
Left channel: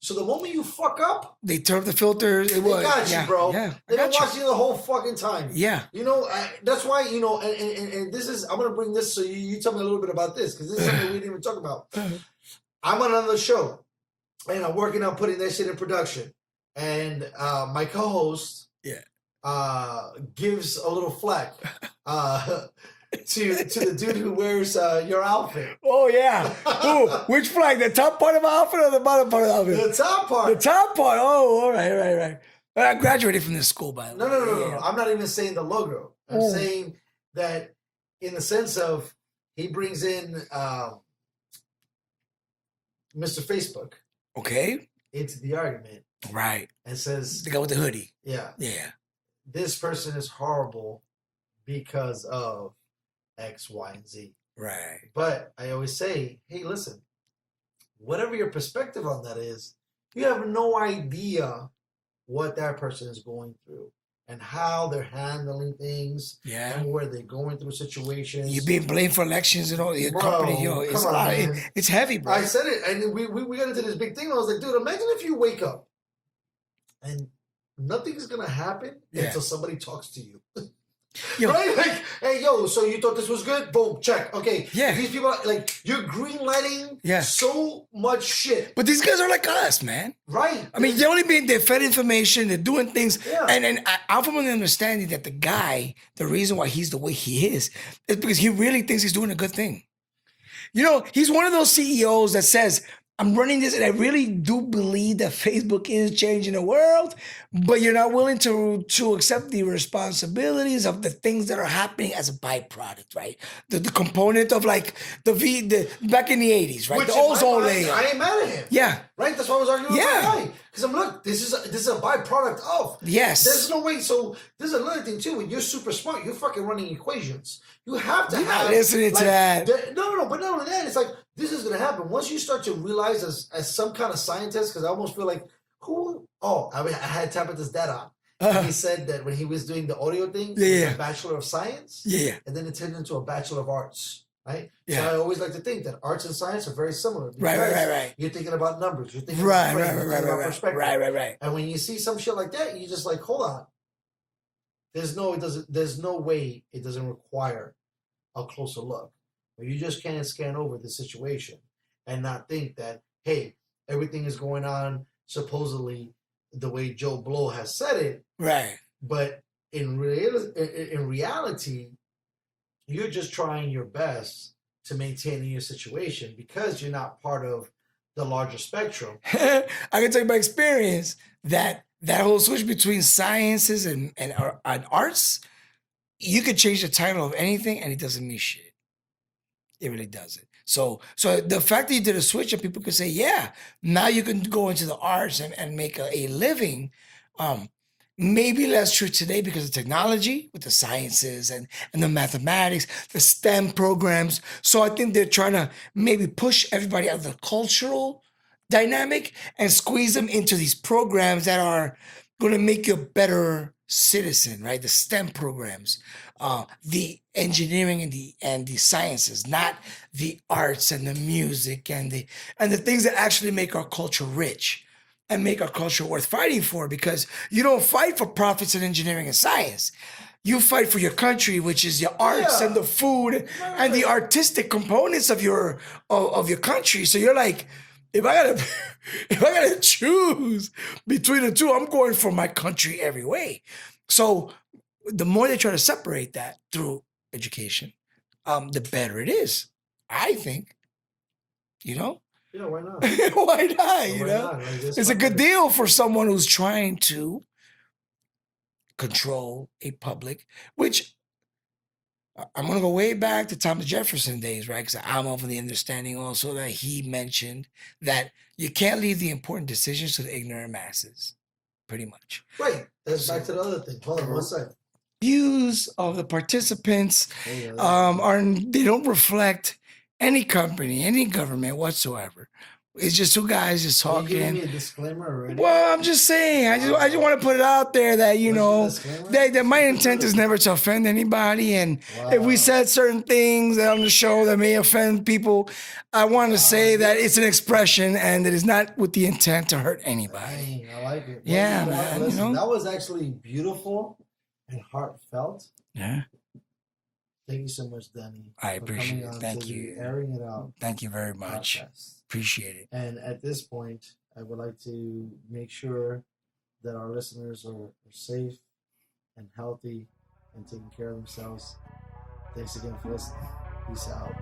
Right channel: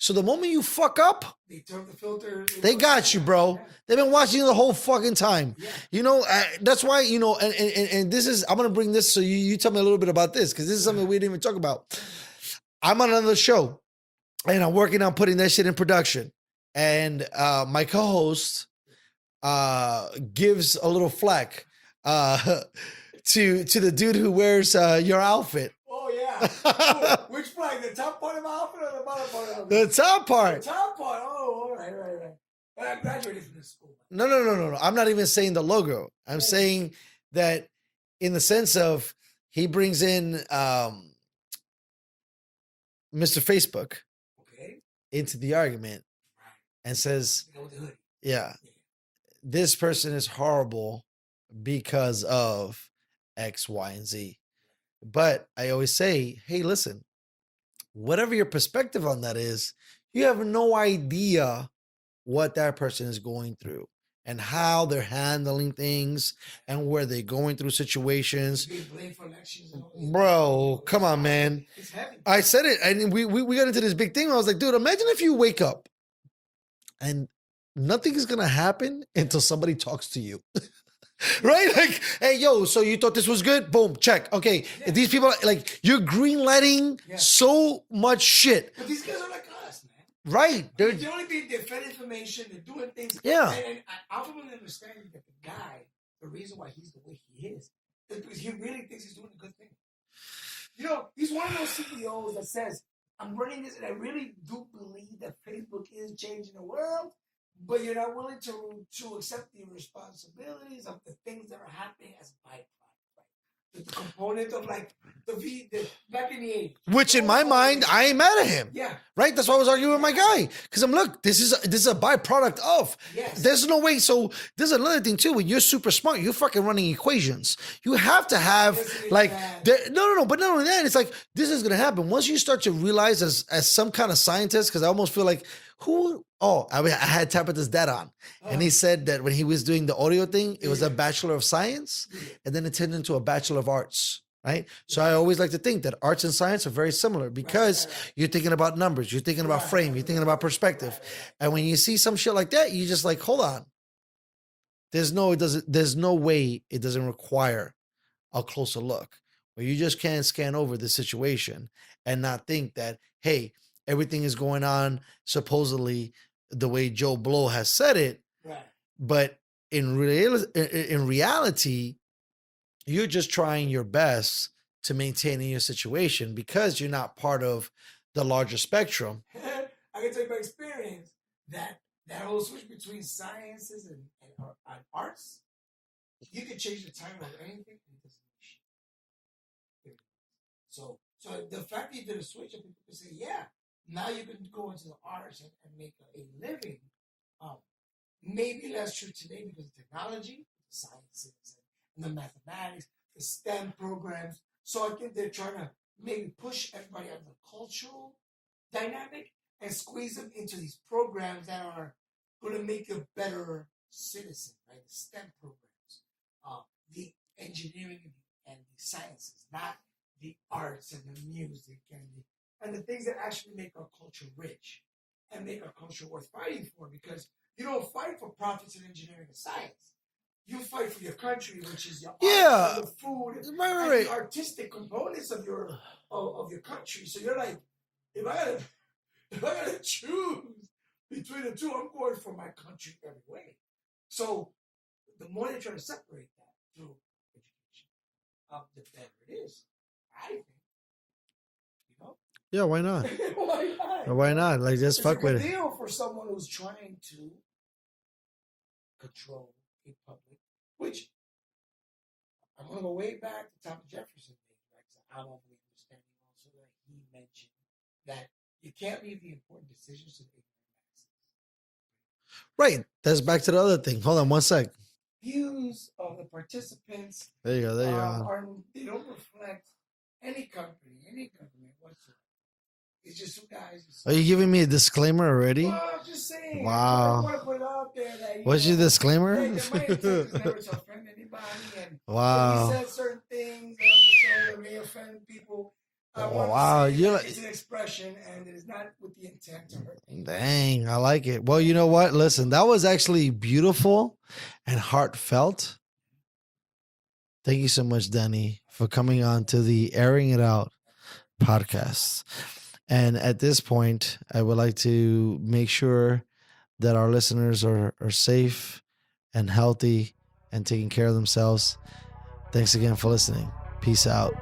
So the moment you fuck up, They turn up the filters. they got you, bro. Yeah. They've been Got you. watching you the whole fucking time. Yeah. You know, that's why, you know, and this is, I'm going to bring this so you tell me a little bit about this because this is something we didn't even talk about. I'm on another show and I'm working on putting that shit in production. And my co-host gives a little flack to the dude who wears your outfit. Oh, yeah. Ooh, which flag? The top part of my outfit or the bottom part of the outfit? The top part. The top part. Oh, all right. I graduated from this school, by the way. No. I'm not even saying the logo. I'm saying that in the sense of he brings in Mr. Facebook Okay. into the argument Right. and says, The guy with the hoodie. yeah, Yeah. this person is horrible because of X, Y, and Z. Right. But I always say, hey, listen, whatever your perspective on that is, you have no idea what that person is going through and how they're handling things Yeah. and where they're going through situations. You being blamed for elections and all. Your Bro, company, come it's on, man. It's heavy, bro. I said it, and we got into this big thing. I was like, dude, imagine if you wake up and nothing is gonna happen until somebody talks to you. Right? Like, hey, yo, so you thought this was good? Boom, check. Okay. Yeah. These people, like, you're greenlighting Yeah. so much shit. But these guys are like us, man. Right. I mean, they're fed information, they're doing things. Yeah. And I'm from an understanding that the guy, the reason why he's the way he is because he really thinks he's doing a good thing. You know, he's one of those CEOs that says, I'm running this and I really do believe that Facebook is changing the world, but you're not willing to accept the responsibilities of the things that are happening as a byproduct, right? The component of like the back in the 80s, right? Which The in my ozone mind, layer. I ain't mad at him. Yeah. Right? That's why I was arguing with my Yeah. guy. Because I'm look, this is a byproduct of. Yes. There's no way. So there's another thing too. When you're super smart, you're fucking running equations. You have to You're have not listening to like that. no. But not only that, it's like this is gonna happen. Once you start to realize as some kind of scientist, because I almost feel like I had Tabitha's dad on. And he said that when he was doing the audio thing, it was a Bachelor of Science. Yeah. And then it turned into a Bachelor of Arts. Right? So Yeah. I always like to think that arts and science are very similar because right. you're thinking about numbers, you're thinking about frame, you're thinking about perspective. Right. And when you see some shit like that, you just like, hold on. There's no way it doesn't require a closer look. Where you just can't scan over the situation and not think that, hey, everything is going on supposedly the way Joe Blow has said it. Right. But in reality, you're just trying your best to maintain your situation because you're not part of the larger spectrum. I can tell you by experience that whole switch between sciences and arts, you could change the title of anything and it doesn't mean shit. It really doesn't. So the fact that you did a switch and people could say, yeah, now you can go into the arts and make a living. Maybe less true today because of technology with the sciences and the mathematics, the STEM programs. So I think they're trying to maybe push everybody out of the cultural dynamic and squeeze them into these programs that are going to make you a better citizen, right? The STEM programs, the engineering and the sciences, not the arts and the music and the things that actually make our culture rich and make our culture worth fighting for, because you don't fight for profits in engineering and science. You fight for your country, which is your arts and the food and the artistic components of your country. So you're like, if I gotta choose between the two, I'm going for my country every way. So the more they try to separate that through education, the better it is, I think. You know? Yeah, why not? Why not? Why not? Like, It's a good deal for someone who's trying to control a public, which I'm going to go way back to Thomas Jefferson days, right? Because I'm of the understanding also that he mentioned that you can't leave the important decisions to the ignorant masses, pretty much. Right. That's back to the other thing. Hold on one sec. Views of the participants There you go. There you go. they don't reflect any company, any government whatsoever. It's just two guys just Are talking. you giving me a disclaimer already? Well, I'm just saying. I just Wow. want to put it out there that What's your disclaimer? that my intent is never to offend anybody, and if Wow. we said certain things on the show that may offend people, I want to Wow, say that you're- it's an expression and it is not with the intent to hurt anybody. Dang, I like it. Well, Yeah, you know what? man, Listen, you know? that was actually beautiful and heartfelt. Yeah. Thank you so much, Danny, I for coming appreciate it. on Thank to the you. Airing It Out Thank you very much. podcast. Appreciate it. And at this point, I would like to make sure that our listeners are safe and healthy and taking care of themselves. Thanks again for listening. Peace out.